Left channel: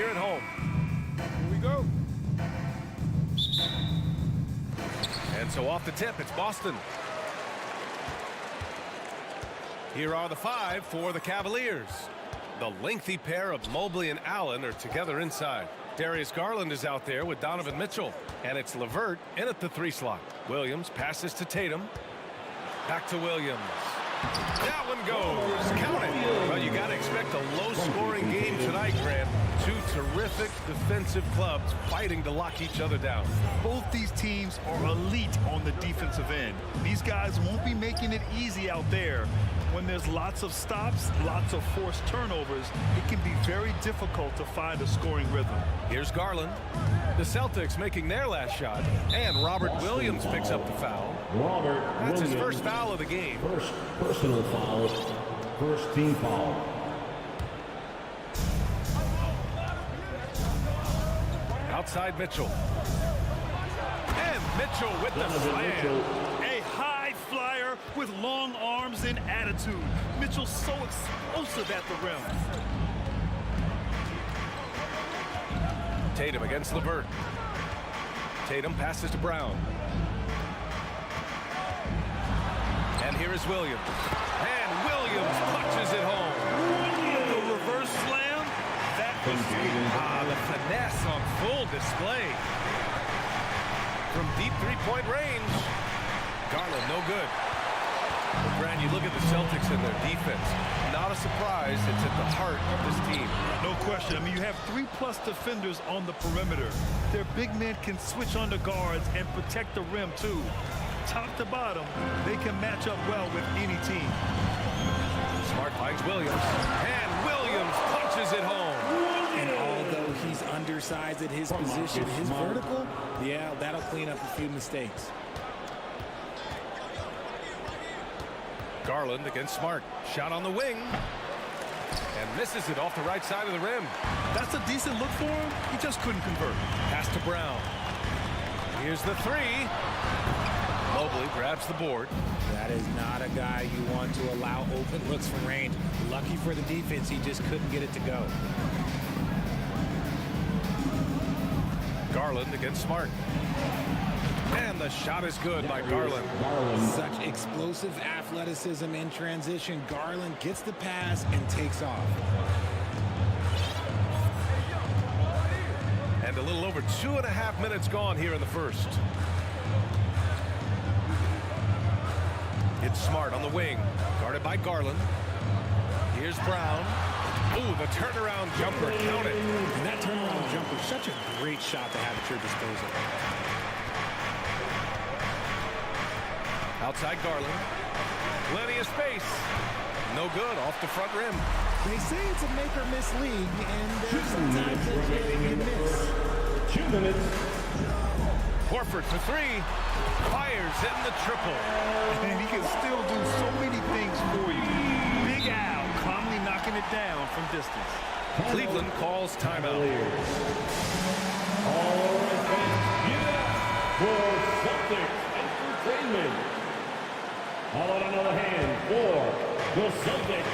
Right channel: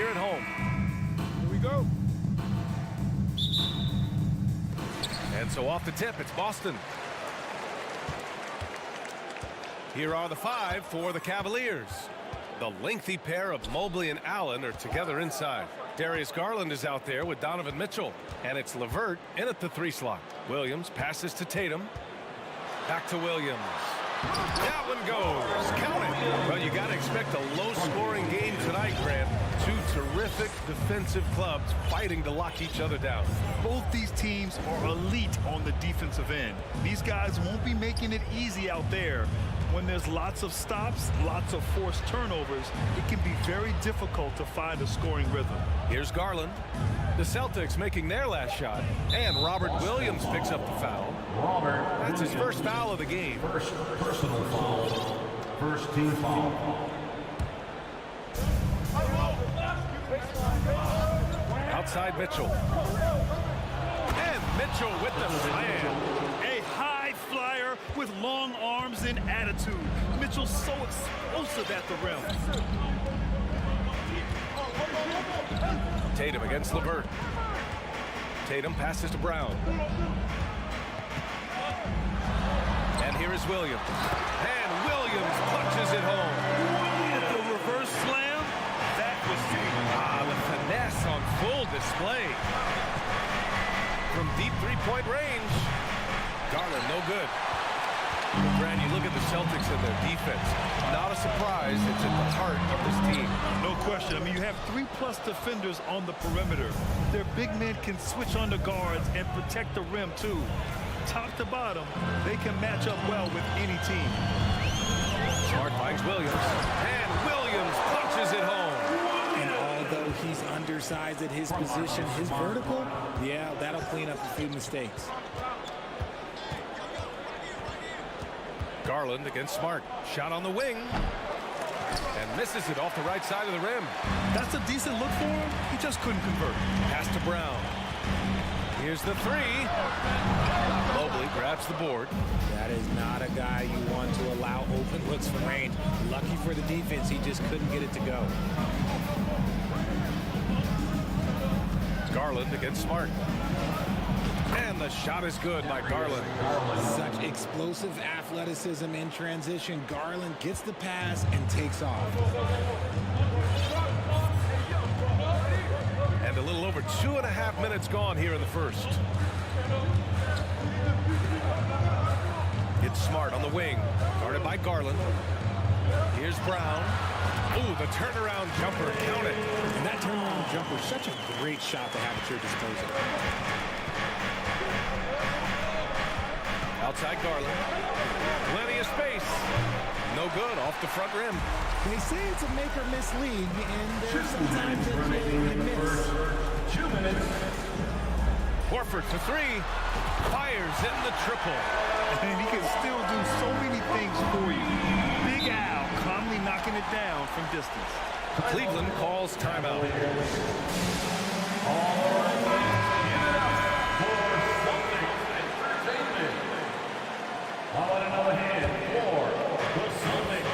here at home. Here we go. And so off the tip, it's Boston. Here are the 5 for the Cavaliers. The lengthy pair of Mobley and Allen are together inside. Darius Garland is out there with Donovan Mitchell. And it's LeVert in at the 3 slot. Williams passes to Tatum. Back to Williams. That one goes. Count it. Well, you got to expect a low-scoring game tonight, Grant. 2 terrific defensive clubs fighting to lock each other down. Both these teams are elite on the defensive end. These guys won't be making it easy out there. When there's lots of stops, lots of forced turnovers, it can be very difficult to find a scoring rhythm. Here's Garland. The Celtics making their last shot. And Robert Williams picks up the foul. That's his first foul of the game. First personal foul. First team foul. Outside Mitchell. And Mitchell with the slam. A high flyer with long arms and attitude. Mitchell's so explosive at the rim. Tatum against LeVert. Tatum passes to Brown. And here is Williams. And Williams punches it home. The reverse slam, that was sweet. The finesse on full display. From deep three-point range. Garland, no good. But Grant, you look at the Celtics and their defense. Not a surprise, it's at the heart of this team. No question. I mean, you have 3+ defenders on the perimeter. Their big men can switch on the guards and protect the rim, too. Top to bottom, they can match up well with any team. Smart finds Williams. And Williams punches it home. And although he's undersized at his position, his vertical, yeah, that'll clean up a few mistakes. Garland against Smart. Shot on the wing. And misses it off the right side of the rim. That's a decent look for him. He just couldn't convert. Pass to Brown. Here's the 3. Mobley grabs the board. That is not a guy you want to allow open looks from range. Lucky for the defense, he just couldn't get it to go. Garland against Smart. And the shot is good by Garland. Such explosive athleticism in transition. Garland gets the pass and takes off. And a little over 2.5 minutes gone here in the first. It's Smart on the wing, guarded by Garland. Here's Brown. Ooh, the turnaround jumper, count it. And that turnaround jumper, such a great shot to have at your disposal. Outside Garland. Plenty of space. No good, off the front rim. They say it's a make or miss league, and there's sometimes that you miss. 2 minutes. Horford to 3. Fires in the triple. And he can still do so many things for you. Big Al calmly knocking it down from distance. Cleveland calls timeout. All right, fans, give it up for Celtics Entertainment. How about another hand for the Celtics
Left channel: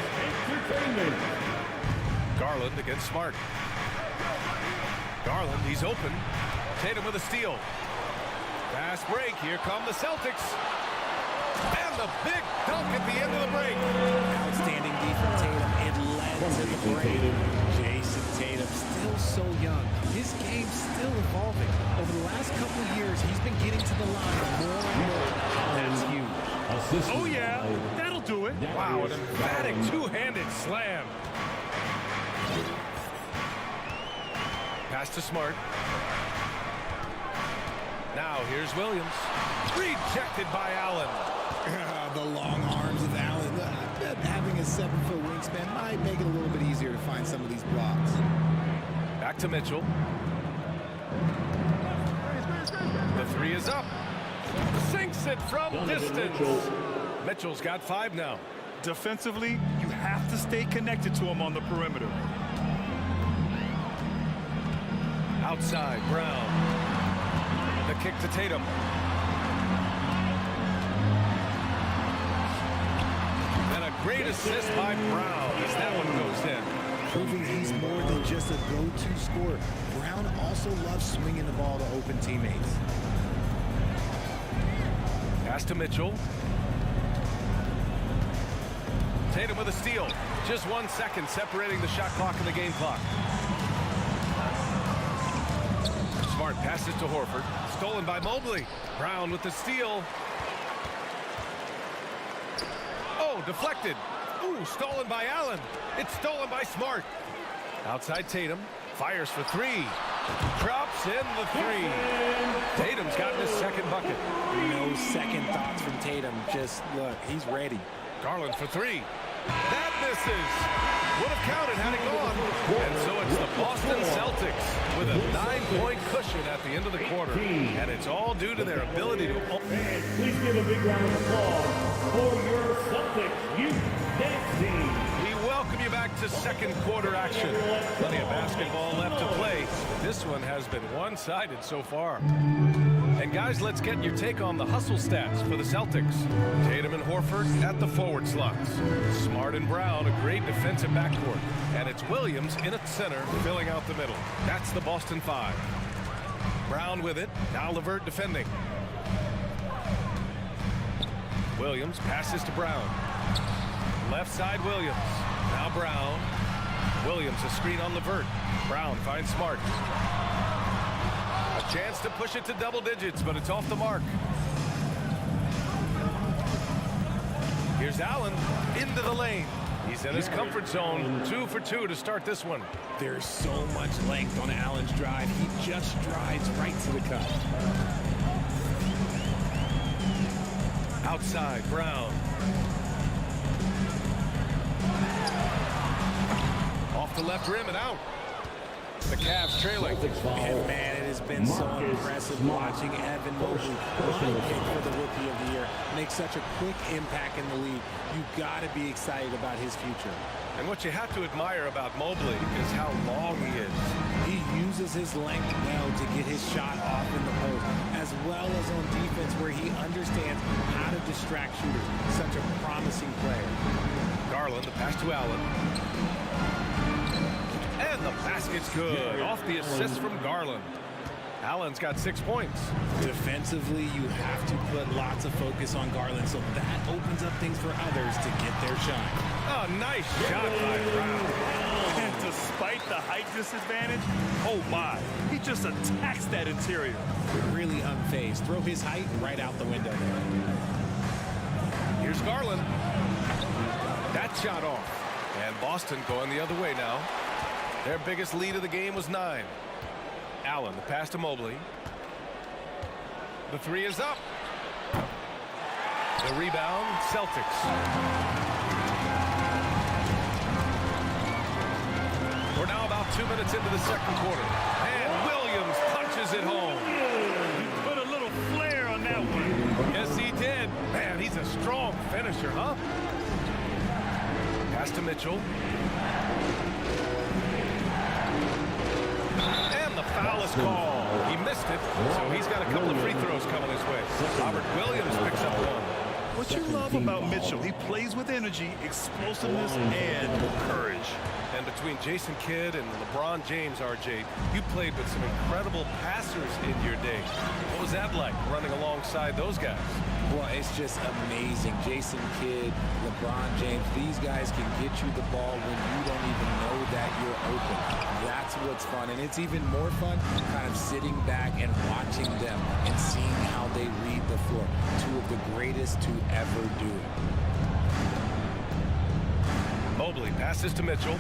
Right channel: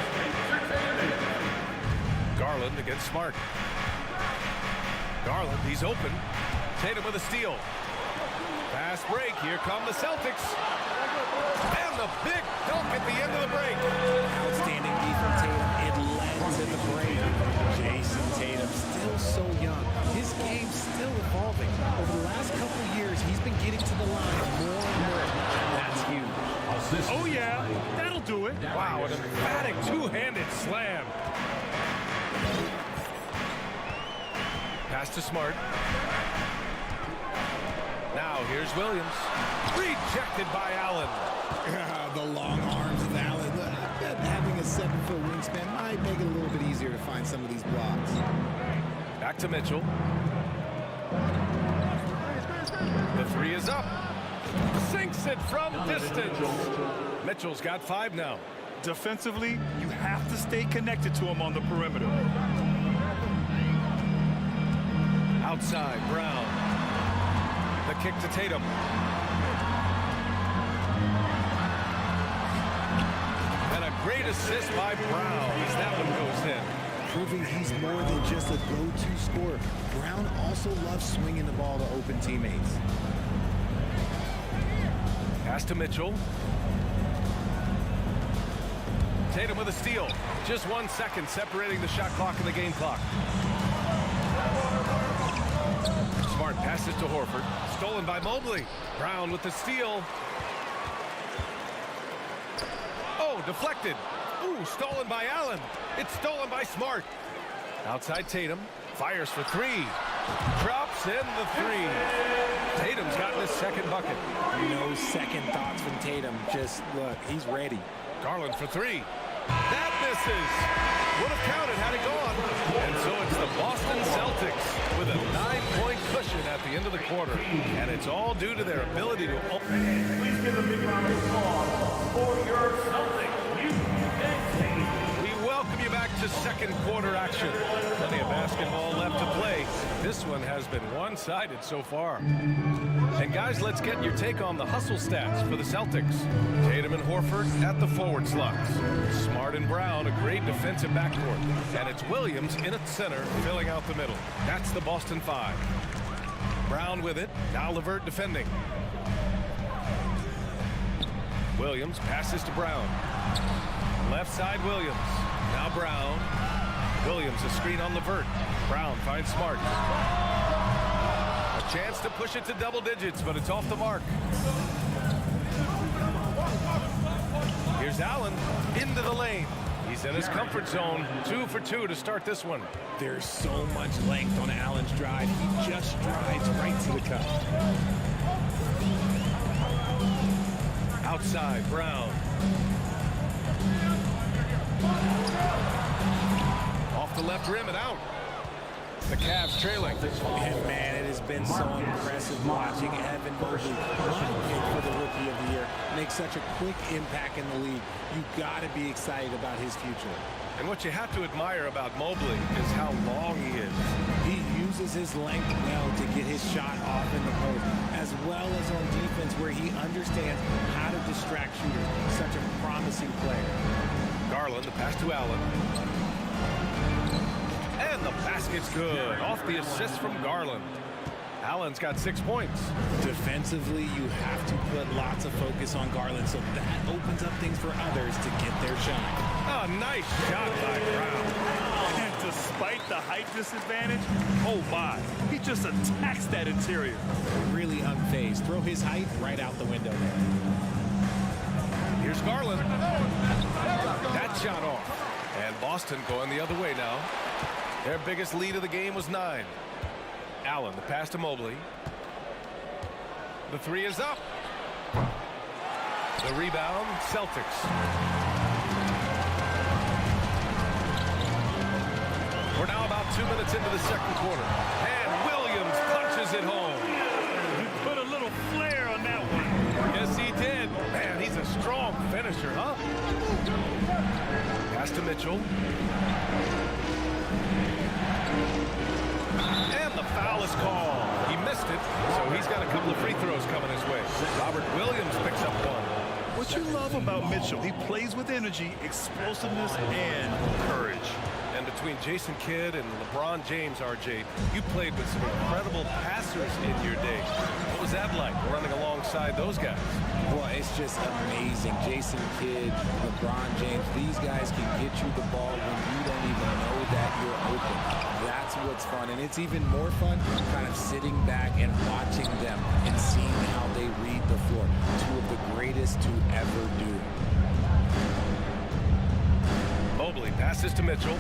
Entertainment? Garland against Smart. Garland, he's open. Tatum with a steal. Fast break. Here come the Celtics. And the big dunk at the end of the break. Outstanding D from Tatum. It led to the break. Jason Tatum, still so young. His game's still evolving. Over the last couple years, he's been getting to the line more and more. That's huge. Oh, yeah. That'll do it. Wow, an emphatic two-handed slam. Pass to Smart. Now here's Williams. Rejected by Allen. The long arms of Allen. I bet having a 7-foot wingspan might make it a little bit easier to find some of these blocks. Back to Mitchell. The 3 is up. Sinks it from distance. Mitchell's got 5 now. Defensively, you have to stay connected to him on the perimeter. Outside, Brown. The kick to Tatum. And a great assist by Brown as that one goes in. proving he's more than just a go-to scorer. Brown also loves swinging the ball to open teammates. Pass to Mitchell. Tatum with a steal. Just 1 second separating the shot clock and the game clock. Smart passes to Horford. Stolen by Mobley. Brown with the steal. Oh, deflected. Ooh, stolen by Allen. It's stolen by Smart. Outside Tatum. Fires for three. Drops in the three. Tatum's gotten his second bucket. No second thoughts from Tatum. Just look, he's ready. Garland for three. That misses. Would have counted had it gone. And so it's the Boston Celtics with a 9-point cushion at the end of the quarter. And it's all due to their ability to... Please give a big round of applause for your Celtics youth dance team. We welcome you back to second quarter action. Plenty of basketball left to play. This one has been one-sided so far. And guys, let's get your take on the hustle stats for the Celtics. Tatum and Horford at the forward slots. Smart and Brown, a great defensive backcourt. And it's Williams in at center, filling out the middle. That's the Boston Five. Brown with it. Now LeVert defending. Williams passes to Brown. Left side Williams. Now Brown. Williams a screen on LeVert. Brown finds Smart. A chance to push it to double digits, but it's off the mark. Here's Allen into the lane. He's in his comfort zone. 2 for 2 to start this one. There's so much length on Allen's drive. He just strides right to the cup. Outside, Brown. Off the left rim and out. The Cavs trailing. And man, it has been so impressive watching Evan Mobley, my pick for the Rookie of the Year, make such a quick impact in the league. You got to be excited about his future. And what you have to admire about Mobley is how long he is. He uses his length well to get his shot off in the post, as well as on defense where he understands how to distract shooters. Such a promising player. Garland, the pass to Allen. And the basket's good. Off the assist from Garland. Allen's got 6 points. Defensively, you have to put lots of focus on Garland, so that opens up things for others to get their shine. Oh, nice shot by Brown. And despite the height disadvantage, oh my, he just attacks that interior. Really unfazed. Throw his height right out the window there. Here's Garland. That shot off. And Boston going the other way now. Their biggest lead of the game was 9. Allen, the pass to Mobley. The three is up. The rebound, Celtics. We're now about 2 minutes into the second quarter. And Williams punches it home. He put a little flair on that one. Yes, he did. Man, he's a strong finisher, huh? Pass to Mitchell. And the foul is called. He missed it, so he's got a couple of free throws coming his way. Robert Williams picks up one. What you love about Mitchell, he plays with energy, explosiveness, and courage. And between Jason Kidd and LeBron James, RJ, you played with some incredible passers in your day. What was that like, running alongside those guys? Well, it's just amazing. Jason Kidd, LeBron James, these guys can get you the ball when you don't even know that you're open. That's what's fun. And it's even more fun kind of sitting back and watching them and seeing how they read the floor. Two of the greatest to ever do it. Mobley passes to Mitchell.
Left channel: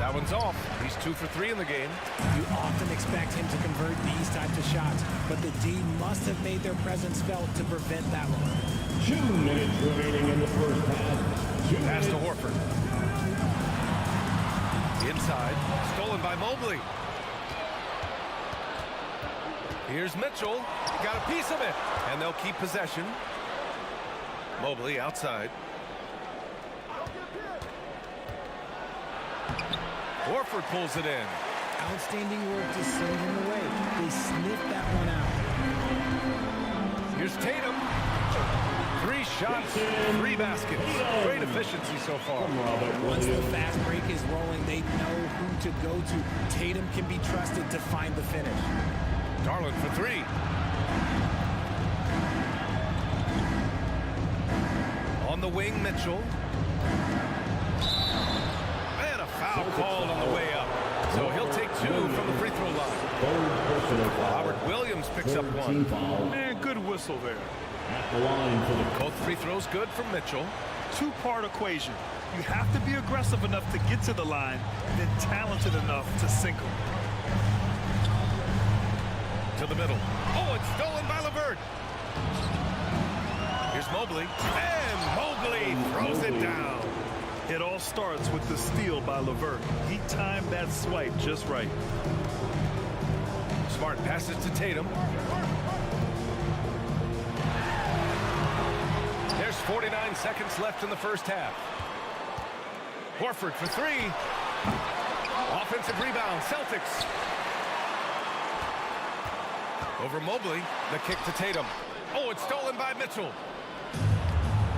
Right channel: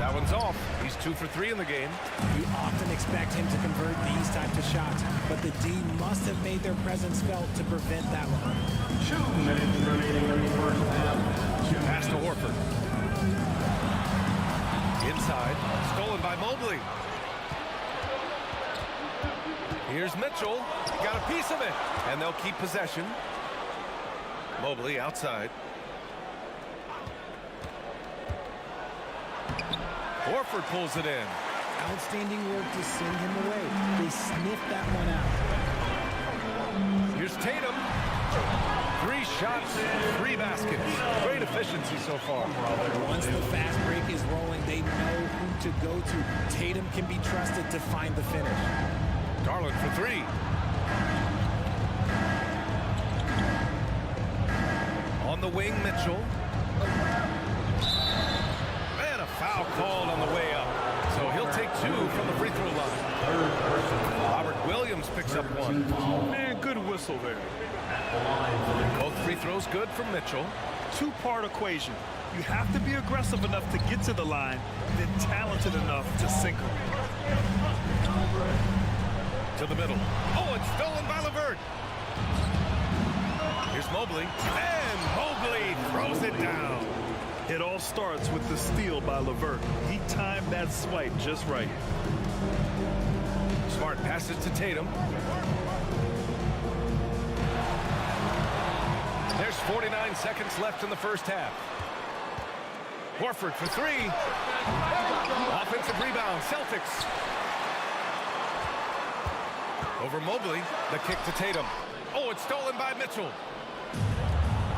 That one's off. He's 2 for 3 in the game. You often expect him to convert these types of shots, but the D must have made their presence felt to prevent that one. 2 minutes remaining in the first half. Pass to Horford. Inside. Stolen by Mobley. Here's Mitchell. He got a piece of it. And they'll keep possession. Mobley outside. Horford pulls it in. Outstanding work to send him away. They sniffed that one out. Here's Tatum. 3 shots, 3 baskets. Great efficiency so far. Once the fast break is rolling, they know who to go to. Tatum can be trusted to find the finish. Garland for 3. On the wing, Mitchell. And a foul called on the way up. So he'll take 2 from the free throw line. Robert Williams picks up 1. Man, good whistle there. Both free throws good from Mitchell. Two-part equation. You have to be aggressive enough to get to the line, then talented enough to sink them. To the middle. Oh, it's stolen by LeVert. Here's Mobley. And Mobley throws it down. It all starts with the steal by LeVert. He timed that swipe just right. Smart passes to Tatum. There's 49 seconds left in the first half. Horford for 3. Offensive rebound, Celtics. Over Mobley, the kick to Tatum. Oh, it's stolen by Mitchell.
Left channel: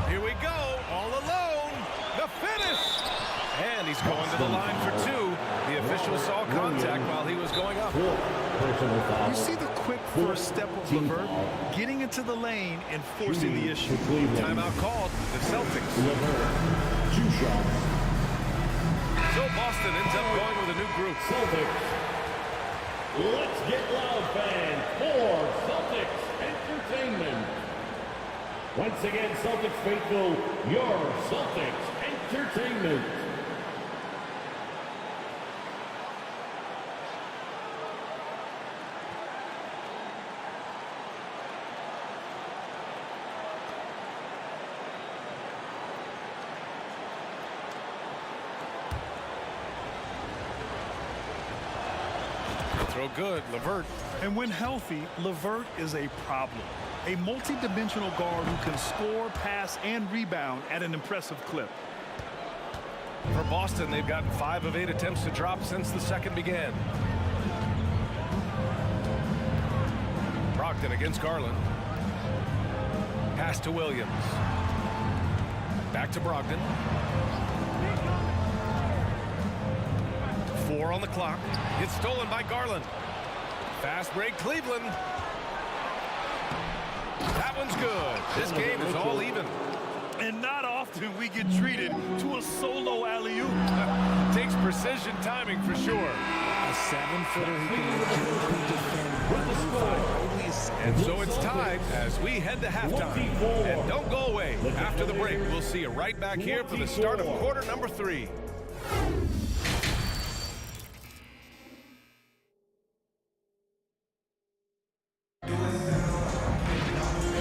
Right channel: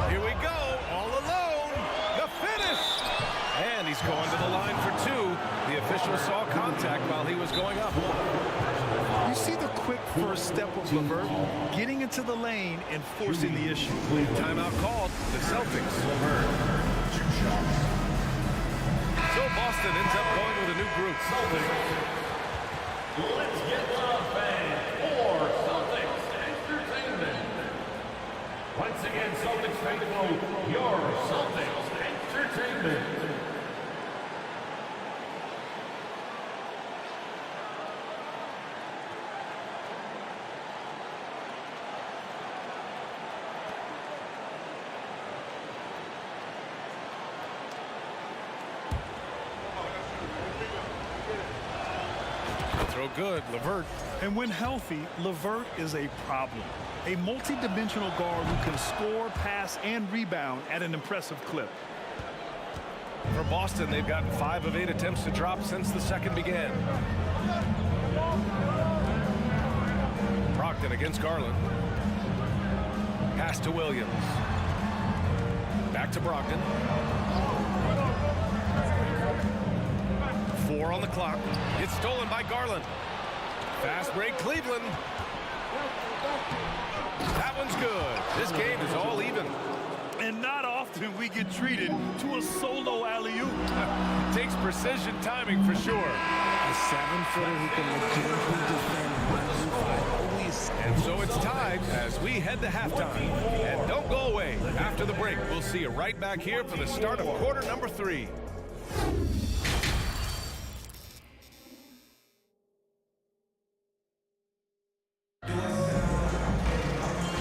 Here we go, all alone. The finish. And he's going to the line for 2. The official saw contact while he was going up. You see the quick first step of LeVert, getting into the lane and forcing the issue. Timeout called, the Celtics. So Boston ends up going with a new group. Let's get loud, fans, for Celtics Entertainment. Once again, Celtics faithful, your Celtics Entertainment. Throw good, LeVert. And when healthy, LeVert is a problem. A multi-dimensional guard who can score, pass, and rebound at an impressive clip. For Boston, they've gotten 5 of 8 attempts to drop since the second began. Brogdon against Garland. Pass to Williams. Back to Brogdon. 4 on the clock. It's stolen by Garland. Fast break, Cleveland. That one's good. This game is all even. And not often we get treated to a solo alley-oop. Takes precision timing for sure. A 7-footer who can legitimately defend 1 through 5. Always. And so it's tied as we head to halftime. And don't go away. After the break, we'll see you right back here for the start of quarter number 3.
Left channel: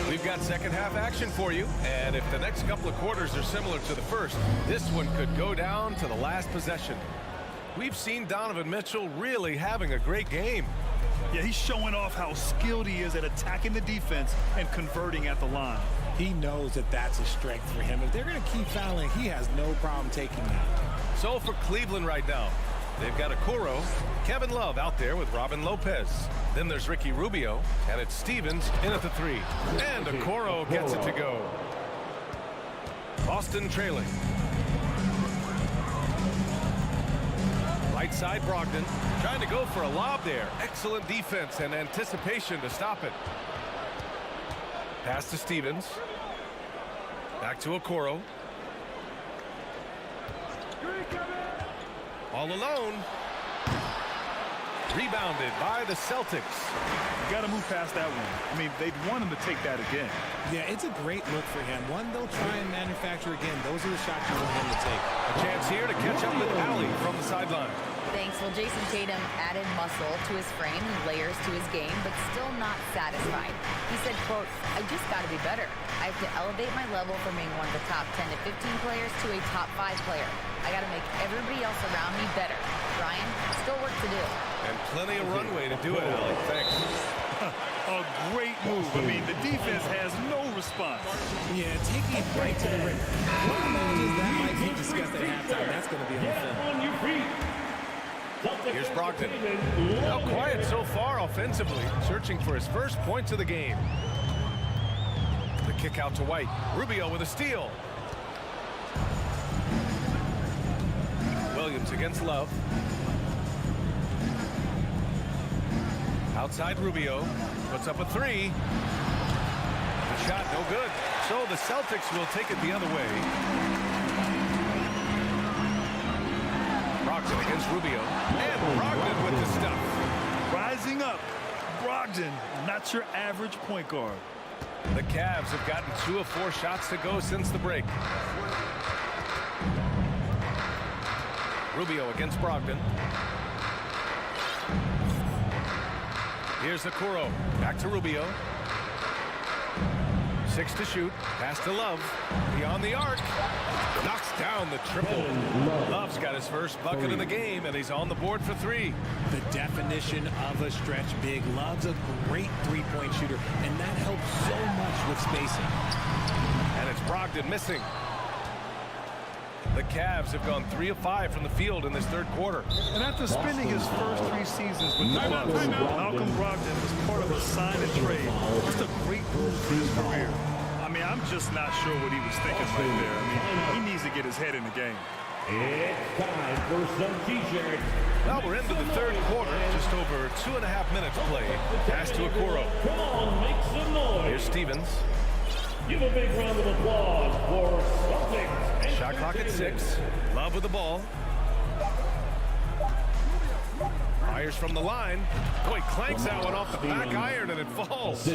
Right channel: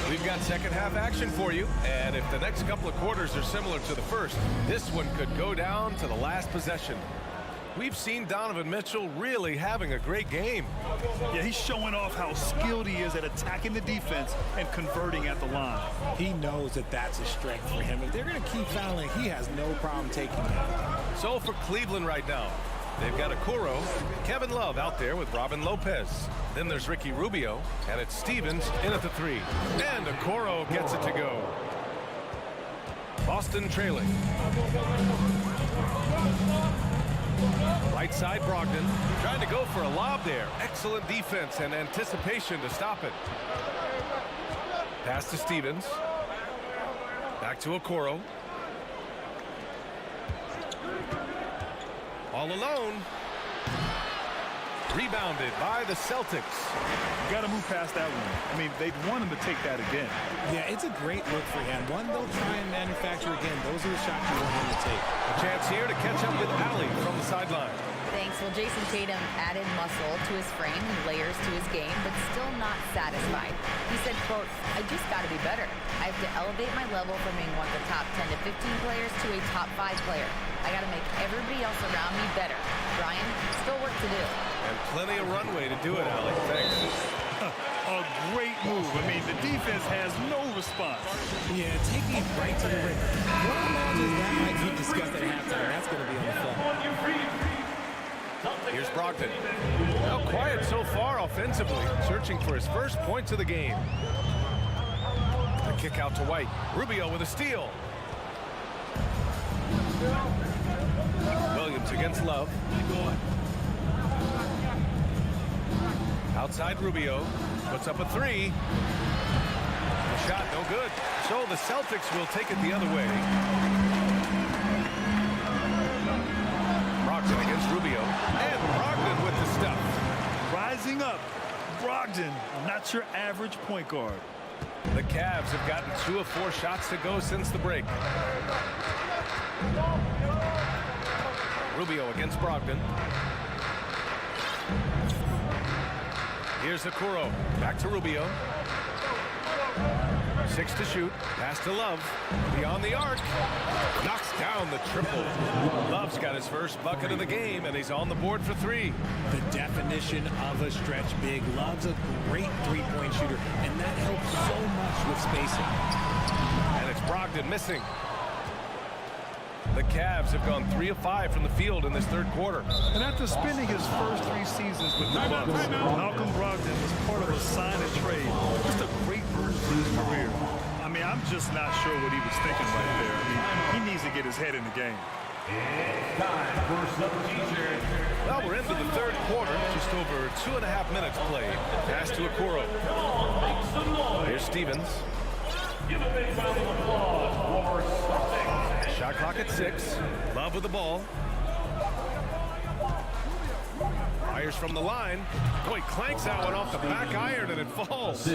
We've got second half action for you, and if the next couple of quarters are similar to the first, this one could go down to the last possession. We've seen Donovan Mitchell really having a great game. Yeah, he's showing off how skilled he is at attacking the defense and converting at the line. He knows that that's a strength for him. If they're going to keep fouling, he has no problem taking that. So for Cleveland right now, they've got Okoro, Kevin Love out there with Robin Lopez. Then there's Ricky Rubio, and it's Stevens in at the 3. And Okoro gets it to go. Boston trailing. Right side, Brogdon trying to go for a lob there. Excellent defense and anticipation to stop it. Pass to Stevens. Back to Okoro. All alone. Rebounded by the Celtics. You got to move past that one. I mean, they'd want him to take that again. Yeah, it's a great look for him. One, they'll try and manufacture again. Those are the shots you want him to take. A chance here to catch up with Allie from the sideline. Thanks. Well, Jason Tatum added muscle to his frame and layers to his game, but still not satisfied. He said, quote, "I just got to be better. I have to elevate my level from being one of the top 10 to 15 players to a top 5 player. I got to make everybody else around me better. Brian, still work to do." And plenty of runway to do it, Allie. Thanks. A great move. I mean, the defense has no response. Yeah, taking it right to the rim. What imagines that might be discussed at halftime. That's going to be on the film. Here's Brogdon. Now quiet so far offensively, searching for his first points of the game. kick out to White. Rubio with a steal. Williams against Love. Outside Rubio. Puts up a three. The shot no good. So the Celtics will take it the other way. Brogdon against Rubio. And Brogdon with the stuff. Rising up. Brogdon, not your average point guard. The Cavs have gotten 2 of 4 shots to go since the break. Rubio against Brogdon. Here's Okoro. Back to Rubio. 6 to shoot. Pass to Love. Beyond the arc. Knocks down the triple. Love's got his first bucket of the game, and he's on the board for 3. The definition of a stretch big. Love's a great three-point shooter, and that helps so much with spacing. And it's Brogdon missing. The Cavs have gone 3 of 5 from the field in this third quarter. And after spending his first 3 seasons with the Bucks, Malcolm Brogdon was part of a sign and trade. Just a great move for his career. I mean, I'm just not sure what he was thinking right there. I mean, he needs to get his head in the game. It's time for some t-shirts. Well, we're into the third quarter. Just over 2.5 minutes played. Pass to Okoro. Come on, make some noise. Here's Stevens. Give a big round of applause for Celtics. Shot clock at 6. Love with the ball. Fires from the line. Boy, clanks that one off the back iron and it falls.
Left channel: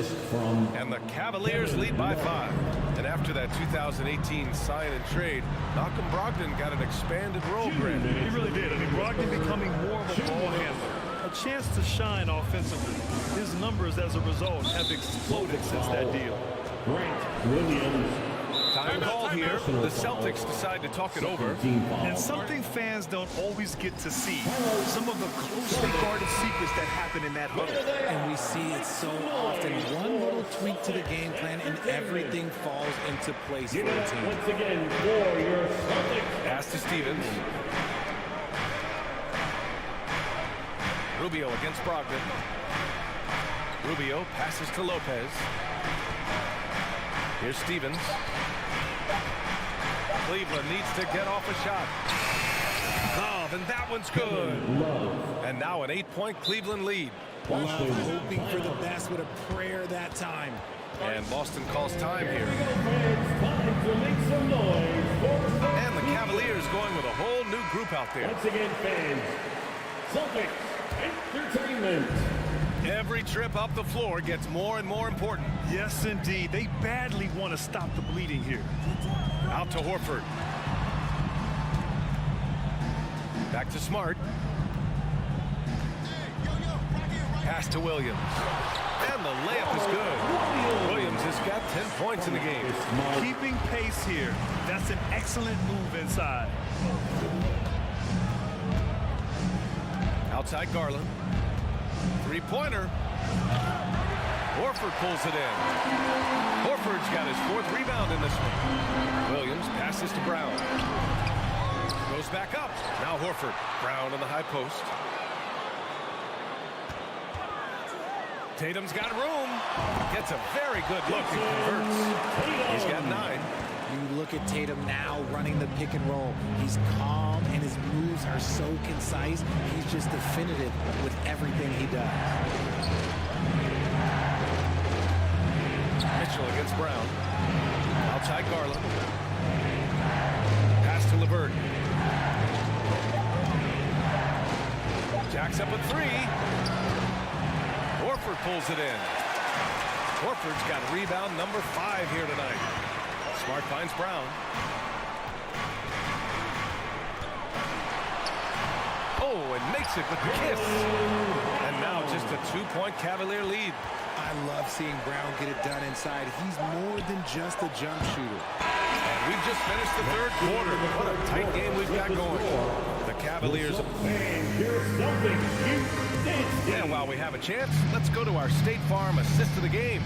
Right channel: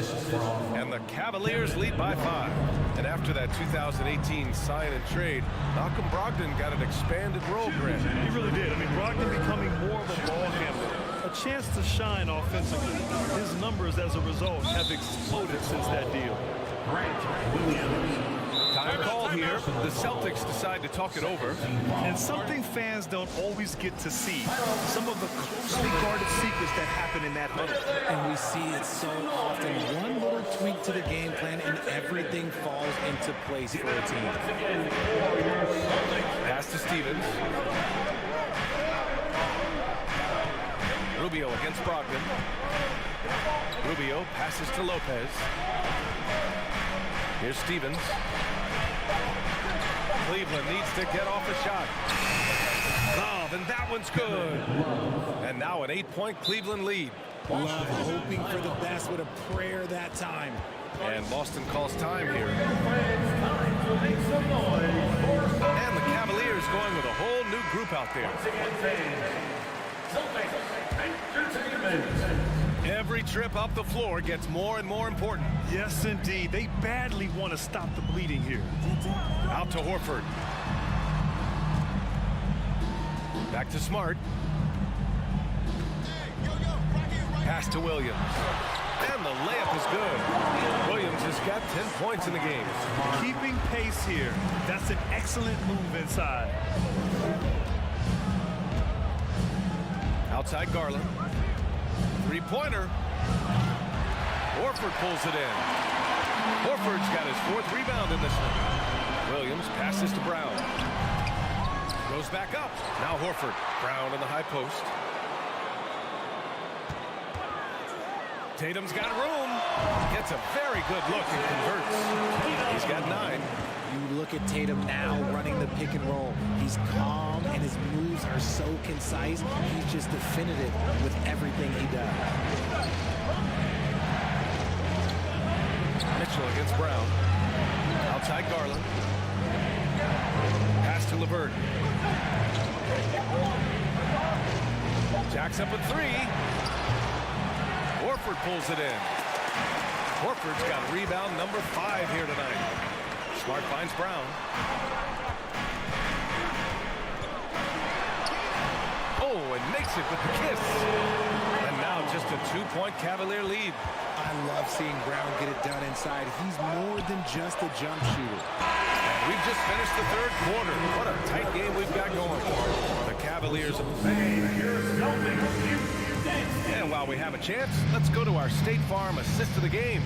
And the Cavaliers lead by 5. And after that 2018 sign and trade, Malcolm Brogdon got an expanded role granted. He really did. I mean, Brogdon becoming more of a ball handler. A chance to shine offensively. His numbers as a result have exploded since that deal. Grant Williams. Time called here. The Celtics decide to talk it over. And something fans don't always get to see. Some of the closely guarded secrets that happen in that huddle. And we see it so often. One little tweak to the game plan and everything falls into place for a team. Once again for your Celtics. Pass to Stevens. Rubio against Brogdon. Rubio passes to Lopez. Here's Stevens. Cleveland needs to get off a shot. Love, and that one's good. And now an 8-point Cleveland lead. Love hoping for the best with a prayer that time. And Boston calls time here. It's time to make some noise for And the Cavaliers going with a whole new group out there. once again, fans. Celtics Entertainment. Every trip up the floor gets more and more important. Yes, indeed. They badly want to stop the bleeding here. Out to Horford. Back to Smart. Pass to Williams. And the layup is good. Williams has got 10 points in the game. Keeping pace here. That's an excellent move inside. Outside Garland. Three-pointer. Horford pulls it in. Horford's got his 4th rebound in this one. Williams passes to Brown. Goes back up. Now Horford. Brown in the high post. Tatum's got room. Gets a very good look and converts. He's got 9. You look at Tatum now running the pick and roll. He's calm and his moves are so concise. He's just definitive with everything he does. Mitchell against Brown. Outside Garland. Pass to LeVert. Jacks up a 3. Horford pulls it in. Horford's got rebound number 5 here tonight. Smart finds Brown. Oh, and makes it with the kiss. And now just a 2-point Cavalier lead. I love seeing Brown get it done inside. He's more than just a jump shooter. And we've just finished the third quarter. What a tight game we've got going. The Cavaliers. And while we have a chance, let's go to our State Farm assist of the game.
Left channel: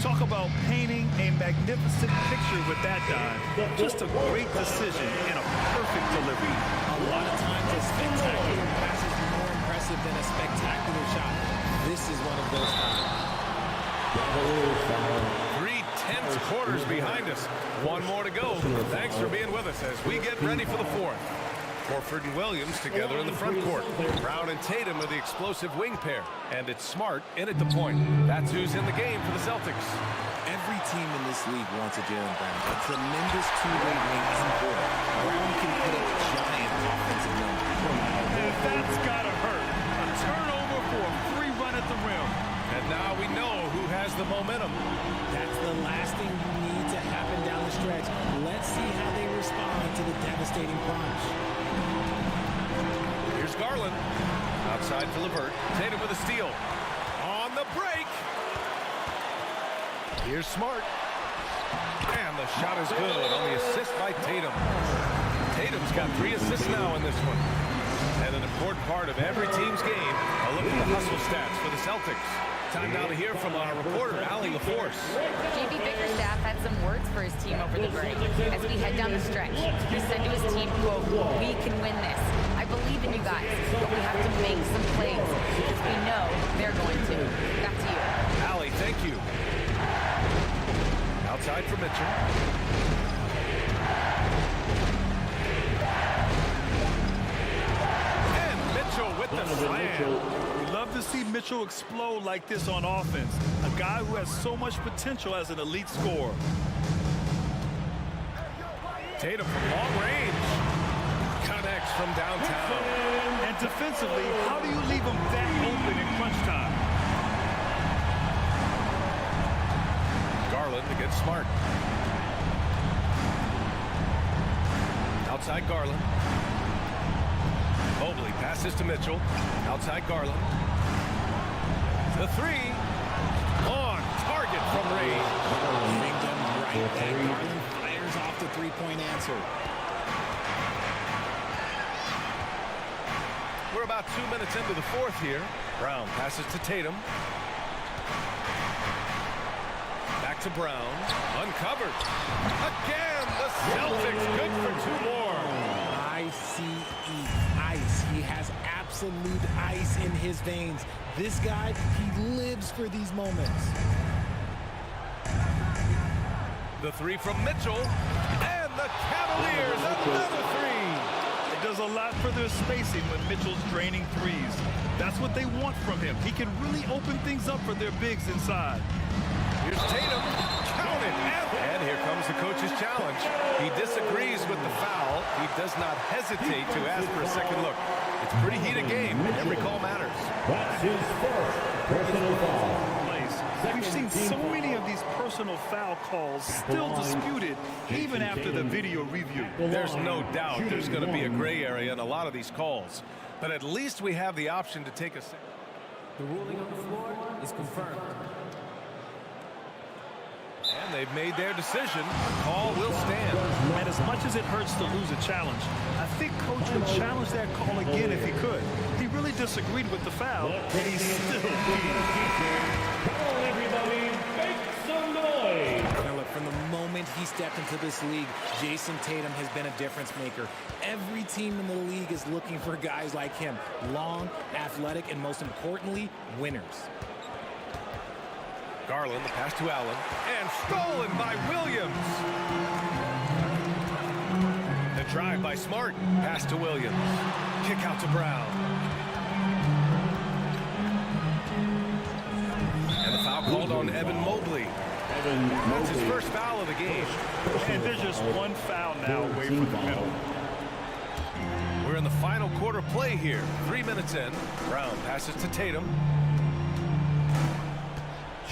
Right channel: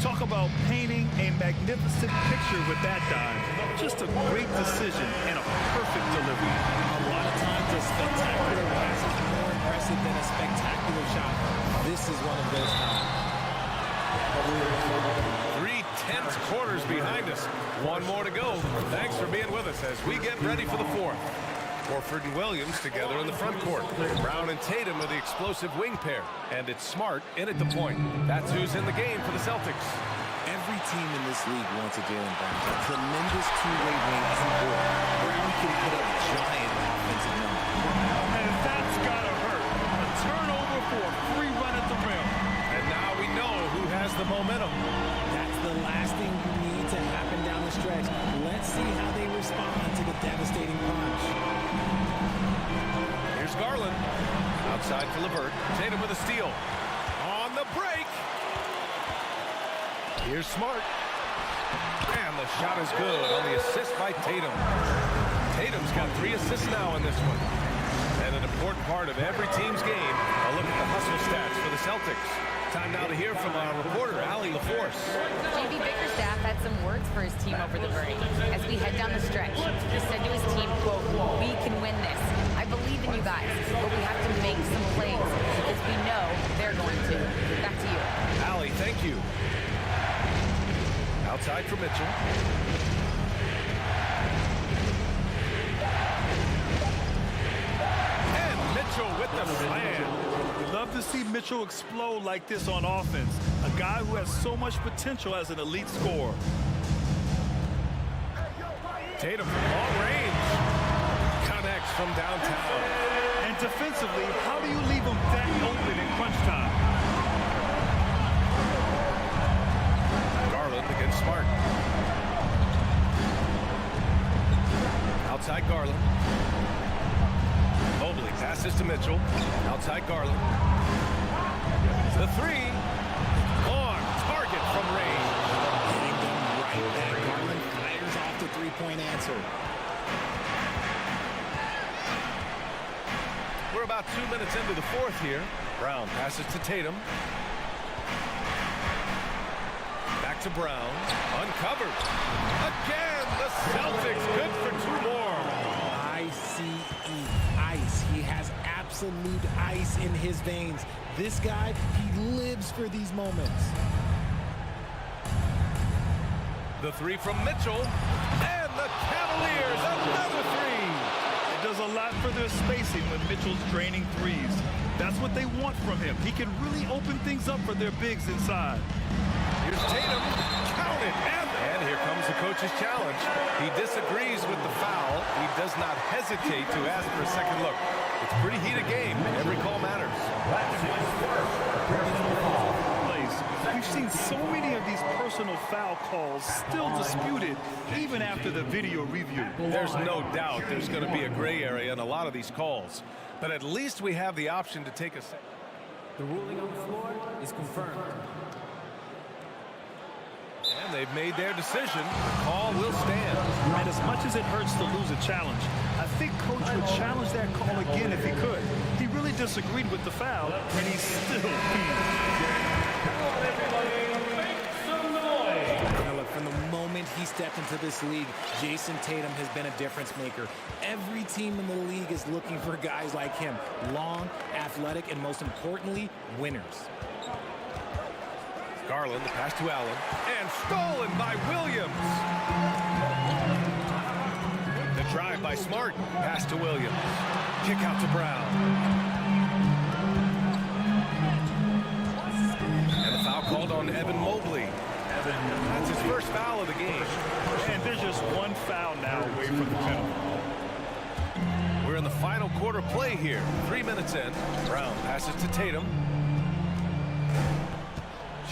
Talk about painting a magnificent picture with that dime. Just a great decision and a perfect delivery. A lot of times a spectacular pass is more impressive than a spectacular shot. This is one of those times. Cavaliers foul. 3 tense quarters behind us. One more to go. Thanks for being with us as we get ready for the fourth. Horford and Williams together in the front court. Brown and Tatum are the explosive wing pair. And it's Smart in at the point. That's who's in the game for the Celtics. Every team in this league wants a Jaylen Brown. A tremendous two-way wing and board. Brown can put up giant offensive numbers. And that's got to hurt. A turnover for a free run at the rim. And now we know who has the momentum. That's the last thing you need to happen down the stretch. Let's see how they respond to the devastating punch. Here's Garland. Outside for LeVert. Tatum with a steal. On the break. Here's Smart. And the shot is good on the assist by Tatum. Tatum's got 3 assists now in this one. And an important part of every team's game, a look at the hustle stats for the Celtics. Time now to hear from our reporter, Allie LaForce. JB Bickerstaff had some words for his team over the break. As we head down the stretch, he said to his team, quote, "We can win this. I believe in you guys, but we have to make some plays because we know they're going to." Back to you. Allie, thank you. Outside for Mitchell. And Mitchell with the slam. We love to see Mitchell explode like this on offense. A guy who has so much potential as an elite scorer. Tatum from long range. Connects from downtown. And defensively, how do you leave him that open in crunch time? Garland against Smart. Outside Garland. Mobley passes to Mitchell. Outside Garland. The 3. On target from range. Hitting them right back. Garland fires off the three-point answer. We're about 2 minutes into the fourth here. Brown passes to Tatum. Back to Brown. Uncovered. Again, the Celtics good for 2 more. ICE. Ice. He has absolute ice in his veins. This guy, he lives for these moments. The 3 from Mitchell. And the Cavaliers, another 3. It does a lot for their spacing when Mitchell's draining threes. That's what they want from him. He can really open things up for their bigs inside. Here's Tatum. Count it. And here comes the coach's challenge. He disagrees with the foul. He does not hesitate to ask for a second look. It's a pretty heated game. Every call matters. That's his first personal foul. We've seen so many of these personal foul calls still disputed even after the video review. There's no doubt there's going to be a gray area in a lot of these calls. But at least we have the option to take a second. The ruling on the floor is confirmed. And they've made their decision. The call will stand. And as much as it hurts to lose a challenge, I think Coach would challenge that call again if he could. He really disagreed with the foul, and he's still keen. Come on, everybody, make some noise. Now look, from the moment he stepped into this league, Jason Tatum has been a difference maker. Every team in the league is looking for guys like him. Long, athletic, and most importantly, winners. Garland, the pass to Allen, and stolen by Williams. The drive by Smart, pass to Williams. Kick out to Brown. And the foul called on Evan Mobley. That's his first foul of the game. And there's just one foul now away from the penalty. We're in the final quarter play here. 3 minutes in. Brown passes to Tatum.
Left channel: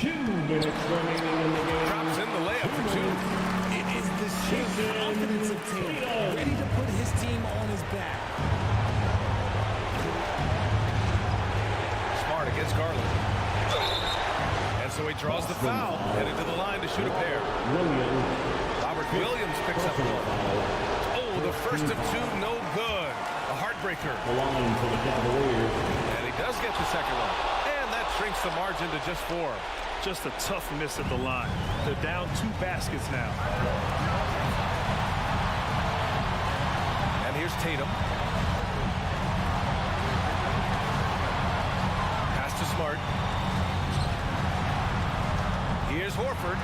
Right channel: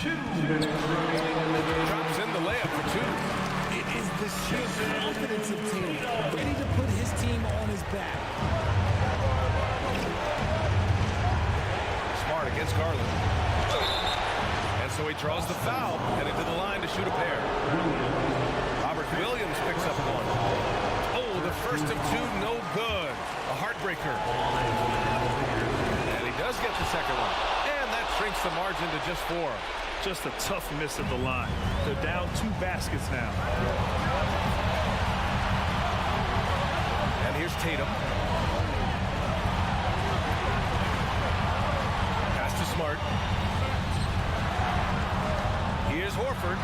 2 minutes remaining in the game. Drops in the layup for 2. It is the sheer confidence of Tatum, ready to put his team on his back. Smart against Garland. And so he draws the foul, headed to the line to shoot a pair. Robert Williams picks up 1. Oh, the first of 2, no good. A heartbreaker. And he does get the second one. And that shrinks the margin to just 4. Just a tough miss at the line. They're down 2 baskets now. And here's Tatum. Pass to Smart. Here's Horford.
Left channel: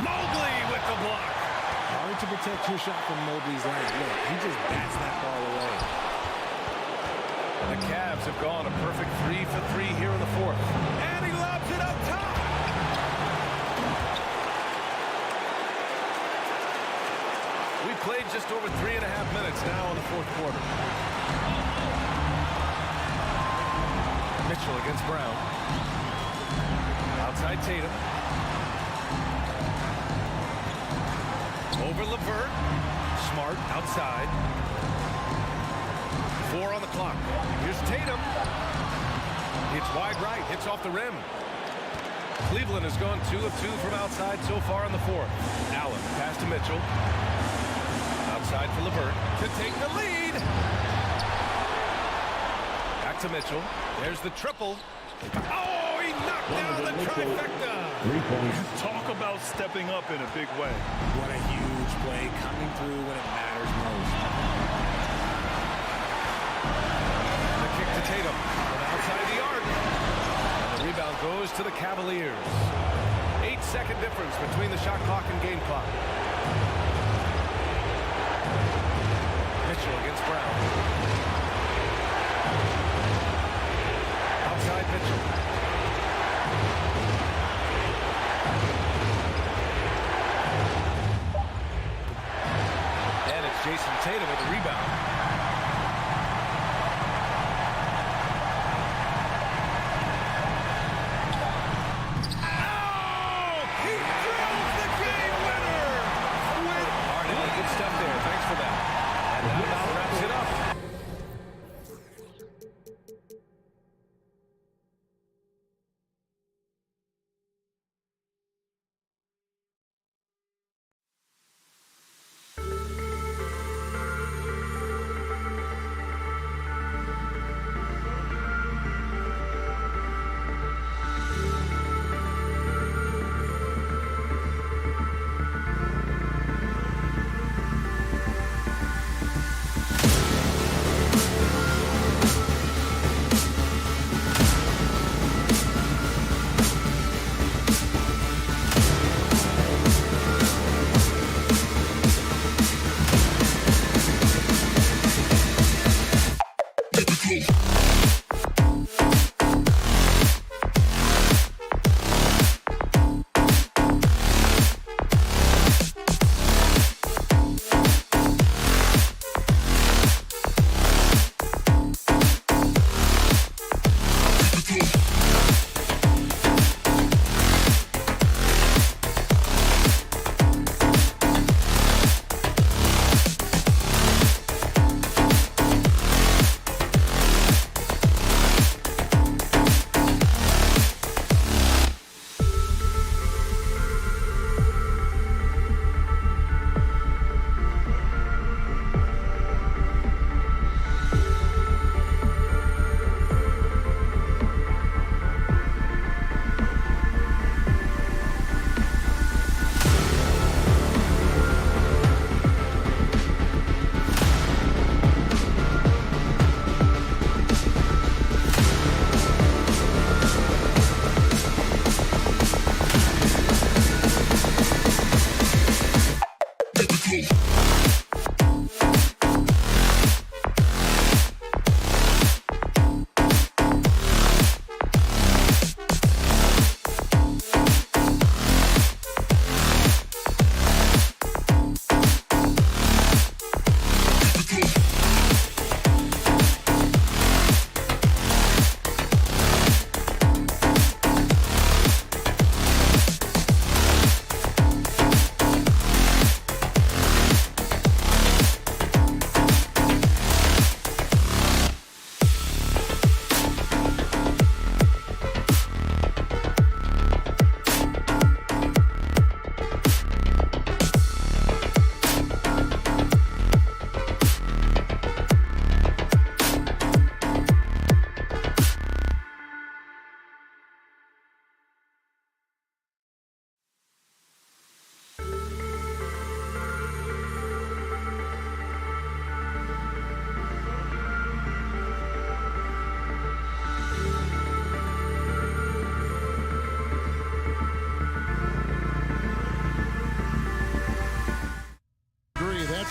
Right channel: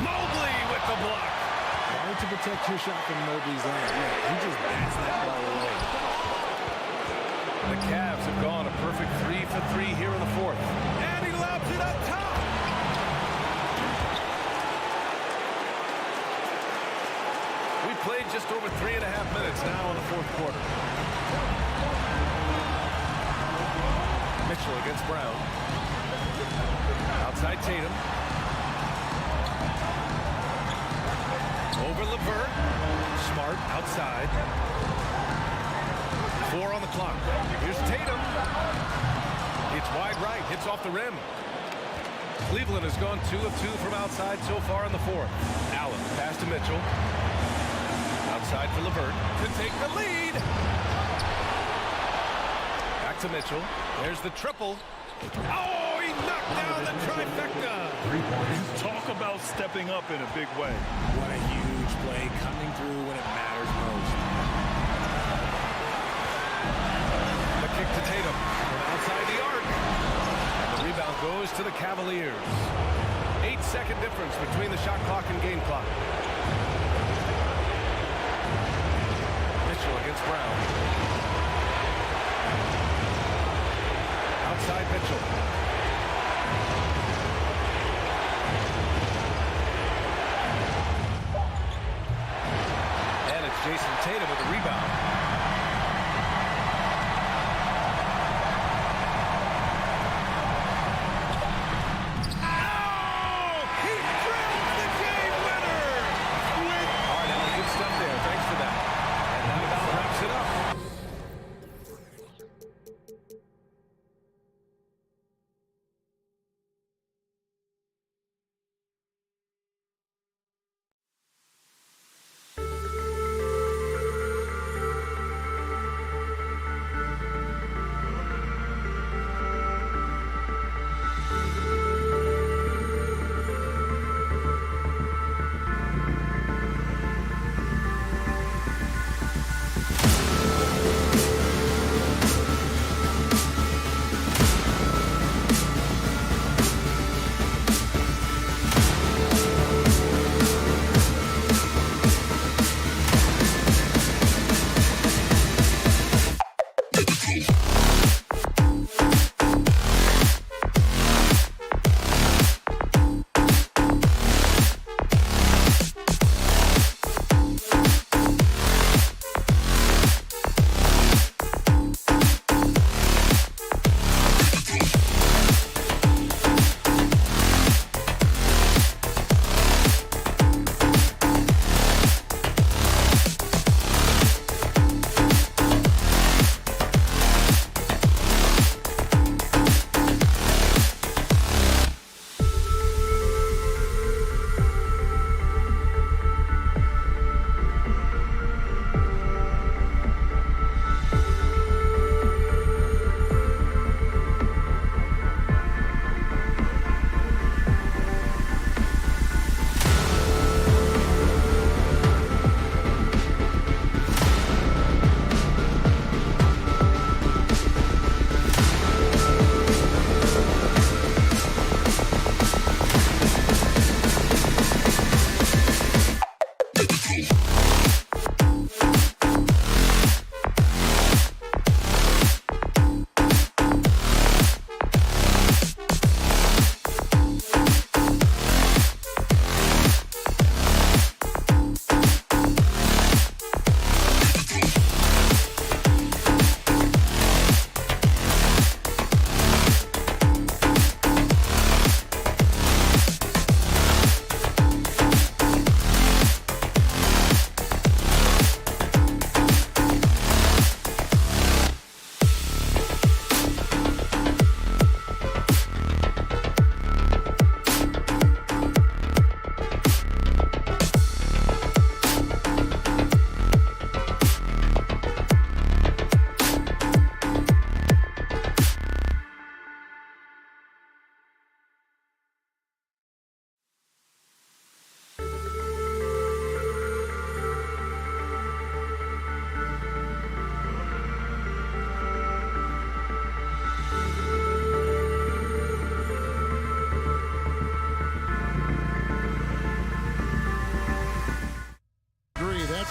Mobley with the block. Hard to protect your shot from Mobley's lane. Look, he just bats that ball away. The Cavs have gone a perfect 3 for 3 here in the fourth. And he lobs it up top. We played just over 3.5 minutes now in the fourth quarter. Mitchell against Brown. Outside Tatum. Over LeVert. Smart outside. 4 on the clock. Here's Tatum. It's wide right. Hits off the rim. Cleveland has gone 2 of 2 from outside so far in the fourth. Allen pass to Mitchell. Outside for LeVert to take the lead. Back to Mitchell. There's the triple. Oh, he knocked down the trifecta. 3 points. Talk about stepping up in a big way. What a huge play coming through when it matters most. The kick to Tatum from outside the arc. And the rebound goes to the Cavaliers. 8-second difference between the shot clock and game clock. Mitchell against Brown. Outside Mitchell. And it's Jason Tatum with the rebound. Oh! He drills the game winner! All right, Allie, good stuff there. Thanks for that. And that about wraps it up.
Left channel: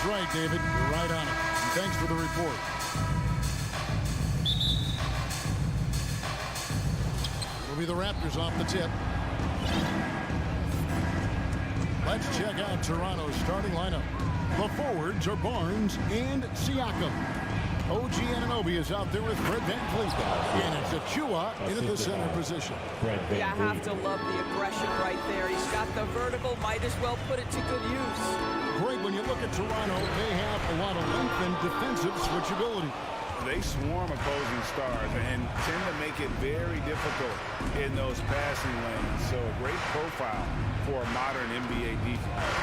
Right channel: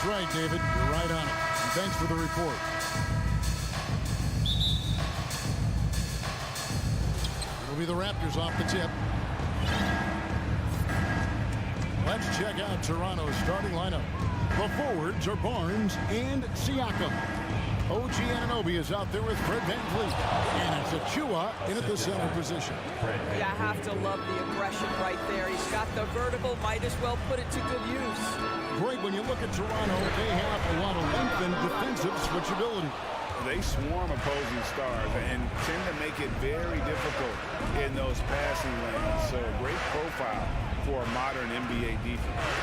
That's right, David. You're right on it. And thanks for the report. It'll be the Raptors off the tip. Let's check out Toronto's starting lineup. The forwards are Barnes and Siakam. OG Anunoby is out there with Fred VanVleet. And it's Achua in at the center position. You have to love the aggression right there. He's got the vertical, might as well put it to good use. Greg, when you look at Toronto, they have a lot of length and defensive switchability. They swarm opposing stars and tend to make it very difficult in those passing lanes. So a great profile for a modern NBA defense.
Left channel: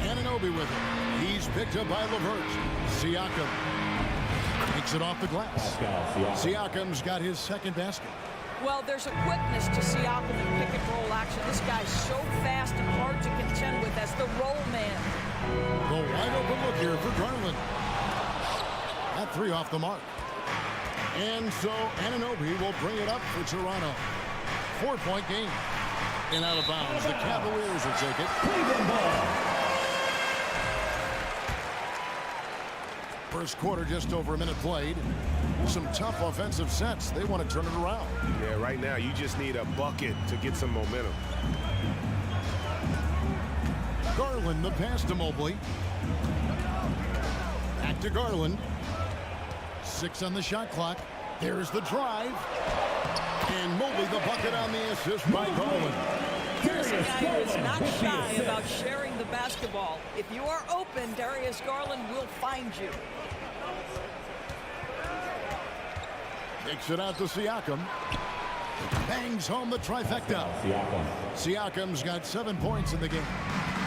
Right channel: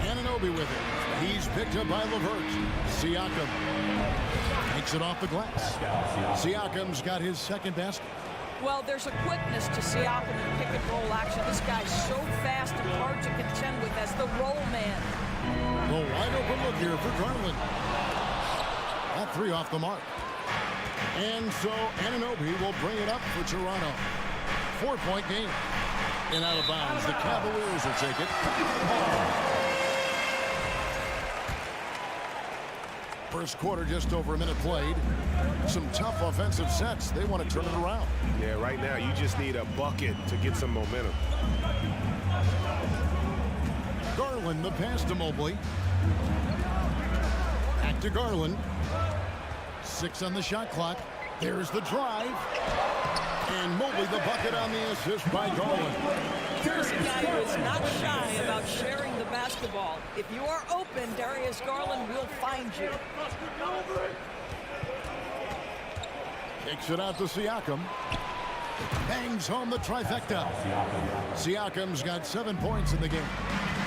Anunoby with it. He's picked up by LeVert. Siakam takes it off the glass. Siakam's got his second basket. Well, there's a quickness to Siakam in pick and roll action. This guy's so fast and hard to contend with as the roll man. The wide open look here for Garland. That three off the mark. And so Anunoby will bring it up for Toronto. 4-point game. And out of bounds. The Cavaliers will take it. First quarter, just over a minute played. Some tough offensive sets. They want to turn it around. Yeah, right now you just need a bucket to get some momentum. Garland, the pass to Mobley. Back to Garland. 6 on the shot clock. There's the drive. And Mobley the bucket on the assist by Garland. Here's a guy who is not shy about sharing the basketball. If you are open, Darius Garland will find you. Kicks it out to Siakam. Bangs home the trifecta. Siakam's got 7 points in the game.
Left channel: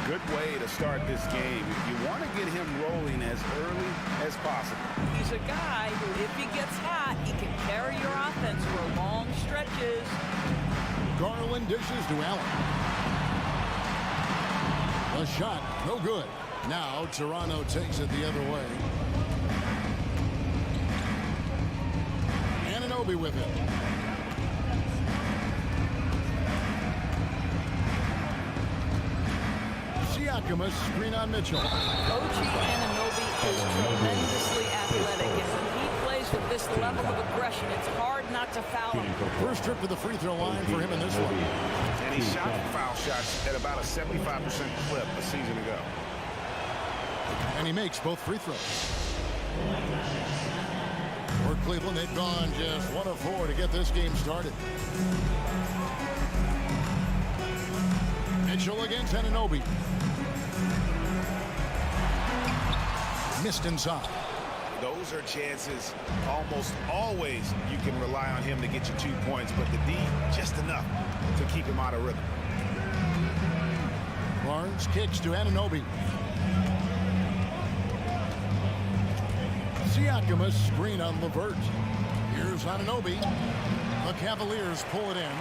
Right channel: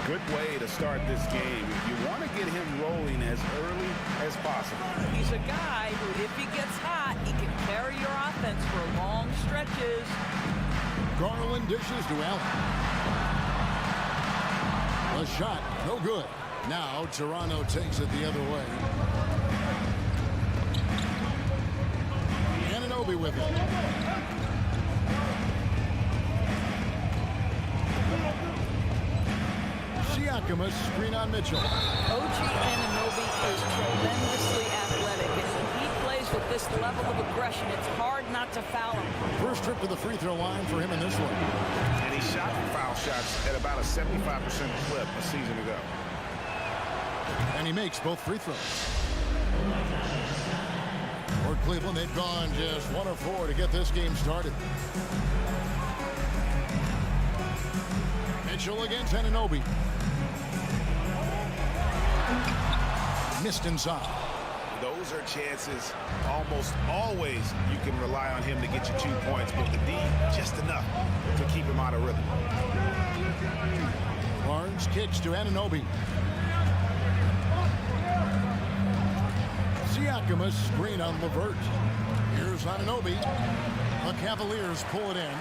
Good way to start this game. If you want to get him rolling as early as possible. He's a guy who, if he gets hot, he can carry your offense for long stretches. Garland dishes to Allen. The shot, no good. Now Toronto takes it the other way. Anunoby with it. Siakam, a screen on Mitchell. OG Anunoby is tremendously athletic, and when he plays with this level of aggression, it's hard not to foul him. First trip to the free throw line for him in this one. And he shot foul shots at about a 75% clip a season ago. And he makes both free throws. For Cleveland, they've gone just 1 of 4 to get this game started. Mitchell against Anunoby. Missed inside. Those are chances almost always you can rely on him to get you 2 points, but the D just enough to keep him out of rhythm. Barnes kicks to Anunoby. Siakam, a screen on LeVert. Here's Anunoby. The Cavaliers pull it in.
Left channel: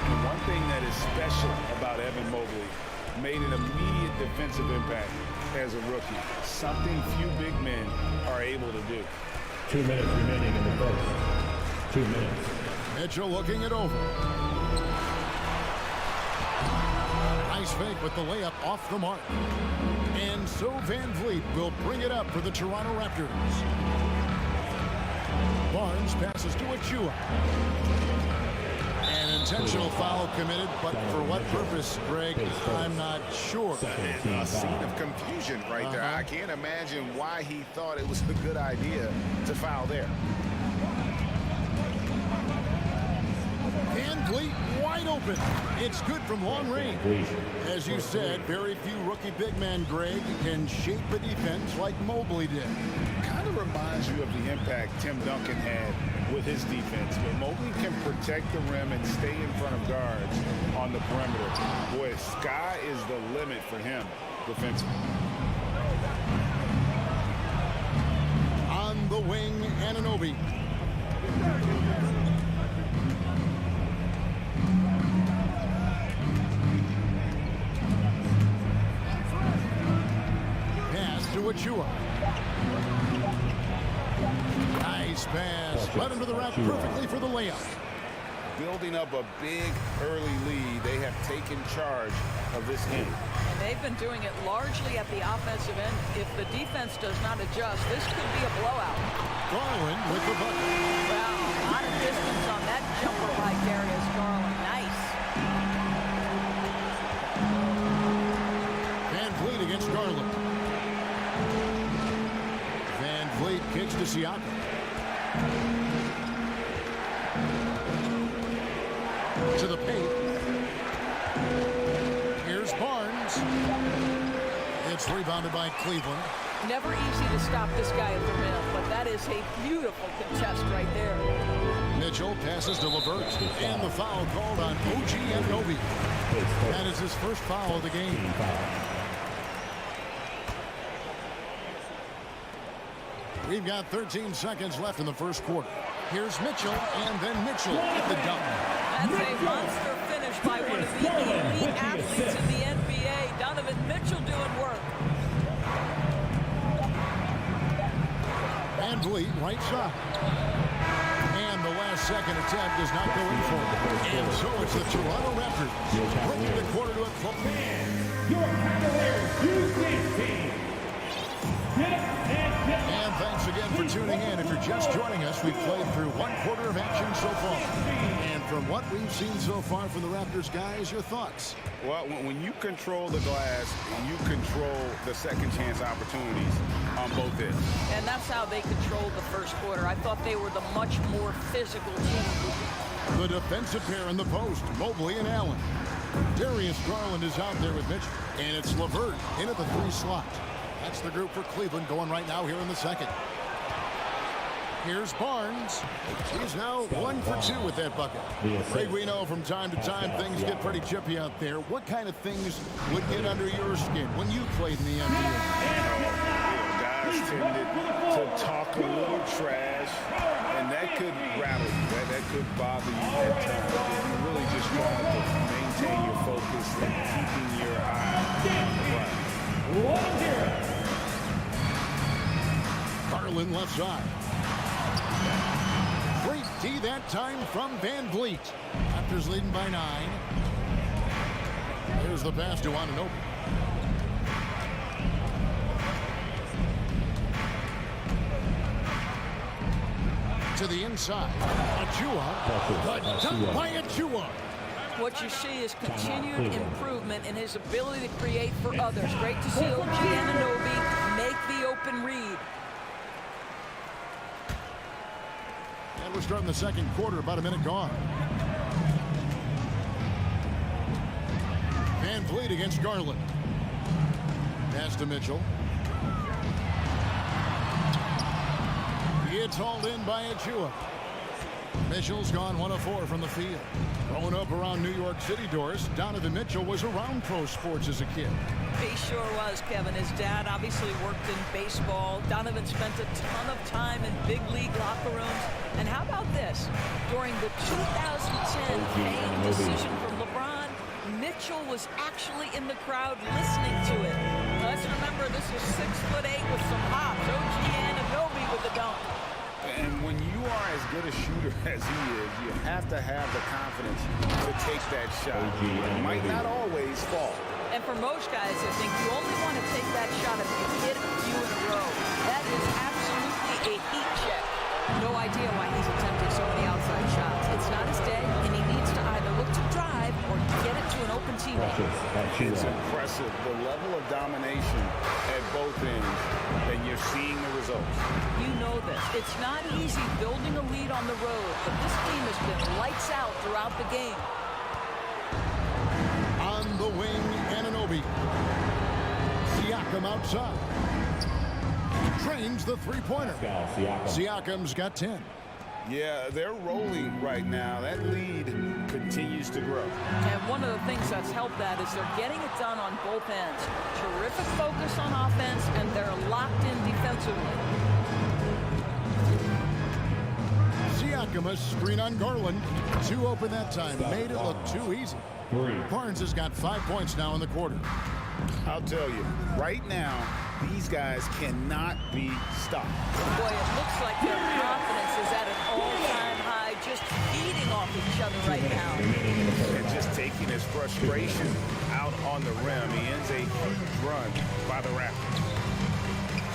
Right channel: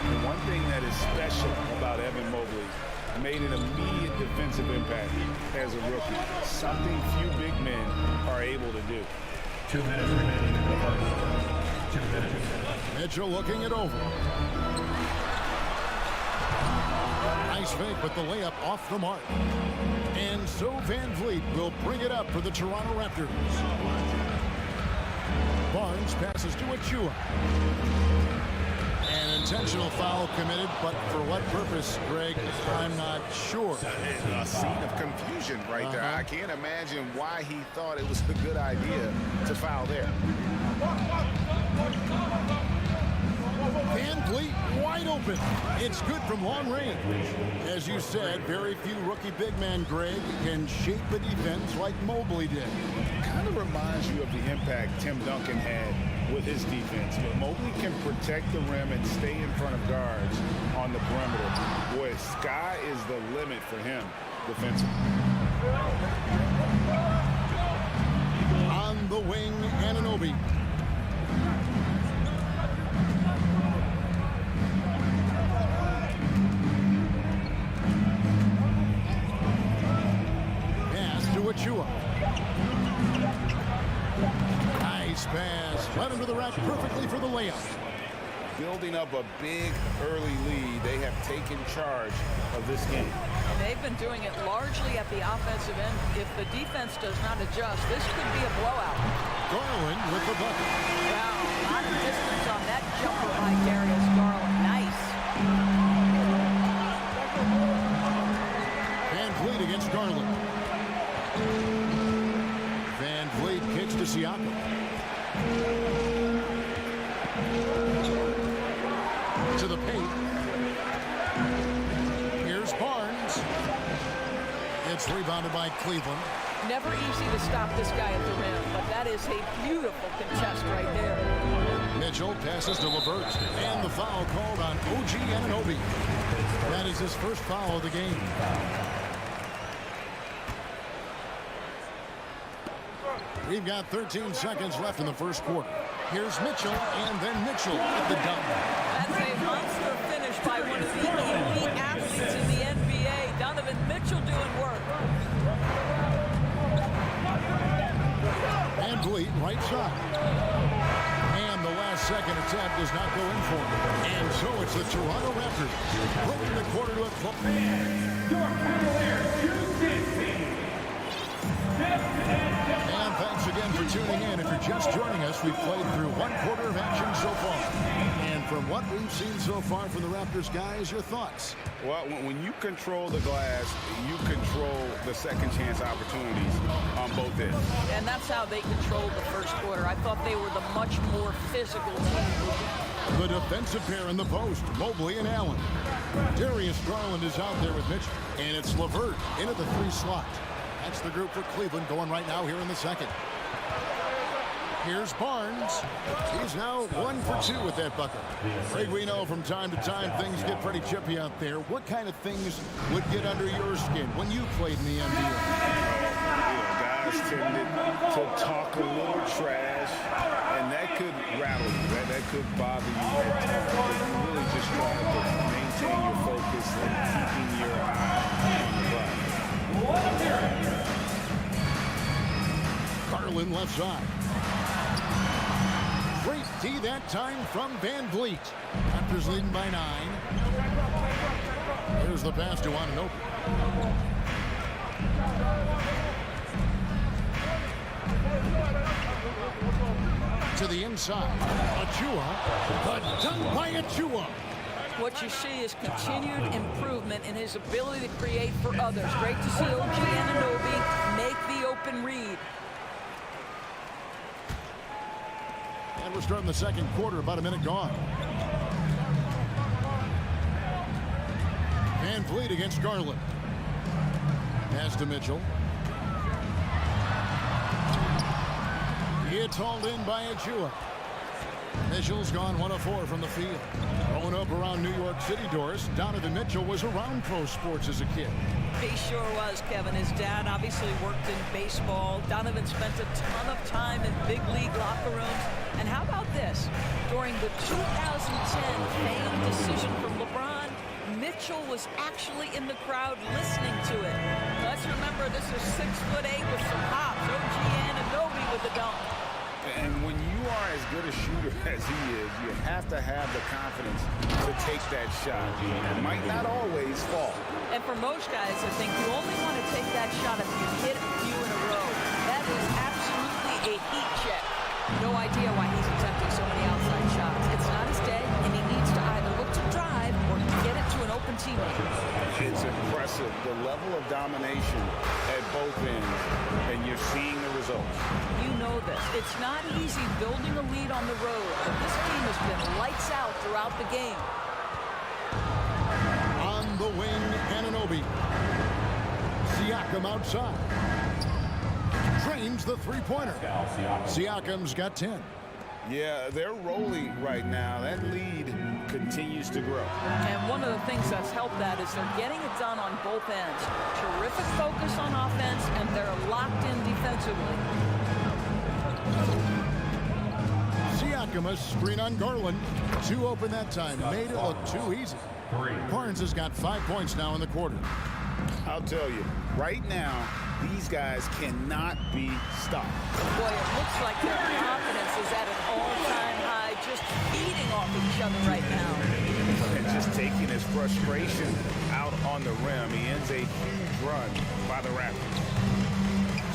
And one thing that is special about Evan Mobley, made an immediate defensive impact as a rookie. Something few big men are able to do. 2 minutes remaining in the first. 2 minutes. Mitchell looking it over. Nice fake, but the layup off the mark. And so VanVleet will bring it up for the Toronto Raptors. Barnes passes to Achua. An intentional foul committed, but for what purpose, Greg, I'm not sure. A scene of confusion right there. I can't imagine why he thought it was a good idea to foul there. VanVleet wide open. It's good from long range. As you said, very few rookie big men, Greg, can shape a defense like Mobley did. Kind of reminds you of the impact Tim Duncan had with his defense. But Mobley can protect the rim and stay in front of guards on the perimeter. Boy, sky is the limit for him defensively. On the wing, Anunoby. Pass to Achua. Nice pass. Led him to the rack perfectly for the layup. building up a big early lead. They have taken charge of this game. And they've been doing it largely at the offensive end. If the defense does not adjust, this could be a blowout. Garland with the bucket. Wow, a lot of distance on that jumper by Darius Garland. Nice. Van Vliet against Garland. Van Vliet kicks to Siakam. To the paint. Here's Barnes. It's rebounded by Cleveland. Never easy to stop this guy at the rim, but that is a beautiful contest right there. Mitchell passes to LeVert, and the foul called on OG Anunoby. That is his first foul of the game. We've got 13 seconds left in the first quarter. Here's Mitchell, and then Mitchell at the dunk. That's a monster finish by one of the elite athletes in the NBA. Donovan Mitchell doing work. Van Vliet, right side. And the last second attempt does not go in for it. And so it's the Toronto Raptors bringing the quarter to a close. Your Cavaliers use this team. And thanks again for tuning in. If you're just joining us, we've played through one quarter of action so far. And from what we've seen so far from the Raptors, guys, your thoughts? Well, when you control the glass, you control the second chance opportunities on both ends. And that's how they controlled the first quarter. I thought they were the much more physical team. The defensive pair in the post, Mobley and Allen. Darius Garland is out there with Mitchell. And it's LeVert in at the 3 slot. That's the group for Cleveland going right now here in the second. Here's Barnes. He's now 1 for 2 with that bucket. Craig, we know from time to time things get pretty chippy out there. What kind of things would get under your skin when you played in the NBA? Guys tended to talk a little trash, and that could rattle you. That could bother you at times. But you really just try to maintain your focus and keeping your eye on the prize. Garland left side. Great D that time from Van Vliet. Raptors leading by 9. Here's the pass to Anunoby. To the inside. Achua. The dunk by Achua. What you see is continued improvement in his ability to create for others. Great to see OG Anunoby make the open read. And we're starting the second quarter, about a minute gone. Van Vliet against Garland. Pass to Mitchell. It's hauled in by Achua. Mitchell's gone 1 of 4 from the field. Growing up around New York City, Doris, Donovan Mitchell was around pro sports as a kid. He sure was, Kevin. His dad obviously worked in baseball. Donovan spent a ton of time in big league locker rooms. And how about this? During the 2010 famed decision from LeBron, Mitchell was actually in the crowd listening to it. Let's remember, this is 6'8" with some hops. OG Anunoby with the dunk. And when you are as good a shooter as he is, you have to have the confidence to take that shot. It might not always fall. And for most guys, I think you only want to take that shot if you hit a few in a row. That is absolutely a heat check. No idea why he's attempting so many outside shots. It's not his day, and he needs to either look to drive or get it to an open teammate. It's impressive, the level of domination at both ends, and you're seeing the results. You know this. It's not easy building a lead on the road, but this team has been lights out throughout the game. On the wing, Anunoby. Siakam outside. Drains the three-pointer. Siakam's got 10. Yeah, they're rolling right now. That lead continues to grow. And one of the things that's helped that is they're getting it done on both ends. Terrific focus on offense, and they're locked in defensively. Siakam, a screen on Garland. 2 open that time. Made it look too easy. Barnes has got 5 points now in the quarter. I'll tell you, right now, These guys cannot be stopped. Boy, it looks like their confidence is at an all-time high, just feeding off each other right now. And just taking his frustration out on the rim. He ends a huge run by the Raptors.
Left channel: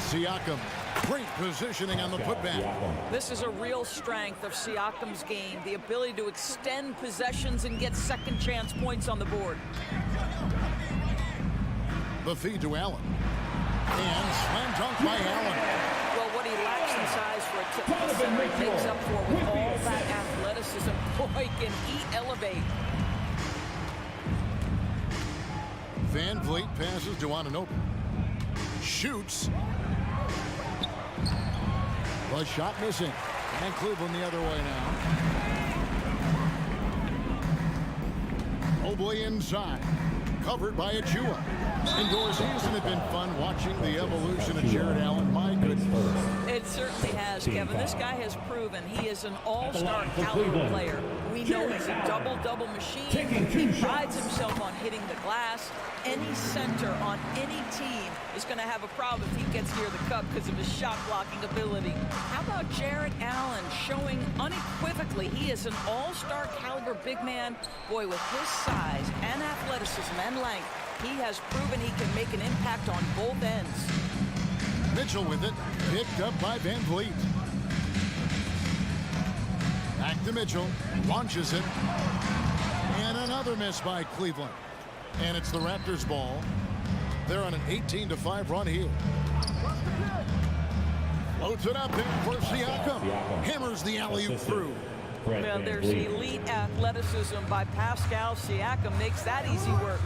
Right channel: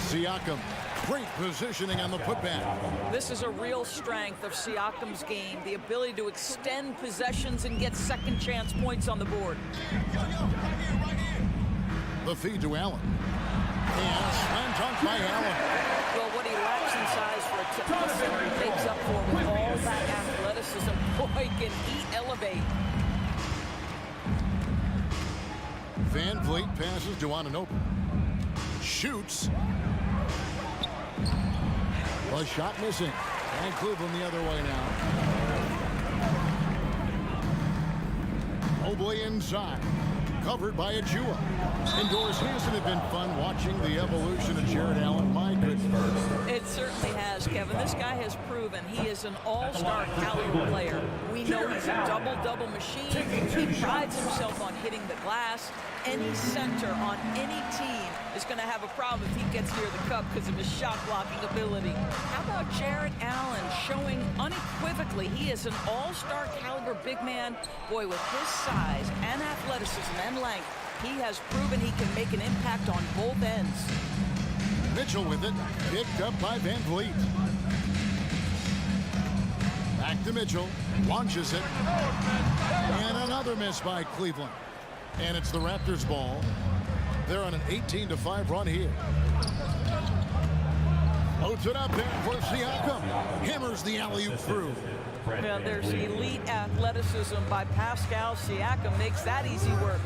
Siakam, great positioning on the putback. This is a real strength of Siakam's game, the ability to extend possessions and get second chance points on the board. The feed to Allen. And slam dunk by Allen. Well, what he lacks in size for a typical center, he makes up for with all that athleticism. Boy, can he elevate. Van Vliet passes to Anunoby. Shoots. The shot missing. And Cleveland the other way now. Mobley inside. Covered by Achua. Indoors, hasn't it been fun watching the evolution of Jared Allen? My goodness. It certainly has, Kevin. This guy has proven he is an all-star caliber player. We know he's a double-double machine. He prides himself on hitting the glass. Any center on any team is going to have a problem if he gets near the cup because of his shot-blocking ability. How about Jared Allen showing unequivocally he is an all-star caliber big man? Boy, with his size and athleticism and length, he has proven he can make an impact on both ends. Mitchell with it, picked up by Van Vliet. Back to Mitchell, launches it. And another miss by Cleveland. And it's the Raptors ball. They're on an 18-5 run here. Loads it up there for Siakam. Hammers the alley-oop through. Well, there's elite athleticism by Pascal Siakam. Makes that easy work.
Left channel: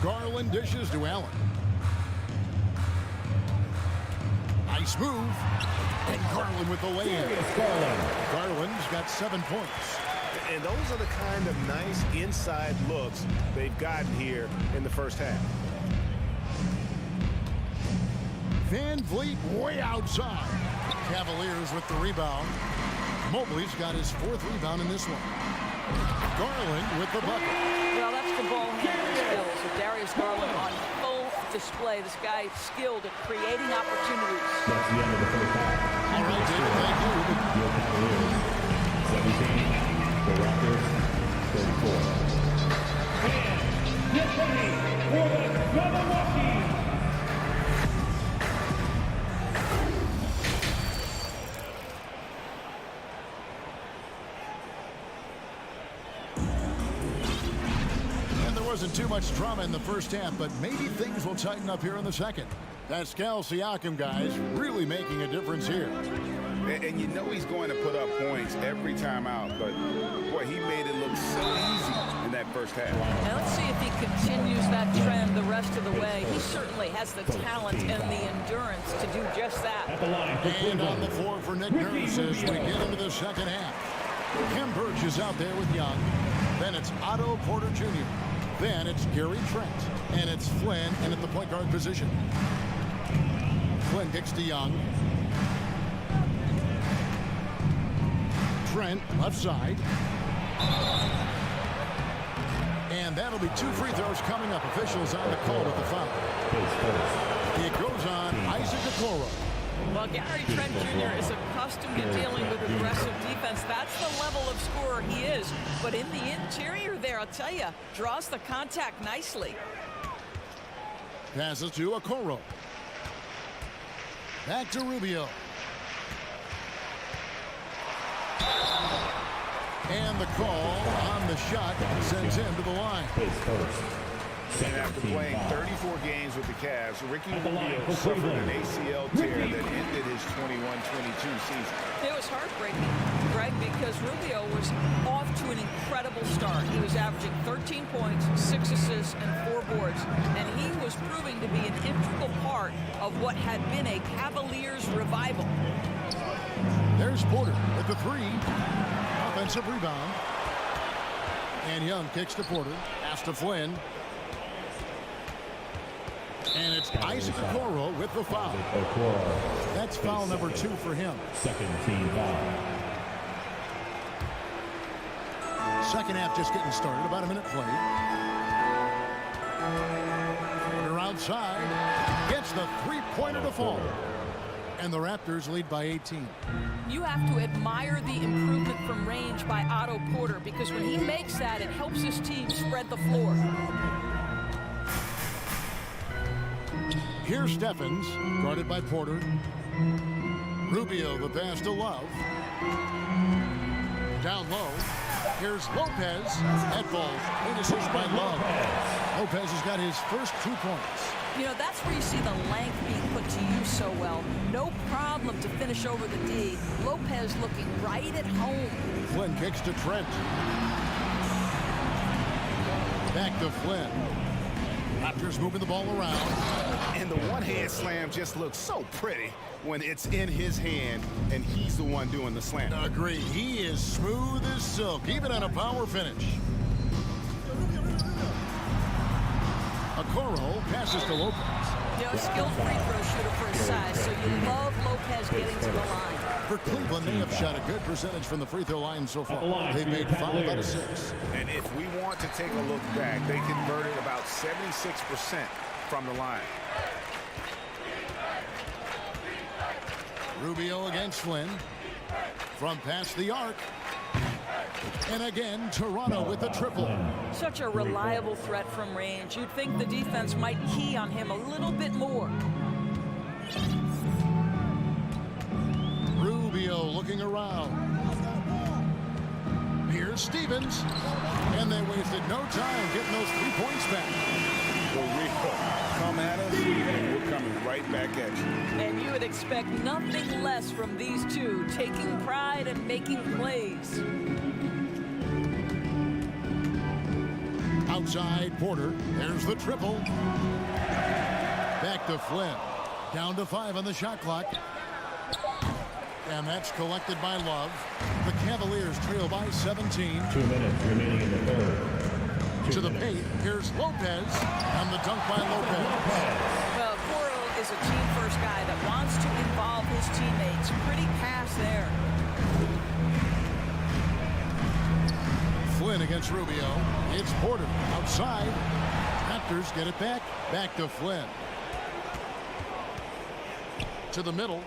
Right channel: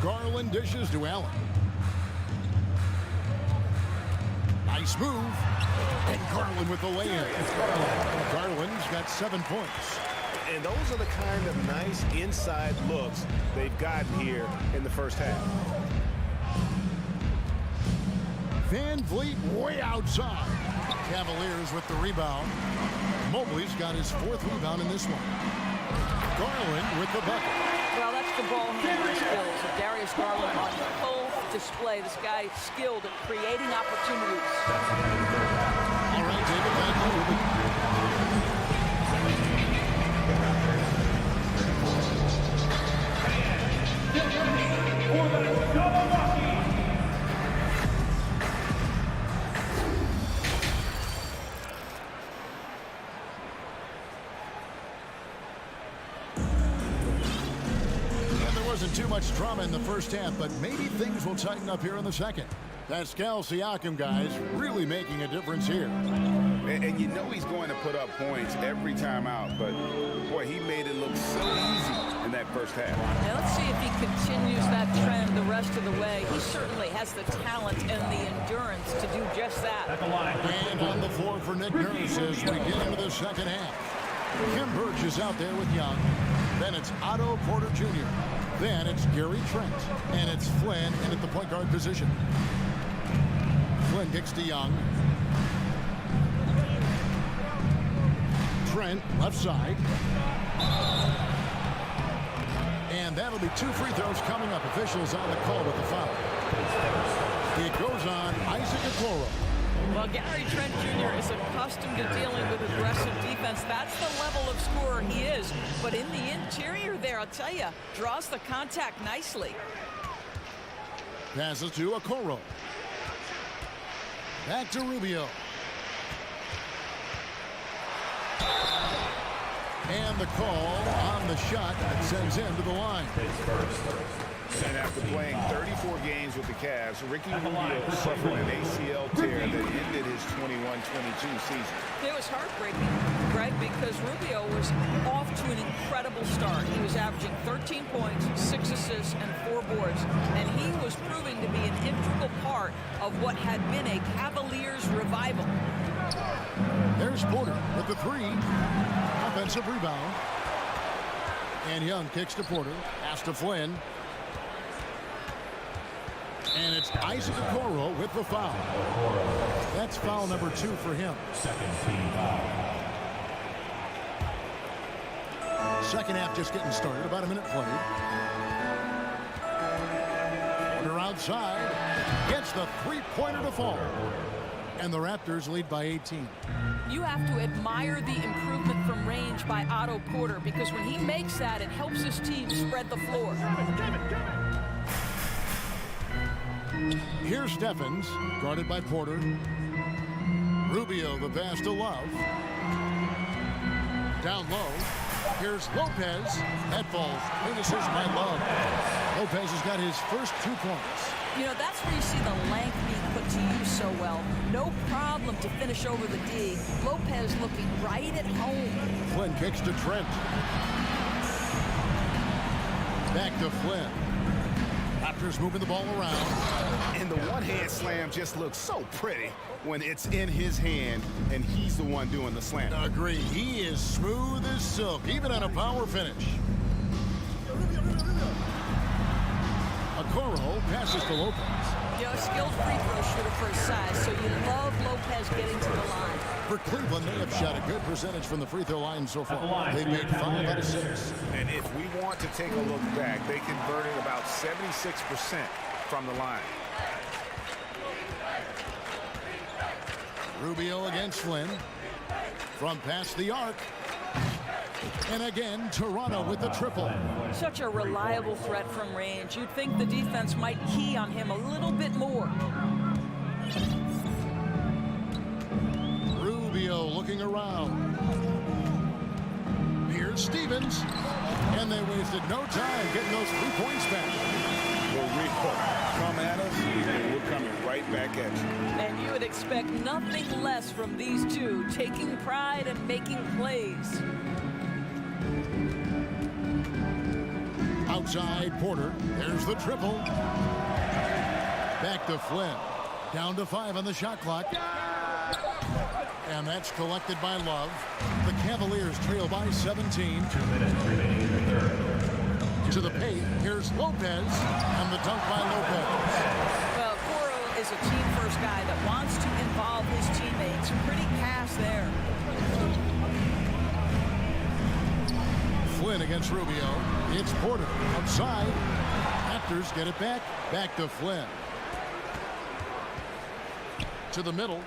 Garland dishes to Allen. Nice move. And Garland with the lay-in. Garland's got 7 points. And those are the kind of nice inside looks they've gotten here in the first half. Van Vliet way outside. Cavaliers with the rebound. Mobley's got his 4th rebound in this one. Garland with the bucket. Well, that's the ball handling skills of Darius Garland on full display. This guy skilled at creating opportunities. All right, David, thank you. 17, the Raptors, 34. Get ready for the double walkie. Wasn't too much drama in the first half, but maybe things will tighten up here in the second. Pascal Siakam, guys, really making a difference here. And you know he's going to put up points every time out, but boy, he made it look so easy in that first half. Now let's see if he continues that trend the rest of the way. He certainly has the talent and the endurance to do just that. At the line. And on the floor for Nick Nurse as we get into the second half. Kim Birch is out there with Young. Then it's Otto Porter Jr. Then it's Gary Trent, and it's Flynn in at the point guard position. Flynn kicks to Young. Trent, left side. And that'll be 2 free throws coming up. Officials on the call with the foul. It goes on Isaac Okoro. Well, Gary Trent Jr. is accustomed to dealing with aggressive defense. That's the level of scorer he is. But in the interior there, I'll tell you, draws the contact nicely. Passes to Okoro. Back to Rubio. And the call on the shot that sends him to the line. And after playing 34 games with the Cavs, Ricky Rubio suffered an ACL tear that ended his 21-22 season. It was heartbreaking, Greg, because Rubio was off to an incredible start. He was averaging 13 points, 6 assists, and 4 boards, and he was proving to be an integral part of what had been a Cavaliers revival. There's Porter with the 3. Offensive rebound. And Young kicks to Porter. Pass to Flynn. And it's Isaac Okoro with the foul. That's foul number 2 for him. Second team foul. Second half just getting started. About a minute played. outside. Gets the three-pointer to fall. And the Raptors lead by 18. You have to admire the improvement from range by Otto Porter, because when he makes that, it helps his team spread the floor. Here's Stephens, guarded by Porter. Rubio, the pass to Love. Down low. Here's Lopez. That ball finishes by Love. Lopez has got his first 2 points. You know, that's where you see the length being put to use so well. No problem to finish over the D. Lopez looking right at home. Flynn kicks to Trent. Back to Flynn. Raptors moving the ball around. And the one-hand slam just looks so pretty when it's in his hand and he's the one doing the slam. Agree. He is smooth as silk, even on a power finish. Okoro passes to Lopez. You know, skilled free throw shooter for his size, so you love Lopez getting to the line. For Cleveland, they have shot a good percentage from the free throw line so far. They've made 5 out of 6. And if we want to take a look back, they converted about 76% from the line. Rubio against Flynn. From past the arc. And again, Toronto with the triple. Such a reliable threat from range. You'd think the defense might key on him a little bit more. Rubio looking around. Here's Stevens. And they wasted no time getting those 3 points back. For real. Come at us, and we're coming right back at you. And you would expect nothing less from these two, taking pride and making plays. Outside Porter. There's the triple. Back to Flynn. Down to 5 on the shot clock. And that's collected by Love. The Cavaliers trail by 17. 2 minutes remaining in the third. To the paint. Here's Lopez. And the dunk by Lopez. Well, Coro is a team-first guy that wants to involve his teammates. Pretty pass there. Flynn against Rubio. It's Porter outside. Raptors get it back. Back to Flynn. To the middle.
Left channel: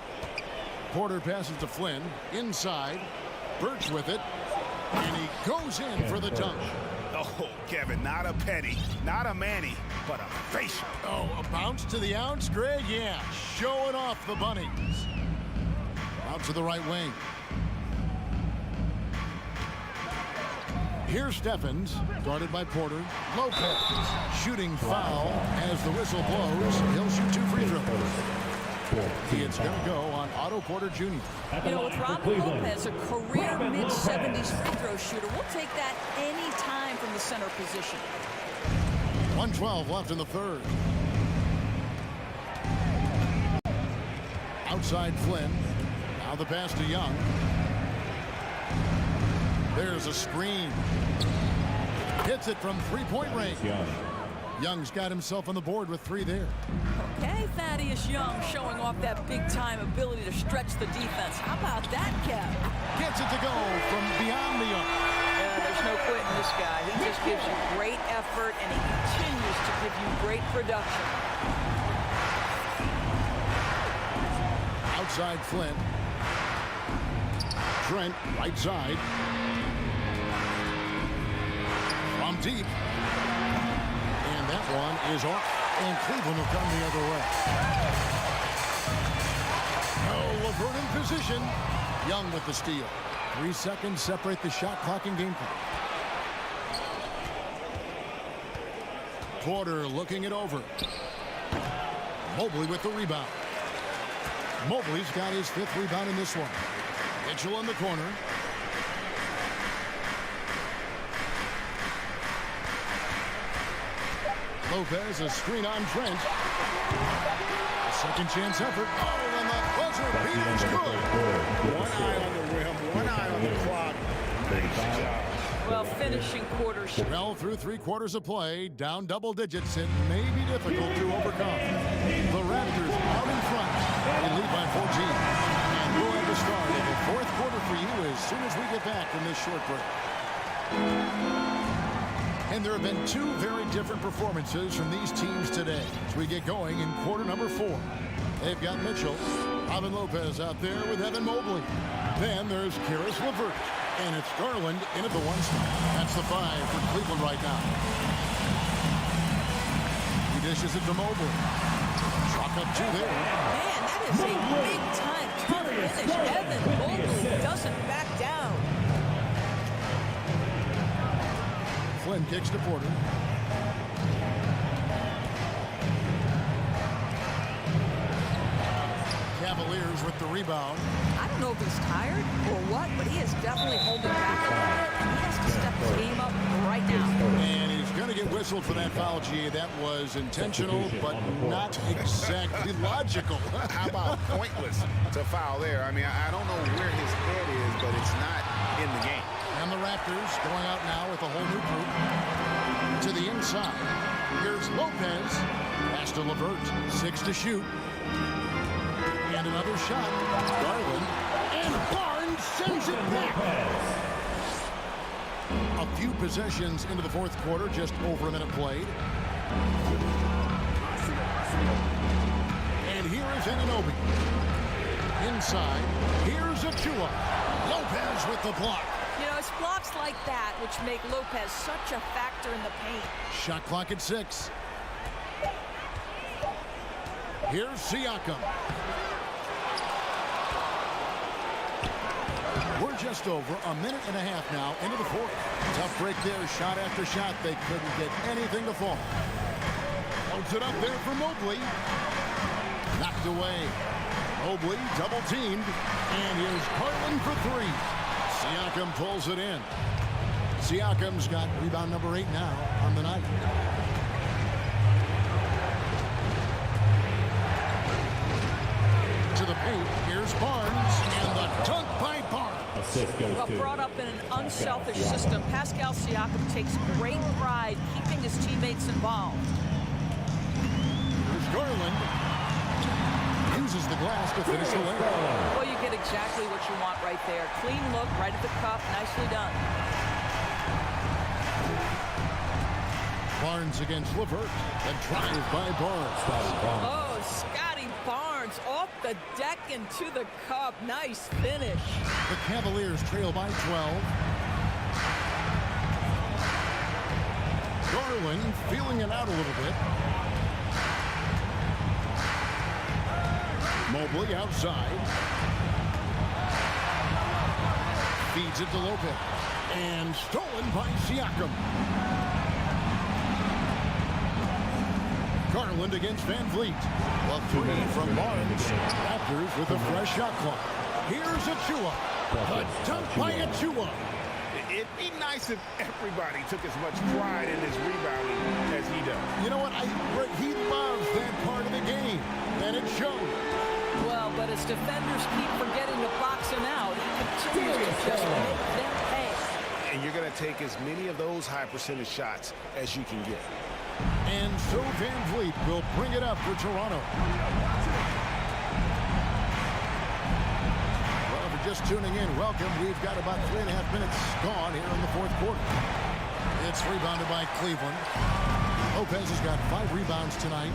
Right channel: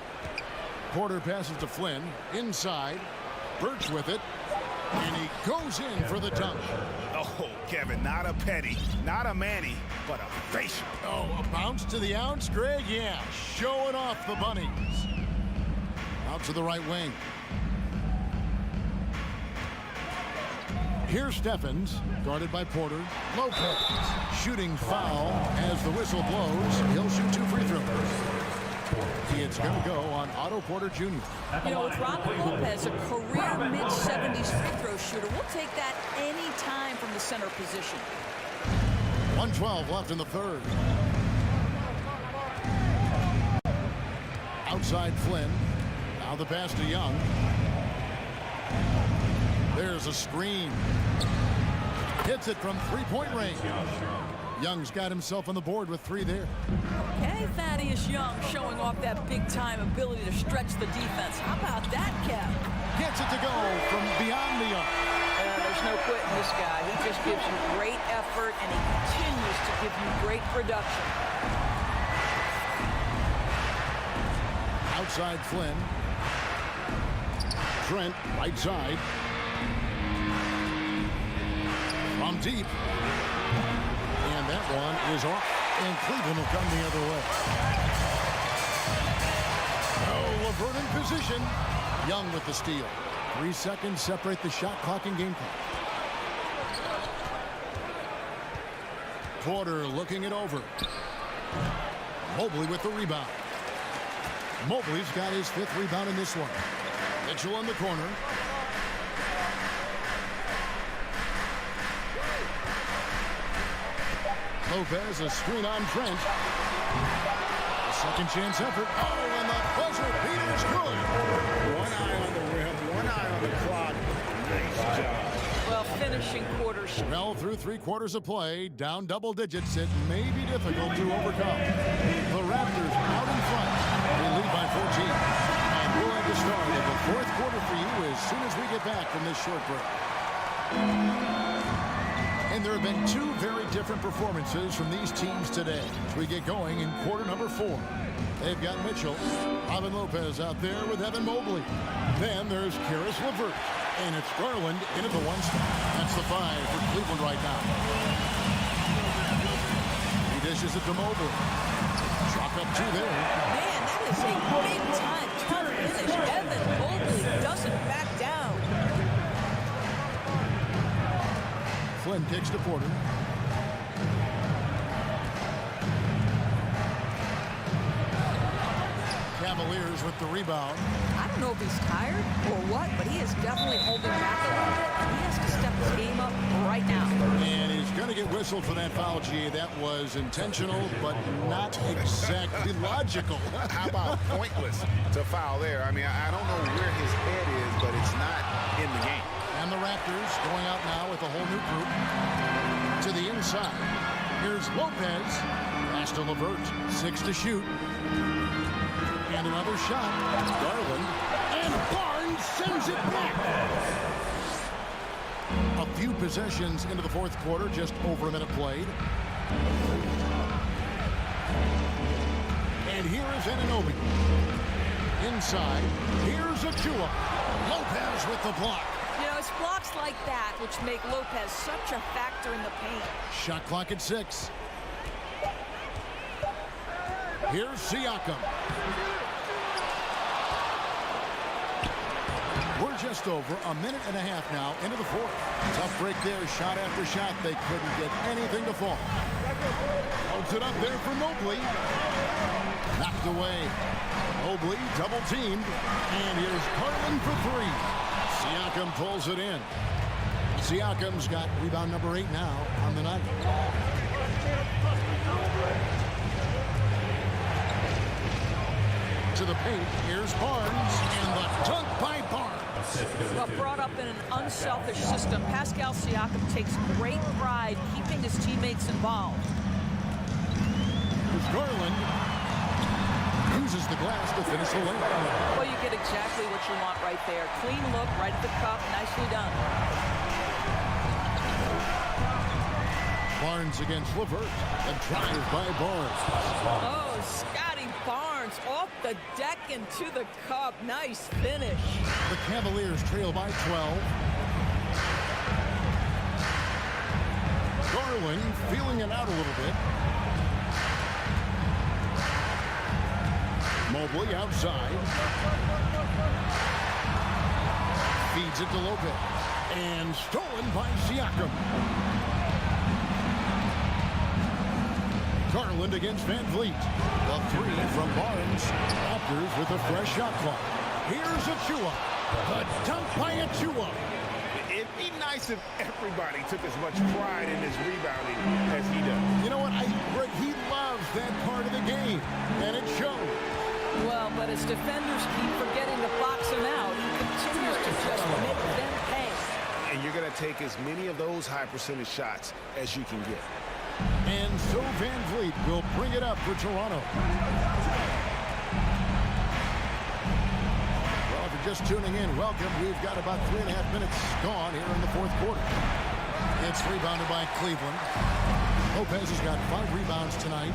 Porter passes to Flynn. Inside. Birch with it. And he goes in for the dunk. Oh, Kevin, not a petty, not a Manny, but a facial. Oh, a bounce to the ounce, Greg? Yeah, showing off the bunnies. Out to the right wing. Here's Stephens, guarded by Porter. Lopez, shooting foul as the whistle blows. He'll shoot 2 free throws. It's going to go on Otto Porter Jr. You know, with Robin Lopez, a career mid-70s free throw shooter, we'll take that any time from the center position. 1:12 left in the third. Outside Flynn. Now the pass to Young. There's a screen. Hits it from three-point range. Young's got himself on the board with 3 there. Okay, Thaddeus Young showing off that big-time ability to stretch the defense. How about that, Kev? Gets it to go from beyond the arc. There's no quitting this guy. He just gives you great effort, and he continues to give you great production. Outside Flynn. Trent, right side. From deep. And that one is off. And Cleveland will come the other way. Oh, LeVert in position. Young with the steal. 3 seconds separate the shot clock and game clock. Porter looking it over. Mobley with the rebound. Mobley's got his 5th rebound in this one. Mitchell in the corner. Lopez, a screen on Trent. A second chance effort. Oh, and the buzzer beater's good. One eye on the rim, one eye on the clock. Nice job. Well, finishing quarters. Well, through 3 quarters of play, down double digits, it may be difficult to overcome. The Raptors out in front. They lead by 14. And we'll have the start of the 4th quarter for you as soon as we get back from this short break. And there have been two very different performances from these teams today as we get going in quarter number 4. They've got Mitchell, Robin Lopez out there with Evan Mobley. Then there's Karis LeVert, and it's Garland in at the 1 spot. That's the 5 for Cleveland right now. He dishes it to Mobley. Chalk up 2 there. Man, that is a big-time tough finish. Evan Mobley doesn't back down. Flynn kicks to Porter. Cavaliers with the rebound. I don't know if he's tired or what, but he is definitely holding back a little bit, and he has to step his game up right now. And he's going to get whistled for that foul, G. That was intentional, but not exactly logical. How about pointless to foul there? I mean, I don't know where his head is, but it's not in the game. And the Raptors going out now with a whole new group to the inside. Here's Lopez. Pass to LeVert. 6 to shoot. And another shot. Garland. And Barnes sends it back. A few possessions into the 4th quarter. Just over a minute played. And here is Anunoby. Inside. Here's Achua. Lopez with the block. You know, it's blocks like that which make Lopez such a factor in the paint. Shot clock at 6. Here's Siakam. We're just over a minute and a half now into the 4th. Tough break there, shot after shot. They couldn't get anything to fall. Holds it up there for Mobley. Knocked away. Mobley double teamed. And here's Garland for 3. Siakam pulls it in. Siakam's got rebound number 8 now on the night. To the paint, here's Barnes, and the dunk by Barnes. Well, brought up in an unselfish system, Pascal Siakam takes great pride keeping his teammates involved. Here's Garland. Uses the glass to finish the layup. Well, you get exactly what you want right there. Clean look, right at the cup, nicely done. Barnes against LeVert. The drive by Barnes. Oh, Scotty Barnes off the deck and to the cup. Nice finish. The Cavaliers trail by 12. Garland feeling it out a little bit. Mobley outside. Feeds it to Lopez. And stolen by Siakam. Garland against Van Vliet. The 3 from Barnes. Raptors with a fresh shot clock. Here's Achua. The dunk by Achua. It'd be nice if everybody took as much pride in his rebounding as he does. You know what? He loves that part of the game, and it shows. Well, but as defenders keep forgetting to box him out, he continues to just make them pay. And you're going to take as many of those high percentage shots as you can get. And so Van Vliet will bring it up for Toronto. Well, if you're just tuning in, welcome. We've got about 3.5 minutes gone here in the 4th quarter. It's rebounded by Cleveland. Lopez has got 5 rebounds tonight.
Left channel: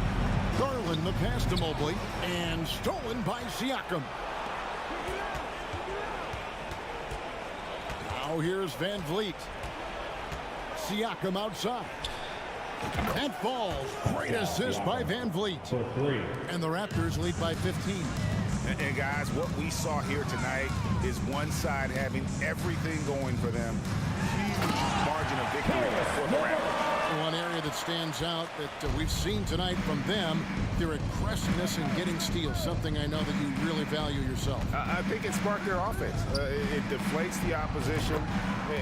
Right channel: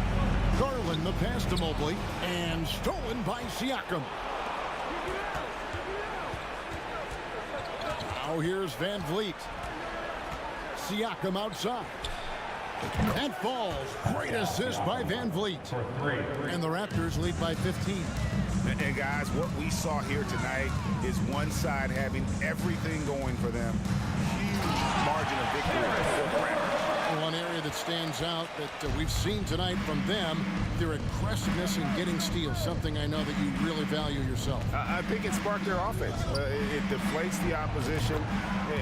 Garland the pass to Mobley. And stolen by Siakam. Now here's Van Vliet. Siakam outside. That falls. Great assist by Van Vliet. And the Raptors lead by 15. And guys, what we saw here tonight is one side having everything going for them. Huge margin of victory for the Raptors. One area that stands out that we've seen tonight from them, their aggressiveness in getting steals, something I know that you really value yourself. I think it sparked their offense. It deflates the opposition,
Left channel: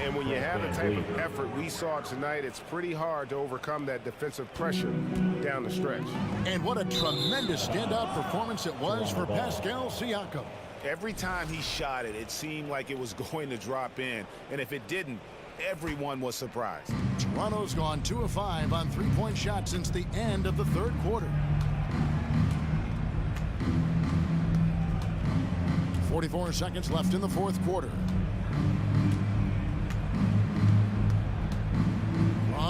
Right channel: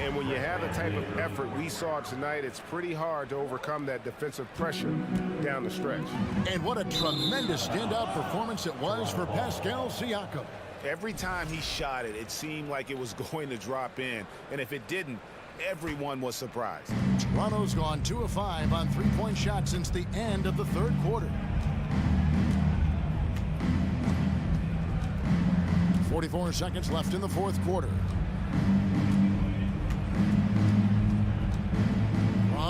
and when you have the type of effort we saw tonight, it's pretty hard to overcome that defensive pressure down the stretch. And what a tremendous standout performance it was for Pascal Siakam. Every time he shot it, it seemed like it was going to drop in, and if it didn't, everyone was surprised. Toronto's gone 2 of 5 on 3-point shots since the end of the 3rd quarter. 44 seconds left in the 4th quarter.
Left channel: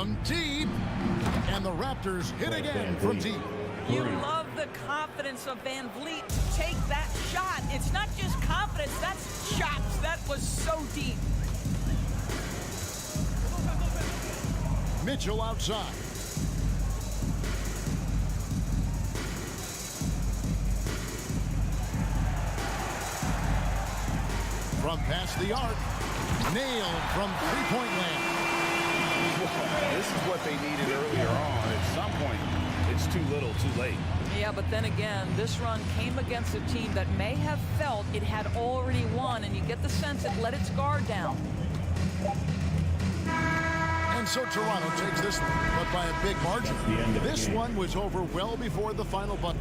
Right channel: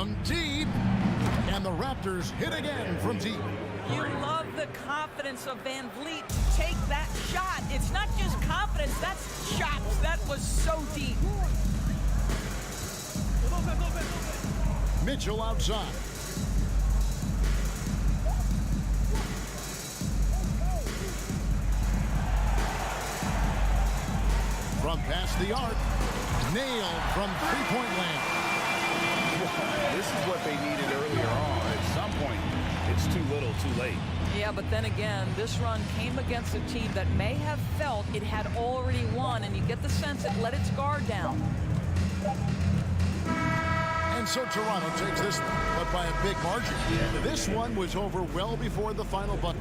from deep. And the Raptors hit again from deep. You love the confidence of Van Vliet to take that shot. It's not just confidence, that's shots. That was so deep. Mitchell outside. From past the arc, nailed from three-point land. This is what they needed earlier on. At some point, it's too little, too late. Yeah, but then again, this run came against a team that may have felt it had already won, and you get the sense it let its guard down. And so Toronto takes this one, but by a big margin. This one was over well before the final buzzer.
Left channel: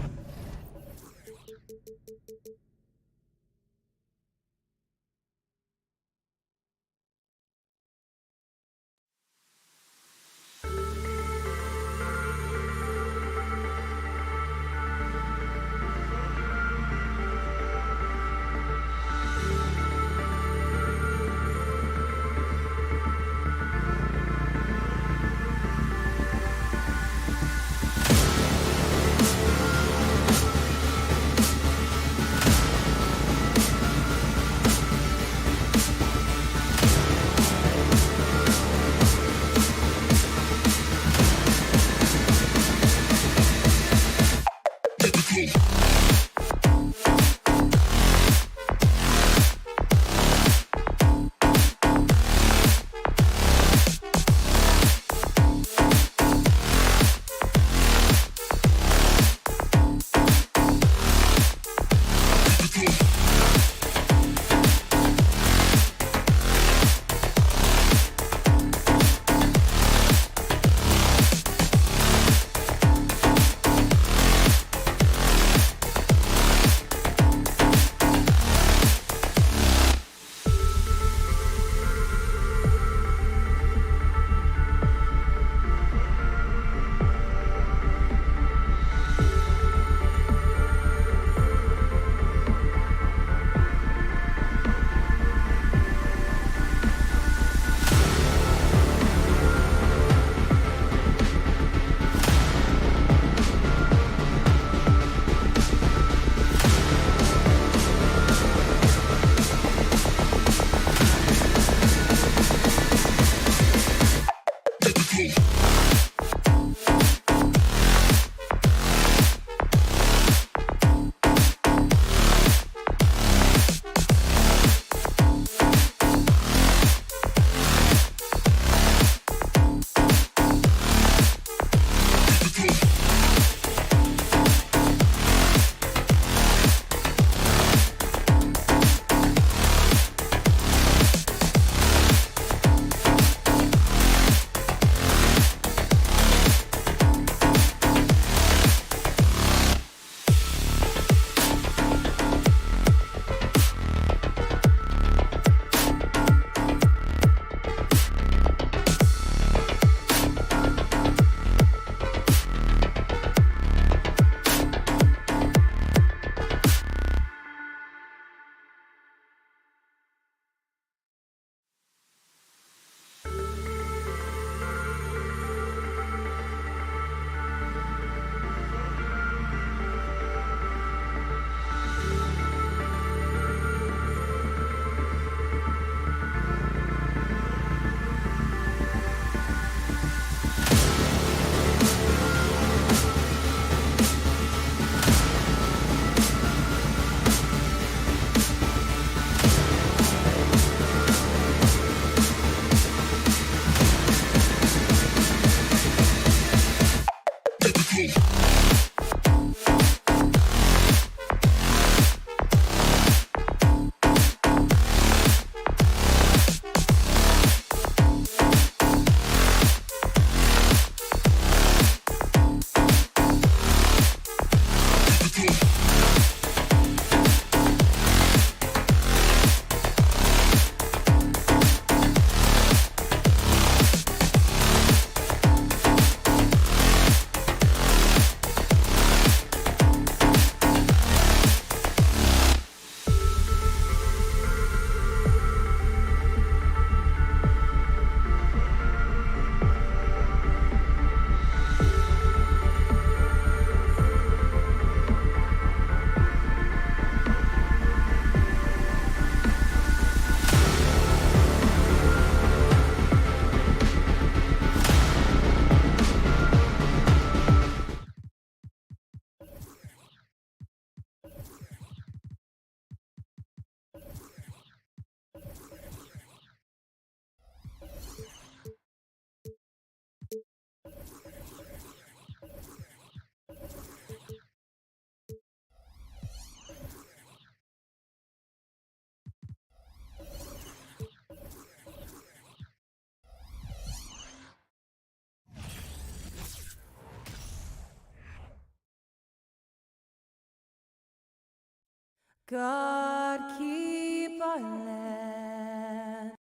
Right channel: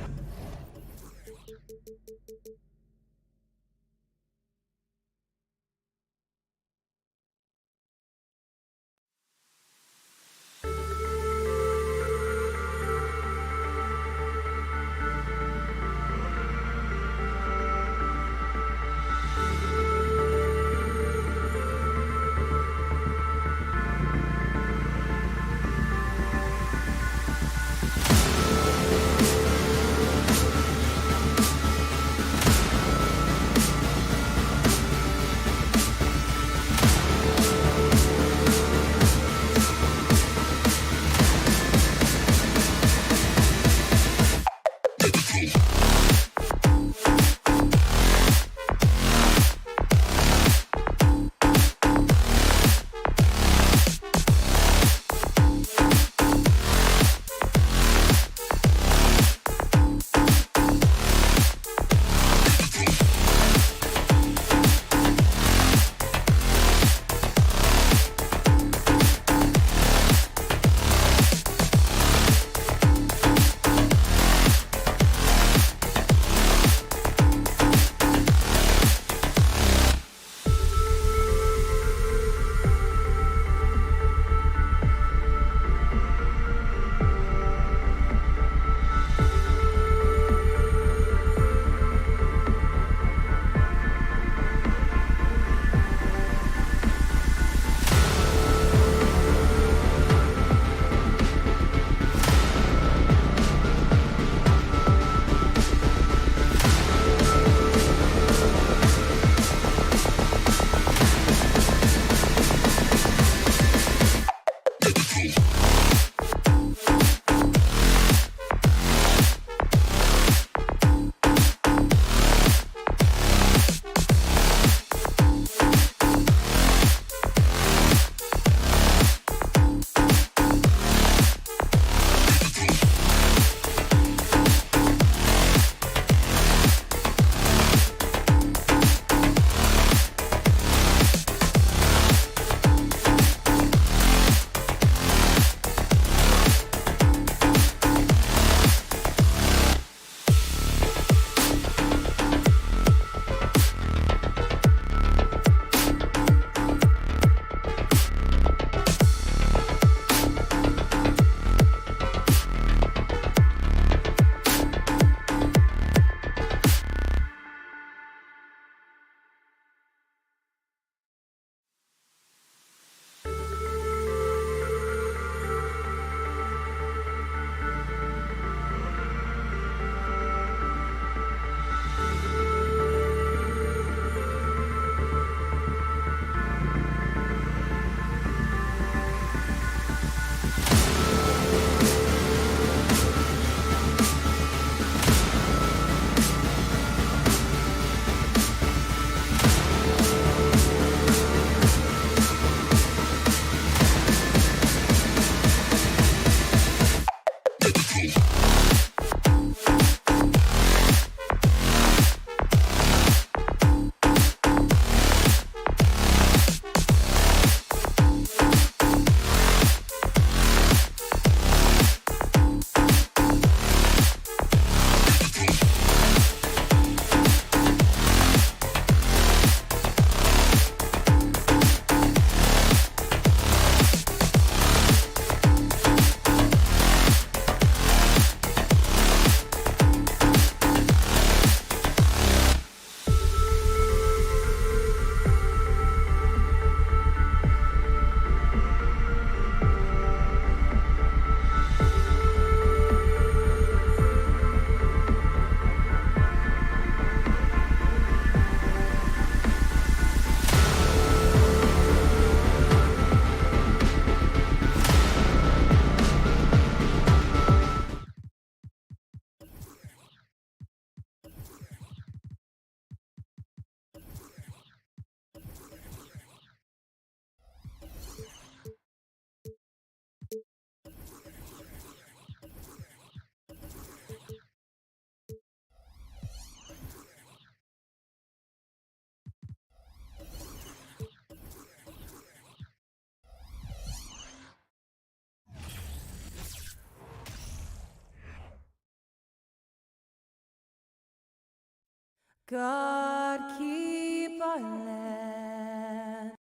God keep our land.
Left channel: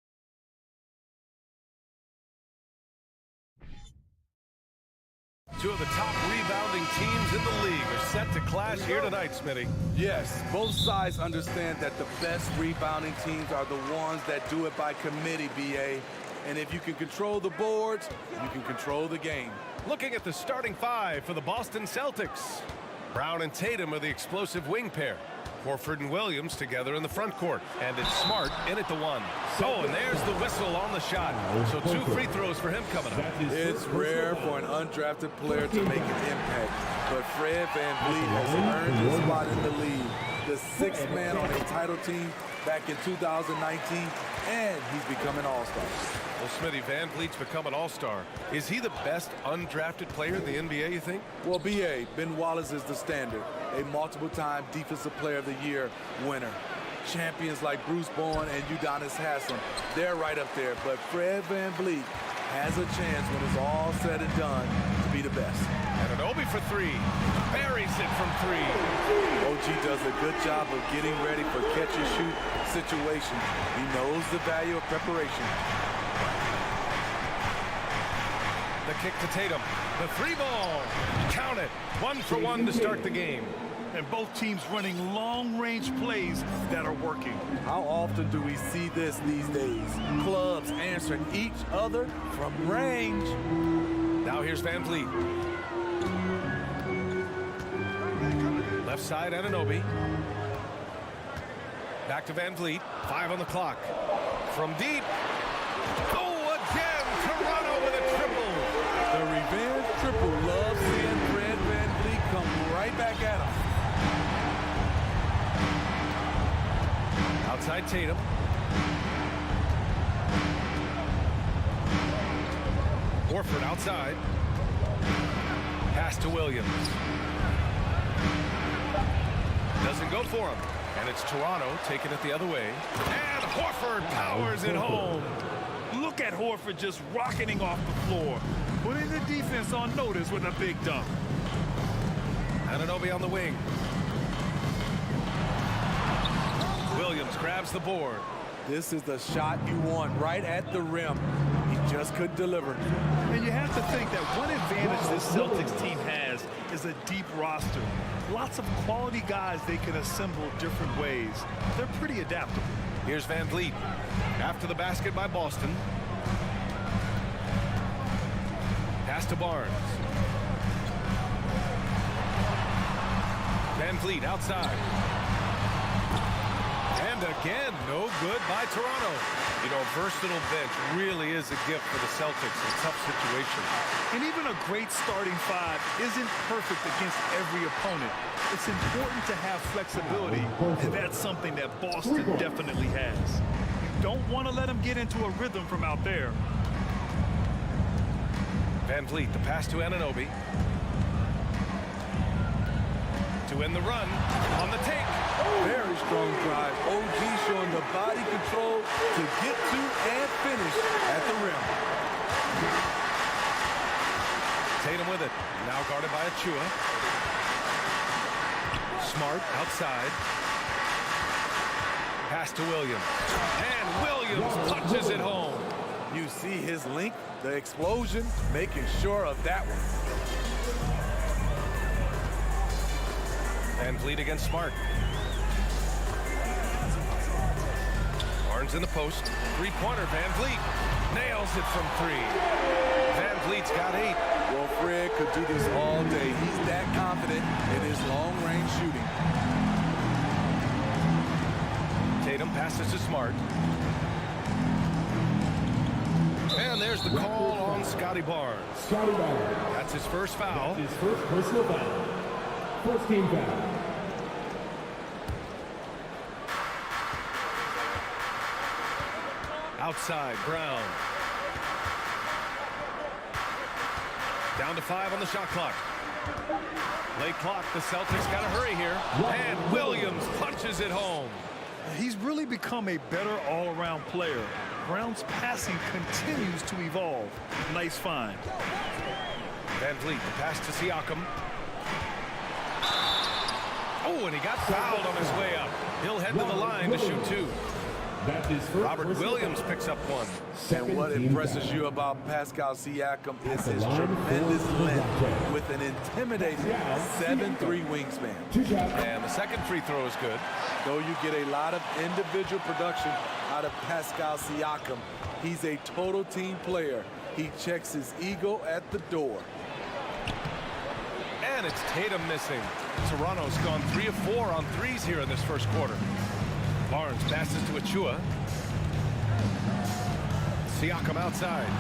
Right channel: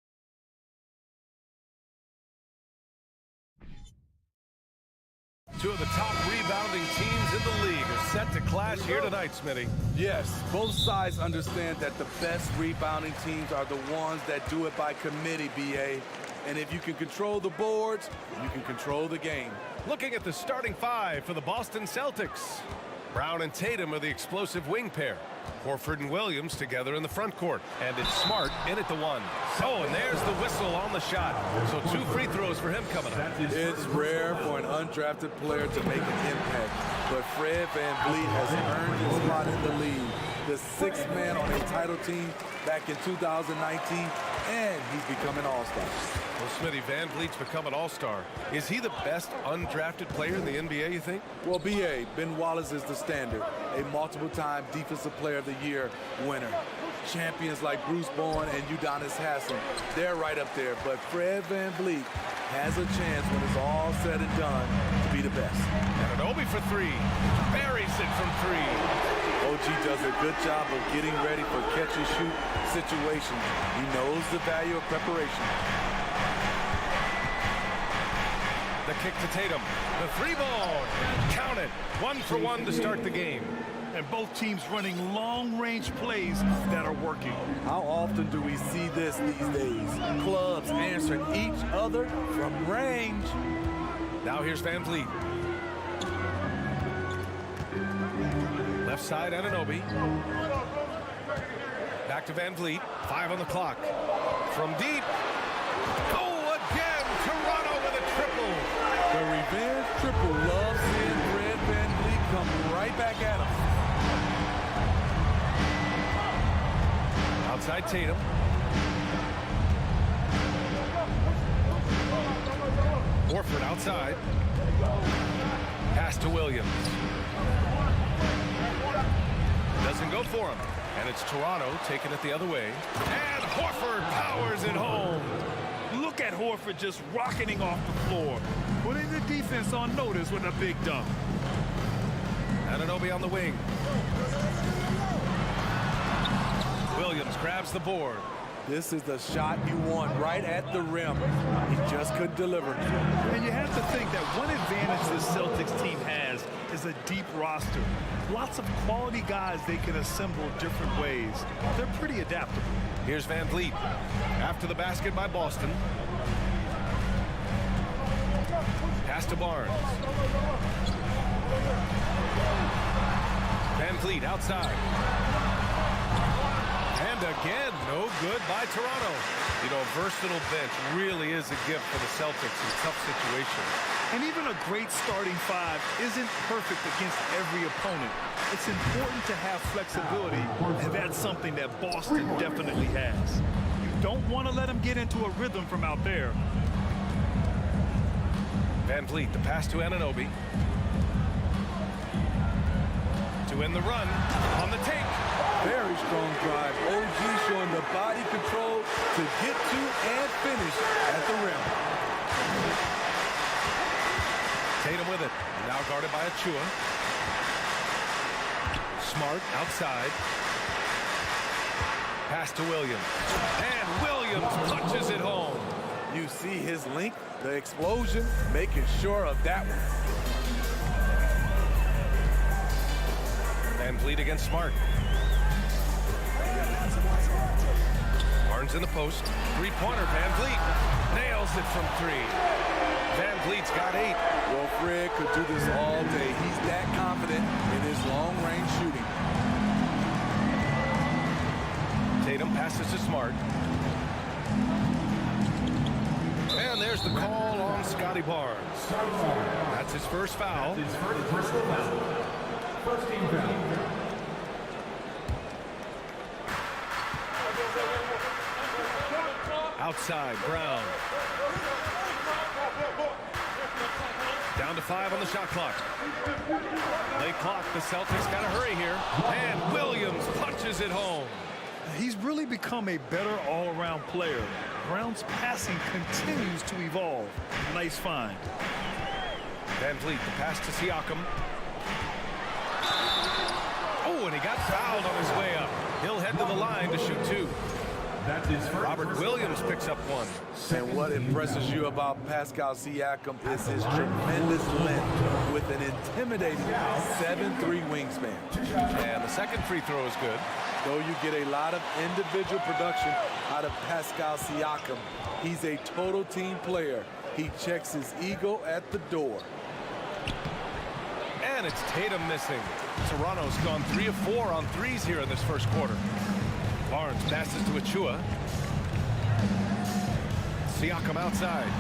Two of the top rebounding teams in the league are set to clash here tonight, Smitty. Yes, both sides understand that the best rebounding teams are the ones that do it by committee, BA. And if you can control the boards, you can control the game. Looking at the starting five for the Boston Celtics. Brown and Tatum are the explosive wing pair. Horford and Williams together in the front court. And it's Smart in at the one. Oh, and there's the whistle on the shot. So 2 free throws for him coming up. It's rare for an undrafted player to make an impact, but Fred VanVleet has earned his spot in the league. The 6th man on a title team back in 2019, and he's become an all-star. Well, Smitty, VanVleet's become an all-star. Is he the best undrafted player in the NBA, you think? Well, BA, Ben Wallace is the standard, a multiple-time Defensive Player of the Year winner. Champions like Bruce Bowen and Udonis Haslem, they're right up there. But Fred VanVleet has a chance when it's all said and done to be the best. And Anunoby for 3. Buries it from 3. OG does a good job of getting ready for catch-and-shoot situations. He knows the value of preparation. The kick to Tatum. The 3-ball. Count it. 1 for 1 to start the game. And both teams running long-range plays that are working. How often do we see this these days? Clubs answering each other from range. Now here's VanVleet. Left side, Anunoby. Back to VanVleet. 5 on the clock. From deep. Oh, again! Toronto with a triple. The revenge triple loves seeing Fred VanVleet come right back at him. Outside Tatum. Horford outside. Pass to Williams. Doesn't go for him. And it's Toronto taking it the other way. And Horford powers it home. Look at Horford just rocketing off the floor, putting the defense on notice with a big dunk. Anunoby on the wing. Williams grabs the board. This is the shot you want right at the rim. He just couldn't deliver. And you have to think that one advantage this Celtics team has is a deep roster. Lots of quality guys they can assemble different ways. They're pretty adaptable. Here's VanVleet. After the basket by Boston. Pass to Barnes. VanVleet outside. And again, no good by Toronto. You know, a versatile bench really is a gift for the Celtics in tough situations. And even a great starting five isn't perfect against every opponent. It's important to have flexibility, and that's something that Boston definitely has. You don't want to let them get into a rhythm from out there. VanVleet, the pass to Anunoby. To end the run, on the take. Very strong drive. OG showing the body control to get to and finish at the rim. Tatum with it. Now guarded by Achua. Smart outside. Pass to Williams. And Williams punches it home. You see his length, the explosion, making sure of that one. VanVleet against Smart. Barnes in the post. Three-pointer, VanVleet. Nails it from 3. VanVleet's got 8. Well, Fred could do this all day. He's that confident in his long-range shooting. Tatum passes to Smart. And there's the call on Scotty Barnes. That's his first foul. That's his first personal foul. First team foul. Outside, Brown. Down to 5 on the shot clock. Late clock, the Celtics got to hurry here. And Williams punches it home. He's really become a better all-around player. Brown's passing continues to evolve. Nice find. VanVleet, the pass to Siakam. Oh, Oh, and he got fouled on his way up. He'll head to the line to shoot 2. That's his first. Robert Williams picks up 1. And what impresses you about Pascal Siakam is his tremendous length with an intimidating 7'3" wingspan. And the second free throw is good. Though you get a lot of individual production out of Pascal Siakam, he's a total team player. He checks his ego at the door. And it's Tatum missing. Toronto's gone 3 of 4 on threes here in this first quarter. Barnes passes to Achua. Siakam outside.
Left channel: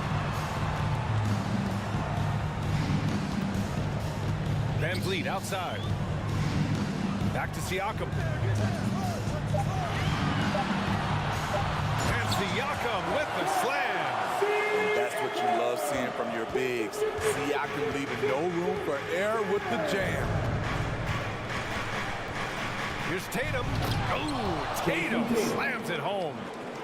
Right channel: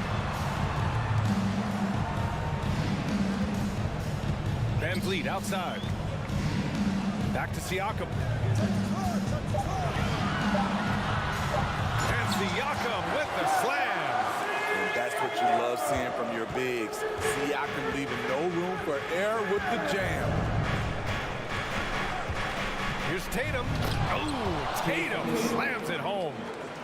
Van Vliet outside. Back to Siakam. And Siakam with the slam. And that's what you love seeing from your bigs. Siakam leaving no room for error with the jam. Here's Tatum. Oh, Tatum slams it home.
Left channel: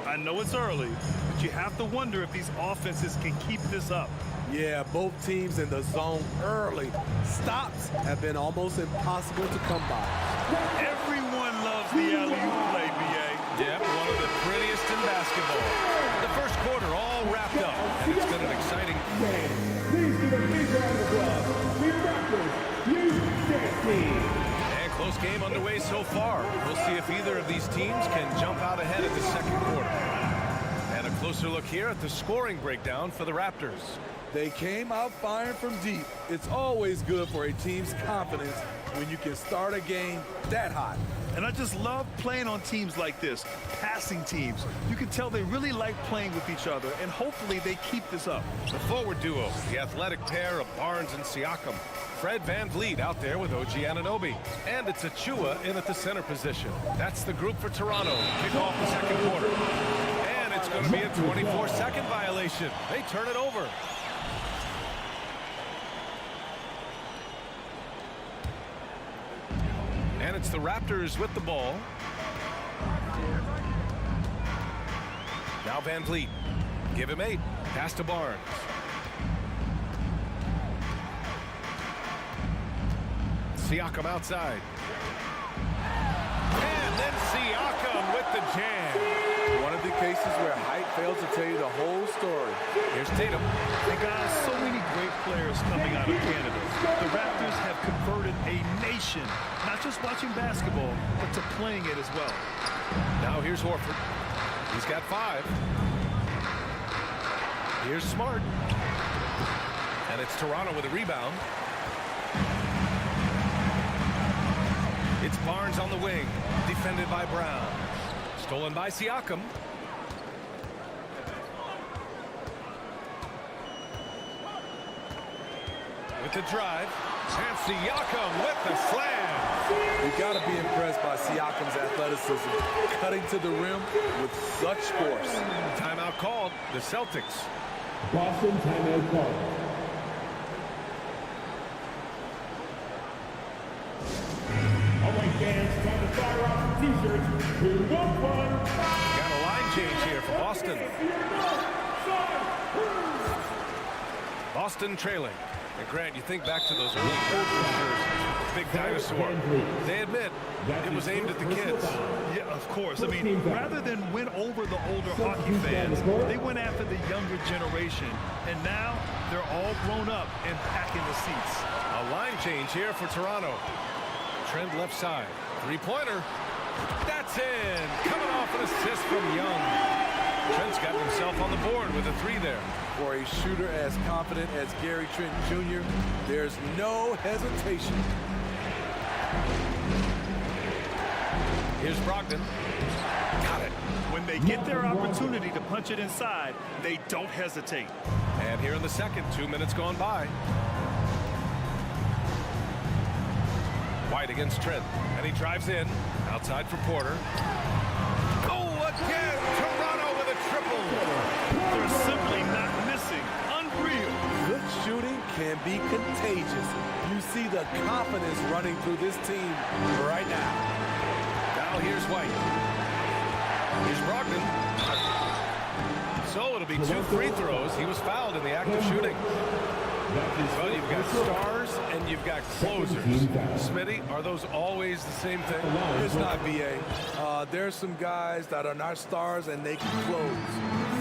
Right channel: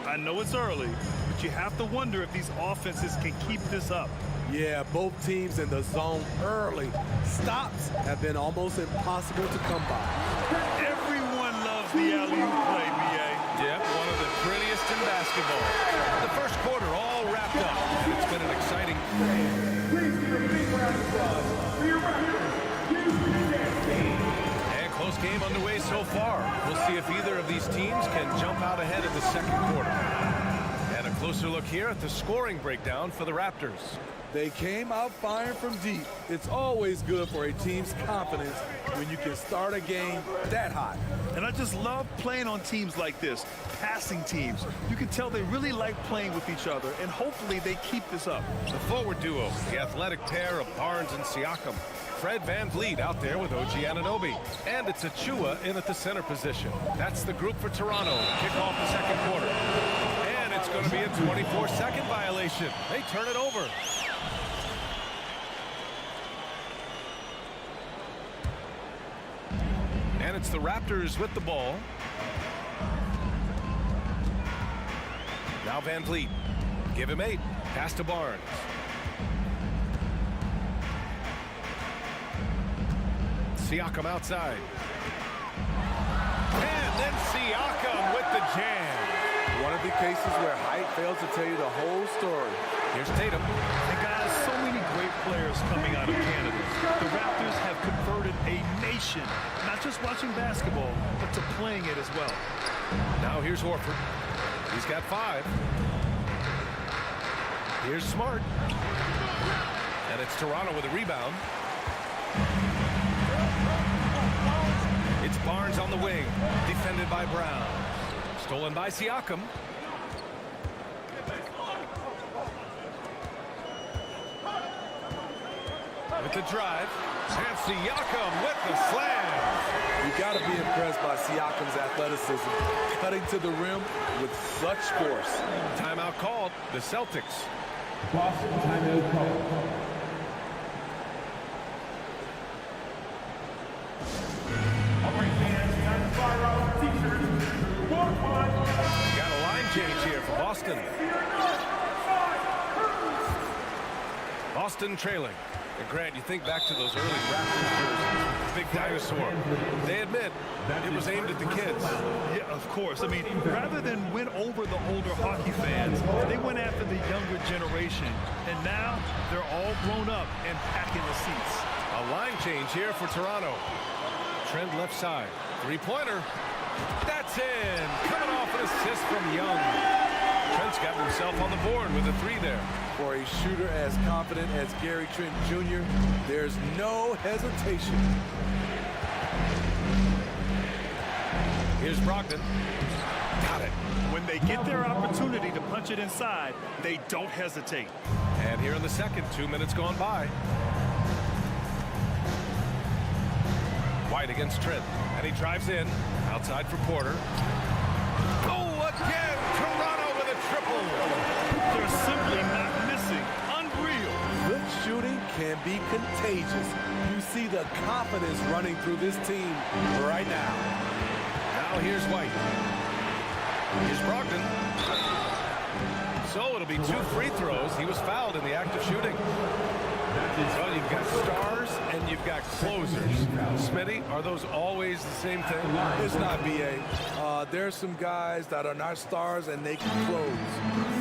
I know it's early, but you have to wonder if these offenses can keep this up. Yeah, both teams in the zone early. Stops have been almost impossible to come by. Everyone loves the alley-oop play, B.A. Yep, one of the prettiest in basketball. The first quarter all wrapped up, and it's been an exciting. Please give a big round of applause for your Raptors, U16. And close game underway so far. We'll see if either of these teams can jump out ahead in the second quarter. And a closer look here at the scoring breakdown for the Raptors. They came out firing from deep. It's always good for a team's confidence when you can start a game that hot. And I just love playing on teams like this, passing teams. You can tell they really like playing with each other, and hopefully they keep this up. The forward duo, the athletic pair of Barnes and Siakam. Fred Van Vliet out there with OG Anunoby. And it's Achua in at the center position. That's the group for Toronto to kick off the second quarter. And it's going to be a 24-second violation. They turn it over. And it's the Raptors with the ball. Now Van Vliet. Give him 8. Pass to Barnes. Siakam outside. And then Siakam with the jam. One of the cases where height fails to tell you the whole story. Here's Tatum. And guys, so many great players coming out of Canada. The Raptors have converted a nation, not just watching basketball, but to playing it as well. Now here's Horford. He's got 5. Here's Smart. And it's Toronto with a rebound. It's Barnes on the wing, defended by Brown. Stolen by Siakam. With the drive, and Siakam with the slam. You got to be impressed by Siakam's athleticism, cutting to the rim with such force. Timeout called, the Celtics. Boston timeout call. All right, fans, time to fire off some t-shirts. Who wants one? Got a line change here for Boston. Boston trailing. And Grant, you think back to those early Raptors jerseys, big dinosaur. They admit it was aimed at the kids. Yeah, of course. I mean, rather than win over the older hockey fans, they went after the younger generation. And now they're all grown up and packing the seats. A line change here for Toronto. Trent left side. Three-pointer. That's in. Coming off an assist from Young. Trent's gotten himself on the board with a 3 there. For a shooter as confident as Gary Trent Jr., there's no hesitation. Here's Brogdon. Got it. When they get their opportunity to punch it inside, they don't hesitate. And here in the second, 2 minutes gone by. White against Trent. And he drives in. Outside for Porter. Oh, again! Toronto with a triple. They're simply not missing. Unreal. Good shooting can be contagious. You see the confidence running through this team right now. Now here's White. Here's Brogdon. So it'll be 2 free throws. He was fouled in the act of shooting. Well, you've got stars and you've got closers. Smitty, are those always the same thing? It's not, B.A. There's some guys that are not stars and they can close.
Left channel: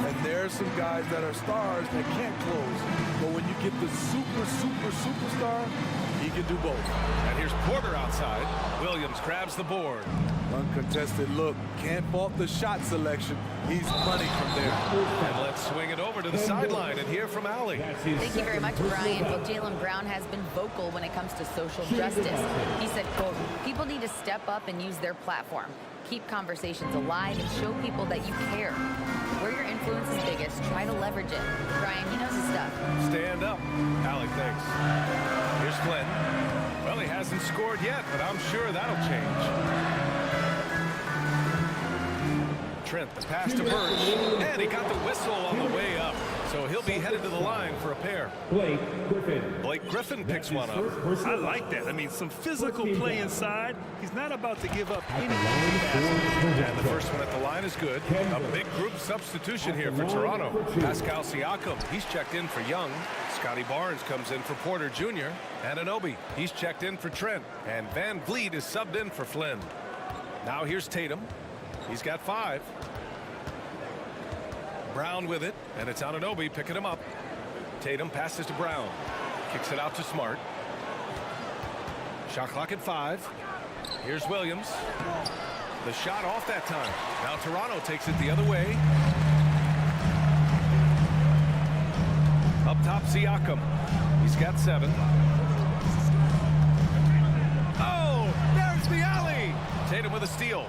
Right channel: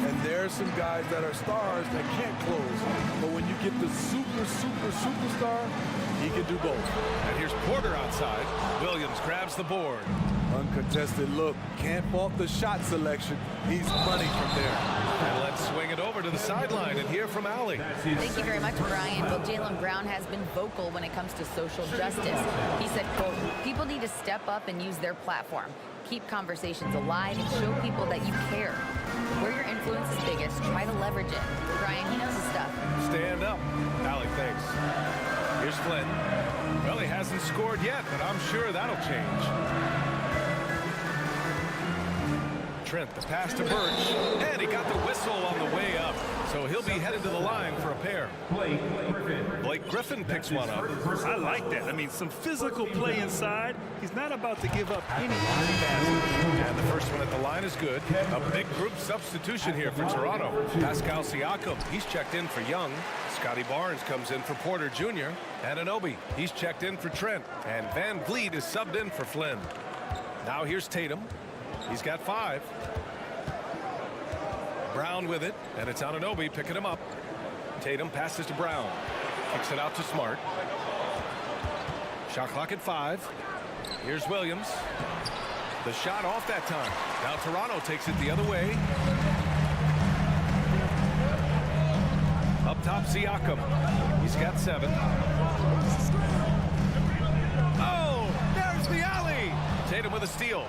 And there's some guys that are stars that can't close. But when you get the superstar, he can do both. And here's Porter outside. Williams grabs the board. Uncontested look. Can't fault the shot selection. He's money from there. And let's swing it over to the sideline and hear from Allie. Thank you very much, Brian. Well, Jaylen Brown has been vocal when it comes to social justice. He said, quote, people need to step up and use their platform. Keep conversations alive and show people that you care. Where your influence is biggest, try to leverage it. Brian, he knows his stuff. Stand up. Allie, thanks. Here's Flynn. Well, he hasn't scored yet, but I'm sure that'll change. Trent, the pass to Birch, and he got the whistle on the way up, so he'll be headed to the line for a pair. Blake Griffin picks one up. I like that. I mean, some physical play inside. He's not about to give up any easy baskets. And the first one at the line is good. A big group substitution here for Toronto. Pascal Siakam, he's checked in for Young. Scotty Barnes comes in for Porter Jr. Anunoby, he's checked in for Trent. And Van Vliet is subbed in for Flynn. Now here's Tatum. He's got 5. Brown with it, and it's Anunoby picking him up. Tatum passes to Brown. Kicks it out to Smart. Shot clock at 5. Here's Williams. The shot off that time. Now Toronto takes it the other way. Up top, Siakam. He's got 7. Oh, there's the alley. Tatum with a steal.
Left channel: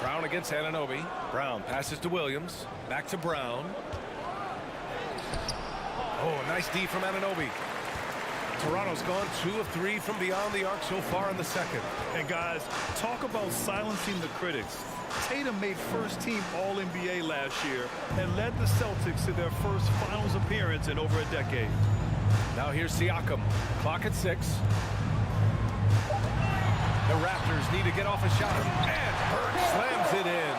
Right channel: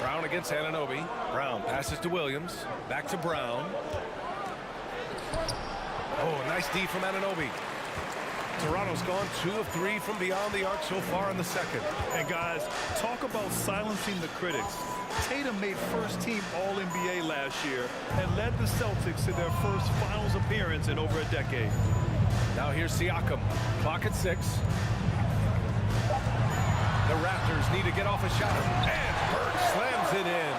Brown against Anunoby. Brown passes to Williams. Back to Brown. Oh, nice D from Anunoby. Toronto's gone 2 of 3 from beyond the arc so far in the second. And guys, talk about silencing the critics. Tatum made first-team All-NBA last year and led the Celtics to their first finals appearance in over a decade. Now here's Siakam. Clock at 6. The Raptors need to get off a shot, and Birch slams it in.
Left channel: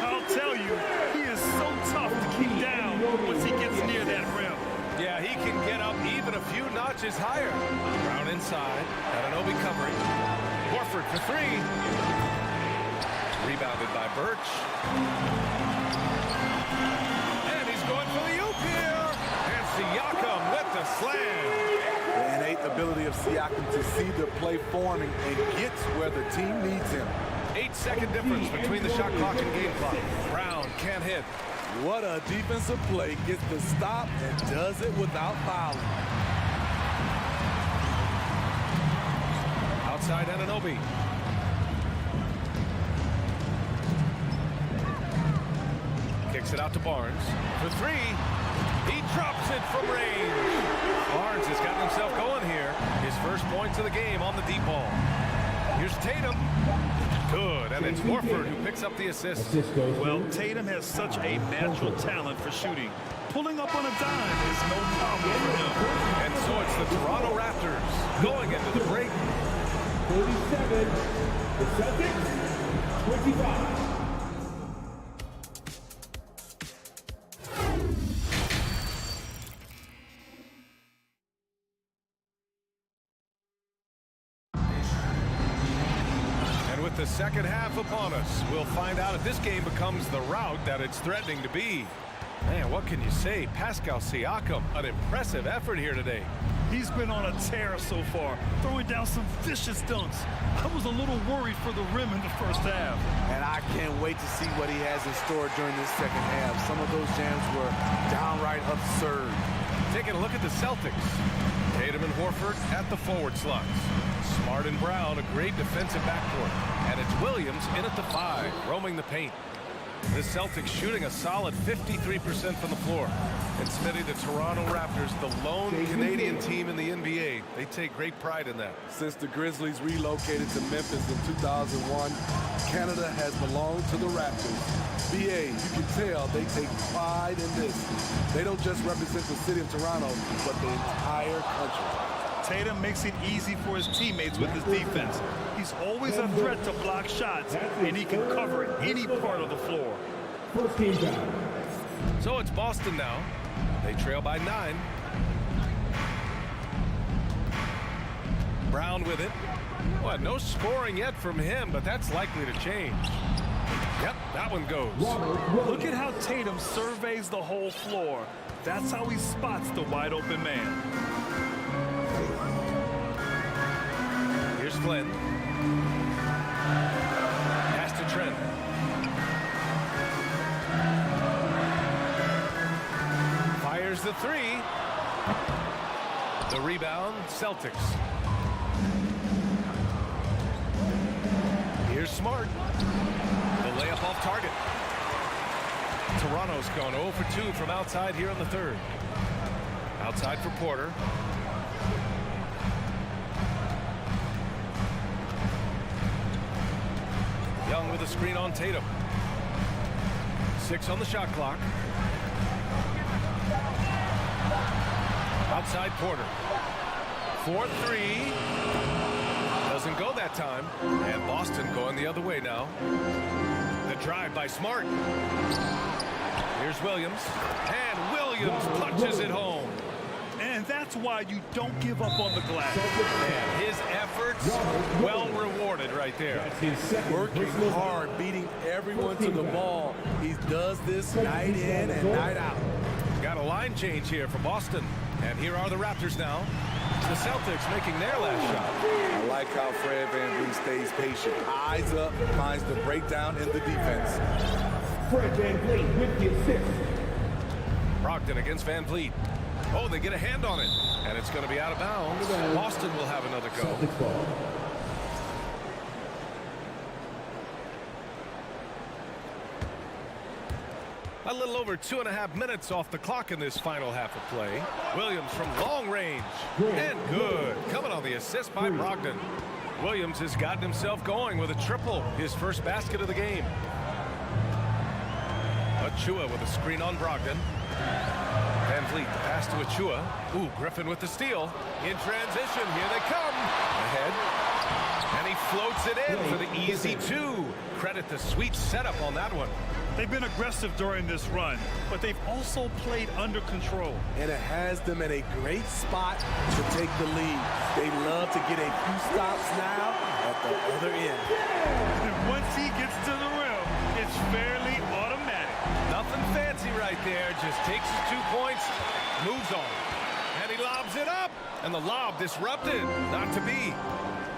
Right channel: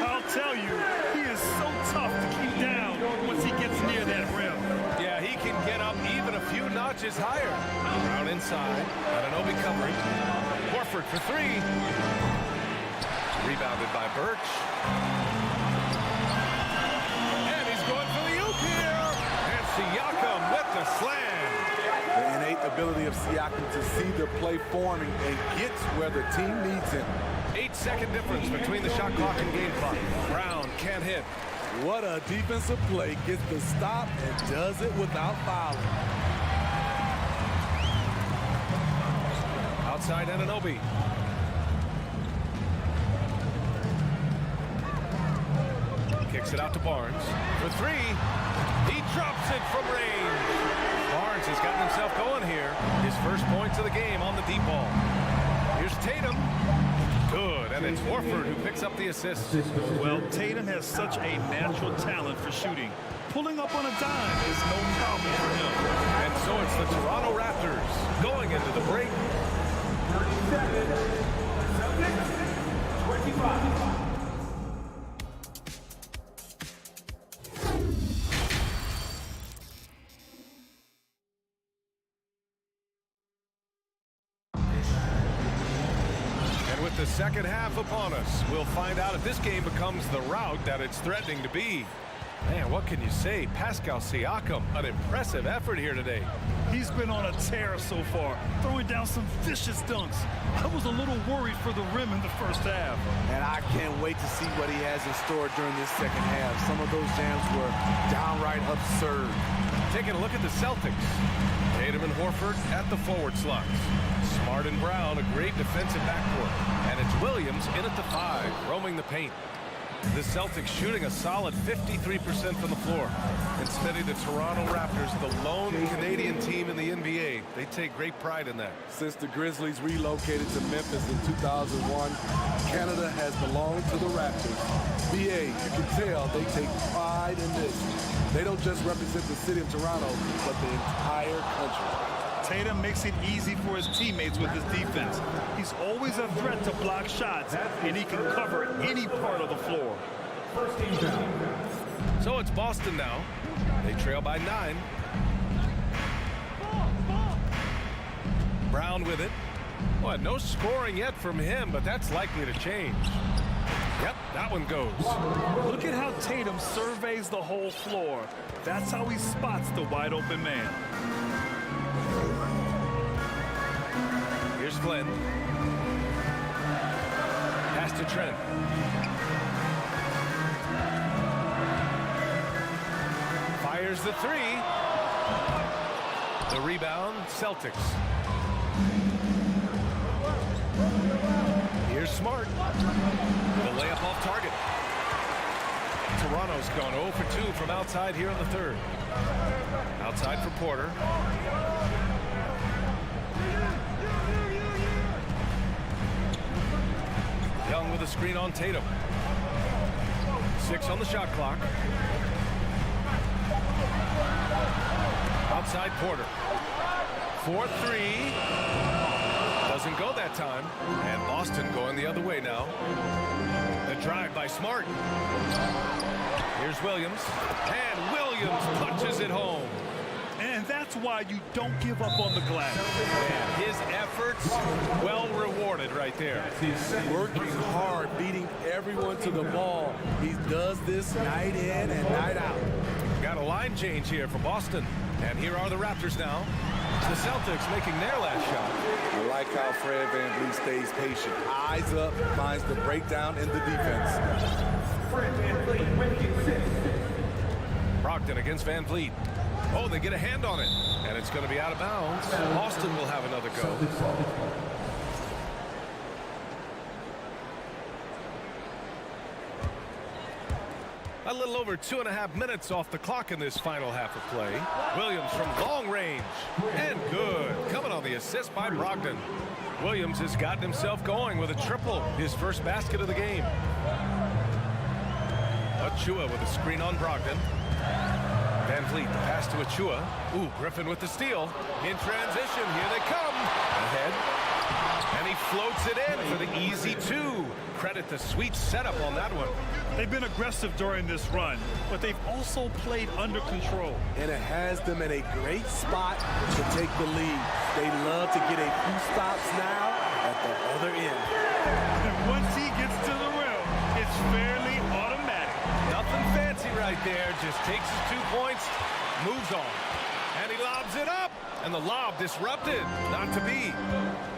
I'll tell you, he is so tough to keep down once he gets near that rim. Yeah, he can get up even a few notches higher. Brown inside, Anunoby covering. Horford for 3. Rebounded by Birch. And he's going for the oop here. And Siakam with the slam. The innate ability of Siakam to see the play forming and gets where the team needs him. 8-second difference between the shot clock and game clock. Brown can't hit. What a defensive play. Gets the stop and does it without fouling. Outside Anunoby. Kicks it out to Barnes. For 3. He drops it from range. Barnes has gotten himself going here. His first points of the game on the deep ball. Here's Tatum. Good, and it's Horford who picks up the assist. Well, Tatum has such a natural talent for shooting. Pulling up on a dime is no problem for him. And so it's the Toronto Raptors going into the break. 37, the Celtics, 25. With the second half upon us, we'll find out if this game becomes the rout that it's threatening to be. Man, what can you say? Pascal Siakam, an impressive effort here today. He's been on a tear so far, throwing down some vicious dunks. I was a little worried for the rim in the first half. And I can't wait to see what he has in store during this second half. Some of those jams were downright absurd. Taking a look at the Celtics. Tatum and Horford at the forward slots. Smart and Brown, a great defensive backcourt. And it's Williams in at the 5, roaming the paint. The Celtics shooting a solid 53% from the floor. And Smitty, the Toronto Raptors, the lone Canadian team in the NBA. They take great pride in that. Since the Grizzlies relocated to Memphis in 2001, Canada has belonged to the Raptors. BA, you can tell they take pride in this. They don't just represent the city of Toronto, but the entire country. Tatum makes it easy for his teammates with his defense. He's always a threat to block shots, and he can cover any part of the floor. First team foul. So it's Boston now. They trail by 9. Brown with it. Well, no scoring yet from him, but that's likely to change. Yep, that one goes. Look at how Tatum surveys the whole floor. That's how he spots the wide open man. Here's Flynn. Pass to Trent. Fires the 3. The rebound, Celtics. Here's Smart. The layup off target. Toronto's gone 0 for 2 from outside here in the third. Outside for Porter. Young with a screen on Tatum. 6 on the shot clock. Outside Porter. 4-3. Doesn't go that time. And Boston going the other way now. The drive by Smart. Here's Williams. And Williams punches it home. And that's why you don't give up on the glass. Man, his efforts well rewarded right there. Working hard, beating everyone to the ball. He does this night in and night out. Got a line change here for Boston. And here are the Raptors now. The Celtics making their last shot. I like how Fred VanVleet stays patient. Eyes up, finds the breakdown in the defense. Fred VanVleet with the assist. Brogdon against VanVleet. Oh, they get a hand on it. And it's going to be out of bounds. Boston will have another go. A little over 2.5 minutes off the clock in this final half of play. Williams from long range. And good. Coming on the assist by Brogdon. Williams has gotten himself going with a triple. His first basket of the game. Achua with a screen on Brogdon. VanVleet, the pass to Achua. Ooh, Griffin with the steal. In transition, here they come. Ahead. And he floats it in for the easy 2. Credit the sweet setup on that one. They've been aggressive during this run, but they've also played under control. And it has them in a great spot to take the lead. They love to get a few stops now at the other end. And once he gets to the rim, it's fairly automatic. Nothing fancy right there. Just takes his 2 points, moves on. And he lobs it up. And the lob disrupted. Not to be.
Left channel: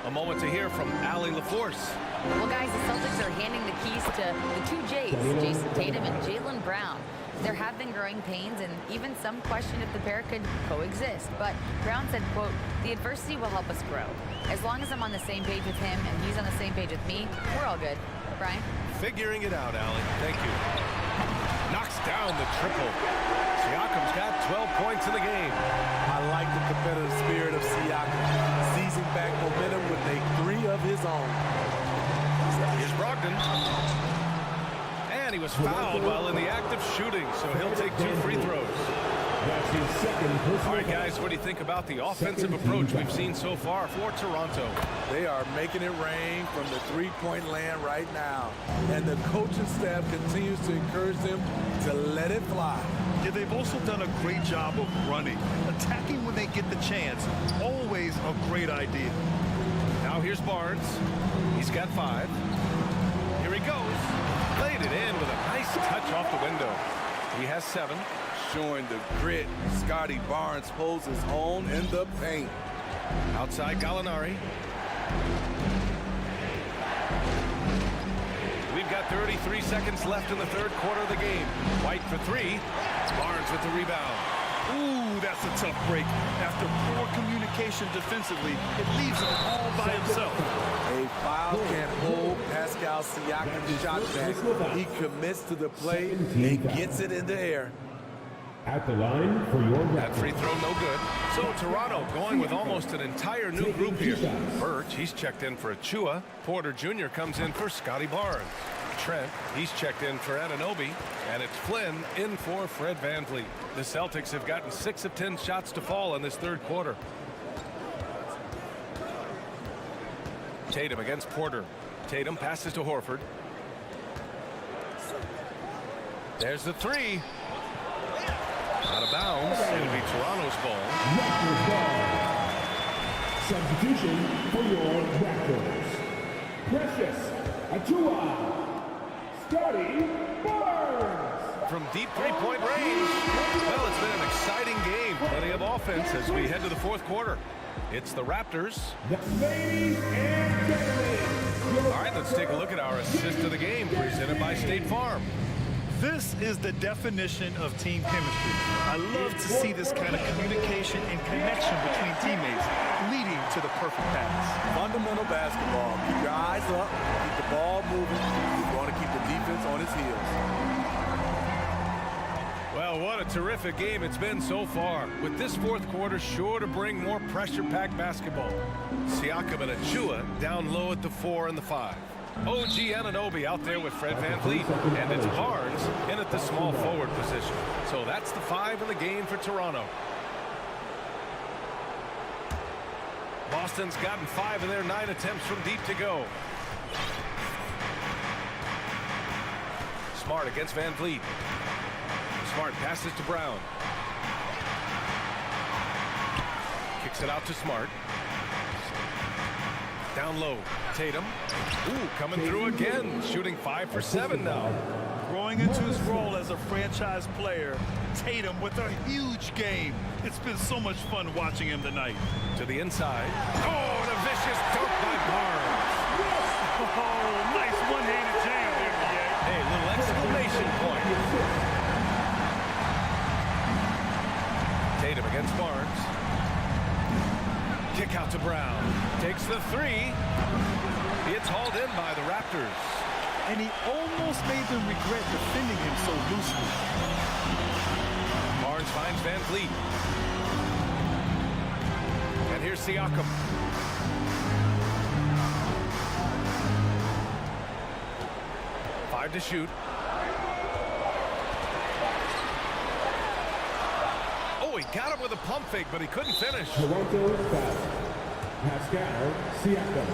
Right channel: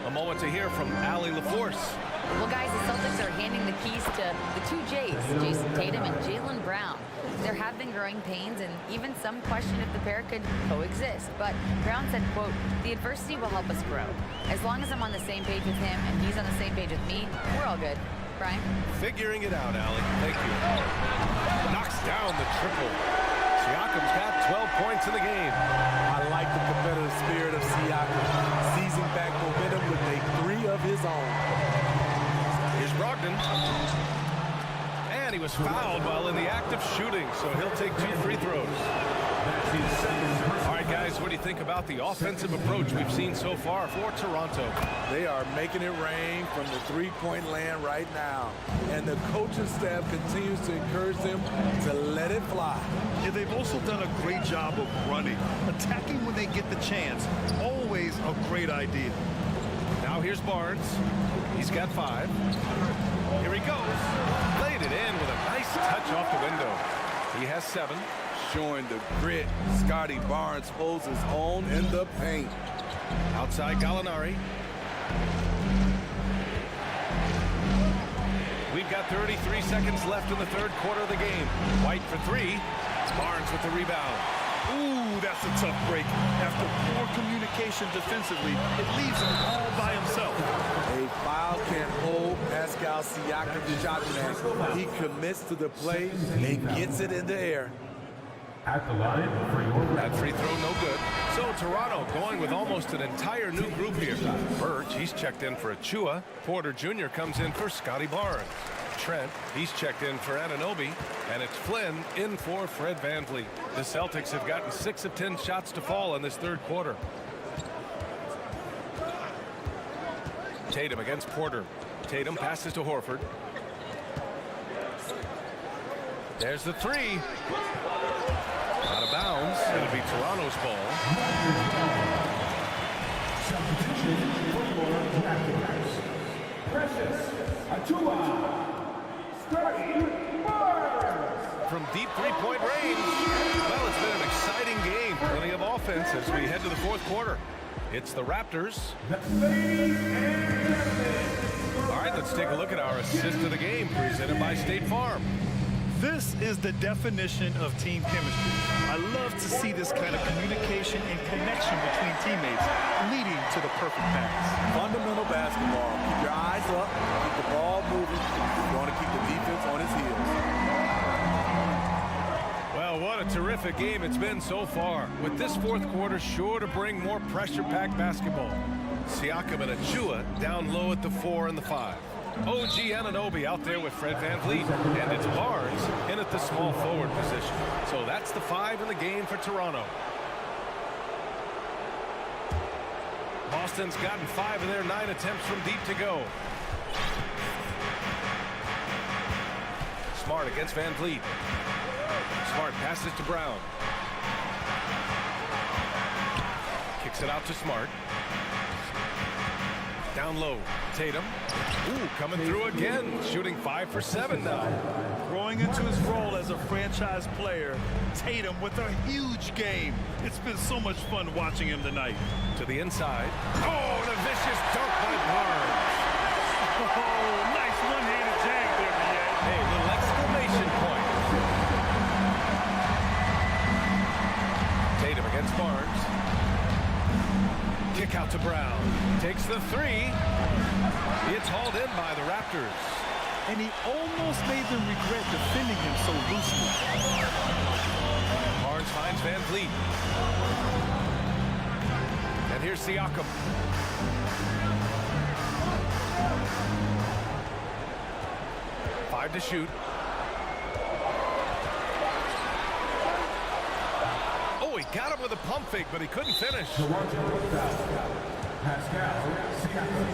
A moment to hear from Allie LaForce. Well, guys, the Celtics are handing the keys to the 2 J's, Jason Tatum and Jaylen Brown. There have been growing pains and even some question if the pair could coexist. But Brown said, quote, "The adversity will help us grow. As long as I'm on the same page with him and he's on the same page with me, we're all good." Brian? Figuring it out, Allie. Thank you. Knocks down the triple. Siakam's got 12 points in the game. I like the competitive spirit of Siakam, seizing back momentum with a 3 of his own. Here's Brogdon. And he was fouled while in the act of shooting, so he'll take 2 free throws. That's his second personal. All right, guys, what do you think about the offensive approach we've seen so far for Toronto? They are making it rain from the three-point land right now. And the coaching staff continues to encourage them to let it fly. Yeah, they've also done a great job of running. Attacking when they get the chance. Always a great idea. Now here's Barnes. He's got 5. Here he goes. Laid it in with a nice touch off the window. He has 7. Showing the grit, Scotty Barnes holds his own in the paint. Outside Gallinari. We've got 33 seconds left in the third quarter of the game. White for 3. Barnes with the rebound. Ooh, that's a tough break. After poor communication defensively, it leaves him all by himself. A foul can't hold Pascal Siakam's shot back. He commits to the play and gets it in the air. At the line for your that free throw, no good. So Toronto going with almost an entire new group here. Birch, he's checked in for Achua. Porter Jr. comes in for Scotty Barnes. Trent, he's checked in for Anunoby. And it's Flynn in for Fred VanVleet. The Celtics have gotten 6 of 10 shots to fall in this third quarter. Tatum against Porter. Tatum passes to Horford. There's the three. Out of bounds. It'll be Toronto's ball. Substitution for your Raptors. Precious Atua. Scotty Barnes. From deep three-point range. Well, it's been an exciting game. Plenty of offense as we head to the fourth quarter. It's the Raptors. Ladies and gentlemen. All right, let's take a look at our assist of the game presented by State Farm. This is the definition of team chemistry. I love to see this kind of communication and connection between teammates leading to the perfect pass. Fundamental basketball. Keep your eyes up. Keep the ball moving. You want to keep the defense on its heels. Well, what a terrific game it's been so far. With this fourth quarter sure to bring more pressure-packed basketball. Siakam and Achua down low at the 4 and the 5. OG Anunoby out there with Fred VanVleet, and it's Barnes in at the small forward position. So that's the 5 in the game for Toronto. Boston's gotten 5 of their 9 attempts from deep to go. Smart against VanVleet. Smart passes to Brown. Kicks it out to Smart. Down low, Tatum. Ooh, coming through again, shooting 5 for 7 now. Growing into his role as a franchise player, Tatum with a huge game. It's been so much fun watching him tonight. To the inside. Oh, and a vicious dunk by Barnes. Oh, nice one-handed jam there, B.A. Hey, little exclamation point. Tatum against Barnes. Kick out to Brown. Takes the 3. It's hauled in by the Raptors. And he almost made them regret defending him so loosely. Barnes finds VanVleet. And here's Siakam. Five to shoot. Oh, he got him with a pump fake, but he couldn't finish. Toronto foul. Pascal Siakam.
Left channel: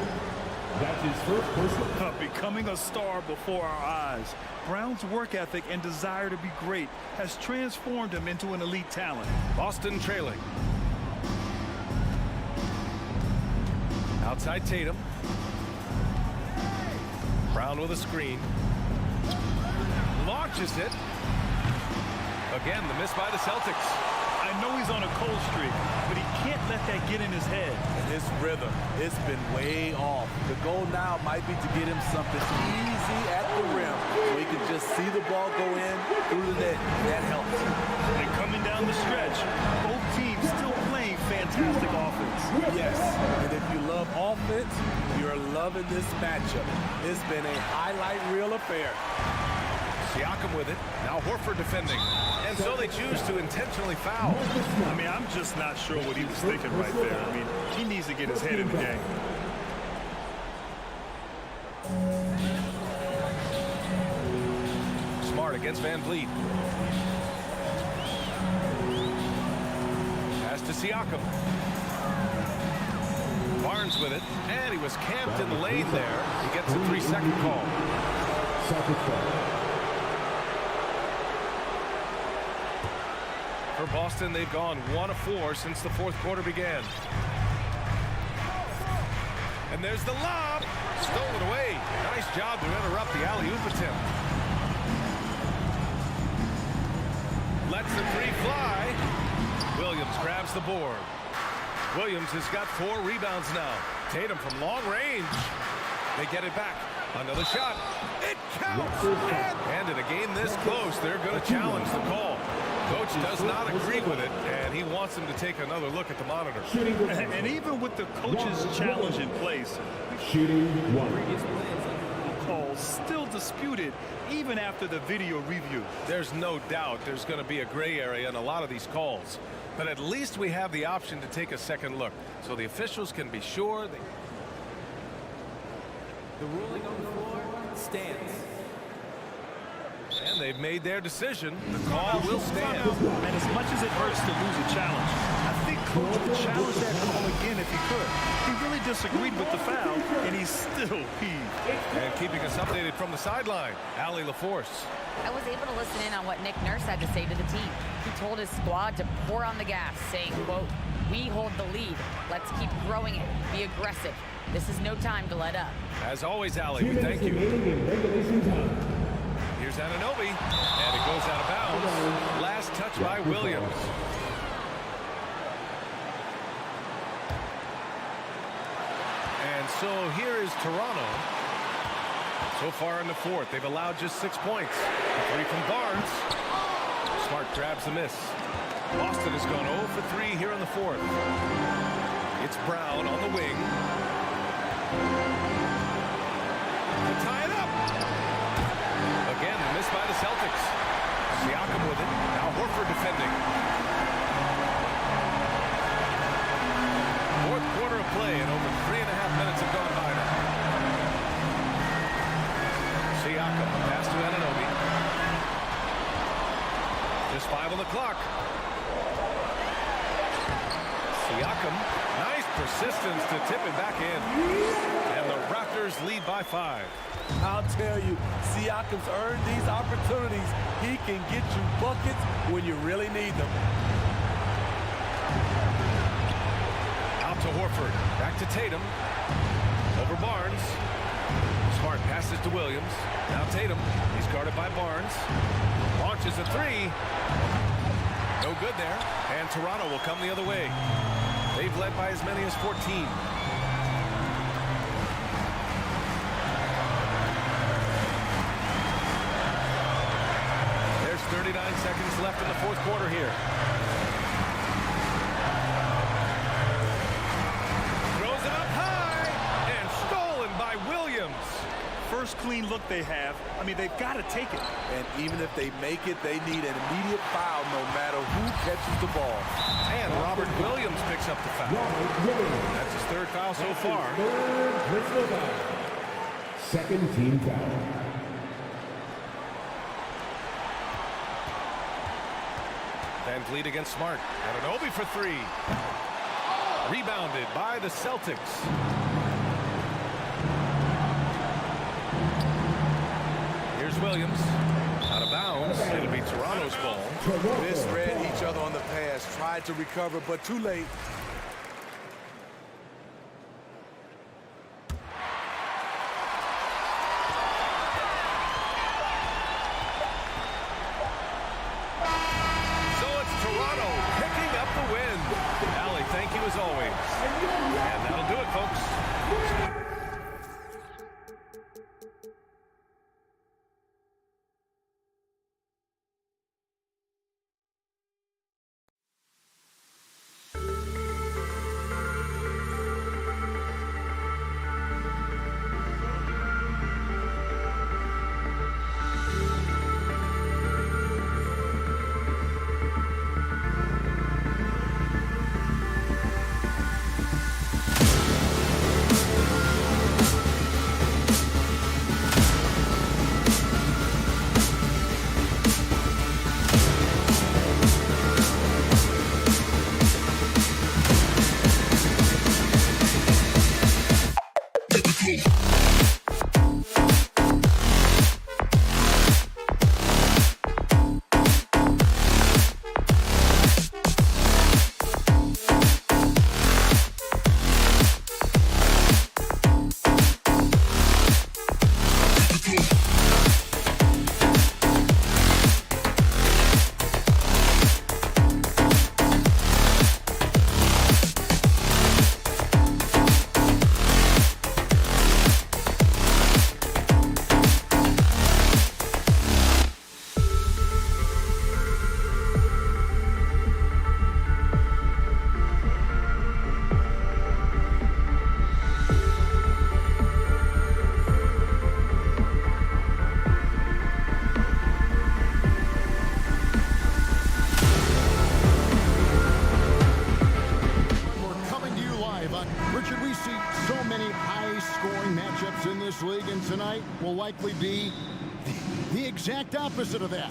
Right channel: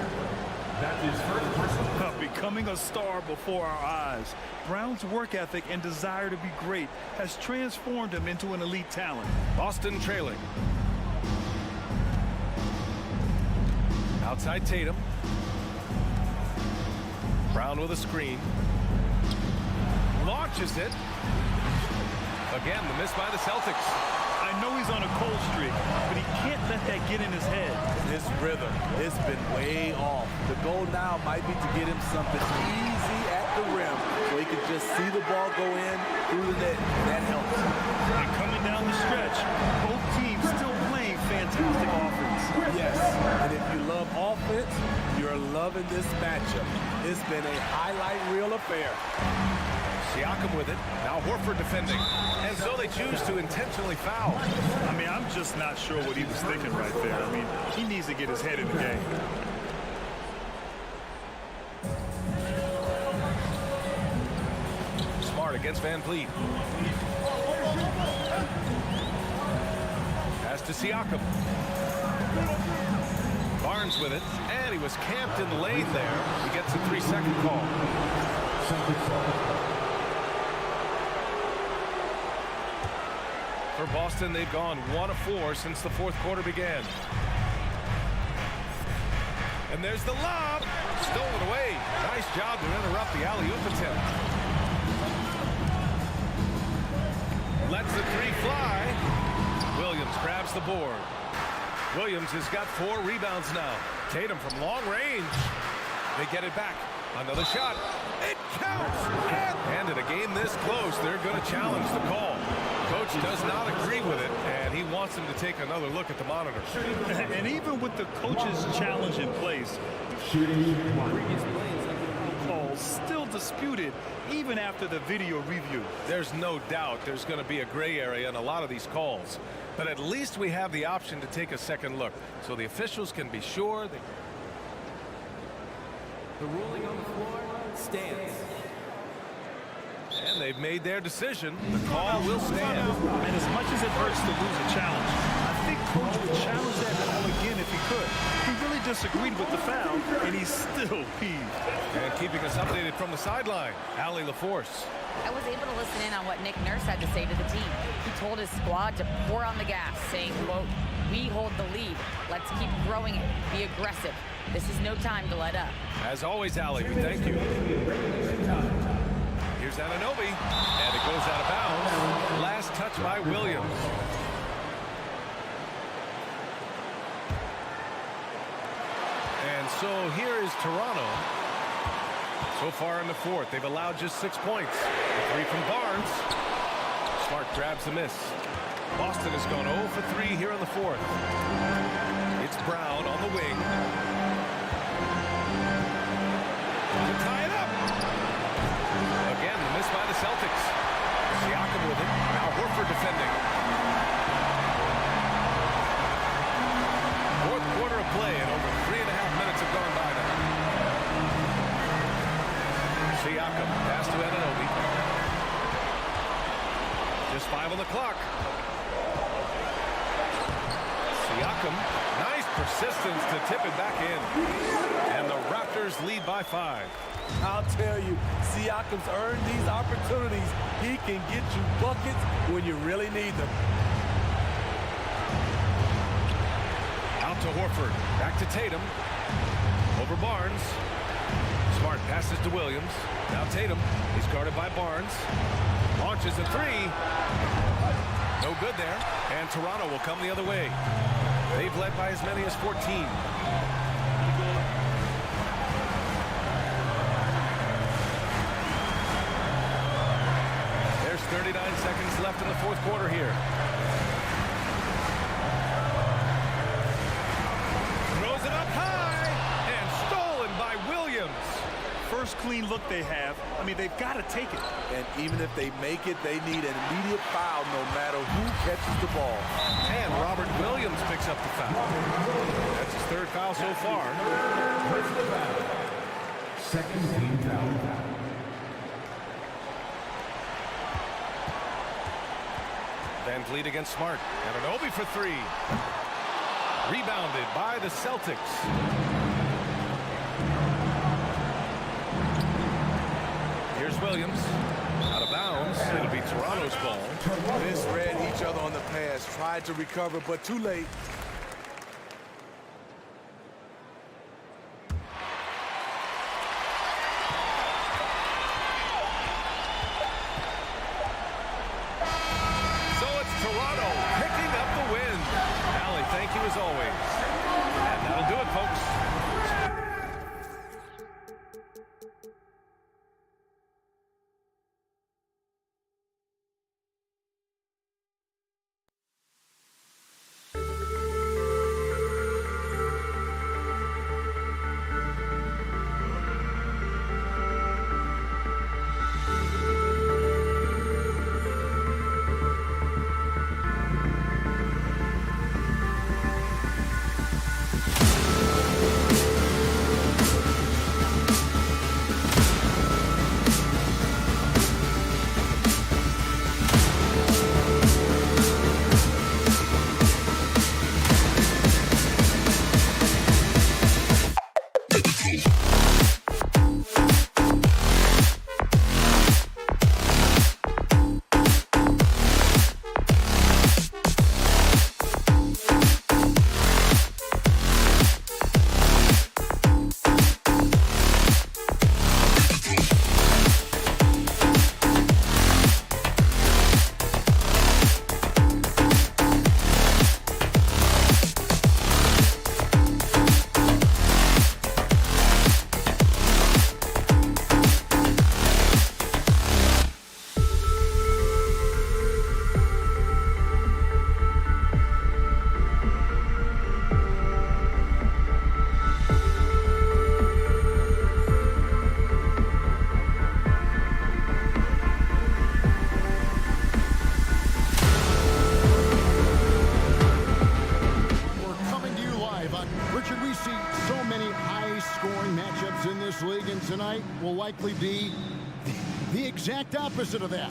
That's his first personal. Becoming a star before our eyes. Brown's work ethic and desire to be great has transformed him into an elite talent. Boston trailing. Outside Tatum. Brown with a screen. Launches it. Again, the miss by the Celtics. I know he's on a cold streak, but he can't let that get in his head. And his rhythm, it's been way off. The goal now might be to get him something easy at the rim so he can just see the ball go in through the net, and that helps. And coming down the stretch, both teams still playing fantastic offense. Yes, and if you love offense, you're loving this matchup. It's been a highlight reel affair. Siakam with it. Now Horford defending. And so they choose to intentionally foul. I mean, I'm just not sure what he was thinking right there. I mean, he needs to get his head in the game. Smart against VanVleet. Pass to Siakam. Barnes with it. And he was camped in the lane there. He gets a 3-second call. For Boston, they've gone 1 of 4 since the fourth quarter began. And there's the lob. Stolen away. Nice job to interrupt the alley-oop attempt. Lets the 3 fly. Williams grabs the board. Williams has got 4 rebounds now. Tatum from long range. They get it back. Another shot. It counts. And in a game this close, they're going to challenge the call. Coach does not agree with it, and he wants him to take another look at the monitor. And even with the coach's challenge in place, calls still disputed even after the video review. There's no doubt there's going to be a gray area in a lot of these calls, but at least we have the option to take a second look so the officials can be sure they... The ruling on the floor stands. And And they've made their decision. The call will stand. And as much as it hurts to lose a challenge, I think Coach would challenge that call again if he could. He really disagreed with the foul, and he's still peeved. And keeping us updated from the sideline, Allie LaForce. I was able to listen in on what Nick Nurse had to say to the team. He told his squad to pour on the gas, saying, quote, "We hold the lead. Let's keep growing it. Be aggressive. This is no time to let up." As always, Allie, we thank you. Here's Anunoby, and it goes out of bounds. Last touch by Williams. And so here is Toronto. So far in the fourth, they've allowed just 6 points. A three from Barnes. Smart grabs the miss. Boston has gone 0 for 3 here in the fourth. It's Brown on the wing. To tie it up. Again, the miss by the Celtics. Siakam with it. Now Horford defending. Fourth quarter of play, and over 3.5 minutes have gone by now. Siakam, pass to Anunoby. Just 5 on the clock. Siakam, nice persistence to tip it back in. And the Raptors lead by 5. I'll tell you, Siakam's earned these opportunities. He can get you buckets when you really need them. Out to Horford. Back to Tatum. Over Barnes. Smart passes to Williams. Now Tatum. He's guarded by Barnes. Launches a three. No good there. And Toronto will come the other way. They've led by as many as 14. There's 39 seconds left in the fourth quarter here. Throws it up high and stolen by Williams. First clean look they have. I mean, they've got to take it. And even if they make it, they need an immediate foul no matter who catches the ball. And Robert Williams picks up the foul. That's his third foul so far. Second team foul. Van Vliet against Smart. Anunoby for 3. Rebounded by the Celtics. Here's Williams. Out of bounds. It'll be Toronto's ball. Misread each other on the pass. Tried to recover, but too late. Toronto picking up the win. Allie, thank you as always. And that'll do it, folks. Richard, we see so many high-scoring matchups in this league, and tonight will likely be the exact opposite of that.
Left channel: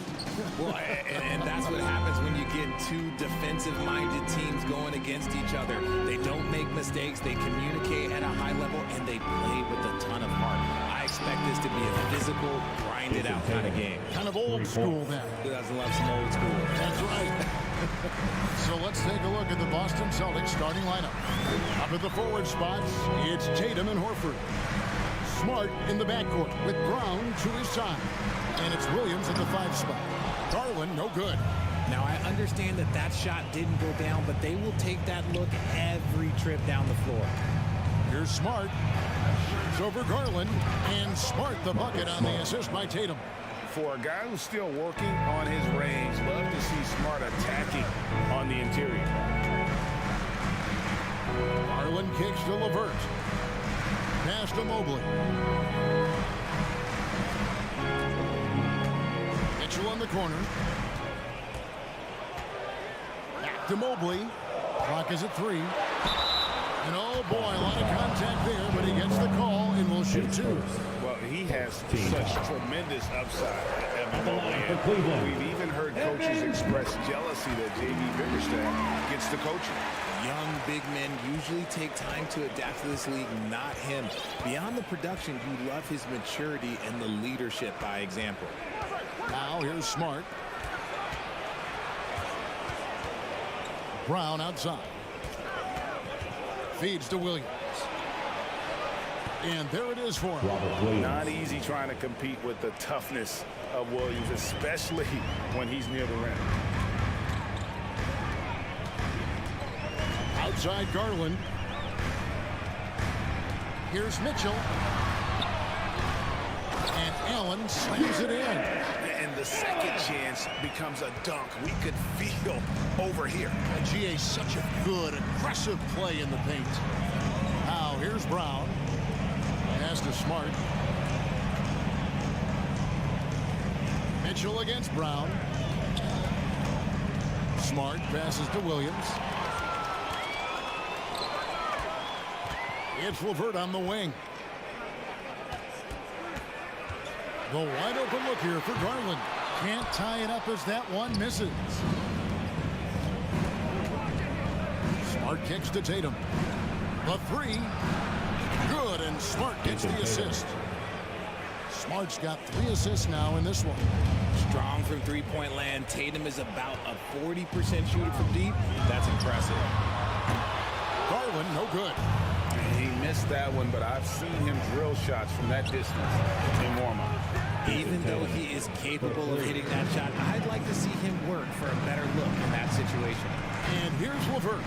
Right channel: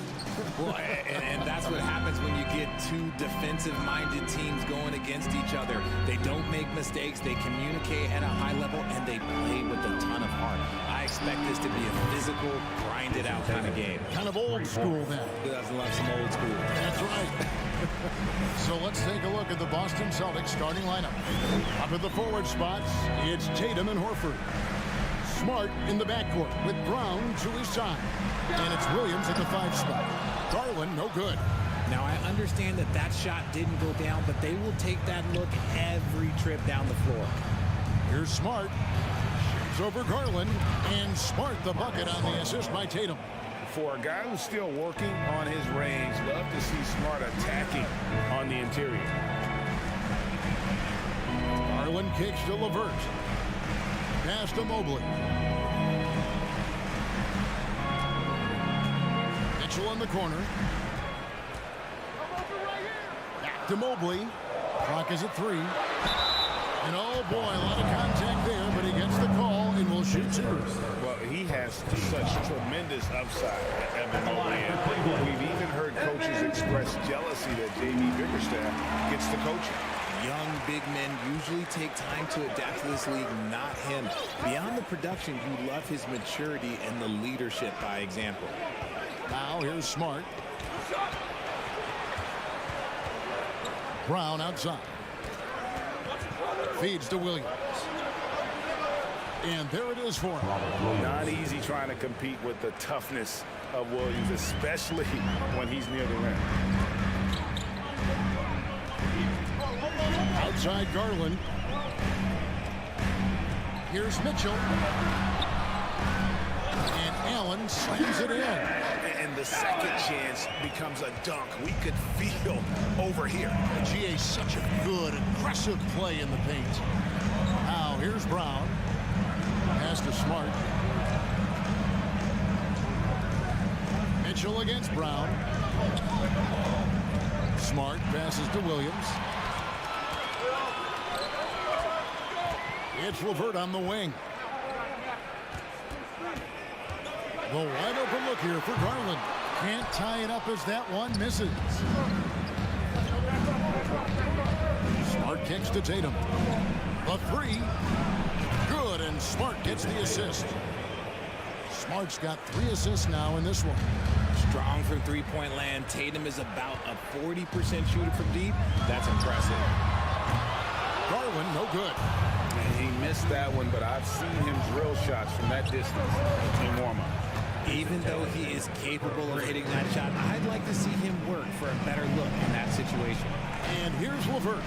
Well, and that's what happens when you get two defensive-minded teams going against each other. They don't make mistakes, they communicate at a high level, and they play with a ton of heart. I expect this to be a physical, grinded-out kind of game. Kind of old school then. Who doesn't love some old school? That's right. So let's take a look at the Boston Celtics starting lineup. Up at the forward spots, it's Tatum and Horford. Smart in the backcourt with Brown to his side. And it's Williams at the 5 spot. Garland, no good. Now, I understand that that shot didn't go down, but they will take that look every trip down the floor. Here's Smart. Shoots over Garland. And Smart the bucket on the assist by Tatum. For a guy who's still working on his range, love to see Smart attacking on the interior. Garland kicks to LeVert. Pass to Mobley. Mitchell in the corner. Back to Mobley. Clock is at 3. And oh boy, a lot of contact there, but he gets the call and will shoot 2. Well, he has such tremendous upside, Evan Mobley. And we've even heard coaches express jealousy that J.B. Bickerstaff gets the coaching. Young big men usually take time to adapt to this league, not him. Beyond the production, you love his maturity and the leadership by example. Now here's Smart. Brown outside. Feeds to Williams. And there it is for him. Not easy trying to compete with the toughness of Williams, especially when he's near the rim. Outside Garland. Here's Mitchell. And Allen slams it in. And the second chance becomes a dunk. We could feel over here. GA, such a good, aggressive play in the paint. Now, here's Brown. Pass to Smart. Mitchell against Brown. Smart passes to Williams. It's LeVert on the wing. The wide open look here for Garland. Can't tie it up as that one misses. Smart kicks to Tatum. The 3. Good, and Smart gets the assist. Smart's got 3 assists now in this one. Strong from three-point land. Tatum is about a 40% shooter from deep. That's impressive. Garland, no good. He missed that one, but I've seen him drill shots from that distance in warm-up. Even though he is capable of hitting that shot, I'd like to see him work for a better look in that situation. And here's LeVert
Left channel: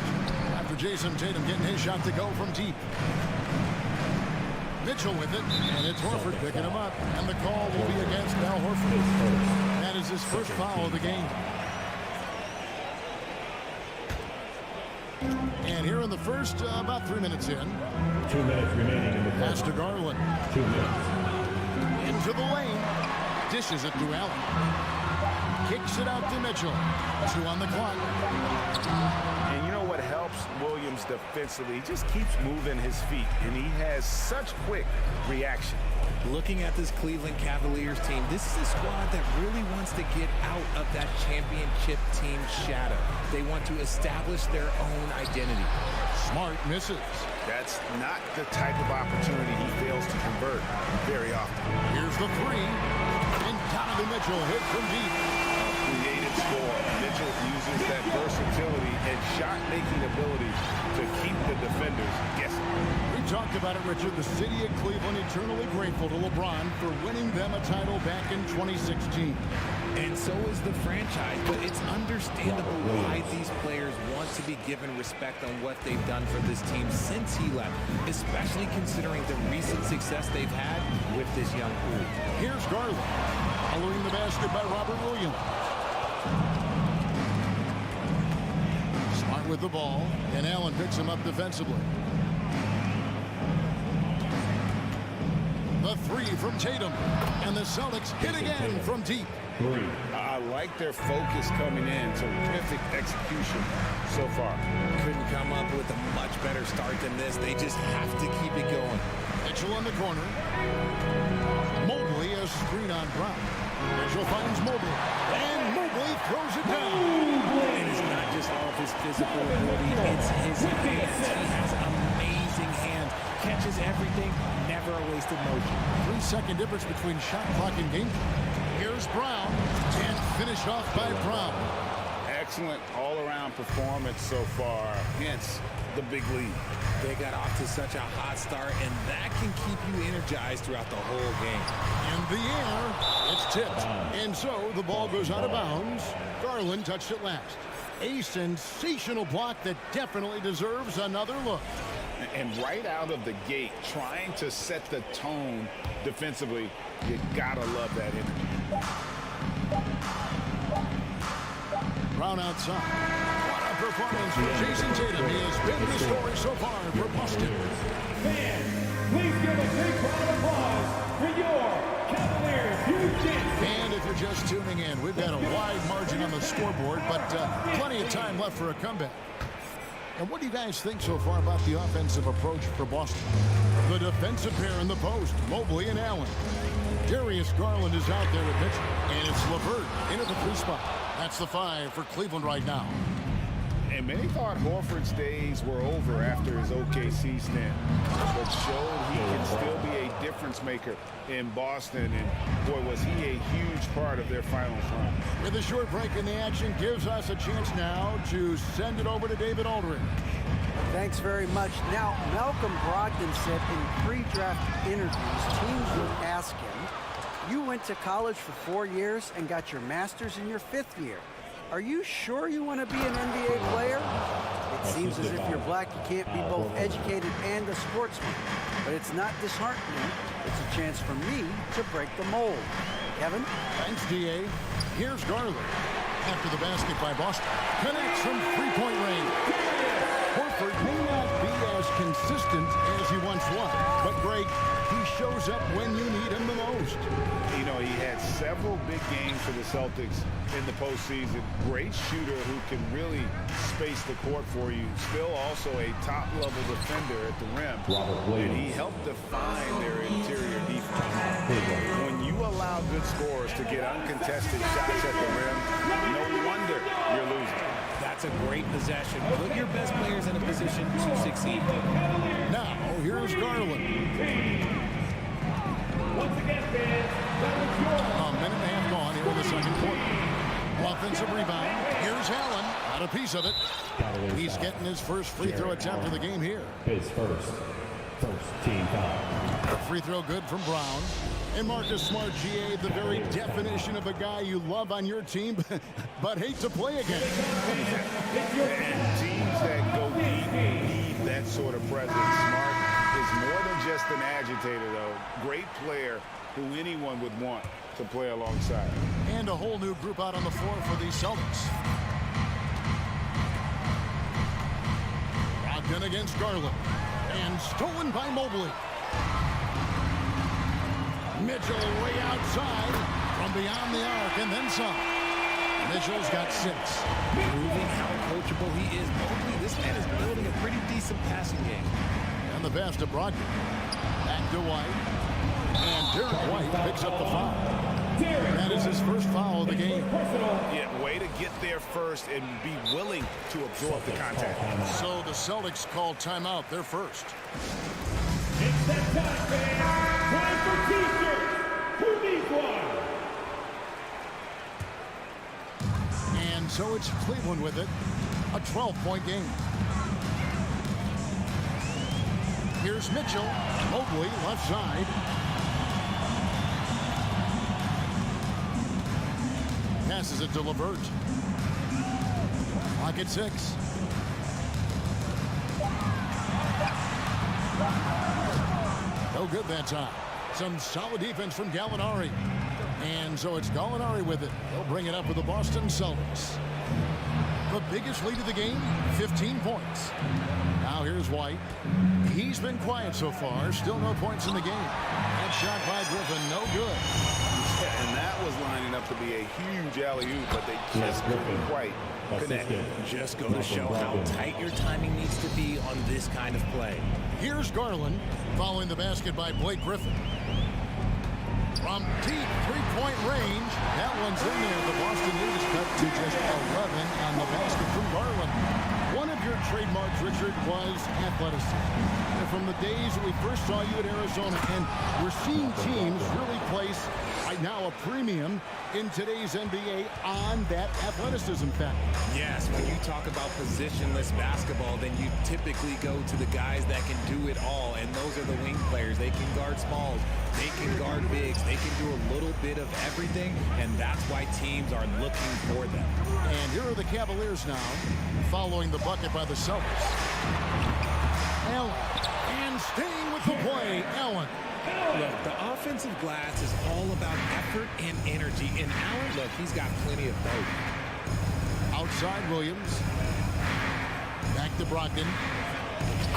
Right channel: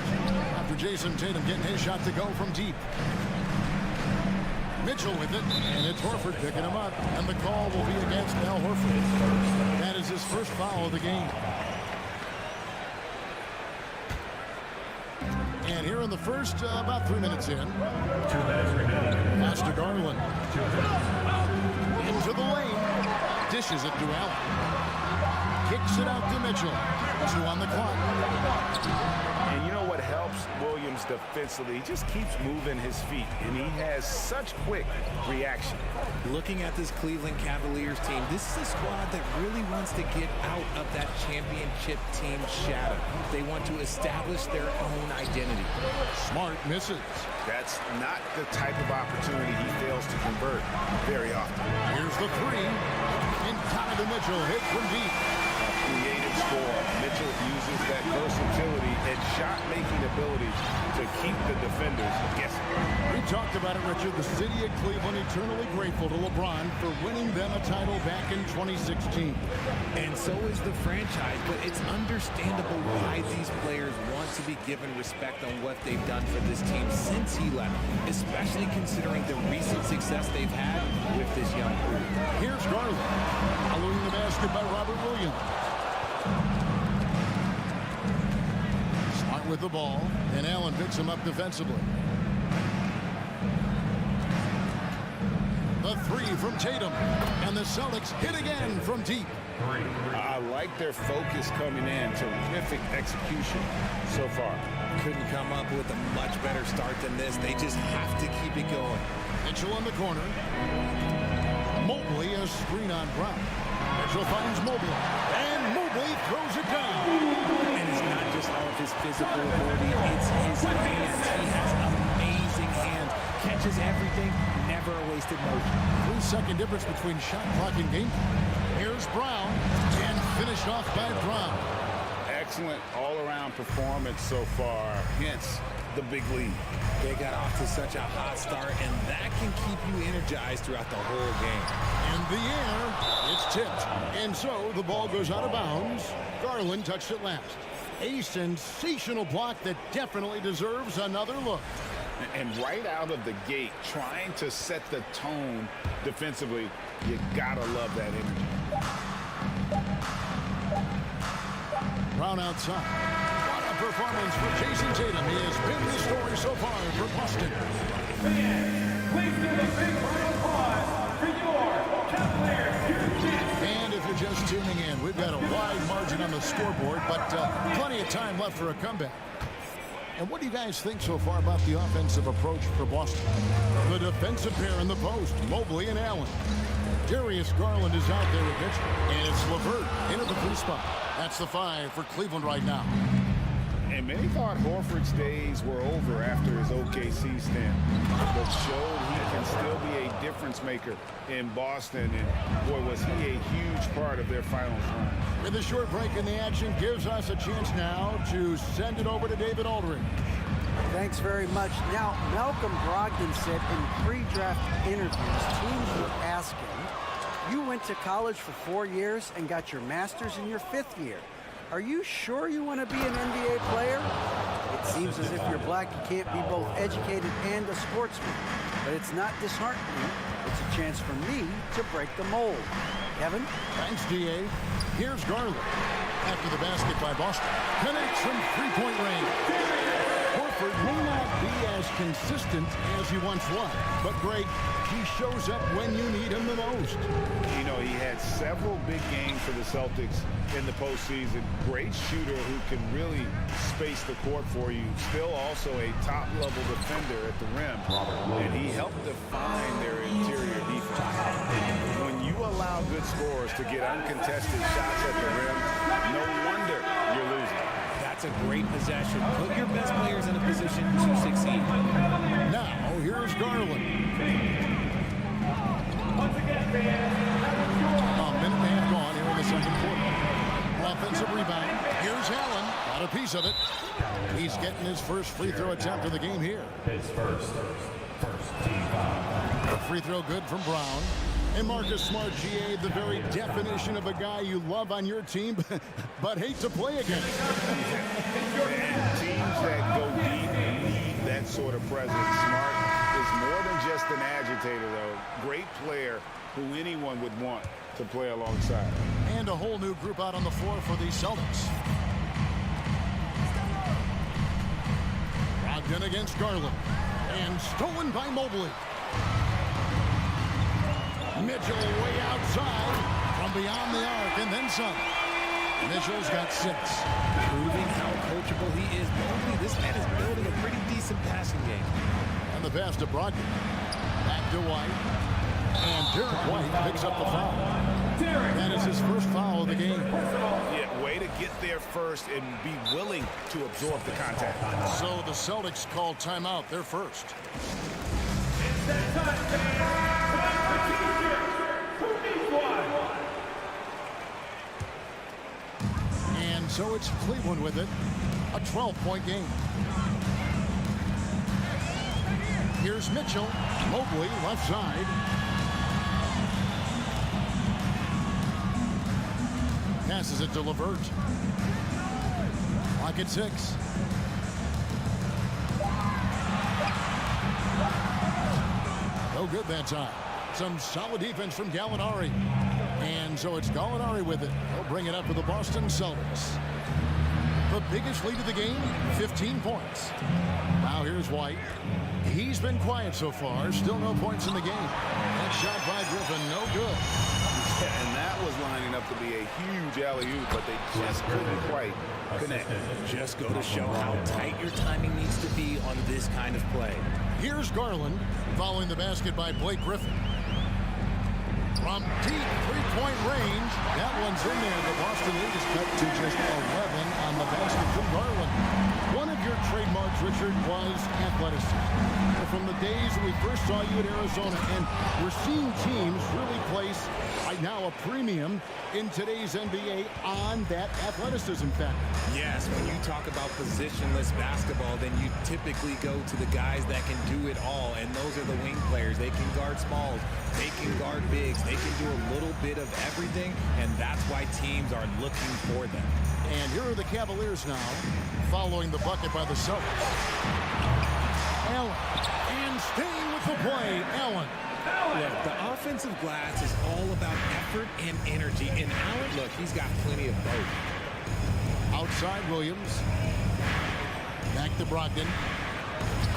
after Jason Tatum getting his shot to go from deep. Mitchell with it, and it's Horford picking him up, and the call will be against Al Horford. That is his first foul of the game. And here in the first, about 3 minutes in. 2 minutes remaining. Pass to Garland. 2 minutes. Into the lane. Dishes it to Allen. Kicks it out to Mitchell. 2 on the clock. And you know what helps Williams defensively? He just keeps moving his feet, and he has such quick reaction. Looking at this Cleveland Cavaliers team, this is a squad that really wants to get out of that championship team shadow. They want to establish their own identity. Smart misses. That's not the type of opportunity he fails to convert very often. Here's the 3. And Donovan Mitchell hit from deep. Creative score. Mitchell uses that versatility and shot-making ability to keep the defenders guessing. We talked about it, Richard. The city of Cleveland eternally grateful to LeBron for winning them a title back in 2016. And so is the franchise, but it's understandable why these players want to be given respect on what they've done for this team since he left, especially considering the recent success they've had with this young crew. Here's Garland, following the basket by Robert Williams. Smart with the ball, and Allen picks him up defensively. The 3 from Tatum, and the Celtics hit again from deep. 3. I like their focus coming in. Terrific execution so far. Couldn't come up with a much better start than this. They just have to keep it going. Mitchell in the corner. Mobley a screen on Brown. Mitchell finds Mobley, and Mobley throws it down. And it's not just all of his physical ability, it's his hands. He has amazing hands. Catches everything, never a wasted motion. 3-second difference between shot clock and game clock. Here's Brown, and finished off by Brown. Excellent all-around performance so far, hence the big lead. They got off to such a hot start, and that can keep you energized throughout the whole game. In the air, it's tipped. And so the ball goes out of bounds. Garland touched it last. A sensational block that definitely deserves another look. And right out of the gate, trying to set the tone defensively, you gotta love that energy. Brown outside. What a performance for Jason Tatum. He has been the story so far for Boston. Fans, please give a big round of applause for your Cavaliers, Houston. And if you're just tuning in, we've got a wide margin on the scoreboard, but plenty of time left for a comeback. And what do you guys think so far about the offensive approach for Boston? The defensive pair in the post, Mobley and Allen. Darius Garland is out there with Mitchell, and it's LeVert into the free spot. That's the 5 for Cleveland right now. And many thought Horford's days were over after his OKC stint, but showed he can still be a difference maker in Boston, and boy, was he a huge part of their finals run. With a short break in the action, gives us a chance now to send it over to David Aldridge. Thanks very much. Now, Malcolm Brogdon said in pre-draft interviews, teams would ask him, you went to college for 4 years and got your master's in your 5th year. Are you sure you want to be an NBA player? It seems as if you're black, you can't be both educated and a sportsman. But it's not disheartening. It's a chance for me to break the mold. Kevin? Thanks, D.A. Here's Garland. After the basket by Boston. Connects from three-point range. Horford may not be as consistent as he once was, but Greg, he shows up when you need him the most. You know, he had several big games for the Celtics in the postseason. Great shooter who can really space the court for you. Still also a top-level defender at the rim. And he helped define their interior defense. When you allow good scorers to get uncontested shots at the rim, no wonder you're losing. That's a great possession. Put your best players in a position to succeed. Now, here's Garland. A minute and a half gone here in the second quarter. Offensive rebound. Here's Allen. Got a piece of it. He's getting his first free throw attempt of the game here. His first team foul. A free throw good from Brown. And Marcus Smart, GA, the very definition of a guy you love on your team, but hate to play against. And teams that go deep need that sort of presence. Smart is more than just an agitator, though. Great player who anyone would want to play alongside. And a whole new group out on the floor for the Celtics. Brogdon against Garland. And stolen by Mobley. Mitchell way outside from beyond the arc and then some. Mitchell's got 6. Proving how coachable he is. Mobley, this man is building a pretty decent passing game. And the pass to Brogdon. Back to White. And Derek White picks up the foul. That is his first foul of the game. Yeah, way to get there first and be willing to absorb the contact. So the Celtics call timeout. They're first. It's that time, fans. Time for t-shirts. Who needs one? And so it's Cleveland with it. A 12-point game. Here's Mitchell. Mobley left side. Passes it to LeVert. Clock at 6. No good that time. Some solid defense from Gallinari. And so it's Gallinari with it. They'll bring it up for the Boston Celtics. The biggest lead of the game, 15 points. Now here's White. He's been quiet so far. Still no points in the game. That shot by Griffin, no good. Yeah, and that was lining up to be a huge alley-oop, but they just couldn't quite connect. Just go to show how tight your timing needs to be on this kind of play. Here's Garland following the basket by Blake Griffin. From deep three-point range, that one's in there. The Boston lead is cut to just 11 on the basket from Garland. One of your trademarks, Richard, was athleticism. From the days we first saw you at Arizona, and we're seeing teams really place right now a premium in today's NBA on that athleticism factor. Yes, when you talk about positionless basketball, then you typically go to the guys that can do it all, and those are the wing players. They can guard smalls, they can guard bigs, they can do a little bit of everything, and that's why teams are looking for them. And here are the Cavaliers now, following the bucket by the Celtics. Allen, and staying with the play, Allen. Look, the offensive glass is all about effort and energy. And Allen, look, he's got plenty of both. Outside Williams. Back to Brogdon.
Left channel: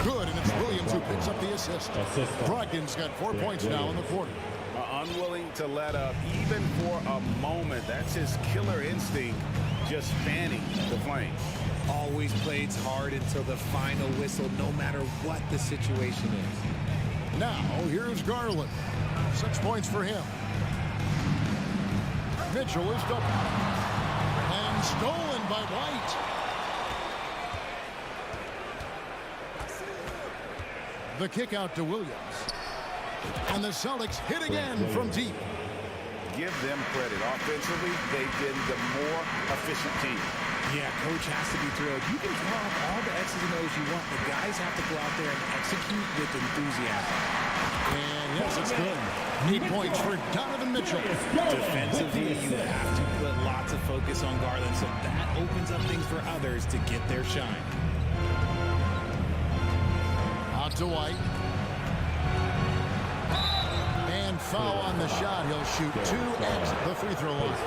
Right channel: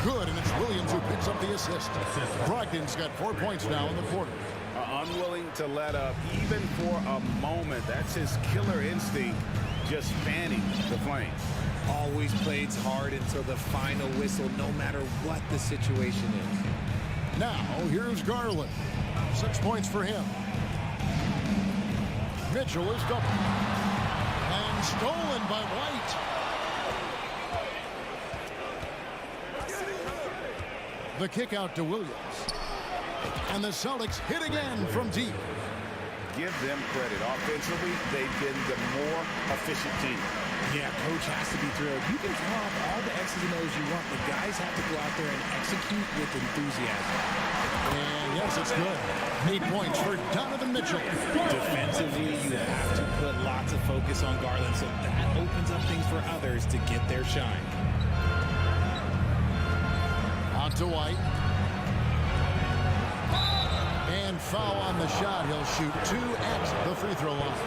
Good, and it's Williams who picks up the assist. Brogdon's got 4 points now in the quarter. Unwilling to let up even for a moment. That's his killer instinct, just fanning the flames. Always plays hard until the final whistle, no matter what the situation is. Now, here's Garland. 6 points for him. Mitchell is double. And stolen by White. The kick out to Williams. And the Celtics hit again from deep. Give them credit. Offensively, they've been the more efficient team. Yeah, coach has to be thrilled. You can draw up all the X's and O's you want. The guys have to go out there and execute with enthusiasm. And yes, it's good. 8 points for Donovan Mitchell. Defensively, you have to put lots of focus on Garland, so that opens up things for others to get their shine. Out to White. And foul on the shot. He'll shoot 2 at the free throw line.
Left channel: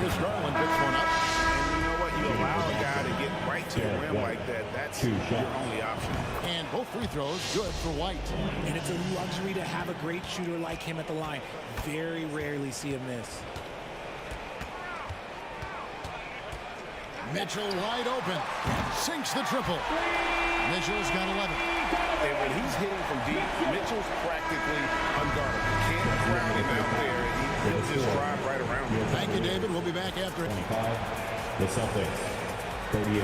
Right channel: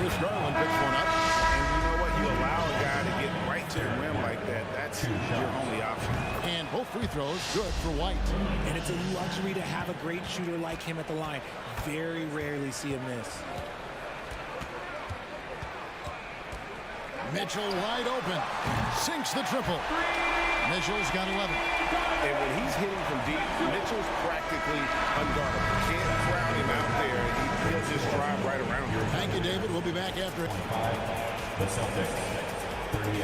Here's Garland, picks one up. And you know what? You allow a guy to get right to the rim like that. That's your only option. And both free throws good for White. And it's a luxury to have a great shooter like him at the line. Very rarely see him miss. Mitchell wide open. Sinks the triple. Mitchell's got 11. And when he's hitting from deep, Mitchell's practically unguardable. Can't crowd him out there. He'll just drive right around you. Thank you, David. We'll be back after. 25, the Celtics, 38.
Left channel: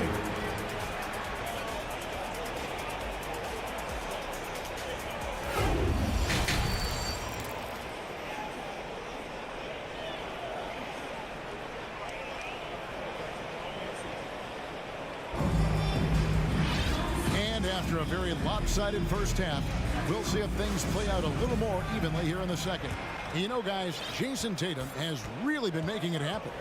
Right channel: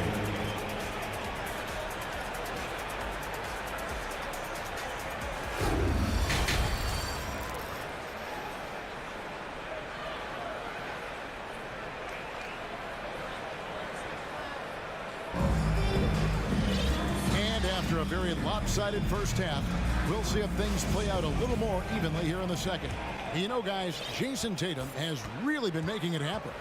After a very lopsided first half, we'll see if things play out a little more evenly here in the second. You know, guys, Jason Tatum has really been making it happen.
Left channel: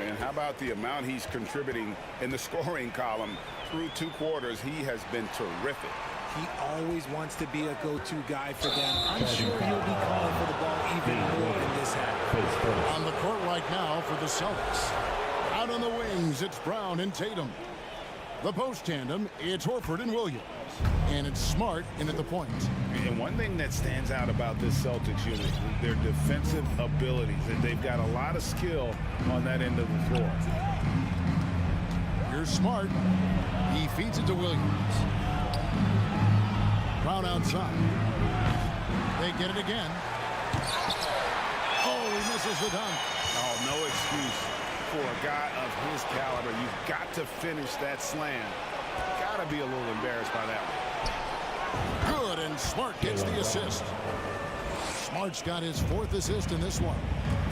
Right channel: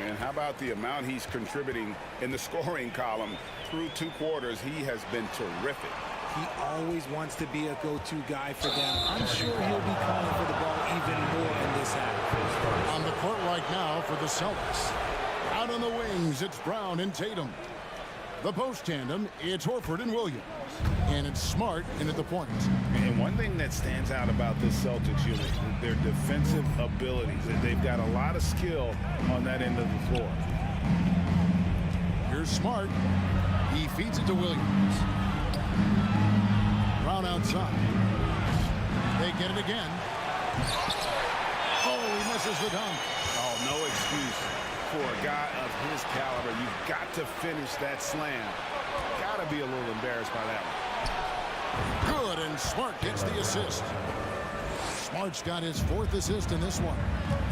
And how about the amount he's contributing in the scoring column? Through 2 quarters, he has been terrific. He always wants to be a go-to guy for them. I'm sure he'll be calling for the ball even more in this half. On the court right now for the Celtics. Out on the wings, it's Brown and Tatum. The post tandem, it's Horford and Williams. And it's Smart in at the point. And one thing that stands out about this Celtics unit, their defensive abilities. They've got a lot of skill on that end of the floor. Here's Smart. He feeds it to Williams. Brown outside. They get it again. Oh, he misses the dunk. Oh, no excuse for a guy of his caliber. You've got to finish that slam. Got to be a little embarrassed by that one. Good, and Smart gets the assist. Smart's got his 4th assist in this one.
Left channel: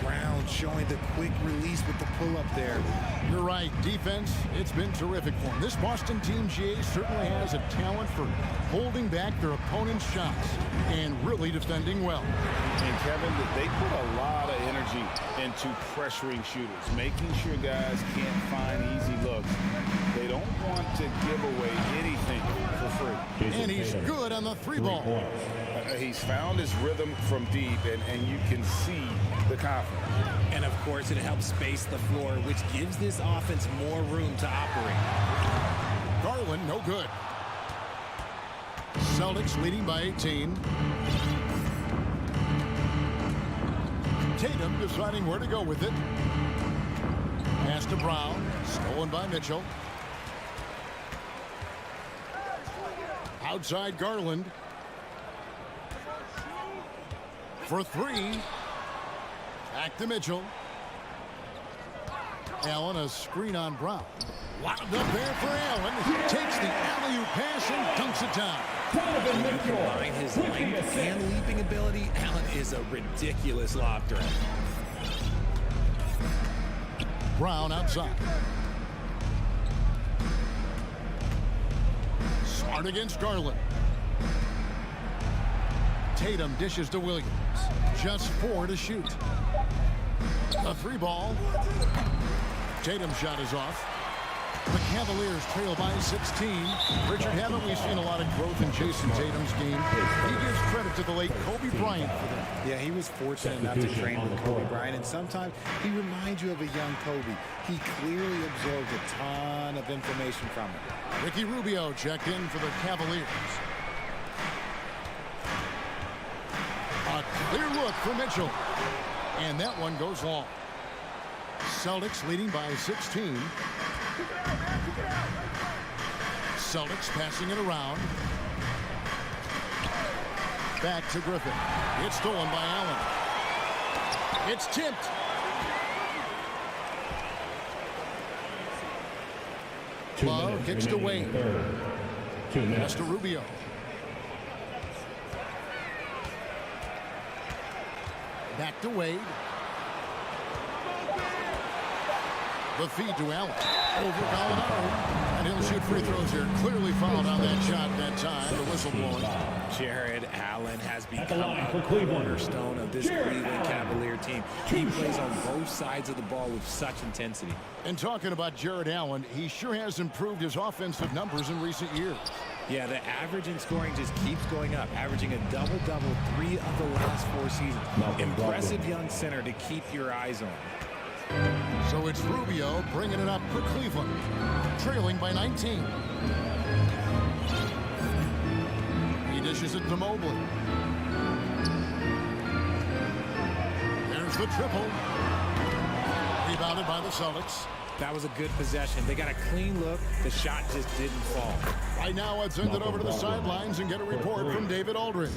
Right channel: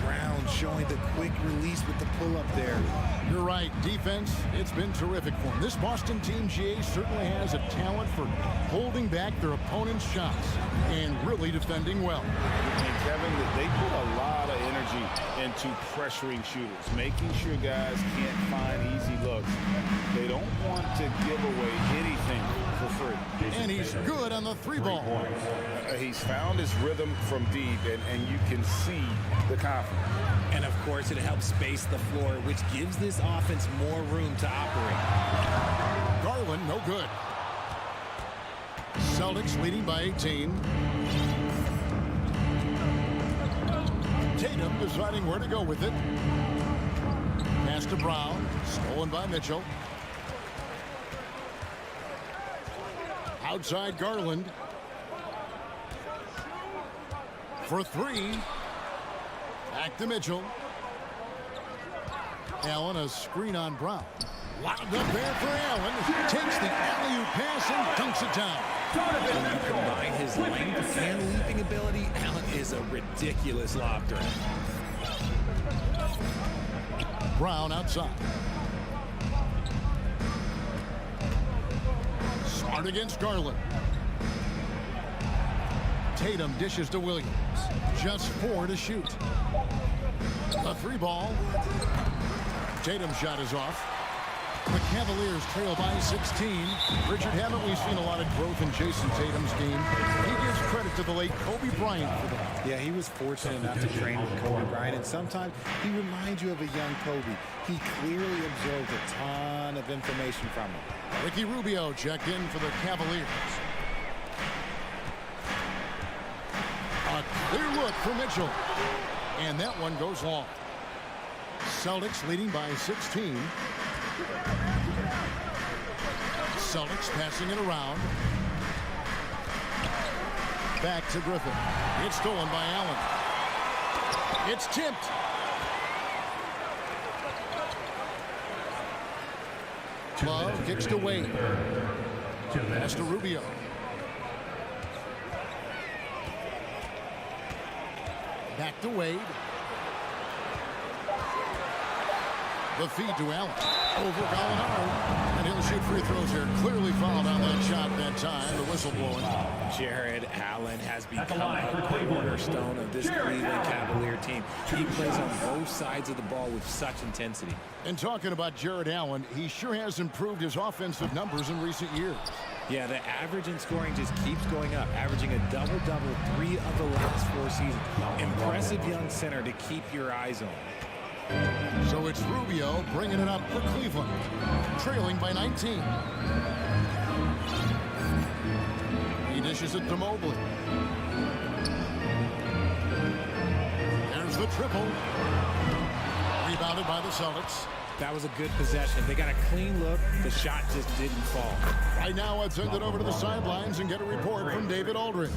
Brown showing the quick release with the pull-up there. You're right. Defense, it's been terrific for him. This Boston team, GA, certainly has a talent for holding back their opponent's shots and really defending well. And, Kevin, they put a lot of energy into pressuring shooters, making sure guys can't find easy looks. They don't want to give away anything for free. And he's good on the 3-ball. He's found his rhythm from deep, and you can see the confidence. And, of course, it helps space the floor, which gives this offense more room to operate. Garland, no good. Celtics leading by 18. Tatum deciding where to go with it. Pass to Brown, stolen by Mitchell. Outside Garland. For three. Back to Mitchell. Allen, a screen on Brown. Wound up there for Allen. Takes the alley-oop pass and dunks it down. When you combine his length and leaping ability, Allen is a ridiculous lob threat. Brown outside. Smart against Garland. Tatum dishes to Williams. Just 4 to shoot. A 3-ball. Tatum's shot is off. The Cavaliers trail by 16. Richard, haven't we seen a lot of growth in Jason Tatum's game? He gives credit to the late Kobe Bryant for that. Yeah, he was fortunate enough to train with Kobe Bryant, and sometimes he reminds you of a young Kobe. He clearly absorbed a ton of information from him. Ricky Rubio checked in for the Cavaliers. A clear look for Mitchell. And that one goes long. Celtics leading by 16. Celtics passing it around. Back to Griffin. It's stolen by Allen. It's tipped. Love kicks to Wade. Pass to Rubio. Back to Wade. The feed to Allen. Over Gallinari. And he'll shoot free throws here. Clearly fouled on that shot that time. The whistle blowing. Jared Allen has become a cornerstone of this Cleveland Cavalier team. He plays on both sides of the ball with such intensity. And talking about Jared Allen, he sure has improved his offensive numbers in recent years. Yeah, the average in scoring just keeps going up, averaging a double-double 3 of the last 4 seasons. Impressive young center to keep your eyes on. So it's Rubio bringing it up for Cleveland, trailing by 19. He dishes it to Mobley. There's the triple. Rebounded by the Celtics. That was a good possession. They got a clean look. The shot just didn't fall. Right now, let's send it over to the sidelines and get a report from David Aldridge.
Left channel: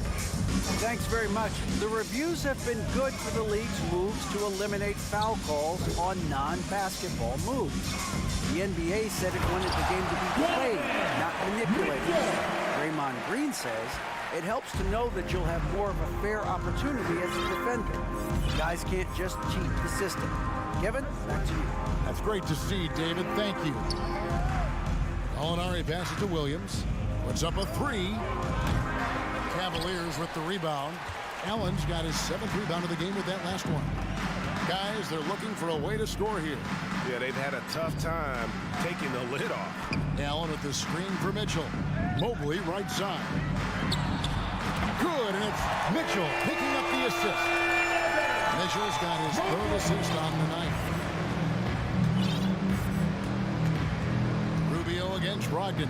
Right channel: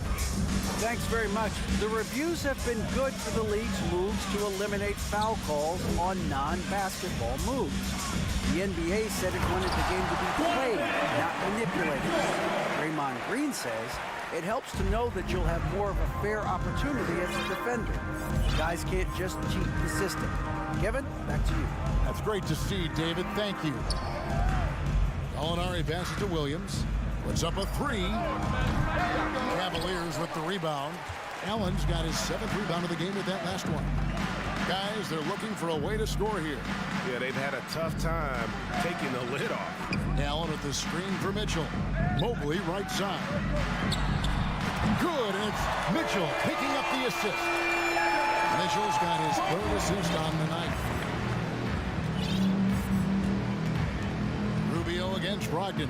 Thanks very much. The reviews have been good for the league's moves to eliminate foul calls on non-basketball moves. The NBA said it wanted the game to be played, not manipulated. Draymond Green says it helps to know that you'll have more of a fair opportunity as a defender. Guys can't just cheat the system. Kevin, back to you. That's great to see, David. Thank you. Gallinari passes to Williams. Puts up a 3. Cavaliers with the rebound. Allen's got his 7th rebound of the game with that last one. Guys, they're looking for a way to score here. Yeah, they've had a tough time taking the lid off. Allen with the screen for Mitchell. Mobley right side. Good, and it's Mitchell picking up the assist. Mitchell's got his 3rd assist on the night. Rubio against Brogdon.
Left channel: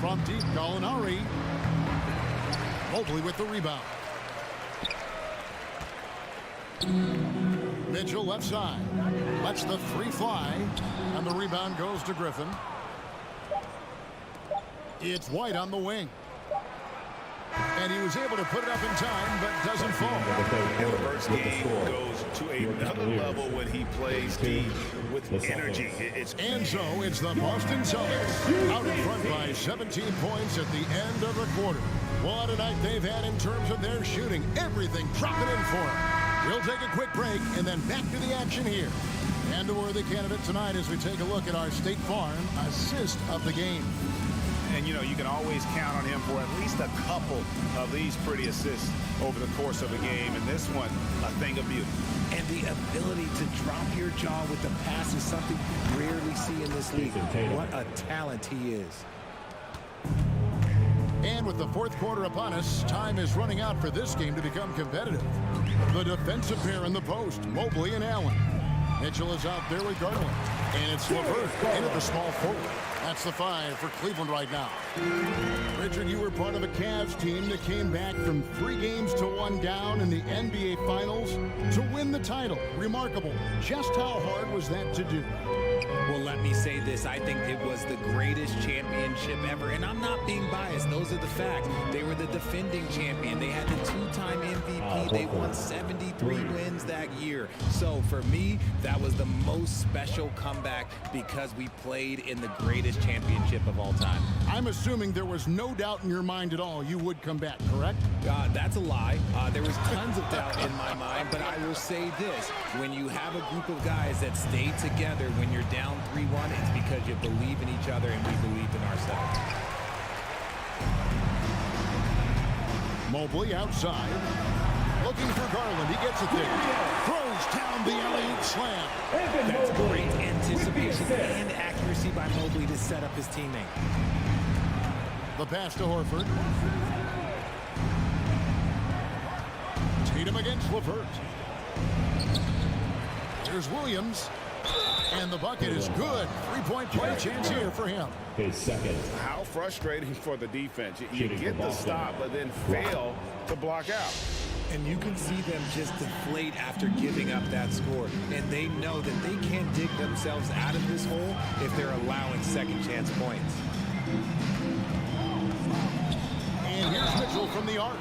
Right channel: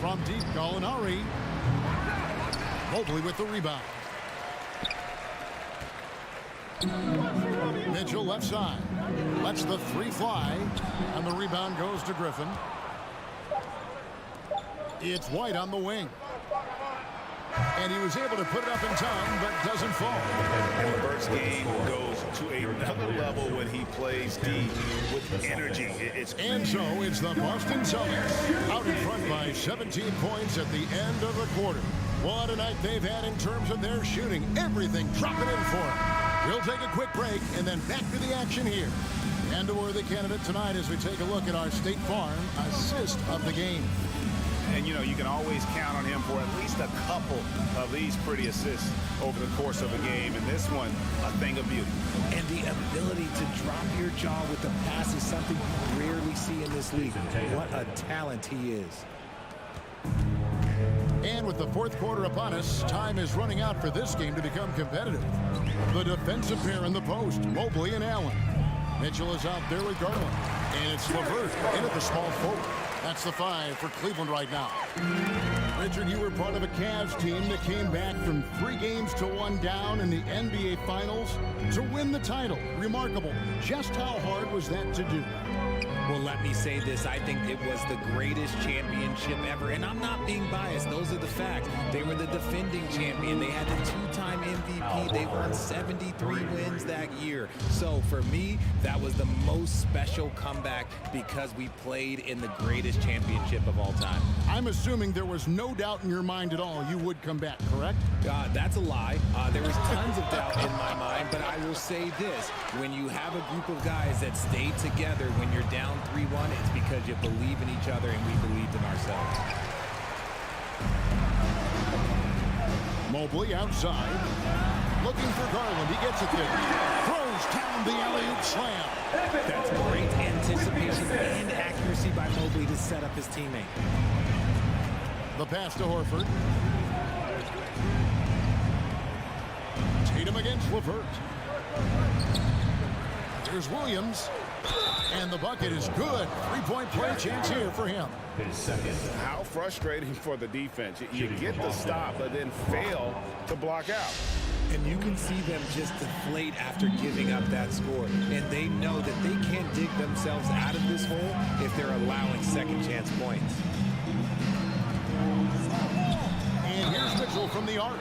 From deep, Gallinari. Mobley with the rebound. Mitchell left side. Lets the 3 fly. And the rebound goes to Griffin. It's White on the wing. And he was able to put it up in time, but doesn't fall. And LeVert's game goes to another level when he plays deep with energy. And so it's the Boston Celtics out in front by 17 points at the end of the quarter. What a night they've had in terms of their shooting. Everything dropping in for them. We'll take a quick break and then back to the action here. And a worthy candidate tonight as we take a look at our State Farm assist of the game. And, you know, you can always count on him for at least a couple of these pretty assists over the course of a game. And this one, a thing of beauty. And the ability to drop your jaw with the pass is something you rarely see in this league. What a talent he is. And with the 4th quarter upon us, time is running out for this game to become competitive. The defensive pair in the post, Mobley and Allen. Mitchell is out there with Garland. And it's LeVert in at the small forward. That's the 5 for Cleveland right now. Richard, you were part of a Cavs team that came back from 3 games to 1 down in the NBA Finals to win the title. Remarkable. Just how hard was that to do? Well, let me say this. I think it was the greatest championship ever. And I'm not being biased. Those are the facts. They were the defending champion. They had the 2-time MVP. They won 73 wins that year. So for me, that was the most special comeback because we played in the greatest championship of all time. I'm assuming there was no doubt in your mind at all you would come back, correct? That's a lie. There was tons of doubt in my mind, but I will say this. When you have a group of guys that stay together when you're down 3-1, it's because you believe in each other and we believed in ourselves. Mobley outside. Looking for Garland. He gets it there. Throws down the alley-oop slam. That's great anticipation and accuracy by Mobley to set up his teammate. The pass to Horford. Tatum against LeVert. Here's Williams. And the bucket is good. Three-point play chance here for him. His second. How frustrating for the defense. You get the stop, but then fail to block out. And you can see them just deflate after giving up that score. And they know that they can't dig themselves out of this hole if they're allowing second chance points. And here's Mitchell from the arc.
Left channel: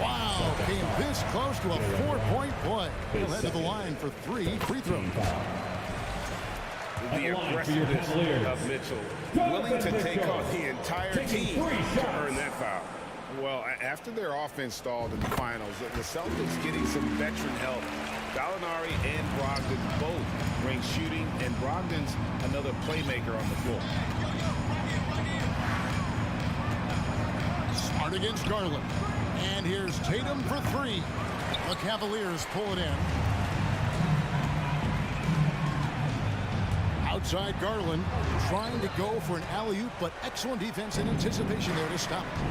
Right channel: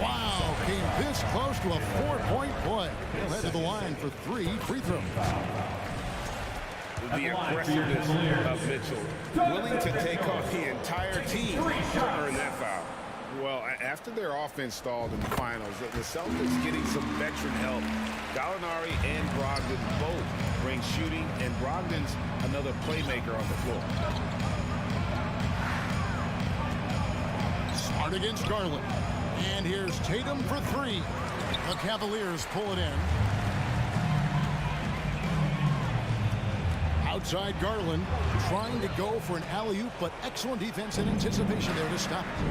Wow, came this close to a 4-point play. He'll head to the line for 3 free throws. The aggressiveness of Mitchell, willing to take on the entire team to earn that foul. Well, after their offense stalled in the finals, the Celtics getting some veteran help. Gallinari and Brogdon both bring shooting, and Brogdon's another playmaker on the floor. Smart against Garland. And here's Tatum for 3. The Cavaliers pull it in. Outside Garland, trying to go for an alley-oop, but excellent defense and anticipation there to stop it.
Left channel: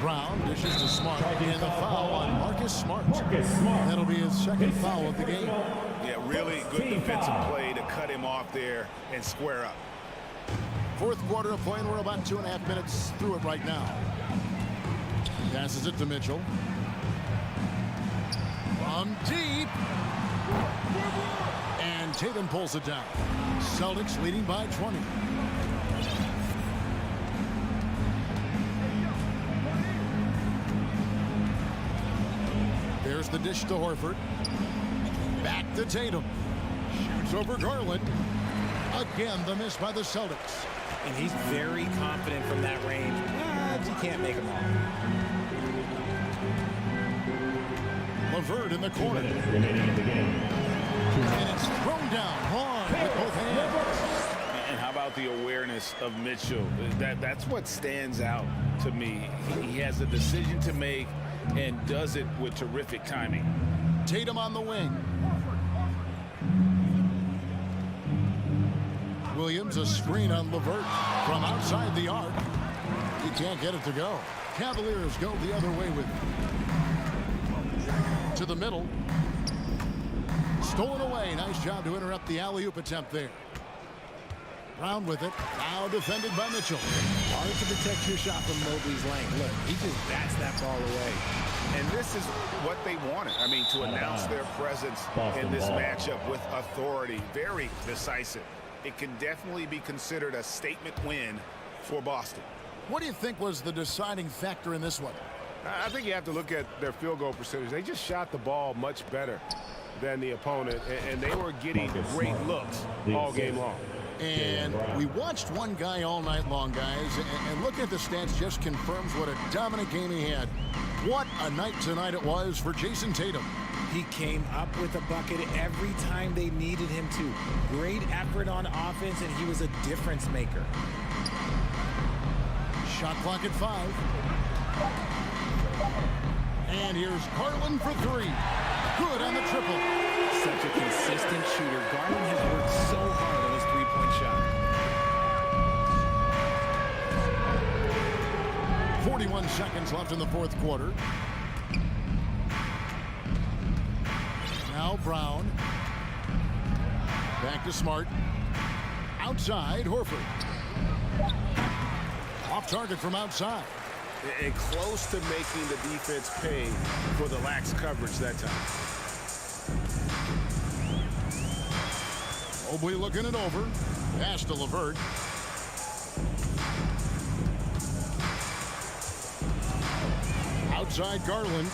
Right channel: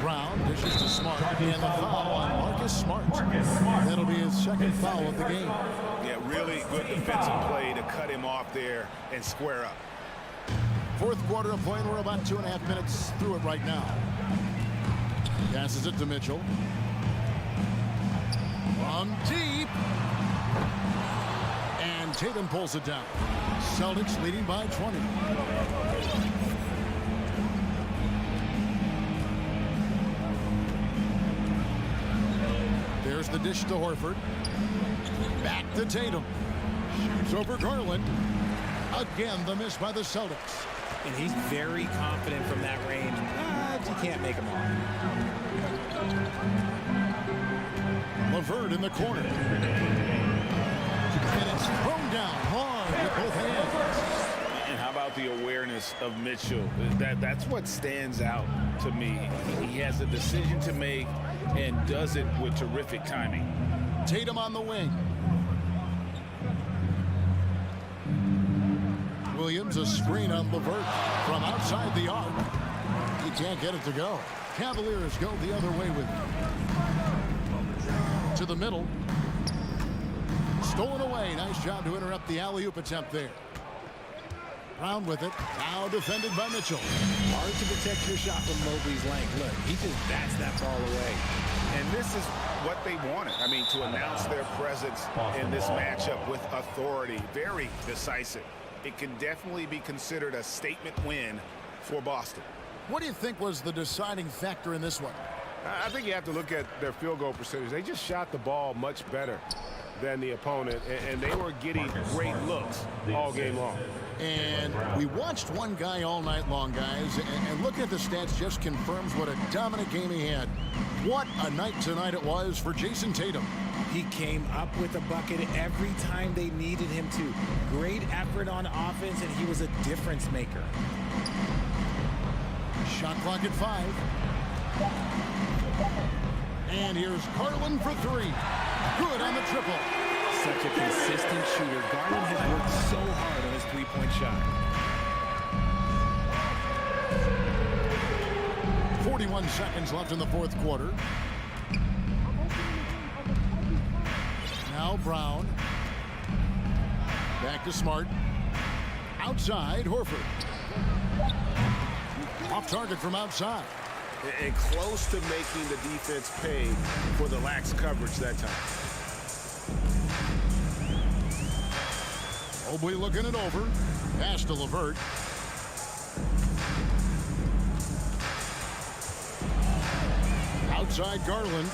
Brown dishes to Smart, and the foul on Marcus Smart. That'll be his second foul of the game. Yeah, really good defensive play to cut him off there and square up. Fourth quarter of play, and we're about 2.5 minutes through it right now. Passes it to Mitchell. From deep. And Tatum pulls it down. Celtics leading by 20. There's the dish to Horford. Back to Tatum. Shoots over Garland. Again, the miss by the Celtics. And he's very confident from that range, but you can't make him all. LeVert in the corner. And it's thrown down hard with both hands. And how about the awareness of Mitchell? That's what stands out to me. He has a decision to make and does it with terrific timing. Tatum on the wing. Williams, a screen on LeVert from outside the arc. He can't get it to go. Cavaliers go the other way with it. To the middle. Stolen away. Nice job to interrupt the alley-oop attempt there. Brown with it. Now defended by Mitchell. Hard to protect your shot from Mobley's length. Look, he just bats that ball away. And this is what they wanted. I mean, to announce their presence in this matchup with authority. Very decisive. It can definitely be considered a statement win for Boston. What do you think was the deciding factor in this one? I think you have to look at their field goal percentage. They just shot the ball much better than the opponent, and they were getting great looks all game long. And we watched one guy all night long, guys, and looking at the stats just confirms what a dominant game he had. What a night tonight it was for Jason Tatum. He came up with a bucket every time they needed him to. Great effort on offense, and he was a difference maker. Shot clock at 5. And here's Garland for 3. Good on the triple. Such a consistent shooter. Garland has worked so hard on his three-point shot. 41 seconds left in the fourth quarter. Now Brown. Back to Smart. Outside, Horford. Off target from outside. And close to making the defense pay for the lax coverage that time. Mobley looking it over. Pass to LeVert. Outside Garland.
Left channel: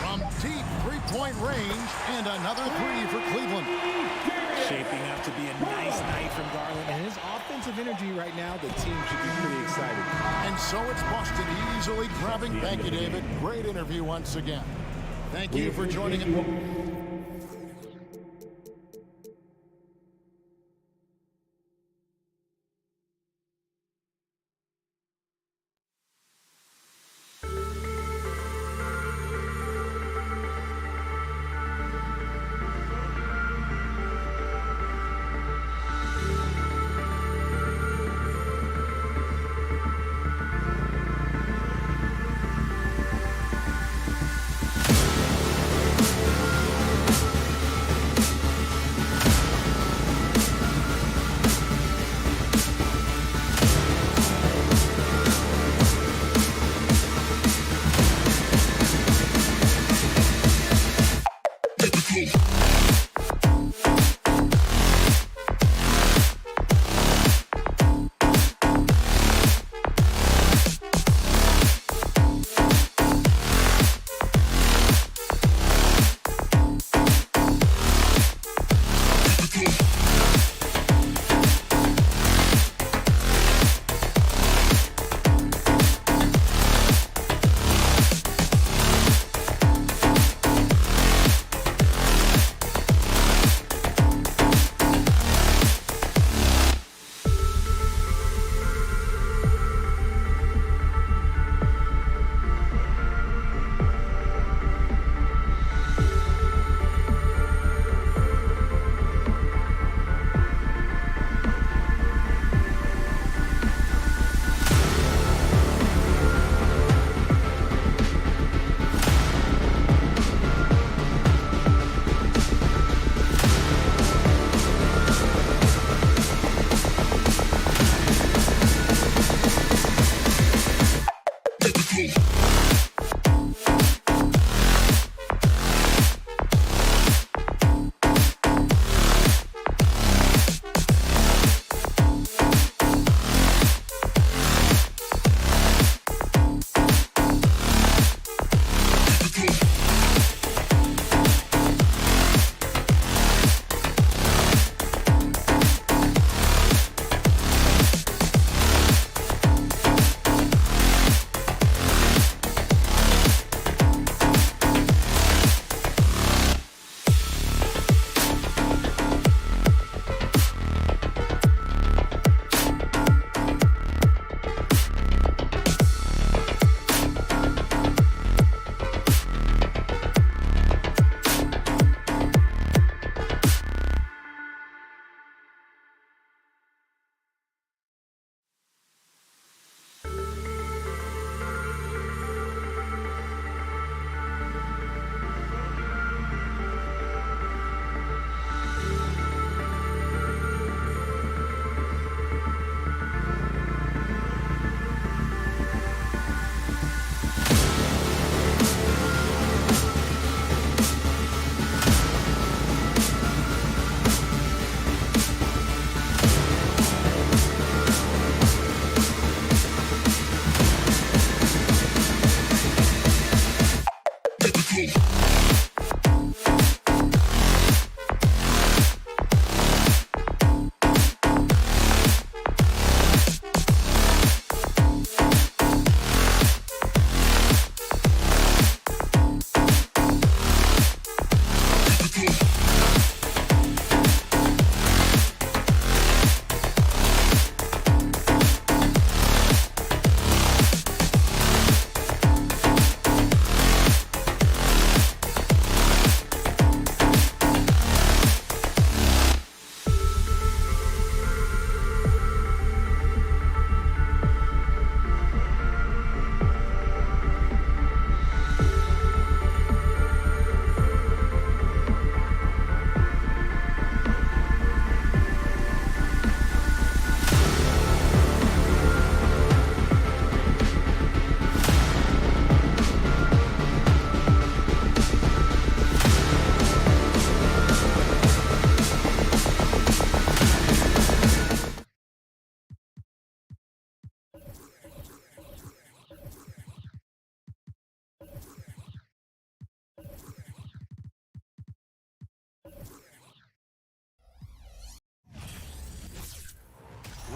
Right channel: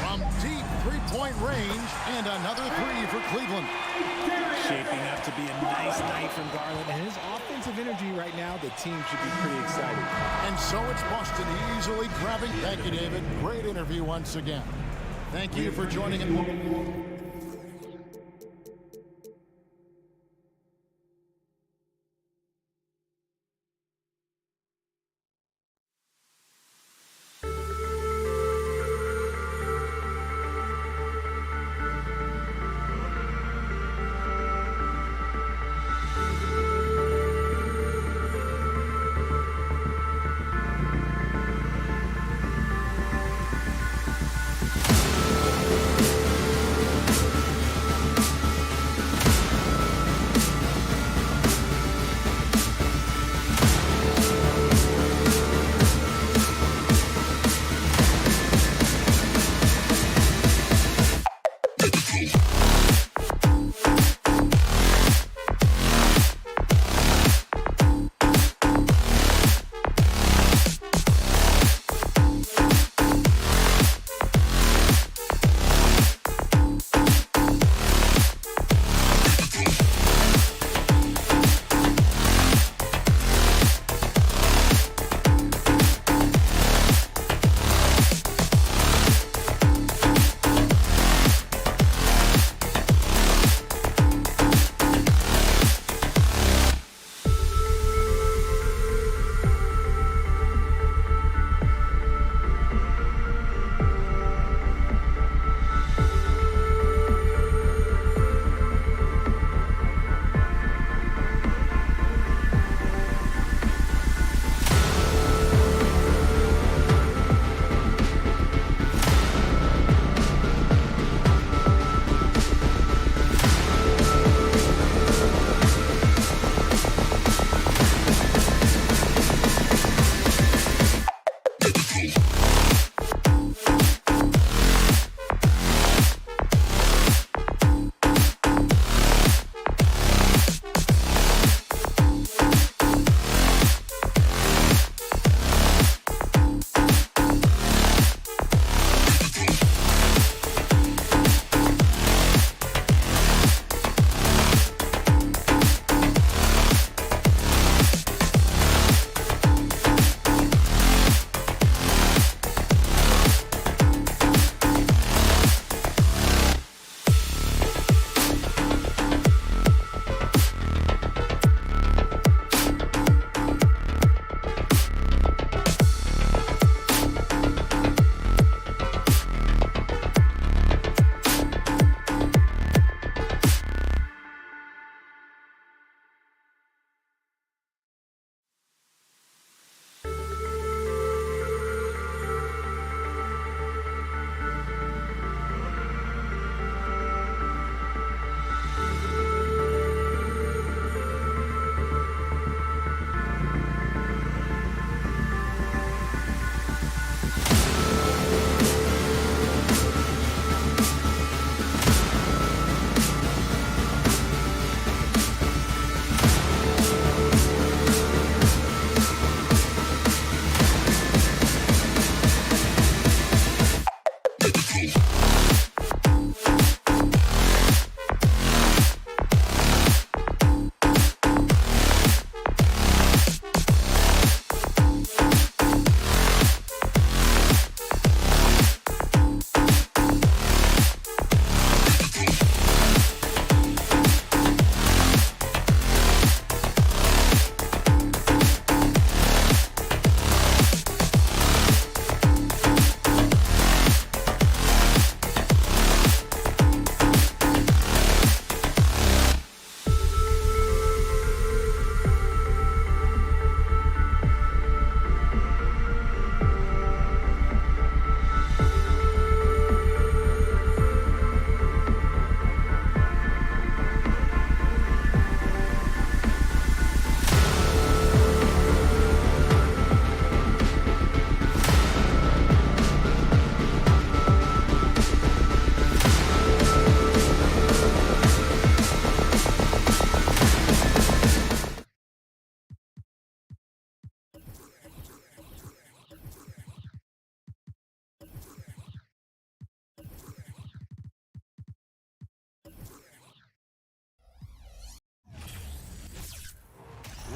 From deep three-point range, and another three for Cleveland. Shaping up to be a nice night from Garland, and his offensive energy right now, the team should be pretty excited. And so it's Boston easily grabbing. Thank you, David. Great interview once again. Thank you for joining us.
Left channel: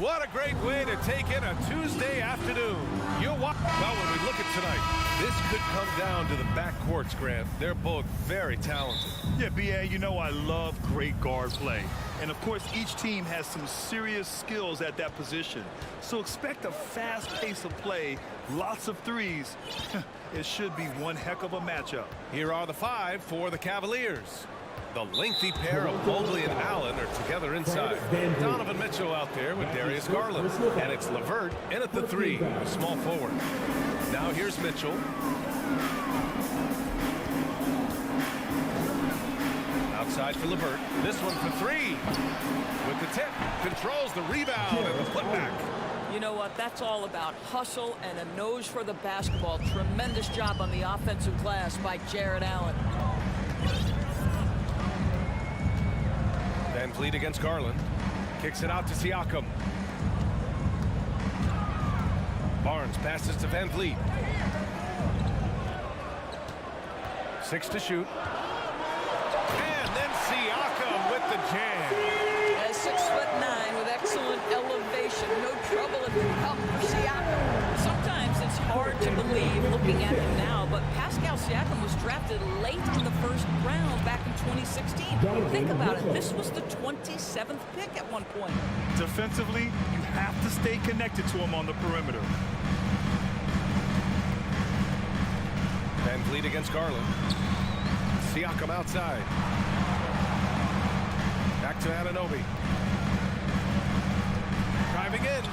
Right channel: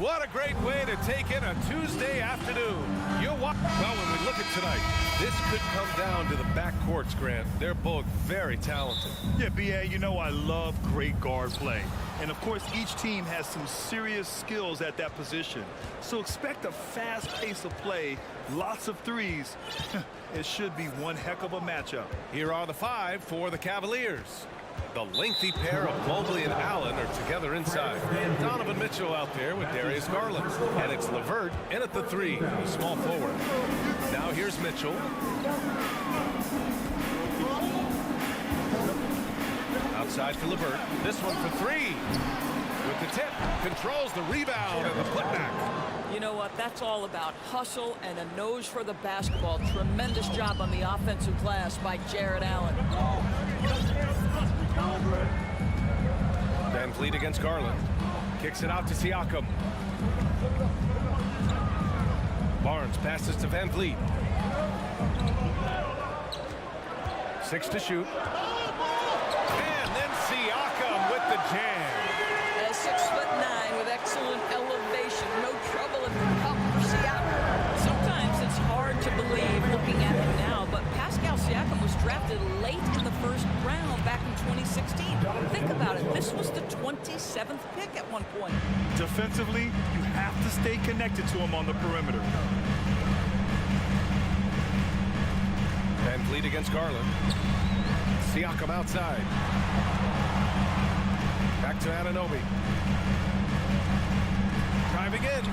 What a great way to take in a Tuesday afternoon. Well, when we look at tonight, this could come down to the backcourts, Grant. They're both very talented. Yeah, B.A., you know I love great guard play. And, of course, each team has some serious skills at that position. So expect a fast pace of play, lots of threes. It should be one heck of a matchup. Here are the 5 for the Cavaliers. The lengthy pair of Mobley and Allen are together inside. Donovan Mitchell out there with Darius Garland. And it's LeVert in at the 3, the small forward. Now here's Mitchell. Outside for LeVert. This one for 3. With the tip. Controls the rebound and the putback. You know what? That's all about hustle and a nose for the basketball. Tremendous job on the offensive glass by Jared Allen. Van Vliet against Garland. Kicks it out to Siakam. Barnes passes to Van Vliet. 6 to shoot. And then Siakam with the jam. 6'9" with excellent elevation. No trouble at the cup for Siakam. Sometimes it's hard to believe looking at him now, but Pascal Siakam was drafted late in the first round back in 2016. Think about it. This was the 27th pick at one point. Defensively, you have to stay connected to him on the perimeter. Van Vliet against Garland. Siakam outside. Back to Anunoby. Driving in.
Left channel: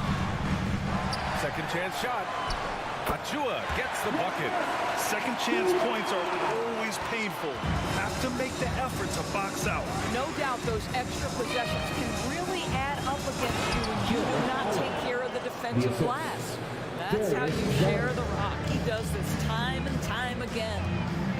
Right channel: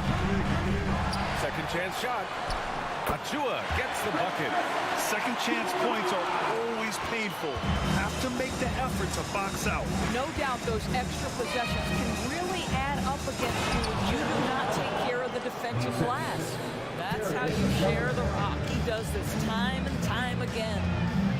Second chance shot. Achua gets the bucket. Second chance points are always painful. Have to make the effort to box out. No doubt those extra possessions can really add up against you when you do not take care of the defensive glass. That's how you share the rock. He does this time and time again.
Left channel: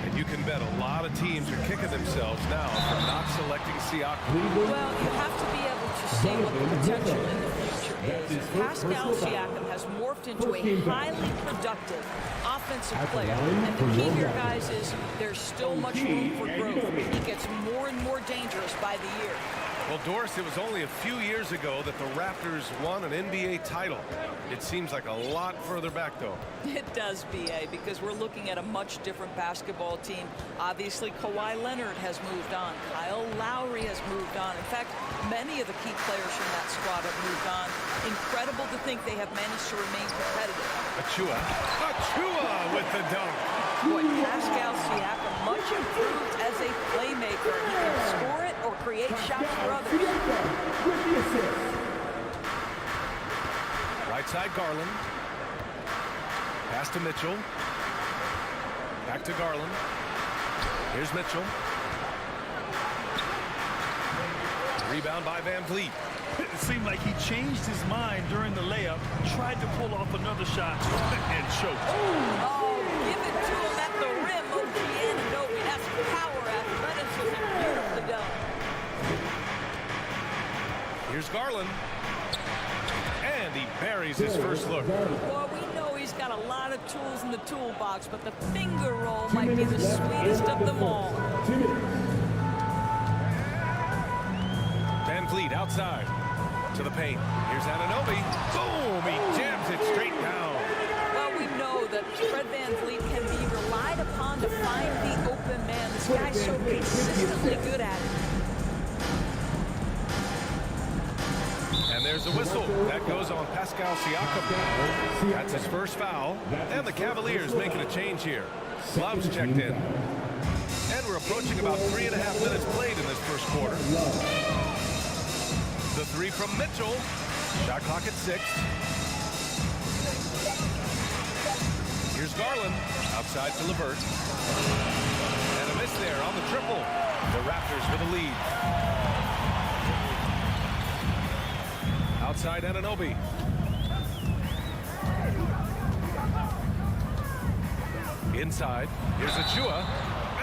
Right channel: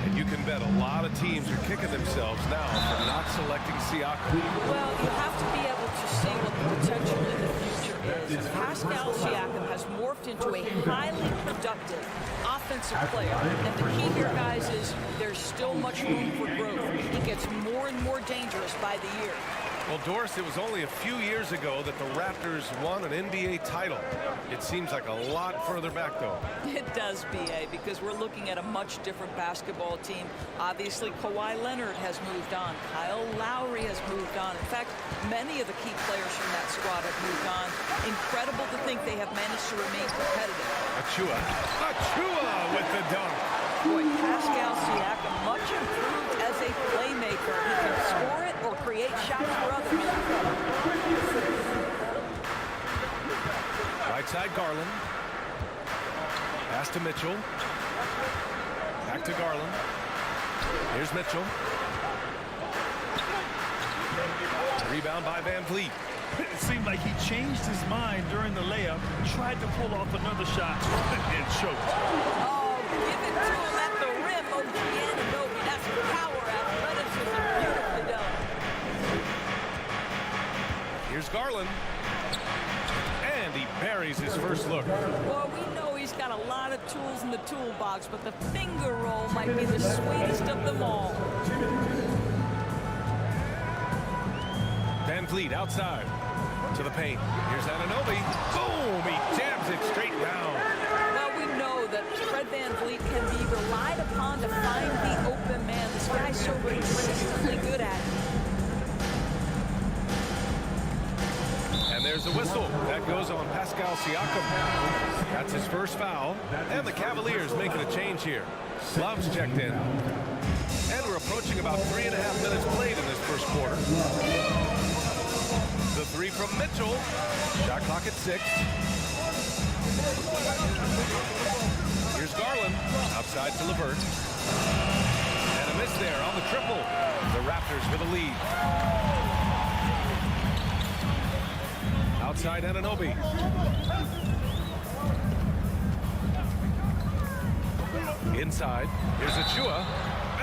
And you can bet a lot of teams are kicking themselves now for not selecting Siakam. Well, you have to be able to see what the potential in the future is. And Pascal Siakam has morphed into a highly productive offensive player. And the key here, guys, is there's still much room for growth. He gets more and more dangerous by the year. Well, Doris, it was only a few years ago that the Raptors won an NBA title. It seems like a lot further back, though. It does, B.A., because we're looking at a much different basketball team. Obviously, Kawhi Leonard has moved on. Kyle Lowry has moved on. In fact, many of the key players from that squad have moved on. Incredible to think they have managed to remain competitive. Achua with the dunk. Boy, Pascal Siakam, much improved as a playmaker. He can score it or create shots for others. Right side, Garland. Pass to Mitchell. Back to Garland. Here's Mitchell. Rebound by Van Vliet. It seemed like he changed his mind during the layup, tried to pull off another shot, and choked. Oh, give it to him at the rim, OG Anunoby. That's power, athleticism, beautifully done. Here's Garland. And he buries his first look. Well, we know he's got a lot of tools in the toolbox, but the finger roll might be the sweetest of them all. Van Vliet outside to the paint. Here's Anunoby. Boom! He jams it straight down. Well, we know that Fred Van Vliet can be relied upon to find the open man. This guy's so consistently good at it. And there's a whistle. That goes on Pascal Siakam. That's his first foul. And the Cavaliers making a change here. Love's checked in. And we're approaching about 3.5 minutes played in this first quarter. The 3 from Mitchell. Shot clock at 6. Here's Garland. Outside to LeVert. And a miss there on the triple. The Raptors with a lead. Outside Anunoby. Inside. Here's Achua.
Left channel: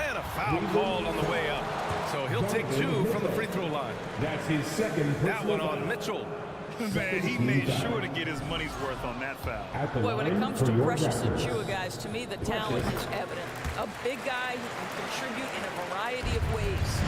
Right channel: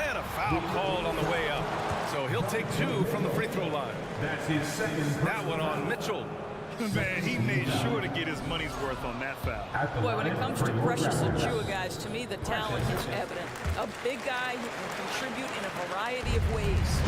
And a foul called on the way up. So he'll take 2 from the free throw line. That's his second. That one on Mitchell. Man, he made sure to get his money's worth on that foul. Boy, when it comes to Precious Achua, guys, to me the talent is evident. A big guy who can contribute in a variety of ways.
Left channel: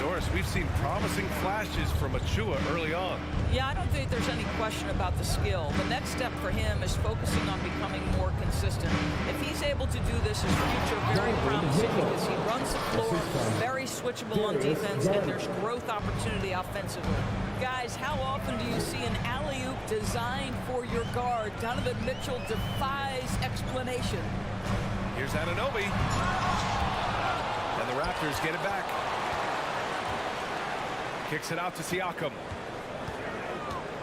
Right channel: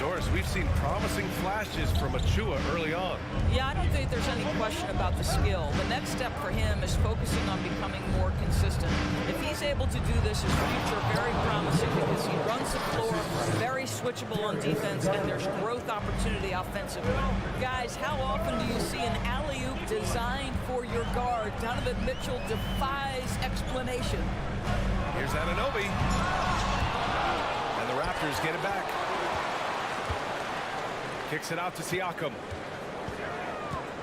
Doris, we've seen promising flashes from Achua early on. Yeah, I don't think there's any question about the skill. The next step for him is focusing on becoming more consistent. If he's able to do this, his future very promising because he runs the floor, very switchable on defense, and there's growth opportunity offensively. Guys, how often do you see an alley-oop designed for your guard? Donovan Mitchell defies explanation. Here's Anunoby. And the Raptors get it back. Kicks it out to Siakam.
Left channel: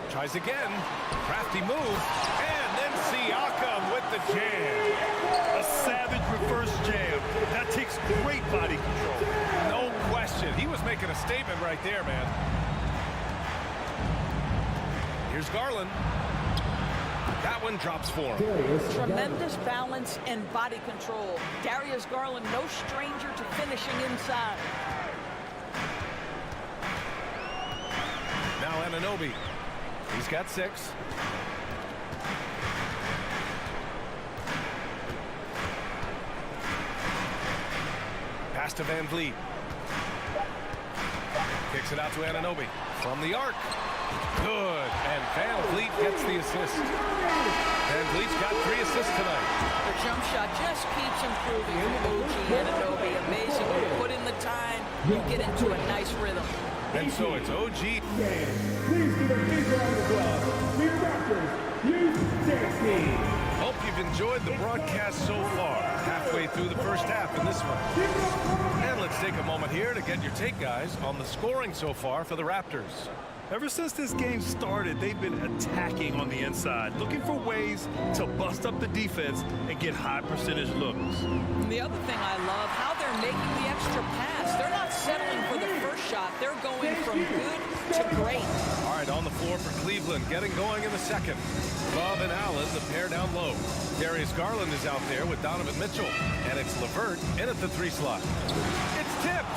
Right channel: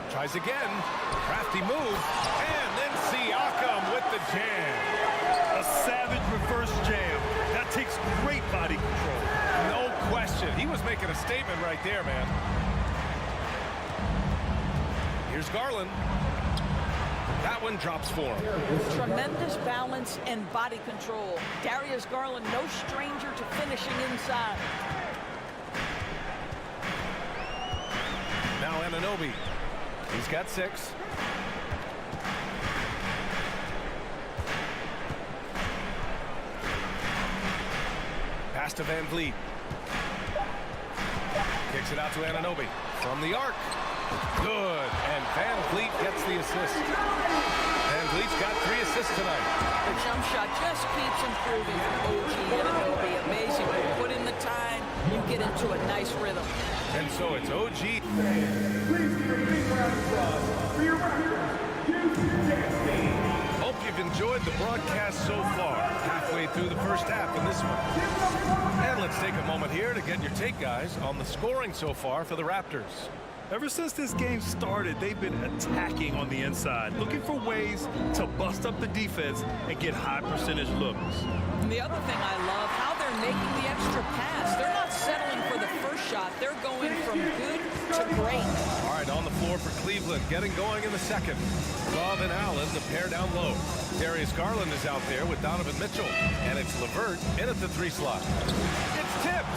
Tries again. Crafty move. And then Siakam with the jam. A savage reverse jam. That takes great body control. No question. He was making a statement right there, man. Here's Garland. That one drops for him. Tremendous balance and body control. Darius Garland, no stranger to finishing inside. Now Anunoby. He's got 6. Pass to Van Vliet. Kicks it out to Anunoby. From the arc. Good. And Van Vliet gets the assist. Van Vliet's got 3 assists tonight. The jump shot just keeps improving from OG Anunoby. Amazing. You put in the time, you get into a nice rhythm. And so it's OG. Please give a big round of applause for your Raptors, you Hope you've enjoyed the broadcast so far. Halfway through the first half in this one. And let's take a moment here to get your take, guys, on the scoring so far for the Raptors. Ever since this game started, they've been attacking on the inside, looking for ways to bust up the defense and get high percentage looks. And the other thing I love, how they're making the extra pass. They're not settling for the first shot. They're going from good to great. All right, on the floor for Cleveland, getting going in the second. Love and Allen, the pair down low. Darius Garland is out there with Donovan Mitchell. And it's LeVert in at the 3 slot. It's tipped.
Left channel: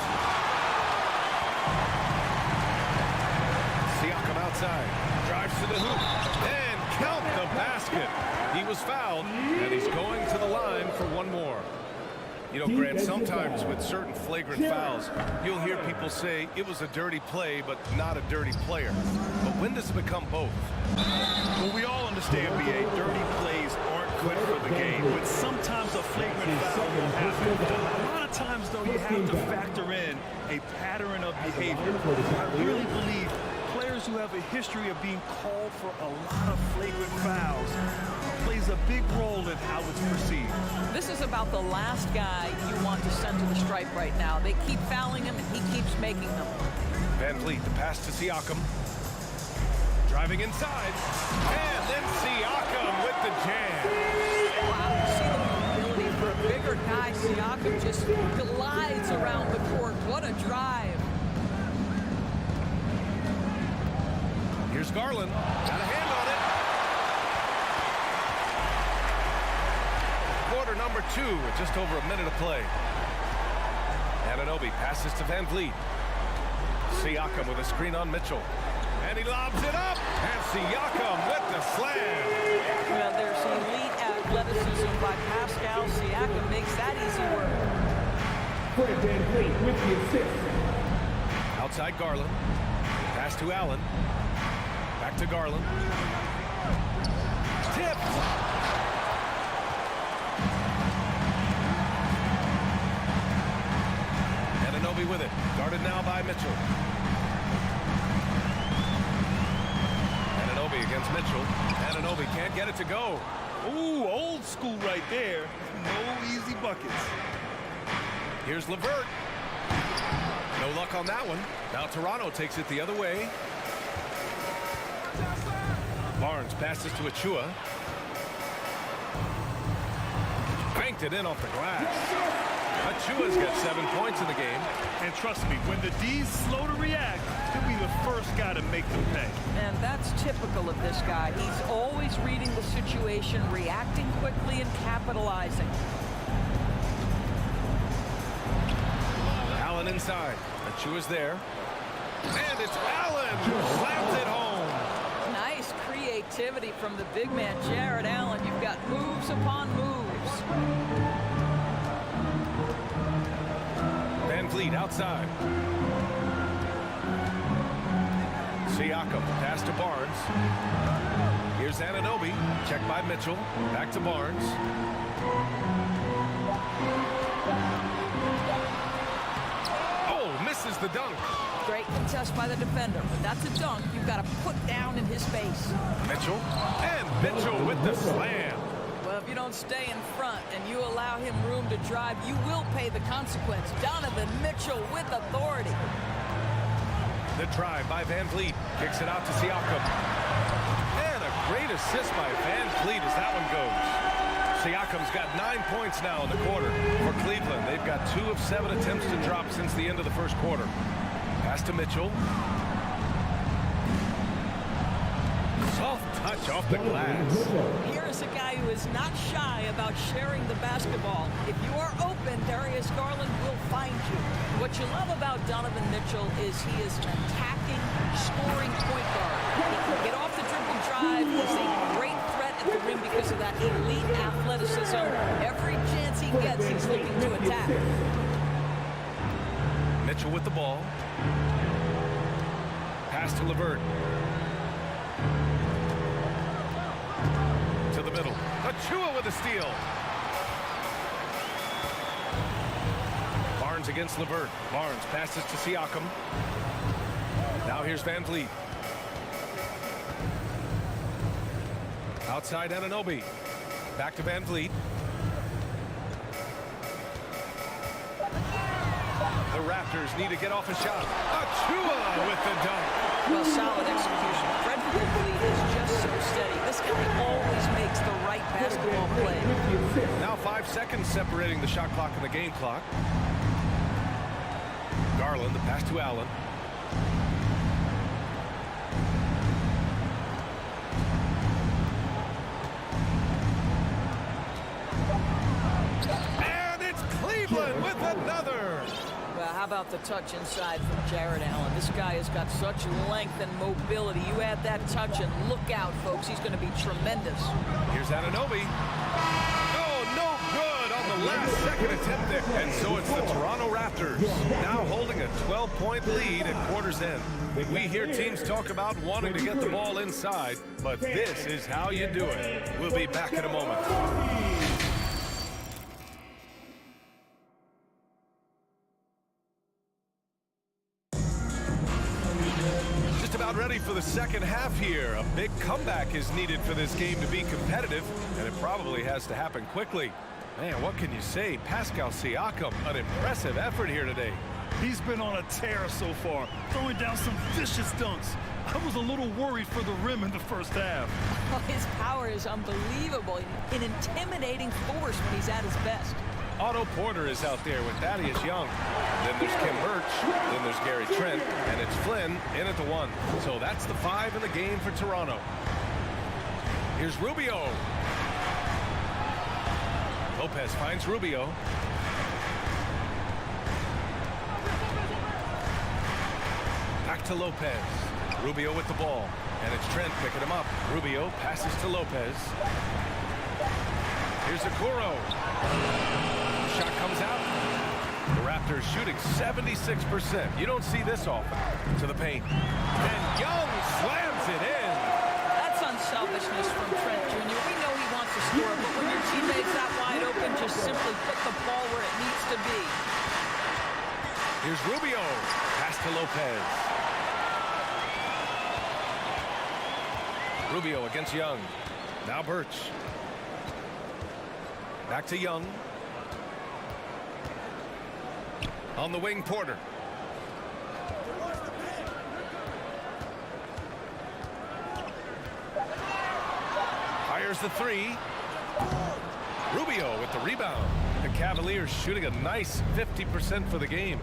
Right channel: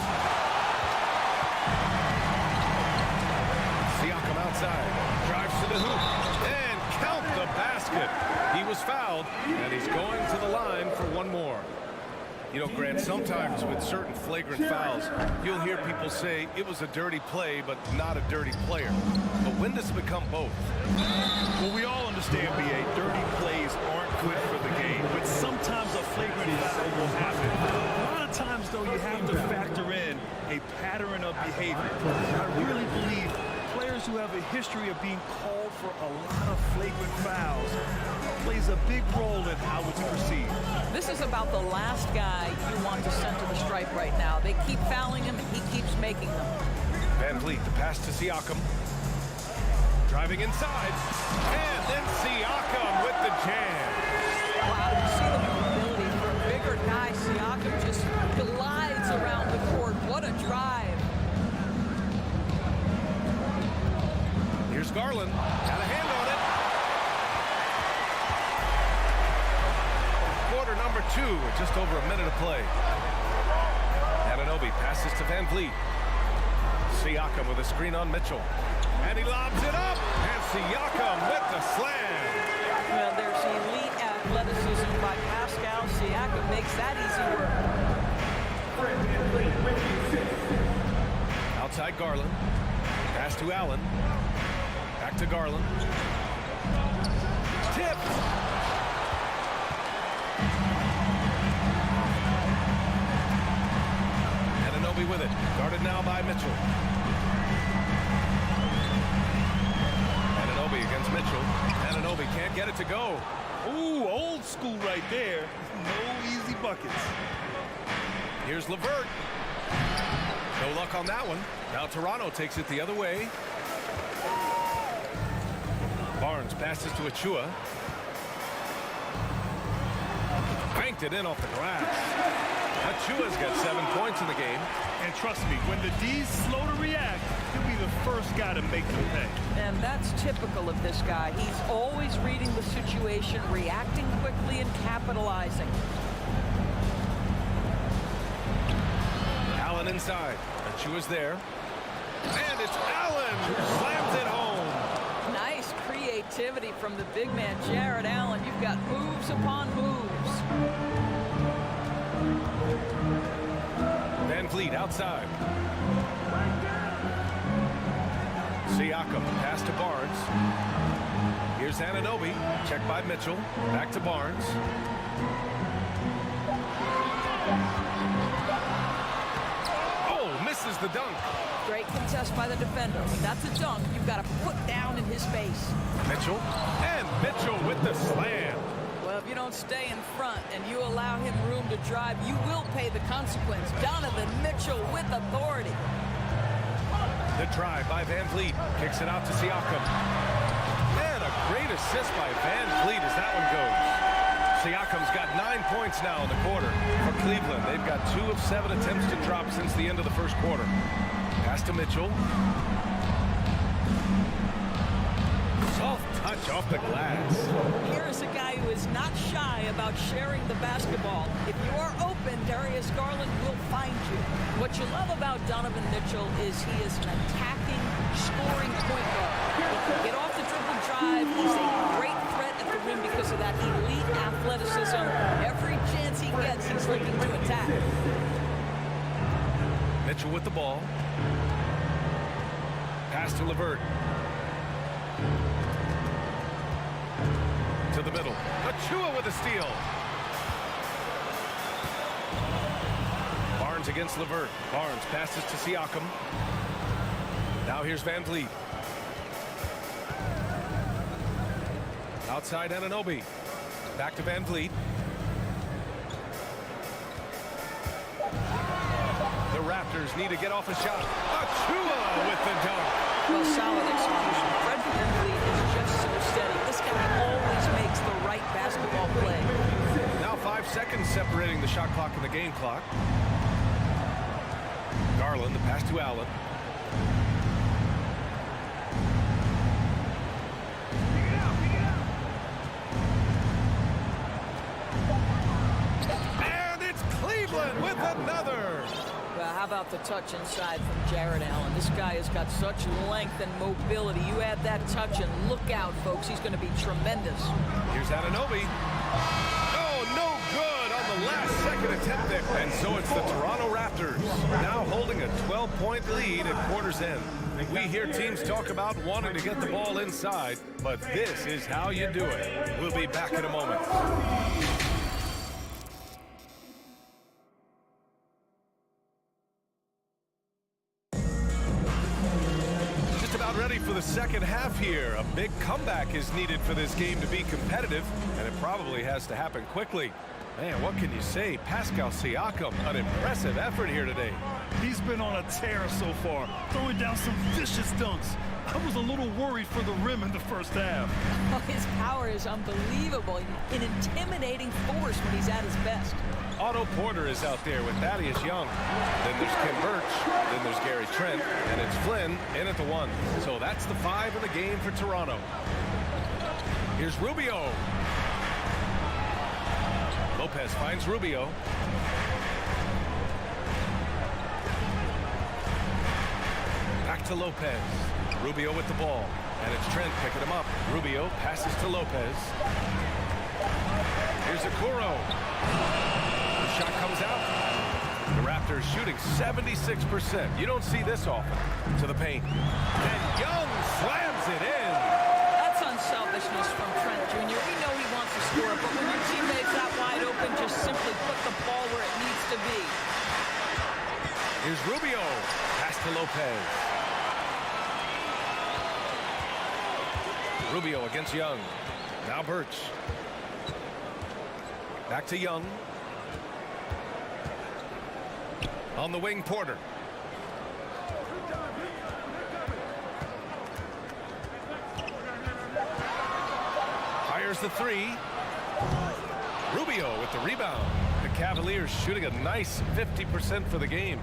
Siakam outside, drives to the hoop, and count the basket. He was fouled, and he's going to the line for one more. You know, Grant, sometimes with certain flagrant fouls, you'll hear people say it was a dirty play, but not a dirty player. But when does it become both? Well, we all understand, B.A., dirty plays aren't good for the game, but sometimes a flagrant foul will happen. A lot of times, though, you have to factor in a pattern of behavior. I really believe players who have a history of being called for a lot of flagrant fouls plays a big role in how it's perceived. This is about the last guy you want to send to the stripe right now. They keep fouling him, and he keeps making them. Van Vliet, the pass to Siakam. Driving inside. And then Siakam with the jam. Wow, you see the mobility for a bigger guy. Siakam just glides around the court. What a drive. Here's Garland. Got a hand on it. Quarter number 2 with just over a minute of play. Anunoby passes to Van Vliet. Siakam with a screen on Mitchell. And he lobs it up. And Siakam with the slam. Well, there's elite athleticism by Pascal. Siakam makes that easy work. Fred Van Vliet with the assist. Outside Garland. Pass to Allen. Back to Garland. Tip. Anunoby with it. Guarded now by Mitchell. Anunoby against Mitchell. Anunoby can't get it to go. Ooh, old school right there. No easy buckets. Here's LeVert. No luck on that one. Now Toronto takes it the other way. Barnes passes to Achua. Banked it in off the glass. Achua's got 7 points in the game. And trust me, when the D's slow to react, he'll be the first guy to make them pay. And that's typical of this guy. He's always reading the situation, reacting quickly, and capitalizing. Allen inside. Achua's there. And it's Allen who slams it home. Nice creativity from the big man, Jared Allen. You've got moves upon moves. Van Vliet outside. Siakam, pass to Barnes. Here's Anunoby, checked by Mitchell. Back to Barnes. Oh, misses the dunk. Great contest by the defender, but that's a dunk you've got to put down in his face. Mitchell, and Mitchell with the slam. Well, if you don't stay in front and you allow him room to drive, you will pay the consequence. Donovan Mitchell with authority. The drive by Van Vliet kicks it out to Siakam. And a great assist by Van Vliet as that one goes. Siakam's got 9 points now in the quarter. For Cleveland, they've got 2 of 7 attempts to drop since the end of the first quarter. Pass to Mitchell. Soft touch off the glass. Here is a guy who is not shy about sharing the basketball. If you are open, Darius Garland will find you. What you love about Donovan Mitchell is he is an attacking, scoring point guard. He can get off the dribble drive. He's a great threat at the rim because of that elite athleticism. Every chance he gets, he's looking to attack. Mitchell with the ball. Pass to LeVert. To the middle. Achua with a steal. Barnes against LeVert. Barnes passes to Siakam. Now here's Van Vliet. Outside Anunoby. Back to Van Vliet. The Raptors need to get off a shot. Achua with the dunk. Well, solid execution. Fred VanVleet is just so steady. This guy always makes the right basketball play. Now 5 seconds separating the shot clock and the game clock. Garland, the pass to Allen. And it's Cleveland with another. Well, how about the touch inside from Jared Allen? This guy has got such length and mobility. You add that touch and look out, folks. He's going to be tremendous. Here's Anunoby. Oh, no good on the last second attempt there. And so it's the Toronto Raptors now holding a 12-point lead at quarter's end. We hear teams talk about wanting to get the ball inside, but this is how you do it. We'll be back in a moment. Ready for the second half here. A big comeback is needed for this game to be competitive, and it probably has to happen quickly. Man, what can you say? Pascal Siakam, an impressive effort here today. He's been on a tear so far, throwing down some vicious dunks. I was a little worried for the rim in the first half. Oh, his power is unbelievable. An intimidating force when he's at his best. Otto Porter is out there with Thaddeus Young. Then there's Kim Birch. Then there's Gary Trent. And it's Flynn in at the 1. So that's the 5 in the game for Toronto. Here's Rubio. Lopez finds Rubio. Back to Lopez. Rubio with the ball. And it's Trent picking him up. Rubio passes to Lopez. Here's Okoro. Shot comes out. The Raptors shooting 76%. You don't see this often. To the paint. And Young slams it in. That's unselfishness from Trent Jr. We know he wants to score, but when your teammate's that wide open, just simply put the ball where it needs to be. Here's Rubio. Pass to Lopez. Rubio against Young. Now Birch. Back to Young. On the wing, Porter. Fires the 3. Rubio with the rebound. The Cavaliers shooting a nice 50% for the game.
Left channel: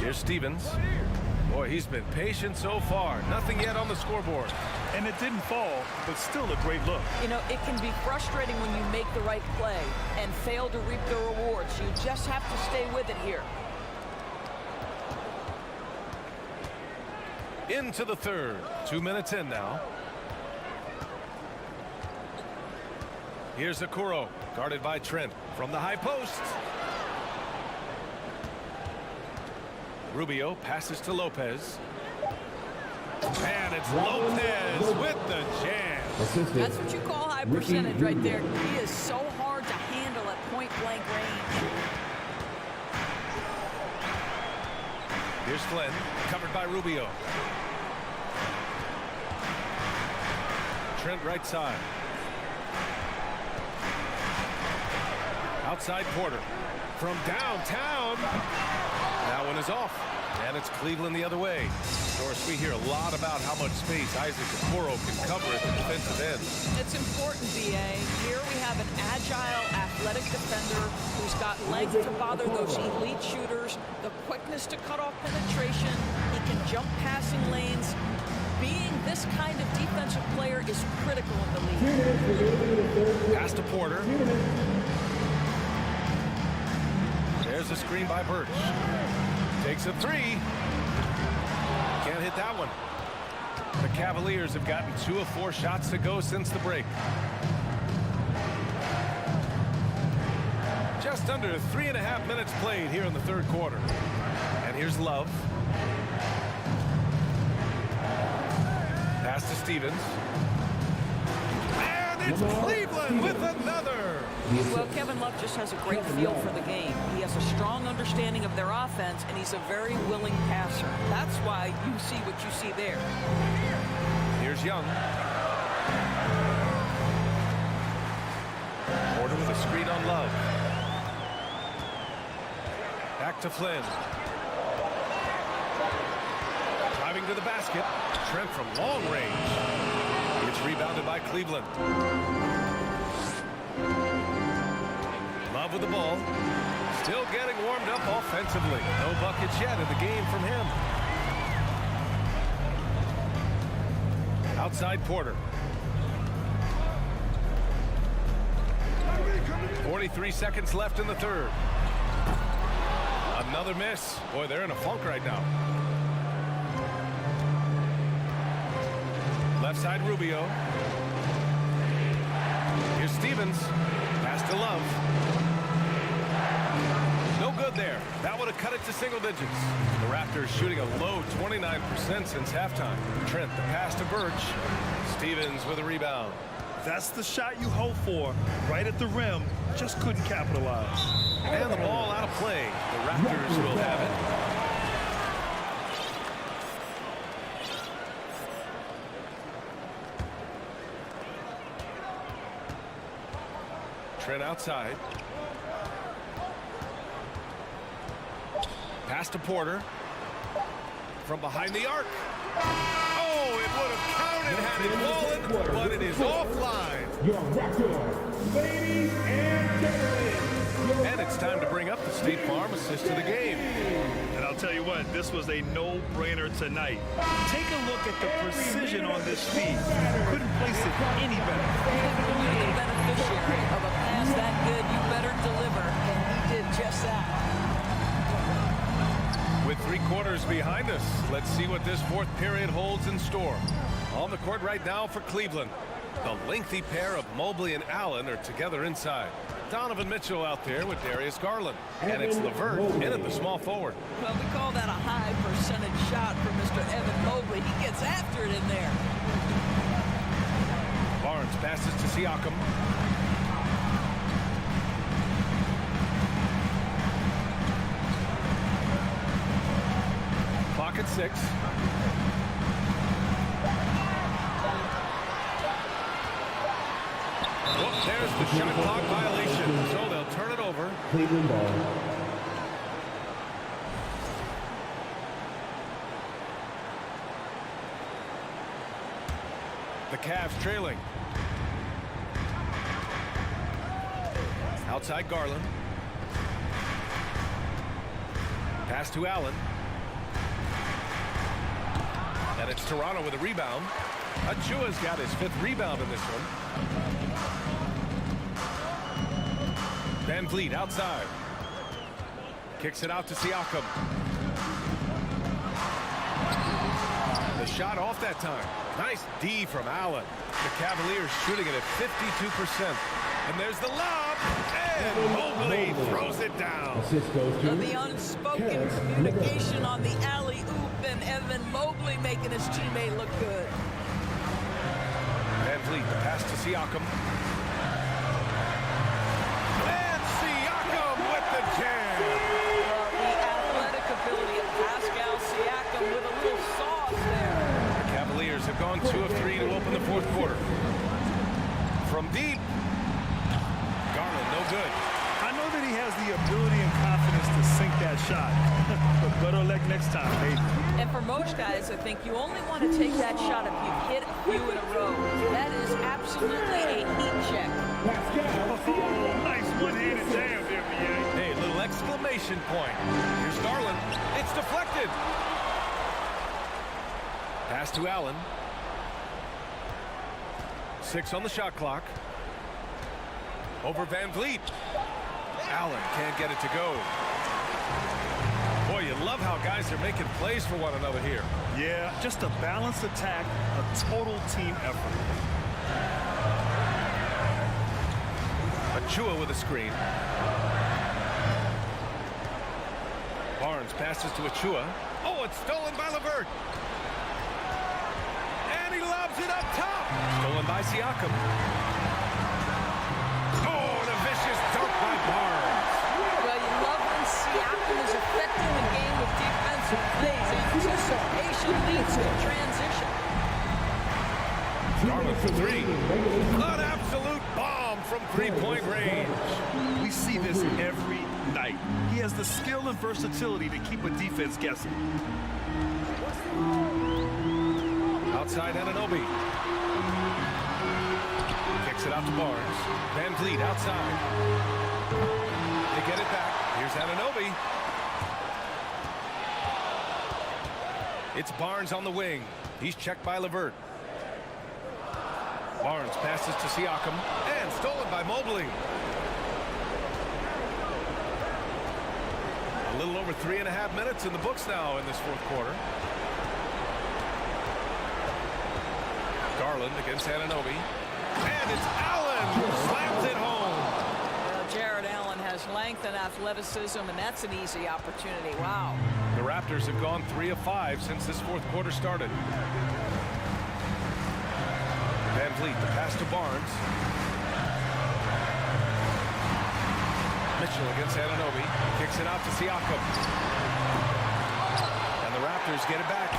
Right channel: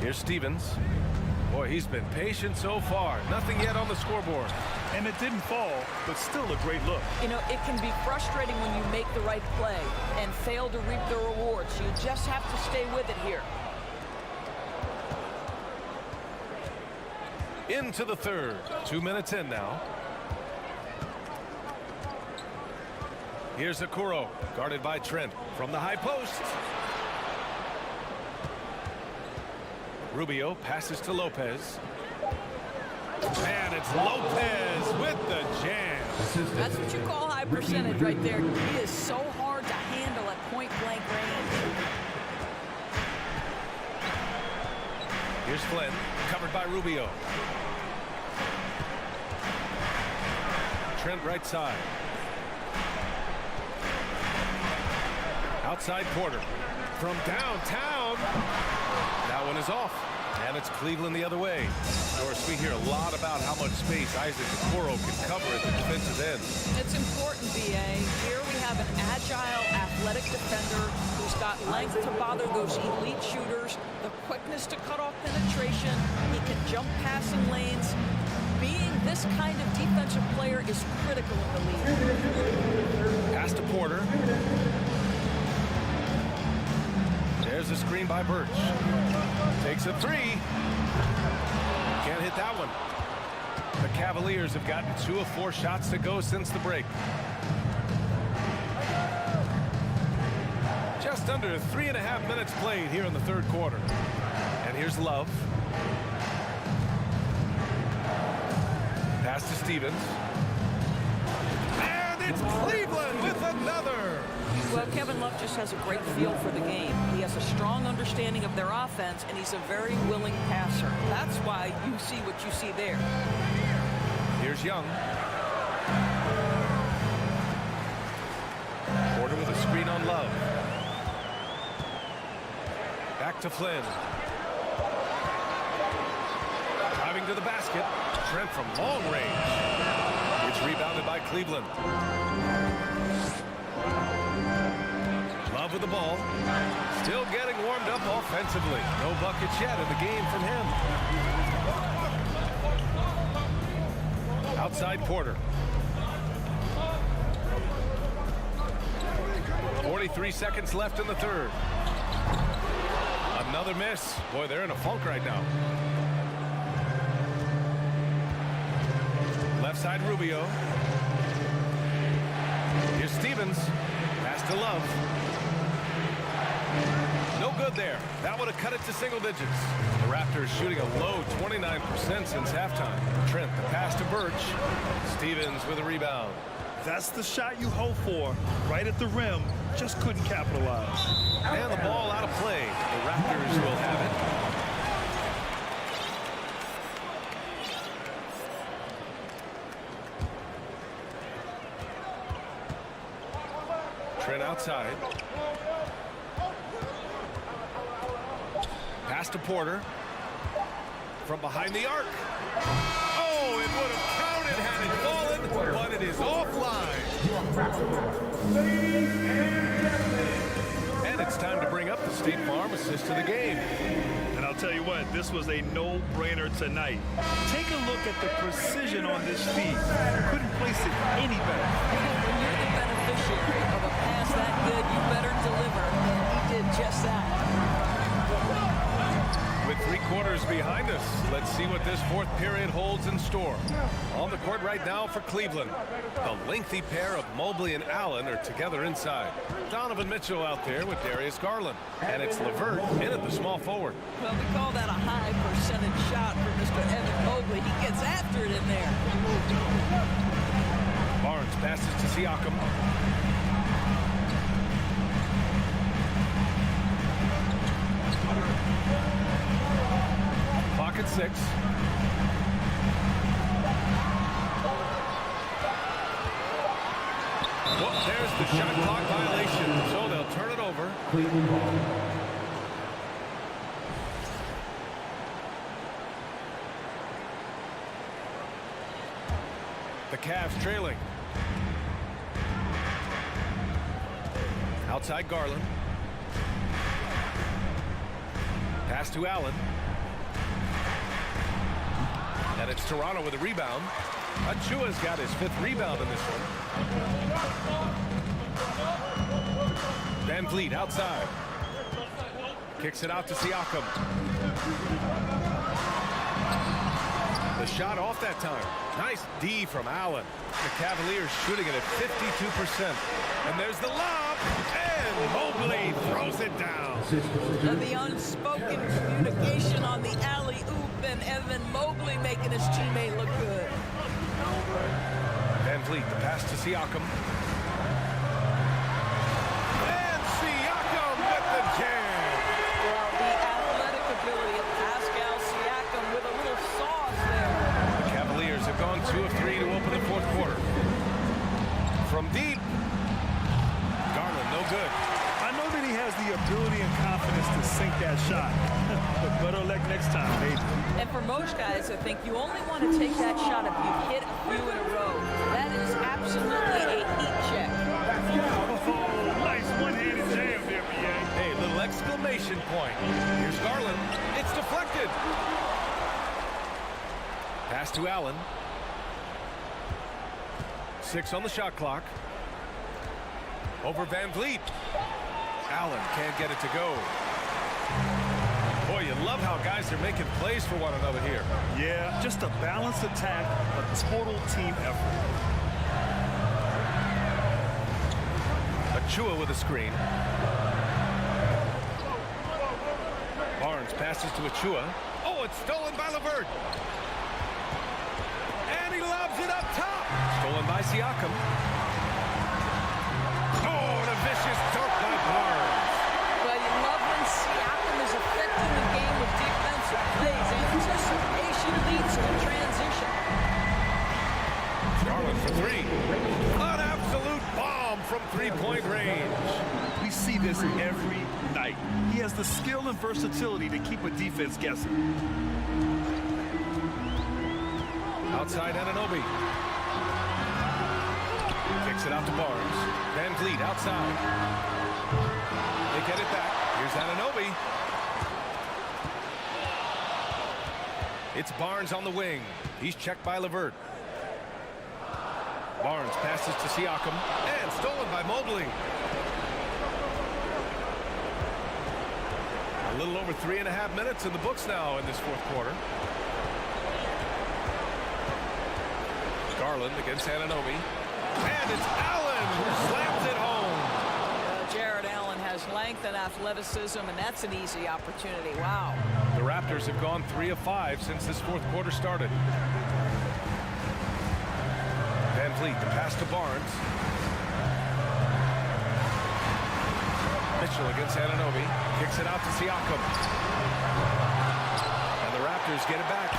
Here's Stevens. Boy, he's been patient so far. Nothing yet on the scoreboard. And it didn't fall, but still a great look. You know, it can be frustrating when you make the right play and fail to reap the rewards. You just have to stay with it here. Into the third. 2 minutes in now. Here's Okoro, guarded by Trent from the high post. Rubio passes to Lopez. And it's Lopez with the jam. That's what you call high percentage right there. He is so hard to handle at point-blank range. Here's Flynn, covered by Rubio. Trent right side. Outside Porter. From downtown. That one is off. And it's Cleveland the other way. Doris, we hear a lot about how much space Isaac Okoro can cover at the defensive end. It's important, B.A. Here we have an agile, athletic defender who's got length to bother those elite shooters, the quickness to cut off penetration. He can jump passing lanes. Being this kind of defensive player is critical in the league. Pass to Porter. There's a screen by Birch. Takes a three. Can't hit that one. The Cavaliers have gotten 2 of 4 shots to go since the break. Just under 3.5 minutes played here in the third quarter. And here's Love. Pass to Stevens. And it's Cleveland with another. Well, Kevin Love just has a great feel for the game. He has a strong understanding of their offense, and he's a very willing passer. That's why you see what you see there. Here's Young. Porter with a screen on Love. Back to Flynn. Driving to the basket. Trent from long range. It's rebounded by Cleveland. Love with the ball. Still getting warmed up offensively. No buckets yet in the game from him. Outside Porter. 43 seconds left in the third. Another miss. Boy, they're in a funk right now. Left side Rubio. Here's Stevens. Pass to Love. No good there. That would have cut it to single digits. The Raptors shooting a low 29% since halftime. Trent, the pass to Birch. Stevens with a rebound. That's the shot you hope for. Right at the rim. Just couldn't capitalize. And the ball out of play. The Raptors will have it. Trent outside. Pass to Porter. From behind the arc. Oh, it would have counted had it fallen, but it is offline. Ladies and gentlemen. And it's time to bring up the State Farm assist to the game. And I'll tell you what, this was a no-brainer tonight. Take a look at the precision on this feed. Couldn't place it any better. When you're the beneficiary of a pass that good, you better deliver, and he did just that. With 3 quarters behind us, let's see what this fourth period holds in store. On the court right now for Cleveland, the lengthy pair of Mobley and Allen are together inside. Donovan Mitchell out there with Darius Garland. And it's LeVert in at the small forward. Well, we call that a high percentage shot for Mr. Evan Mobley. He gets after it in there. Barnes passes to Siakam. Clock at 6. Whoop, there's the shot clock violation. So they'll turn it over. Cleveland ball. The Cavs trailing. Outside Garland. Pass to Allen. And it's Toronto with a rebound. Achua's got his 5th rebound in this one. Van Vliet outside. Kicks it out to Siakam. The shot off that time. Nice D from Allen. The Cavaliers shooting it at 52%. And there's the lob. And Mobley alley, throws it down. The unspoken communication on the alley-oop, and Evan Mobley making his teammate look good. Van Vliet, the pass to Siakam. And Siakam with the jam. Well, the athletic ability of Pascal Siakam with a little sauce there. The Cavaliers have gone 2 of 3 to open the fourth quarter. From deep, Garland, no good. I know that he has the ability and confidence to sink that shot, but better luck next time, maybe. And for most guys, I think you only want to take that shot if you've hit a few in a row. That is absolutely a heat check. Oh, nice one-handed jam there, BA. Hey, little exclamation point. Here's Garland. It's deflected. Pass to Allen. 6 on the shot clock. Over Van Vliet. Allen can't get it to go. Boy, you love how guys are making plays for one another here. Yeah, just a balanced attack, a total team effort. Achua with a screen. Barnes passes to Achua. Oh, it's stolen by LeVert. And he lobs it up top. Stolen by Siakam. Oh, and a vicious dunk by Barnes. Well, you love when Siakam is affecting the game with defensive plays. Anticipation leads to transition. Garland for 3. An absolute bomb from three-point range. We see this every night. He has the skill and versatility to keep a defense guessing. Outside Anunoby. Kicks it out to Barnes. Van Vliet outside. They get it back. Here's Anunoby. It's Barnes on the wing. He's checked by LeVert. Barnes passes to Siakam. And stolen by Mobley. A little over 3.5 minutes in the books now in this fourth quarter. Garland against Anunoby. And it's Allen who slams it home. Well, Jared Allen has length and athleticism, and that's an easy opportunity. Wow. The Raptors have gone 3 of 5 since this fourth quarter started. Van Vliet, the pass to Barnes. Mitchell against Anunoby. Kicks it out to Siakam. And the Raptors get it back.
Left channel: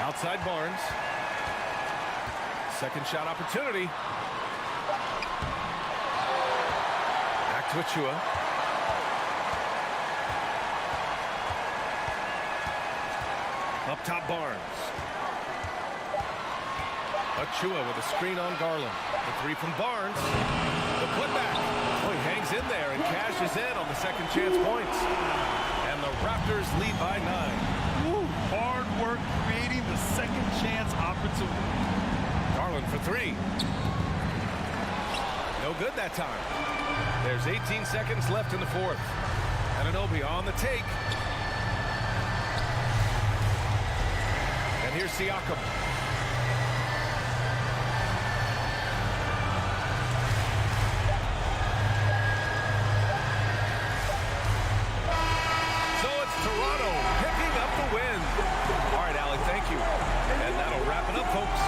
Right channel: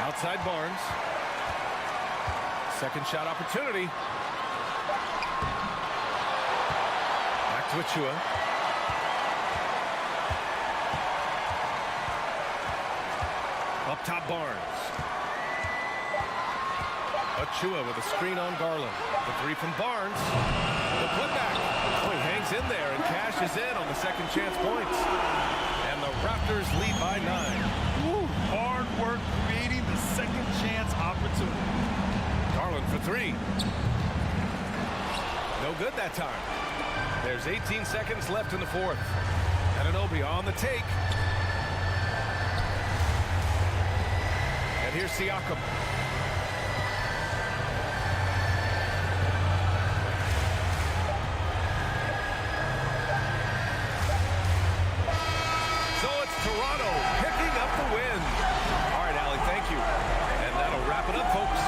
Outside Barnes. Second shot opportunity. Back to Achua. Up top Barnes. Achua with a screen on Garland. The 3 from Barnes. The putback. Oh, he hangs in there and cashes in on the second chance points. And the Raptors lead by 9. Woo, hard work creating the second chance opportunity. Garland for 3. No good that time. There's 18 seconds left in the fourth. Anunoby on the take. And here's Siakam. So it's Toronto picking up the win. All right, Allie, thank you. And that'll wrap it up, folks.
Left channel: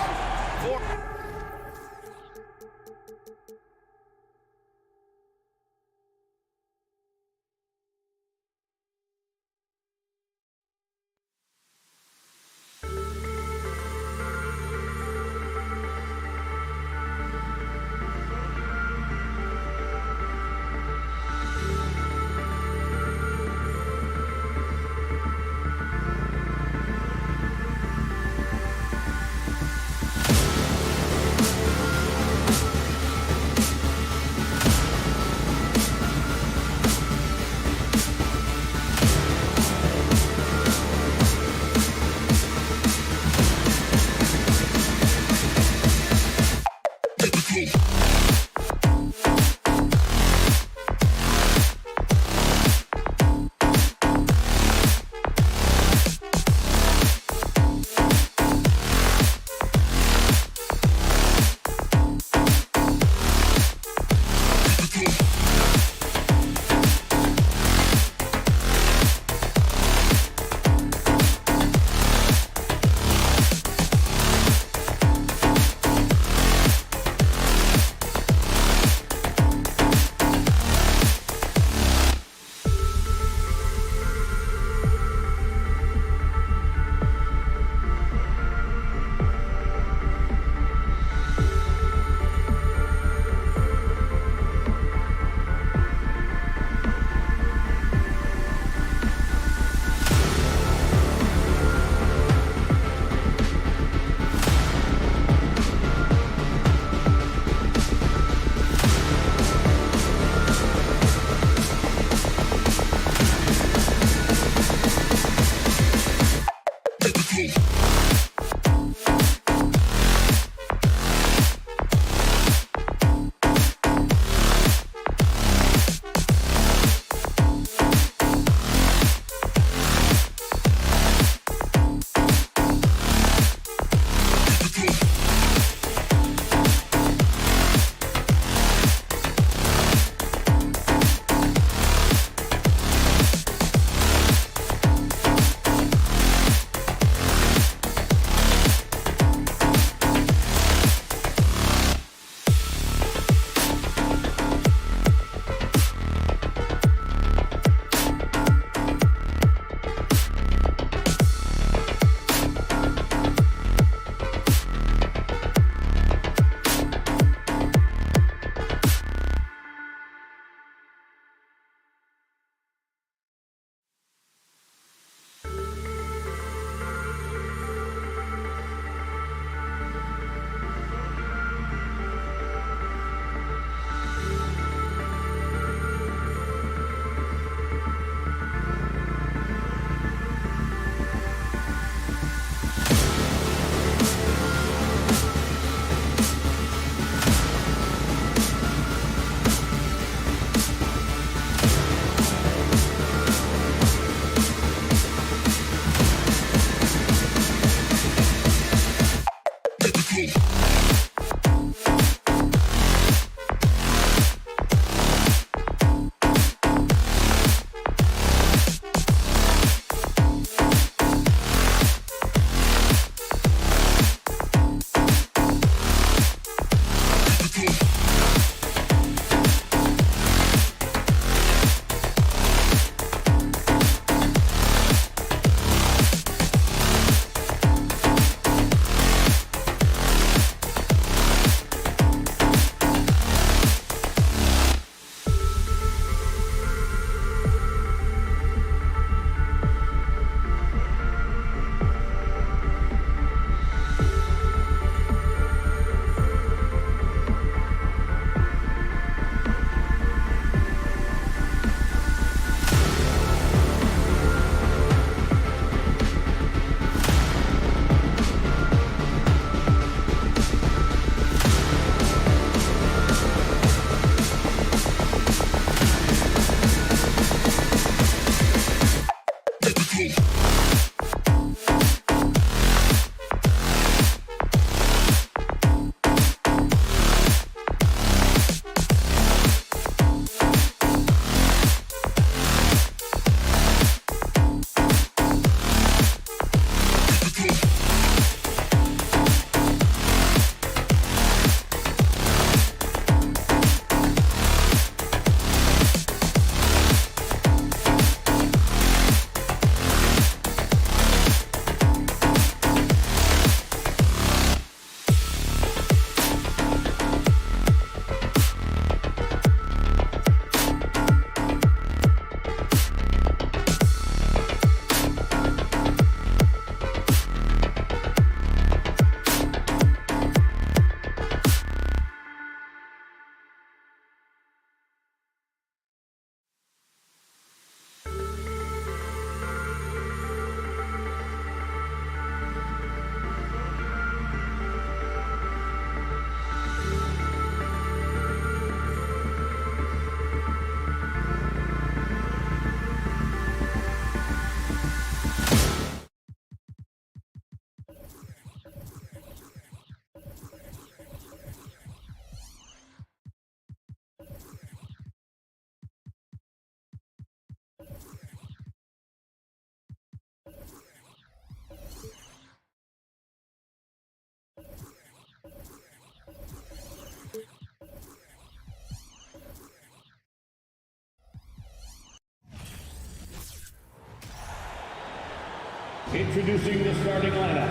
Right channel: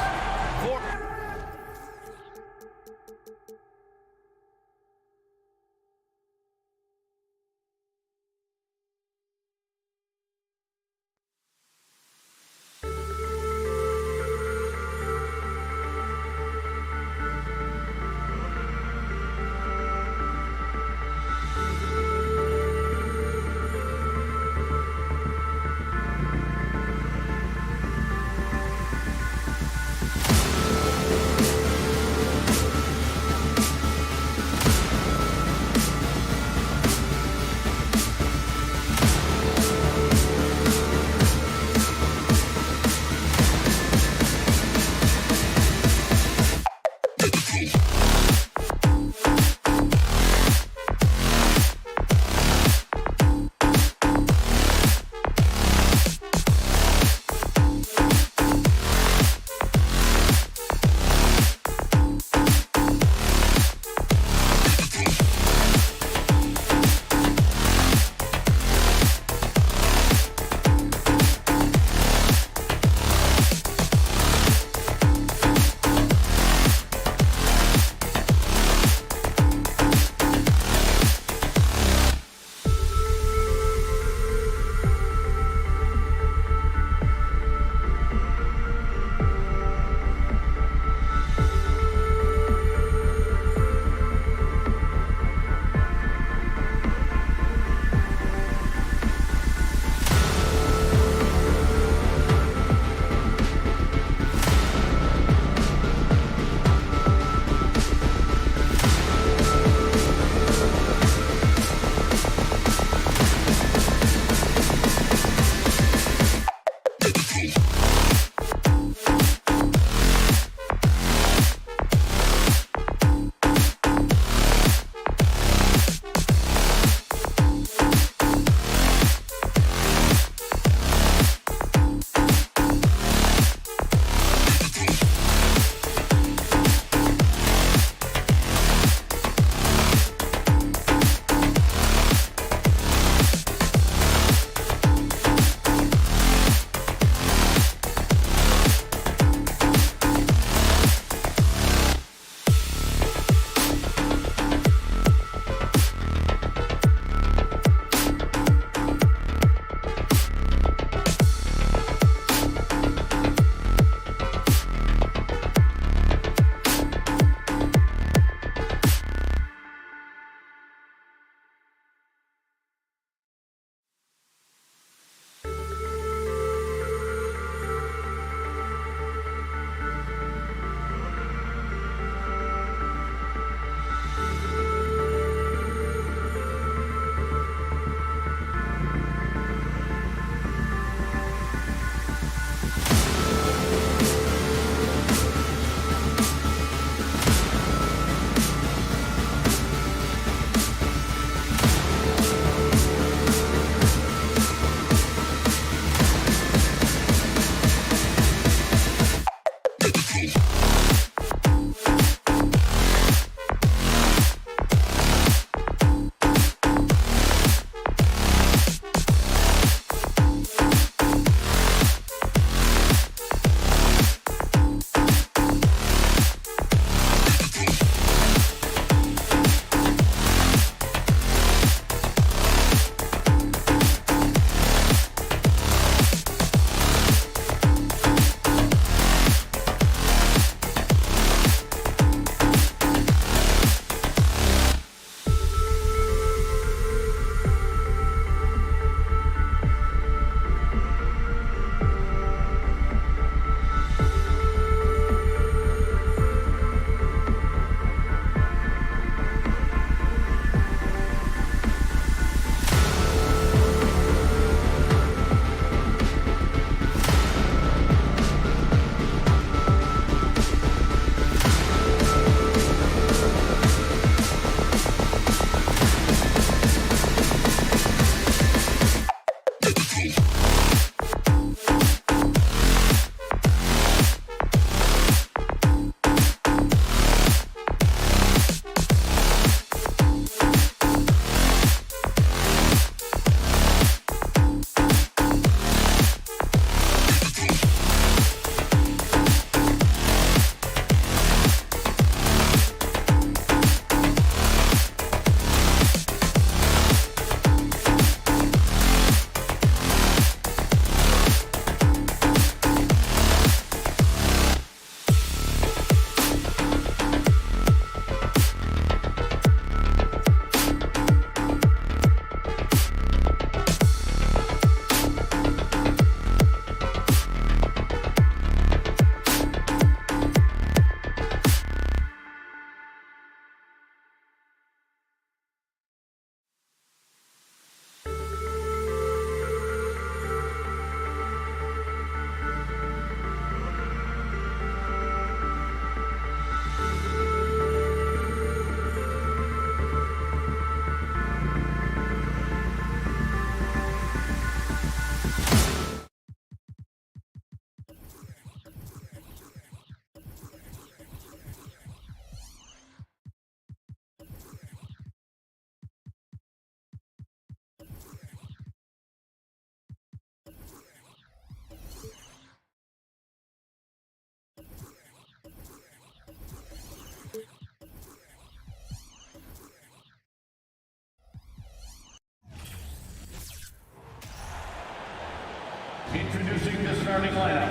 Introducing the starting lineup.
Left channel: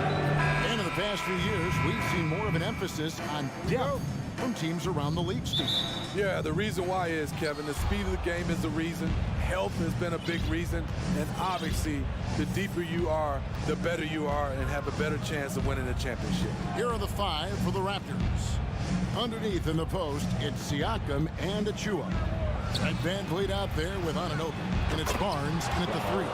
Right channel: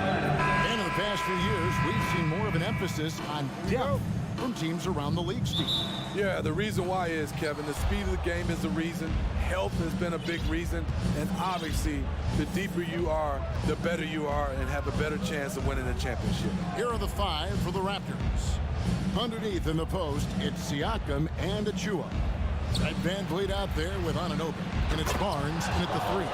And in the past few years, we've seen more of an emphasis on depth from teams around the league, Steve. Yeah, the reason why is, Kevin, the speed of the game is the reason. Health has been a big reason. And obviously, the deeper you are, the better you are and have a better chance of winning a championship. Here are the 5 for the Raptors. Underneath in the post, it's Siakam and Achua. Got Van Vliet out there with Anunoby. And it's Barnes in at the 3.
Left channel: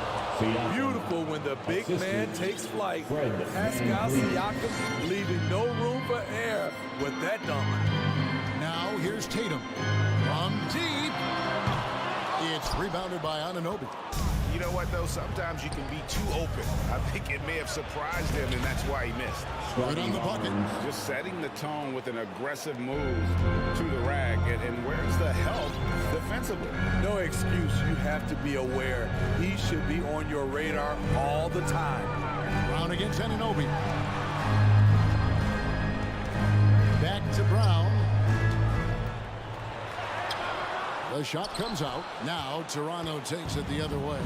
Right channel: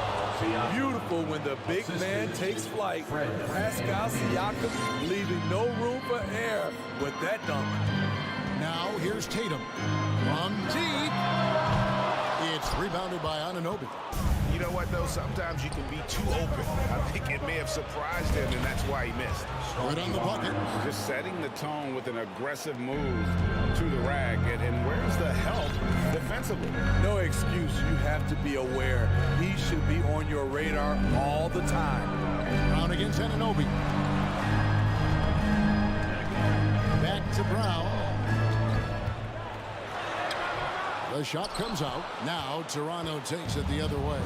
Beautiful when the big man takes flight. Pascal Siakam leaving no room for error with that dunk. Now here's Tatum. From deep. It's rebounded by Anunoby. You know what, though? Sometimes you can be too open. I think it may have surprised him, and that's why he missed. Right on the bucket. Just setting the tone with an aggressive move to the rack. And where's the help defensively? No excuse. You have to be aware. He should be on your radar all the time. Brown against Anunoby. Back to Brown. The shot comes out. Now Toronto takes it the other way.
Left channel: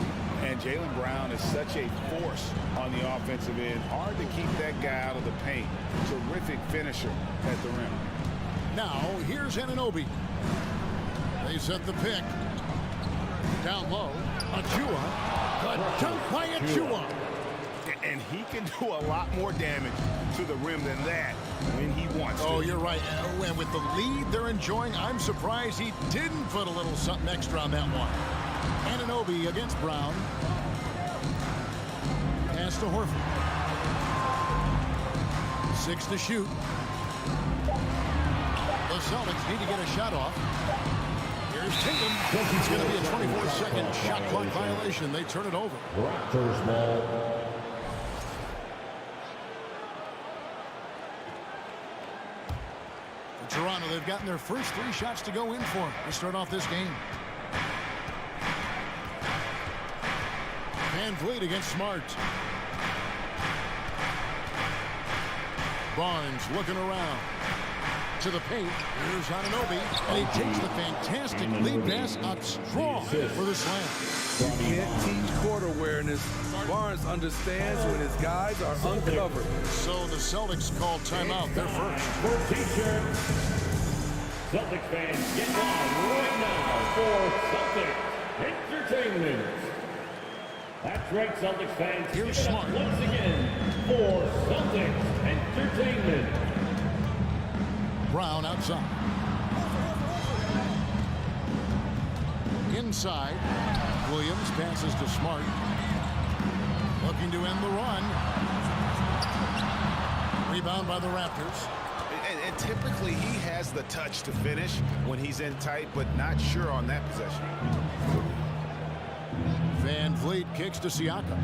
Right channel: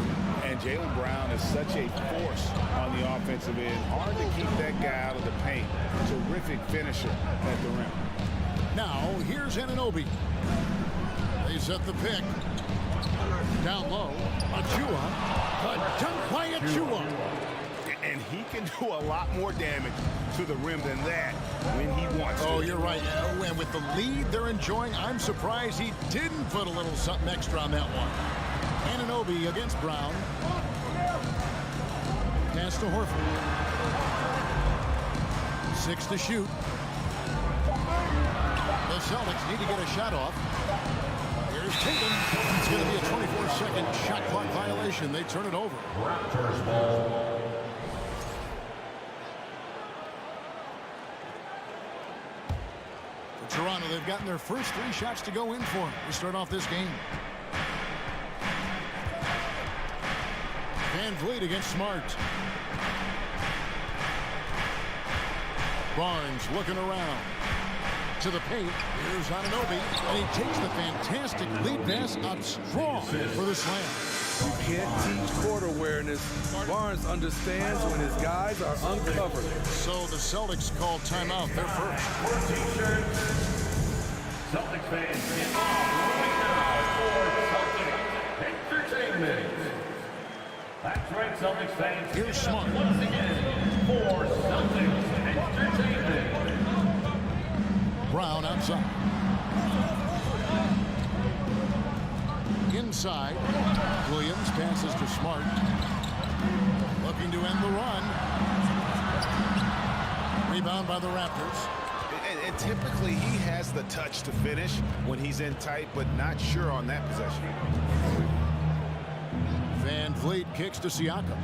And Jaylen Brown is such a force on the offensive end. Hard to keep that guy out of the paint. Terrific finisher at the rim. Now here's Anunoby. They set the pick. Down low. Achua. The dunk by Achua. And he can do a lot more damage to the rim than that when he wants to. Oh, you're right. And with the lead they're enjoying, I'm surprised he didn't put a little something extra on that one. Anunoby against Brown. Pass to Horford. 6 to shoot. The Celtics need to get a shot off. Here's Tatum. It's going to be a 24-second shot clock violation. They turn it over. Raptors ball. Toronto, they've gotten their first 3 shots to go in for to start off this game. Van Vliet against Smart. Barnes looking around. To the paint. Here's Anunoby. And he takes the fantastic lead pass up strong for the slam. You can't teach court awareness. Barnes understands when his guys are uncovered. So the Celtics call timeout. They're first. For t-shirts, Celtics fans, get on right now for Celtics Entertainment. That's right, Celtics fans. Here's Smart. Once again for Celtics Entertainment. Brown outside. Inside. Williams passes to Smart. Looking to end the run. Rebound by the Raptors. And typically he has the touch to finish when he's in tight, but not sure on that possession. Van Vliet kicks to Siakam.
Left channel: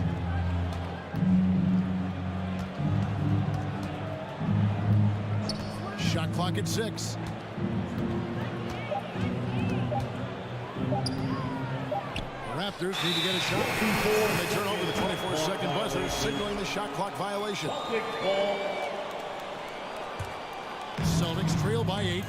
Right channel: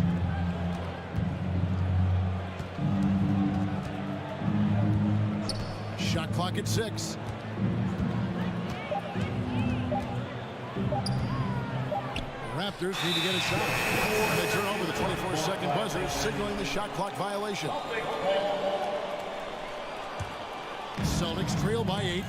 Shot clock at 6. Raptors need to get a shot. And they turn over the 24-second buzzer, signaling the shot clock violation. Celtics trail by 8.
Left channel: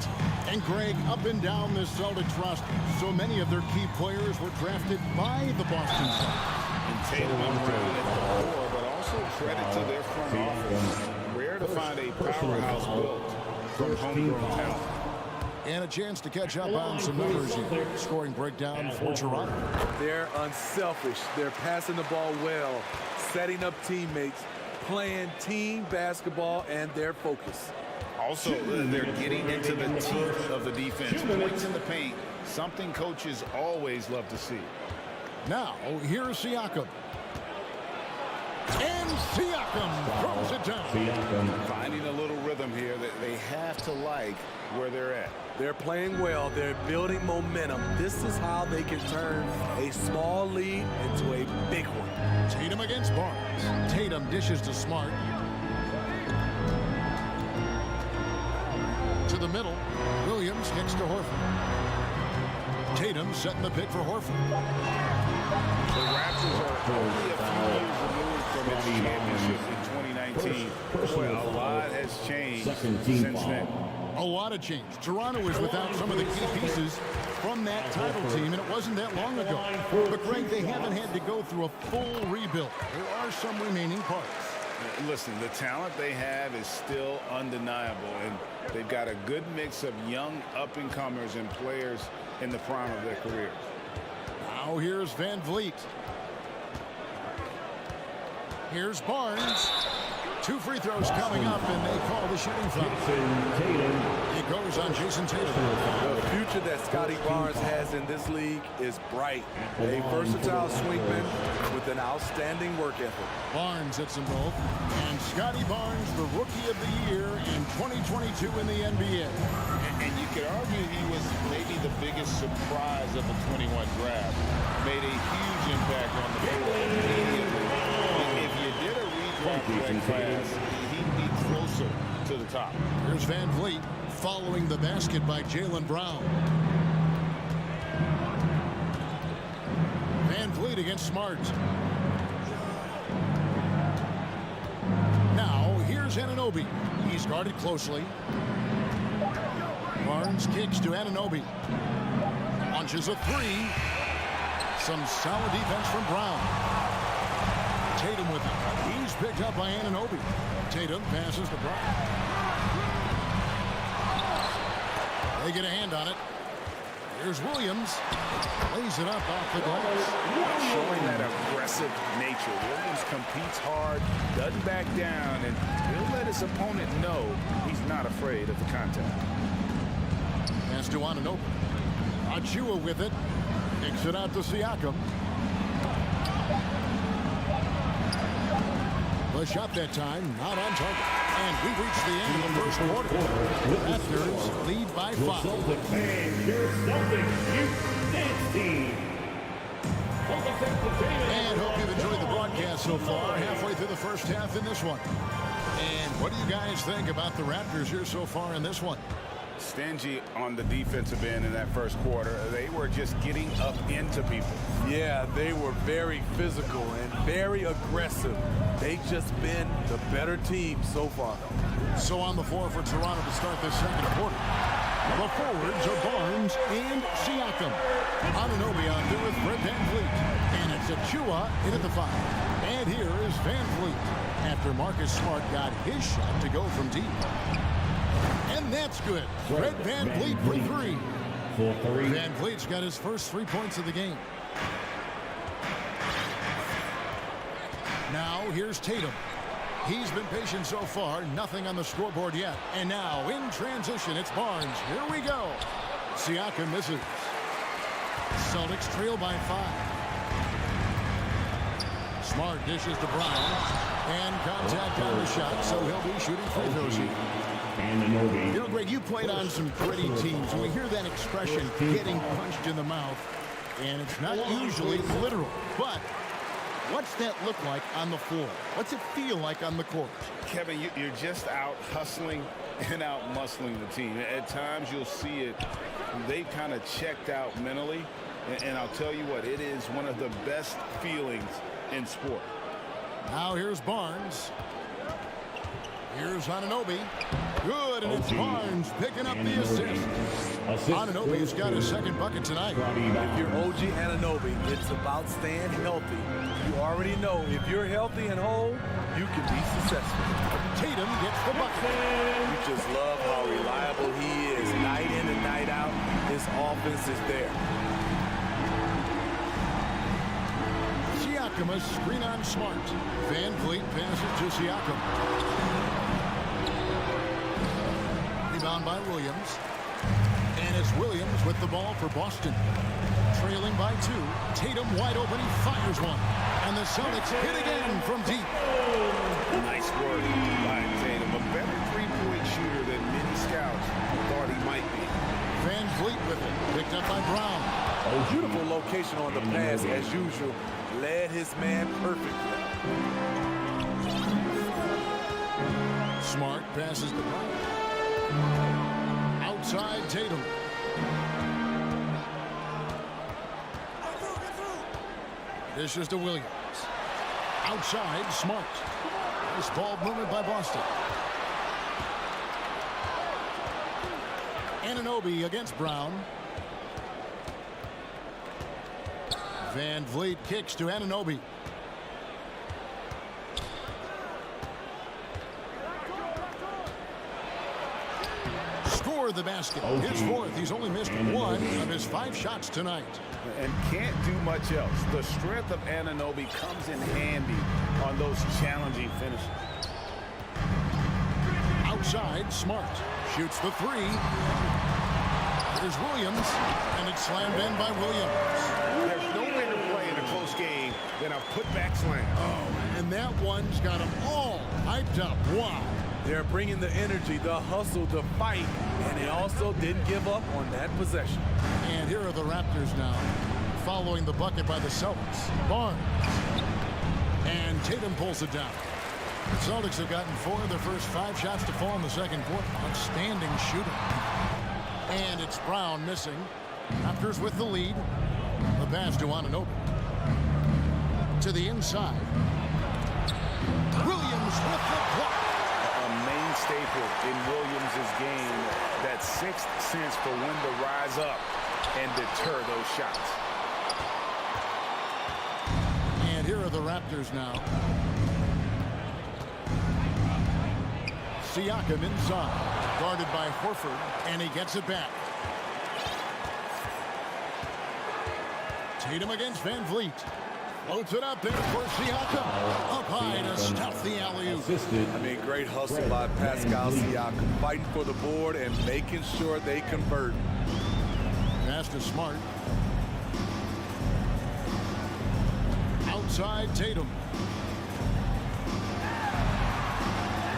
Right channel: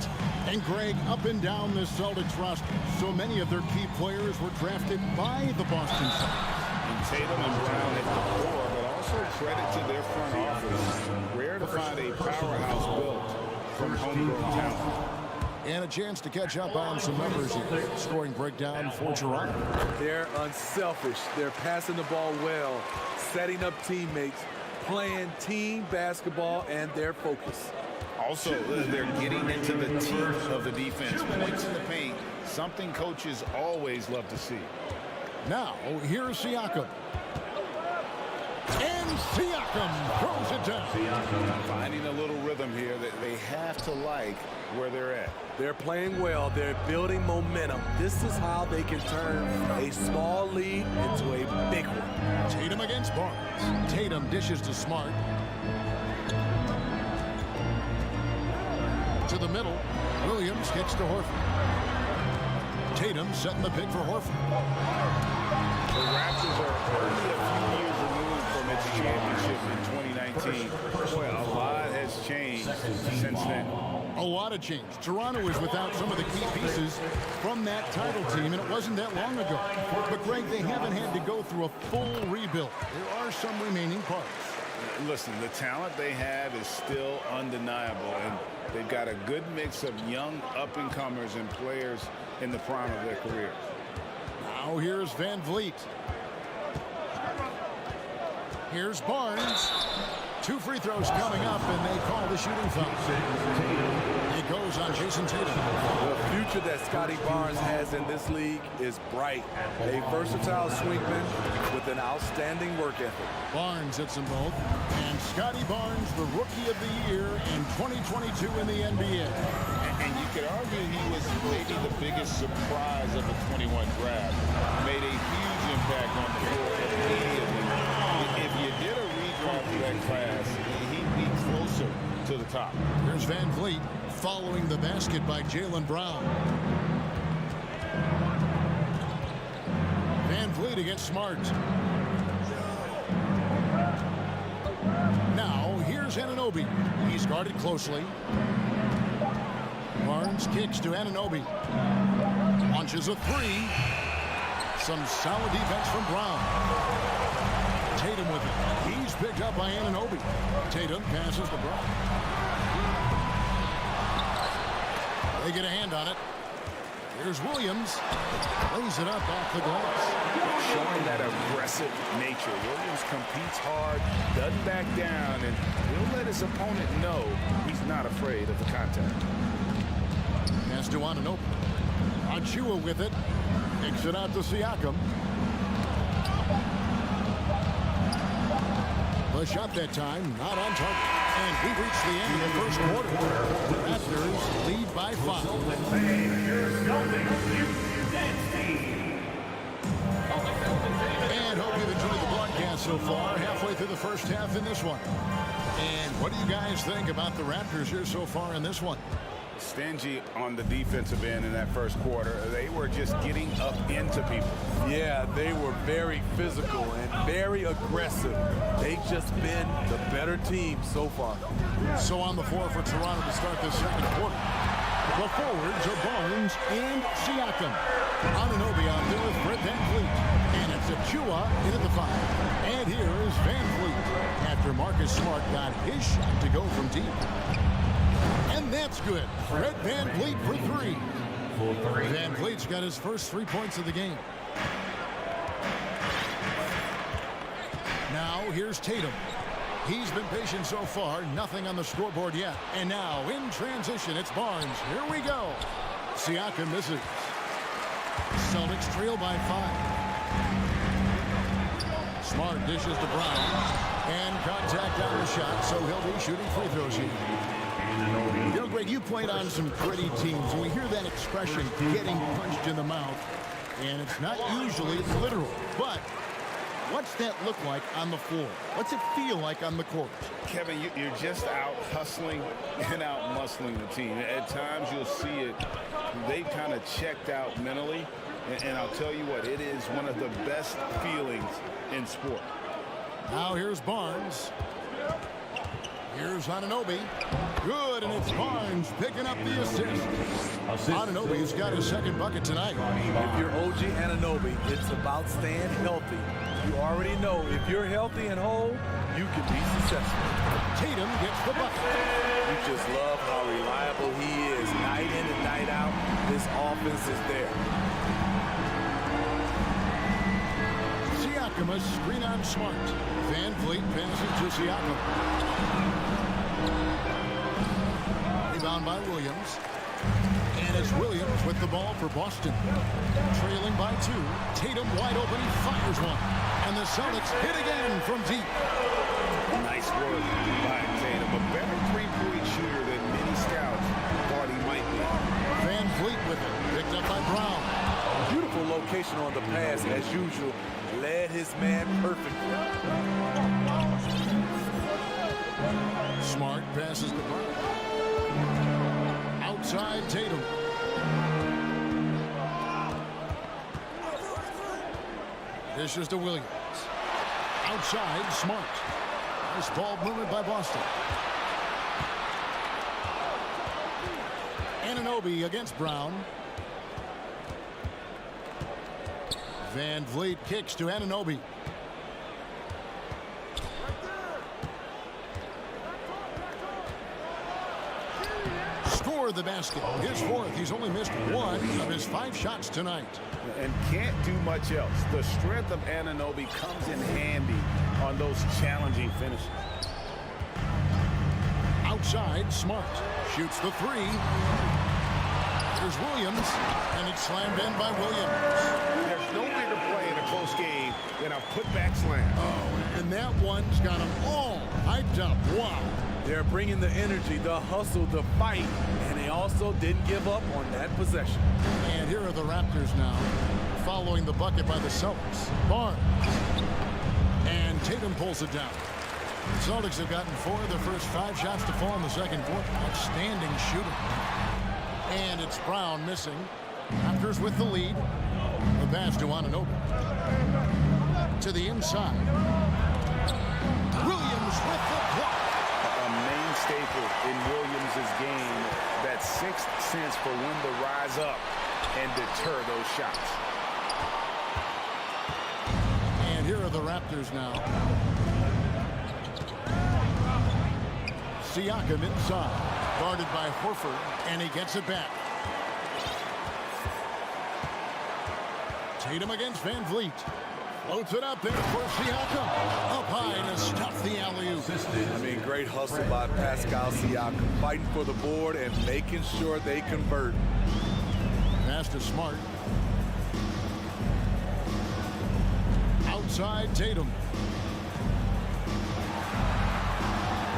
And Greg, up and down the Celtics roster, so many of their key players were drafted by the Boston Celtics. And Tatum and Brown at the core, but also credit to their front office. Rare to find a powerhouse built from homegrown talent. And a chance to catch up on some numbers here. Scoring breakdown for Toronto. They're unselfish. They're passing the ball well, setting up teammates, playing team basketball, and their focus. Also, they're getting into the teeth of the defense. Points in the paint, something coaches always love to see. Now, here's Siakam. And Siakam throws it down. Finding a little rhythm here that they have to like where they're at. They're playing well. They're building momentum. This is how they can turn a small lead into a big one. Tatum against Barnes. Tatum dishes to Smart. To the middle. Williams kicks to Horford. Tatum setting the pick for Horford. The Raptors are only a few years removed from its championship in 2019. Boy, a lot has changed since then. A lot of change. Toronto is without some of the key pieces from that title team, and it wasn't that long ago. But, Greg, they haven't had to go through a full rebuild. There are some remaining parts. Listen, the talent they have is still undeniable, and they've got a good mix of young up-and-comers and players in the prime of their career. Now here's Van Vliet. Here's Barnes. 2 free throws coming up, and they call the shooting foul. It goes on Jason Tatum. The future that Scotty Barnes has in this league is bright. A versatile swingman with an outstanding work ethic. Barnes hits them both. And Scotty Barnes, the Rookie of the Year in 2022 in the NBA. And you could argue he was maybe the biggest surprise of the 21 draft. Made a huge impact on the floor immediately. If you did a redraft of that class, he'd be closer to the top. Here's Van Vliet following the basket by Jaylen Brown. Van Vliet against Smart. Now here's Anunoby. He's guarded closely. Barnes kicks to Anunoby. Launches a 3. Some solid defense from Brown. Tatum with it. He's picked up by Anunoby. Tatum passes to Brown. They get a hand on it. Here's Williams. Lays it up off the glass. Showing that aggressive nature. Williams competes hard, doesn't back down, and he'll let his opponent know he's not afraid of the contact. Pass to Anunoby. Achua with it. Kicks it out to Siakam. The shot that time, not on target. And we've reached the end of the first quarter. The Raptors lead by 5. And hope you've enjoyed the broadcast so far. Halfway through the first half in this one. And what do you guys think about the Raptors here so far in this one? Stingy on the defensive end in that first quarter. They were just getting up into people. Yeah, they were very physical and very aggressive. They've just been the better team so far. So on the floor for Toronto to start this second quarter. The forwards are Barnes and Siakam. Anunoby out there with Fred Van Vliet. And it's Achua in at the 5. And here is Van Vliet after Marcus Smart got his shot to go from deep. And that's good. Fred Van Vliet for 3. Van Vliet's got his first 3 points of the game. Now here's Tatum. He's been patient so far. Nothing on the scoreboard yet. And now in transition, it's Barnes. Here we go. Siakam misses. Celtics trail by 5. Smart dishes to Brown. And contact on the shot, so he'll be shooting free throws here. You know, Greg, you played on some gritty teams, and we hear that expression, getting punched in the mouth, and it's not usually literal. But what's that look like on the floor? What's it feel like on the court? Kevin, you're just out hustling and out muscling the team. At times you'll see it. They've kind of checked out mentally, and I'll tell you what, it is one of the best feelings in sport. Now here's Barnes. Here's Anunoby. Good, and it's Barnes picking up the assist. Anunoby's got his second bucket tonight. If you're OG Anunoby, it's about staying healthy. You already know if you're healthy and whole, you can be successful. Tatum gets the bucket. You just love how reliable he is. Night in and night out, his offense is there. Siakam, a screen on Smart. Van Vliet passes to Siakam. Rebound by Williams. And it's Williams with the ball for Boston. Trailing by 2. Tatum wide open. He fires one. And the Celtics hit again from deep. Nice work by Tatum. A better three-point shooter than many scouts thought he might be. Van Vliet with it. Picked up by Brown. A beautiful location on the pass as usual. Led his man perfectly. Smart passes to Brown. Outside Tatum. This is to Williams. Outside Smart. Nice ball movement by Boston. Anunoby against Brown. Van Vliet kicks to Anunoby. Score the basket. His fourth. He's only missed one of his 5 shots tonight. And can't do much else. The strength of Anunoby comes in handy on those challenging finishes. Outside, Smart shoots the 3. Here's Williams, and it's slammed in by Williams. There's no bigger play in a close game than a putback slam. Oh, and that one's got them all hyped up. Wow. They're bringing the energy, the hustle, the fight, and they also didn't give up on that possession. And here are the Raptors now, following the bucket by the Celtics. Barnes. And Tatum pulls it down. The Celtics have gotten 4 of their first 5 shots to fall in the second quarter. Outstanding shooting. And it's Brown missing. Raptors with the lead. The pass to Anunoby. To the inside. Williams with the block. A main staple in Williams' game, that 6th sense for when to rise up and deter those shots. And here are the Raptors now. Siakam inside, guarded by Horford, and he gets it back. Tatum against Van Vliet. Floats it up there for Siakam. Up high to stuff the alley-oop. I mean, great hustle by Pascal Siakam, fighting for the board and making sure they convert. Pass to Smart. Outside, Tatum.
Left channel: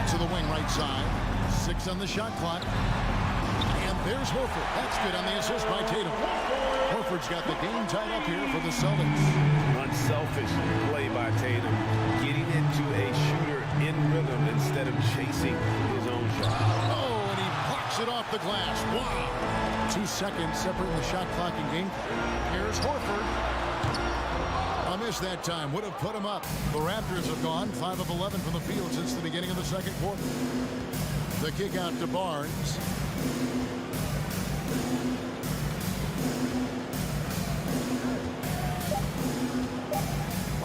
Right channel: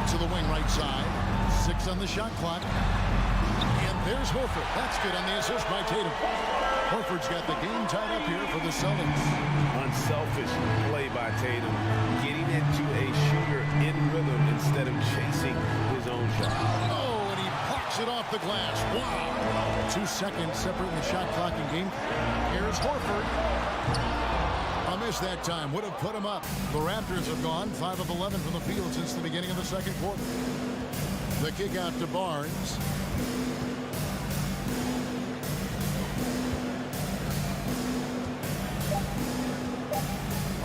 To the wing right side. 6 on the shot clock. And there's Horford. That's good on the assist by Tatum. Horford's got the game tied up here for the Celtics. Unselfish play by Tatum, getting into a shooter in rhythm instead of chasing his own shot. Oh, and he blocks it off the glass. Wow. 2 seconds separating the shot clock and game. Here's Horford. A miss that time would have put him up. The Raptors have gone 5 of 11 from the field since the beginning of the second quarter. The kick out to Barnes.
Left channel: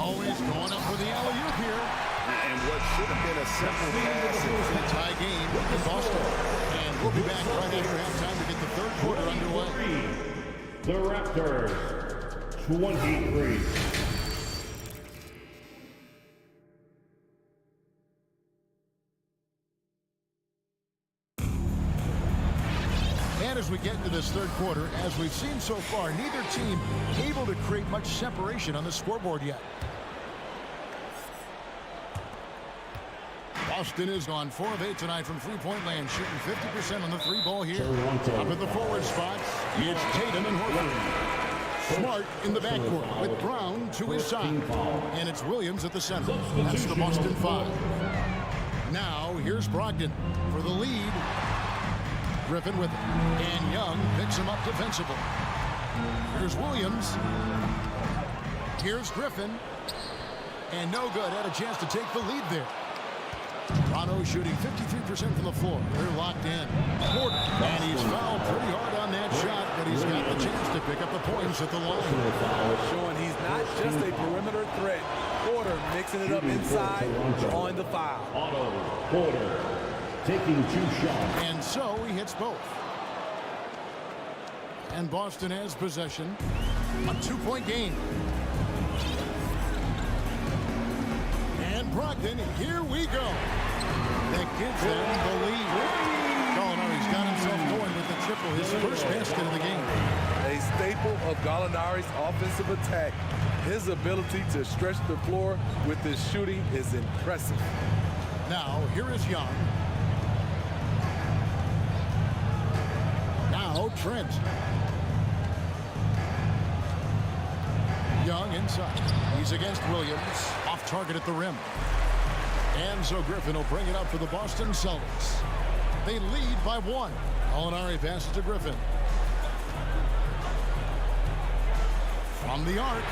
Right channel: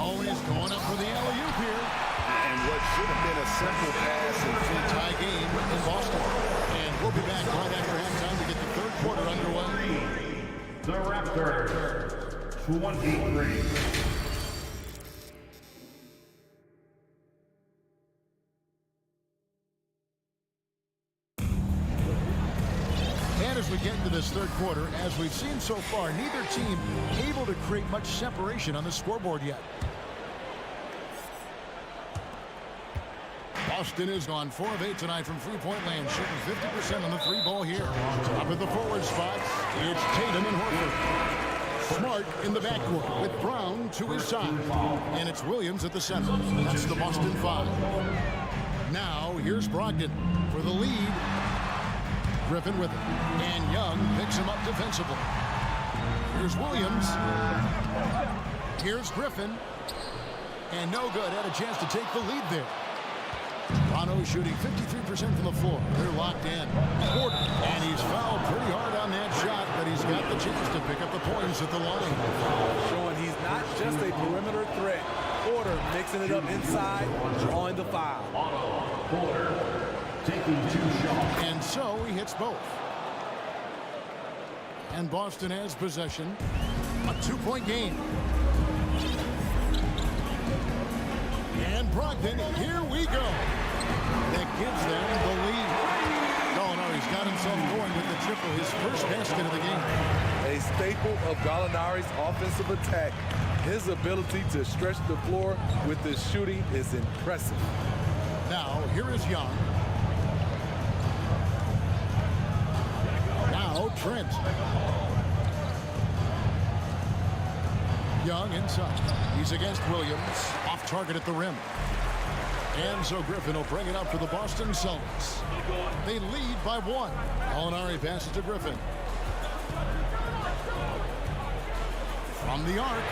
Oh, and he's going up for the alley-oop here. And what should have been a simple pass and tie game in Boston. And we'll be back right after halftime to get the third quarter underway. The Raptors, 23. And as we get into this third quarter, as we've seen so far, neither team able to create much separation on the scoreboard yet. Boston is on 4 of 8 tonight from three-point land, shooting 50% on the 3-ball here. Up at the forward spots, it's Tatum and Horford. Smart in the backcourt with Brown to his side. And it's Williams at the center. That's the Boston 5. Now, here's Brogdon for the lead. Griffin with it. And Young picks him up defensively. Here's Williams. Here's Griffin. And no good. Had a chance to take the lead there. Toronto shooting 53% from the floor. They're locked in. Porter. And he's fouled pretty hard on that shot, but he's got the chance to pick up the points at the line. Showing he's not just a perimeter threat. Porter mixing it up inside, drawing the foul. Porter taking 2 shots. And so he hits both. And Boston has possession. A 2-point game. And Brogdon, here we go. That gives them the lead. Gallinari's got himself going with the triple, his first basket of the game. A staple of Gallinari's offensive attack. His ability to stretch the floor with his shooting is impressive. Now, here is Young. Now, Trent. Young inside. He's against Williams. Off target at the rim. And so Griffin will bring it up for the Boston Celtics. They lead by 1. Gallinari passes to Griffin. From the arc.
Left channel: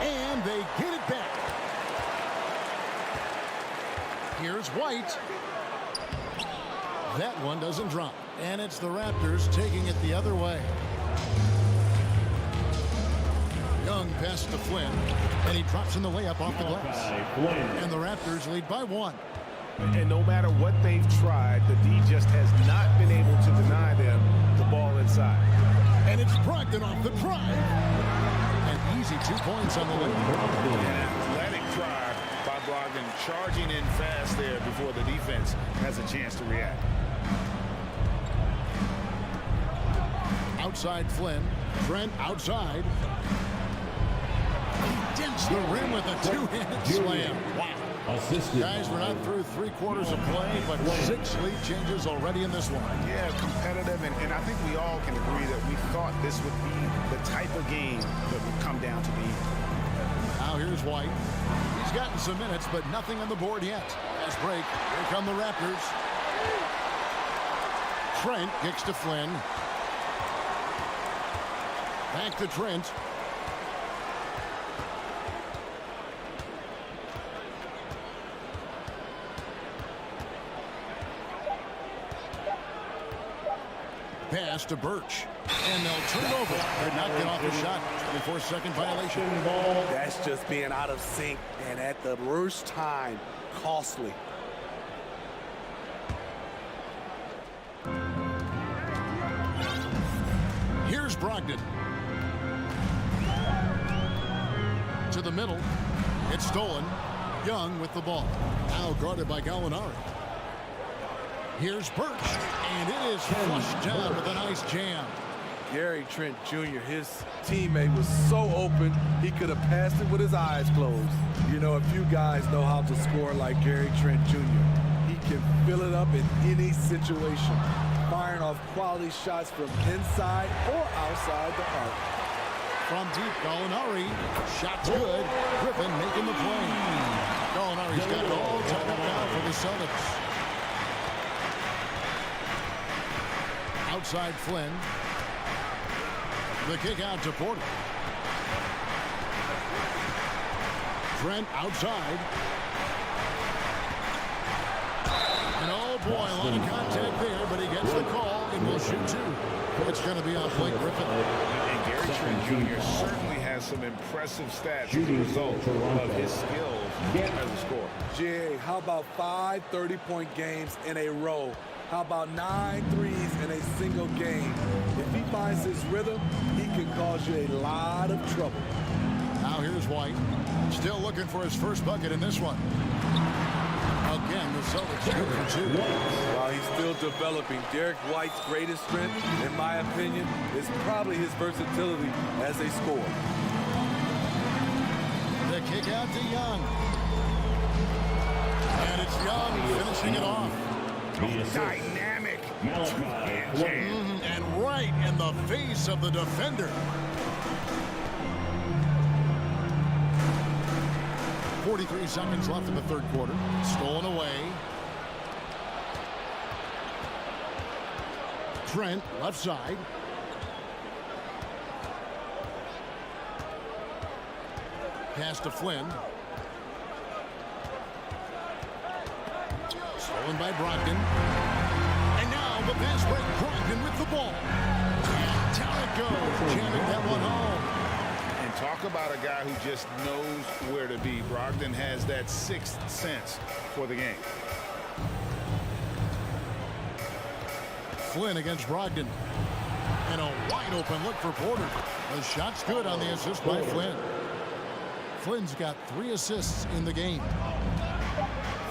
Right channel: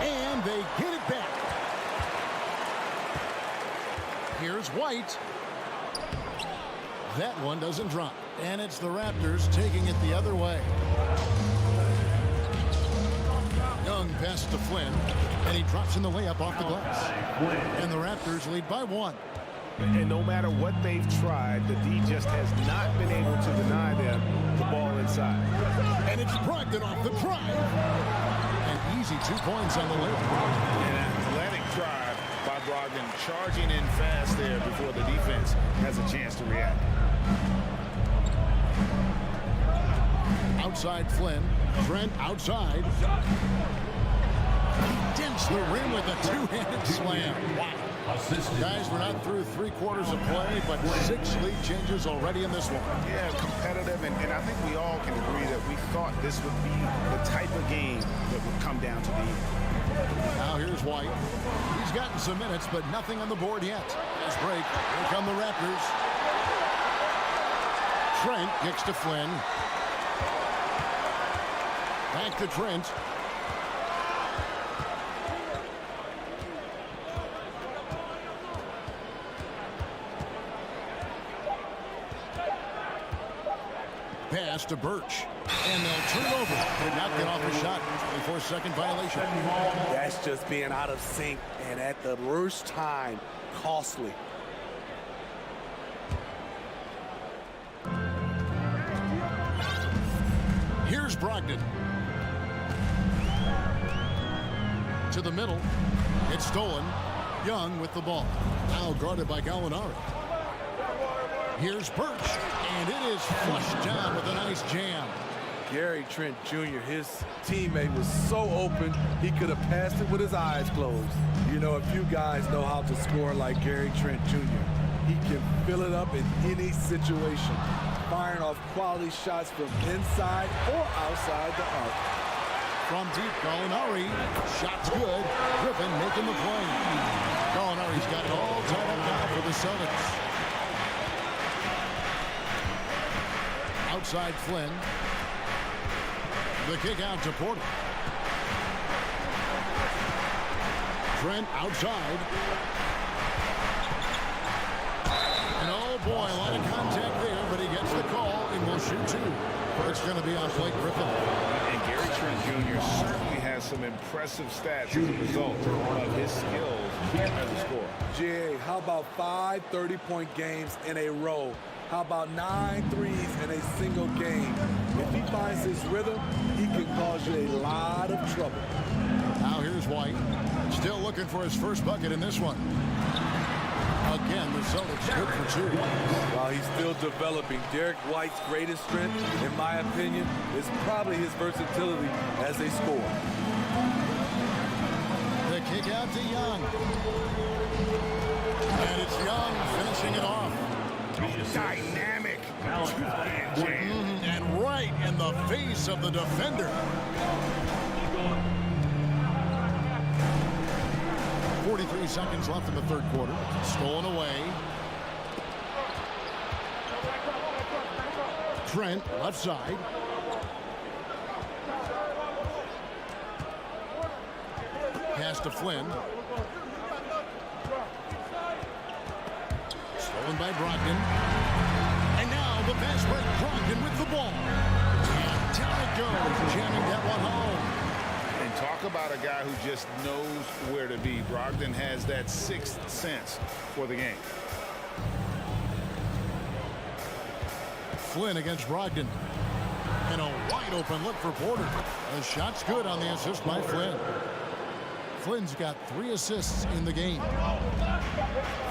And they get it back. Here's White. That one doesn't drop. And it's the Raptors taking it the other way. Young passes to Flynn, and he drops in the layup off the glass. And the Raptors lead by 1. And no matter what they've tried, the D just has not been able to deny them the ball inside. And it's Brogdon off the drive. And easy 2 points on the layup. An athletic drive by Brogdon, charging in fast there before the defense has a chance to react. Outside Flynn. Trent outside. He dents the rim with a 2-handed slam. Wow. Guys, we're not through 3/4 of play, but 6 lead changes already in this one. Yeah, competitive, and I think we all can agree that we thought this would be the type of game that would come down to the end. Now here's White. He's gotten some minutes, but nothing on the board yet. Fast break. Here come the Raptors. Trent kicks to Flynn. Back to Trent. Pass to Birch. And they'll turn it over. Did not get off the shot. 24-second violation. That's just being out of sync, and at the worst time, costly. Here's Brogdon. To the middle. It's stolen. Young with the ball. Now guarded by Gallinari. Here's Birch. And it is flushed down with a nice jam. Gary Trent Jr., his teammate was so open, he could have passed it with his eyes closed. You know, a few guys know how to score like Gary Trent Jr. He can fill it up in any situation, firing off quality shots from inside or outside the arc. From deep, Gallinari. Shot's good. Griffin making the play. Gallinari's got it all tied up now for the Celtics. Outside Flynn. The kick out to Porter. Trent outside. And oh boy, a lot of contact there, but he gets the call and will shoot 2. It's going to be on Blake Griffin. And Gary Trent Jr. certainly has some impressive stats as a result of his skills as a scorer. Jay, how about 5 30-point games in a row? How about 9 threes in a single game? If he finds his rhythm, he can cause you a lot of trouble. Now here's White. Still looking for his first bucket in this one. Again, the Celtics good for 2. While he's still developing, Derek White's greatest strength, in my opinion, is probably his versatility as a scorer. The kick out to Young. And it's Young finishing it off. Dynamic two-hand jam. And right in the face of the defender. 43 seconds left in the third quarter. Stolen away. Trent, left side. Pass to Flynn. Stolen by Brogdon. And now the fast break. Brogdon with the ball. And down it goes. Jamming that one home. And talk about a guy who just knows where to be. Brogdon has that 6th sense for the game. Flynn against Brogdon. And a wide open look for Porter. The shot's good on the assist by Flynn. Flynn's got 3 assists in the game.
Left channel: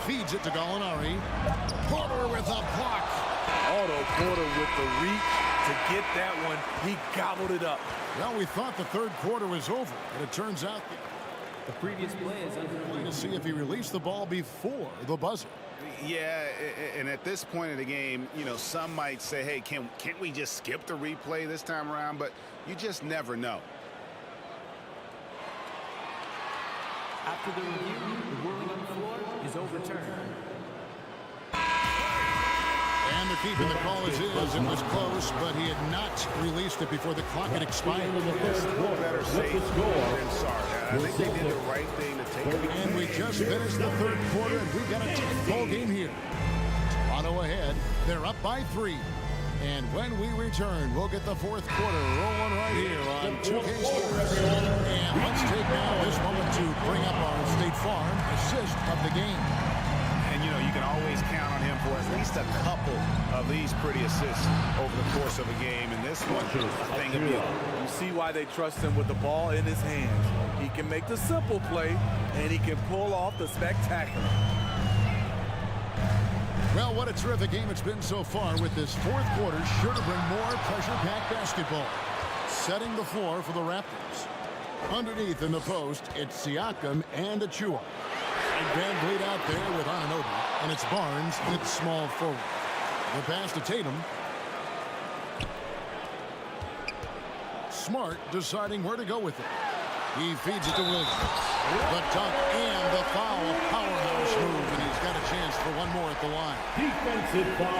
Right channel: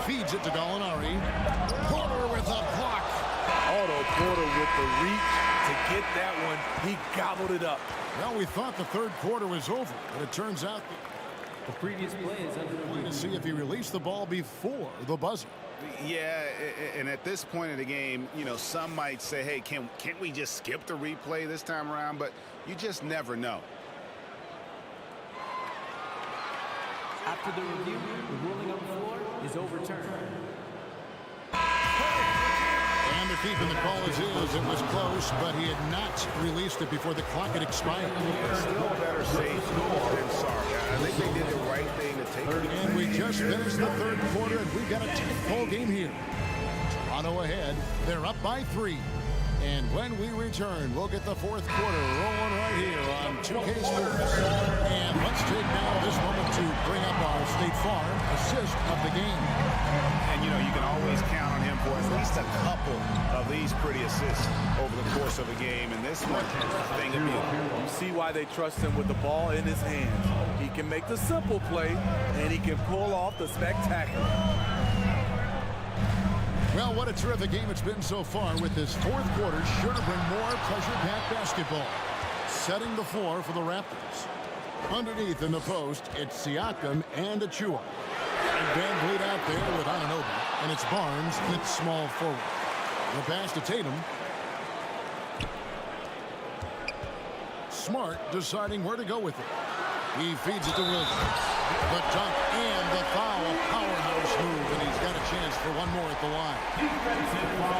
Feeds it to Gallinari. Porter with a block. Otto Porter with the reach to get that one. He gobbled it up. Well, we thought the third quarter was over, but it turns out the previous play is under review. To see if he released the ball before the buzzer. Yeah, and at this point in the game, you know, some might say, hey, can't we just skip the replay this time around? But you just never know. After the review, the ruling on the floor is overturned. And they're keeping the call as is. It was close, but he had not released it before the clock had expired. Yeah, still better safe than sorry. I think they did the right thing to take it. And we just finished the third quarter, and we've got a tight ball game here. Toronto ahead. They're up by 3. And when we return, we'll get the fourth quarter rolling right here on 2K Sports. And let's take now this moment to bring up our State Farm assist of the game. And, you know, you can always count on him for at least a couple of these pretty assists over the course of a game. And this one, a thing of beauty. You see why they trust him with the ball in his hands. He can make the simple play, and he can pull off the spectacular. Well, what a terrific game it's been so far, with this fourth quarter sure to bring more pressure-packed basketball. Setting the floor for the Raptors. Underneath in the post, it's Siakam and Achua. And Van Vliet out there with Anunoby, and it's Barnes with small forward. The pass to Tatum. Smart deciding where to go with it. He feeds it to Williams. The dunk and the foul, a powerhouse move, and he's got a chance for one more at the line.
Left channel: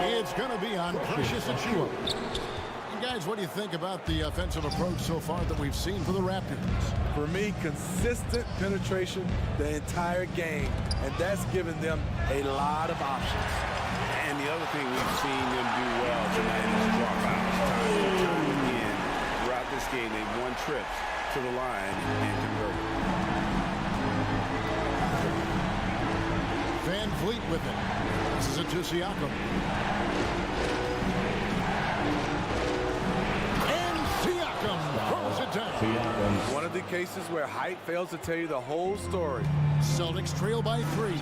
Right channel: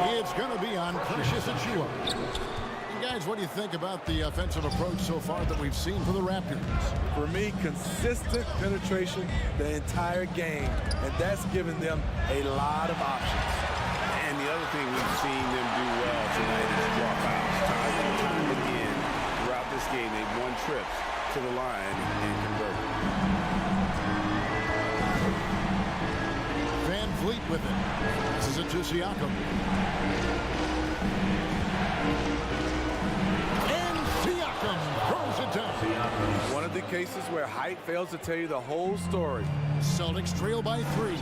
It's going to be on Precious Achua. And guys, what do you think about the offensive approach so far that we've seen for the Raptors? For me, consistent penetration the entire game, and that's given them a lot of options. And the other thing we've seen them do well tonight is draw fouls. Time and time again throughout this game, they've won trips to the line and converted. Van Vliet with it. This is it to Siakam. And Siakam throws it down. One of the cases where height fails to tell you the whole story. Celtics trail by 3.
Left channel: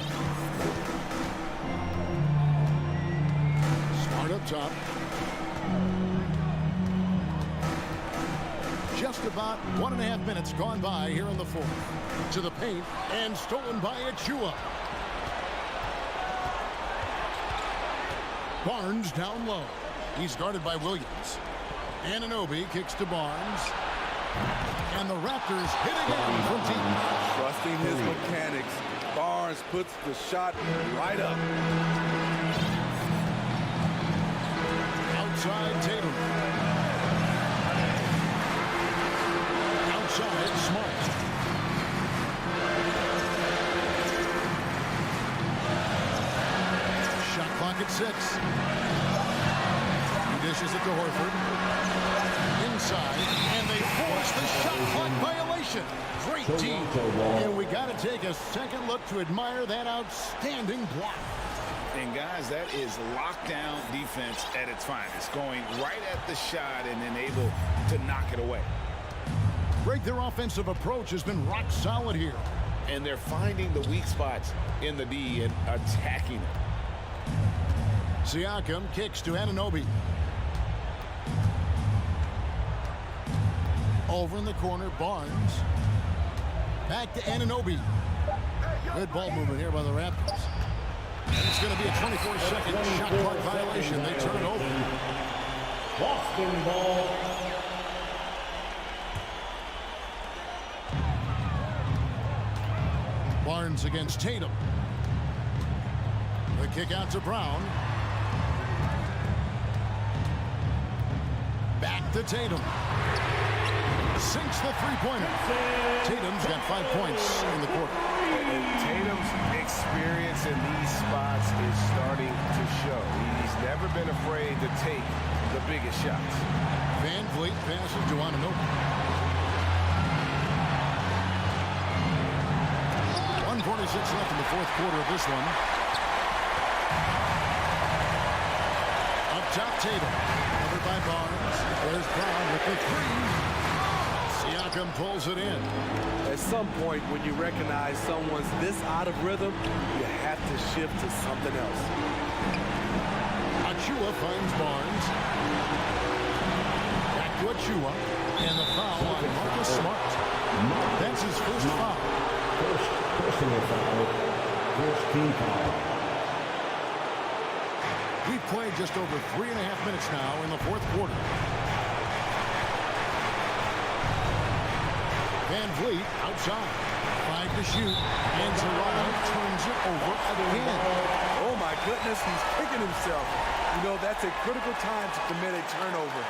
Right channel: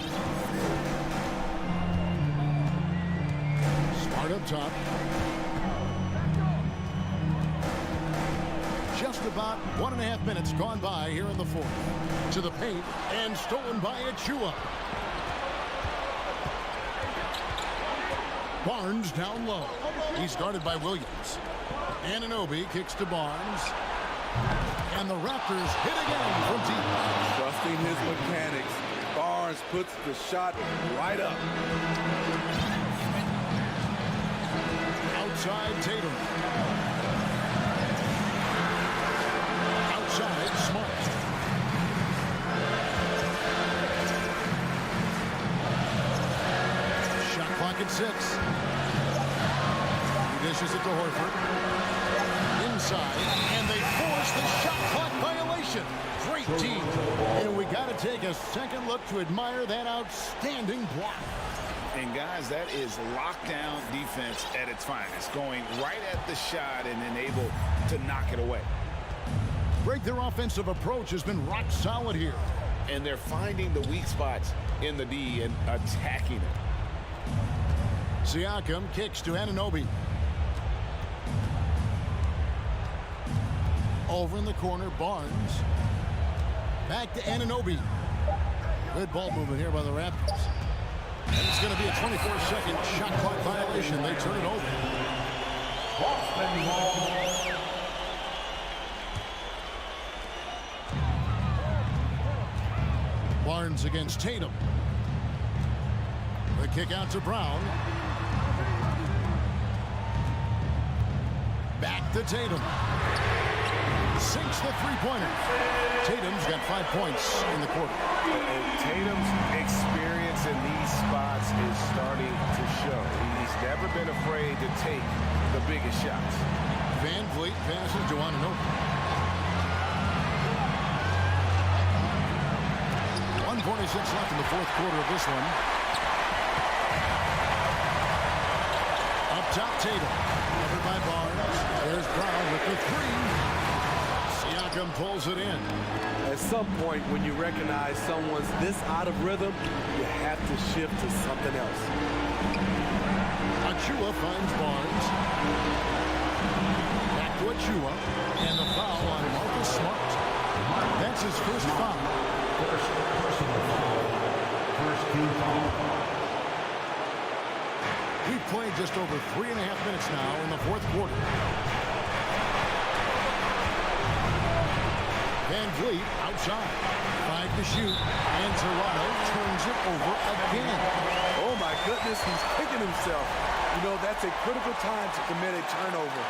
Smart up top. Just about 1.5 minutes gone by here in the fourth. To the paint and stolen by Achua. Barnes down low. He's guarded by Williams. Anunoby kicks to Barnes. And the Raptors hit again from deep. Trusting his mechanics, Barnes puts the shot right up. Outside Tatum. Outside Smart. Shot clock at 6. He dishes it to Horford. Inside, and they force the shot clock violation. Great team. And we got to take a second look to admire that outstanding block. And guys, that is lockdown defense at its finest. Going right at the shot and then able to knock it away. Greg, their offensive approach has been rock solid here. And they're finding the weak spots in the D and attacking it. Siakam kicks to Anunoby. Over in the corner, Barnes. Back to Anunoby. Good ball movement here by the Raptors. And it's going to be a 24-second shot clock violation. They turn it over. Boston ball. Barnes against Tatum. The kick out to Brown. Back to Tatum. Sinks the three-pointer. Tatum's got 5 points in the quarter. And Tatum's experience in these spots is starting to show. He's never been afraid to take the biggest shots. Van Vliet passes to Anunoby. 1:46 left in the fourth quarter of this one. Up top, Tatum. Covered by Barnes. There's Brown with the 3. Siakam pulls it in. At some point, when you recognize someone's this out of rhythm, you have to shift to something else. Achua finds Barnes. Back to Achua. And the foul on Marcus Smart. That's his first foul. First personal foul. First team foul. We've played just over 3.5 minutes now in the fourth quarter. Van Vliet outside. 5 to shoot. And Toronto turns it over again. Oh my goodness, he's kicking himself. You know, that's a critical time to commit a turnover.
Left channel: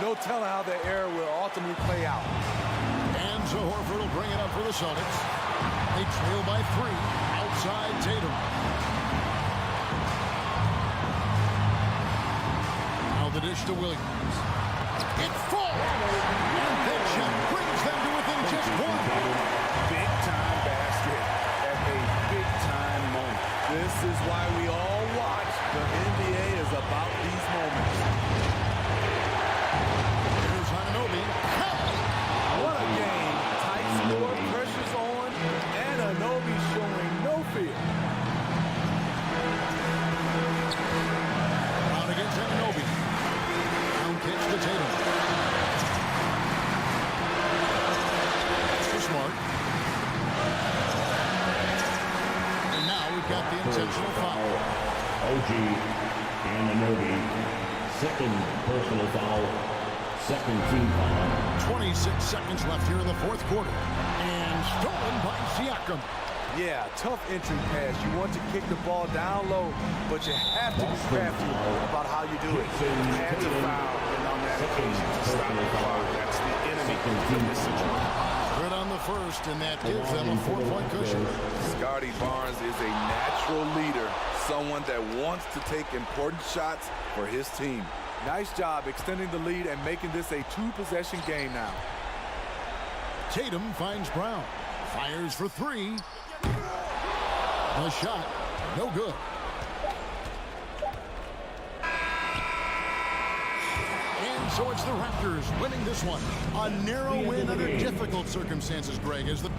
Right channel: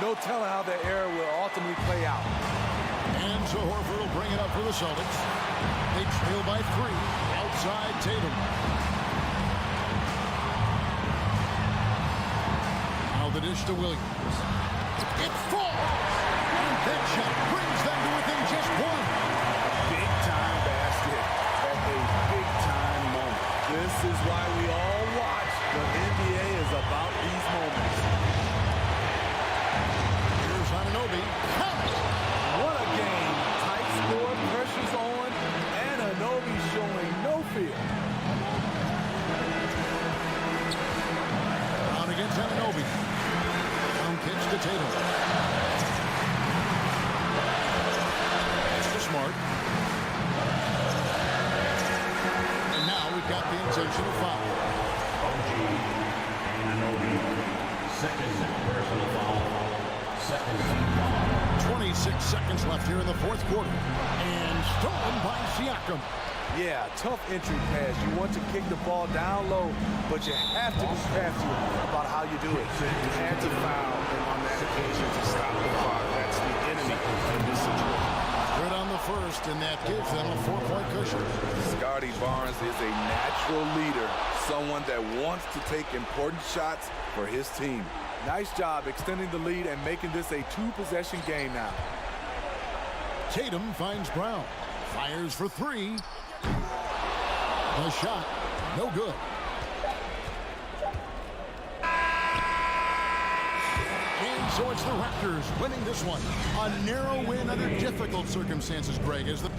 No telling how that error will ultimately play out. And so Horford will bring it up for the Celtics. They trail by 3. Outside Tatum. Now Now the dish to Williams. It falls! And that shot brings them to within just one. Big-time basket at a big-time moment. This is why we all watch. The NBA is about these moments. Here's Anunoby. What a game. Tight score, pressure's on, and Anunoby showing no fear. Brown against Anunoby. Down pitch to Tatum. That's to Smart. And now we've got the intentional foul. OG Anunoby, second personal foul, second team foul. 26 seconds left here in the fourth quarter. And stolen by Siakam. Yeah, tough entry pass. You want to kick the ball down low, but you have to be crafty about how you do it. Had to foul, and on that occasion to stop the clock. That's the enemy in this situation. Good on the first, and that gives them a 4-point cushion. Scotty Barnes is a natural leader, someone that wants to take important shots for his team. Nice job extending the lead and making this a two-possession game now. Tatum finds Brown. Fires for three. The shot, no good. And so it's the Raptors winning this one. A narrow win under difficult circumstances, Greg, as the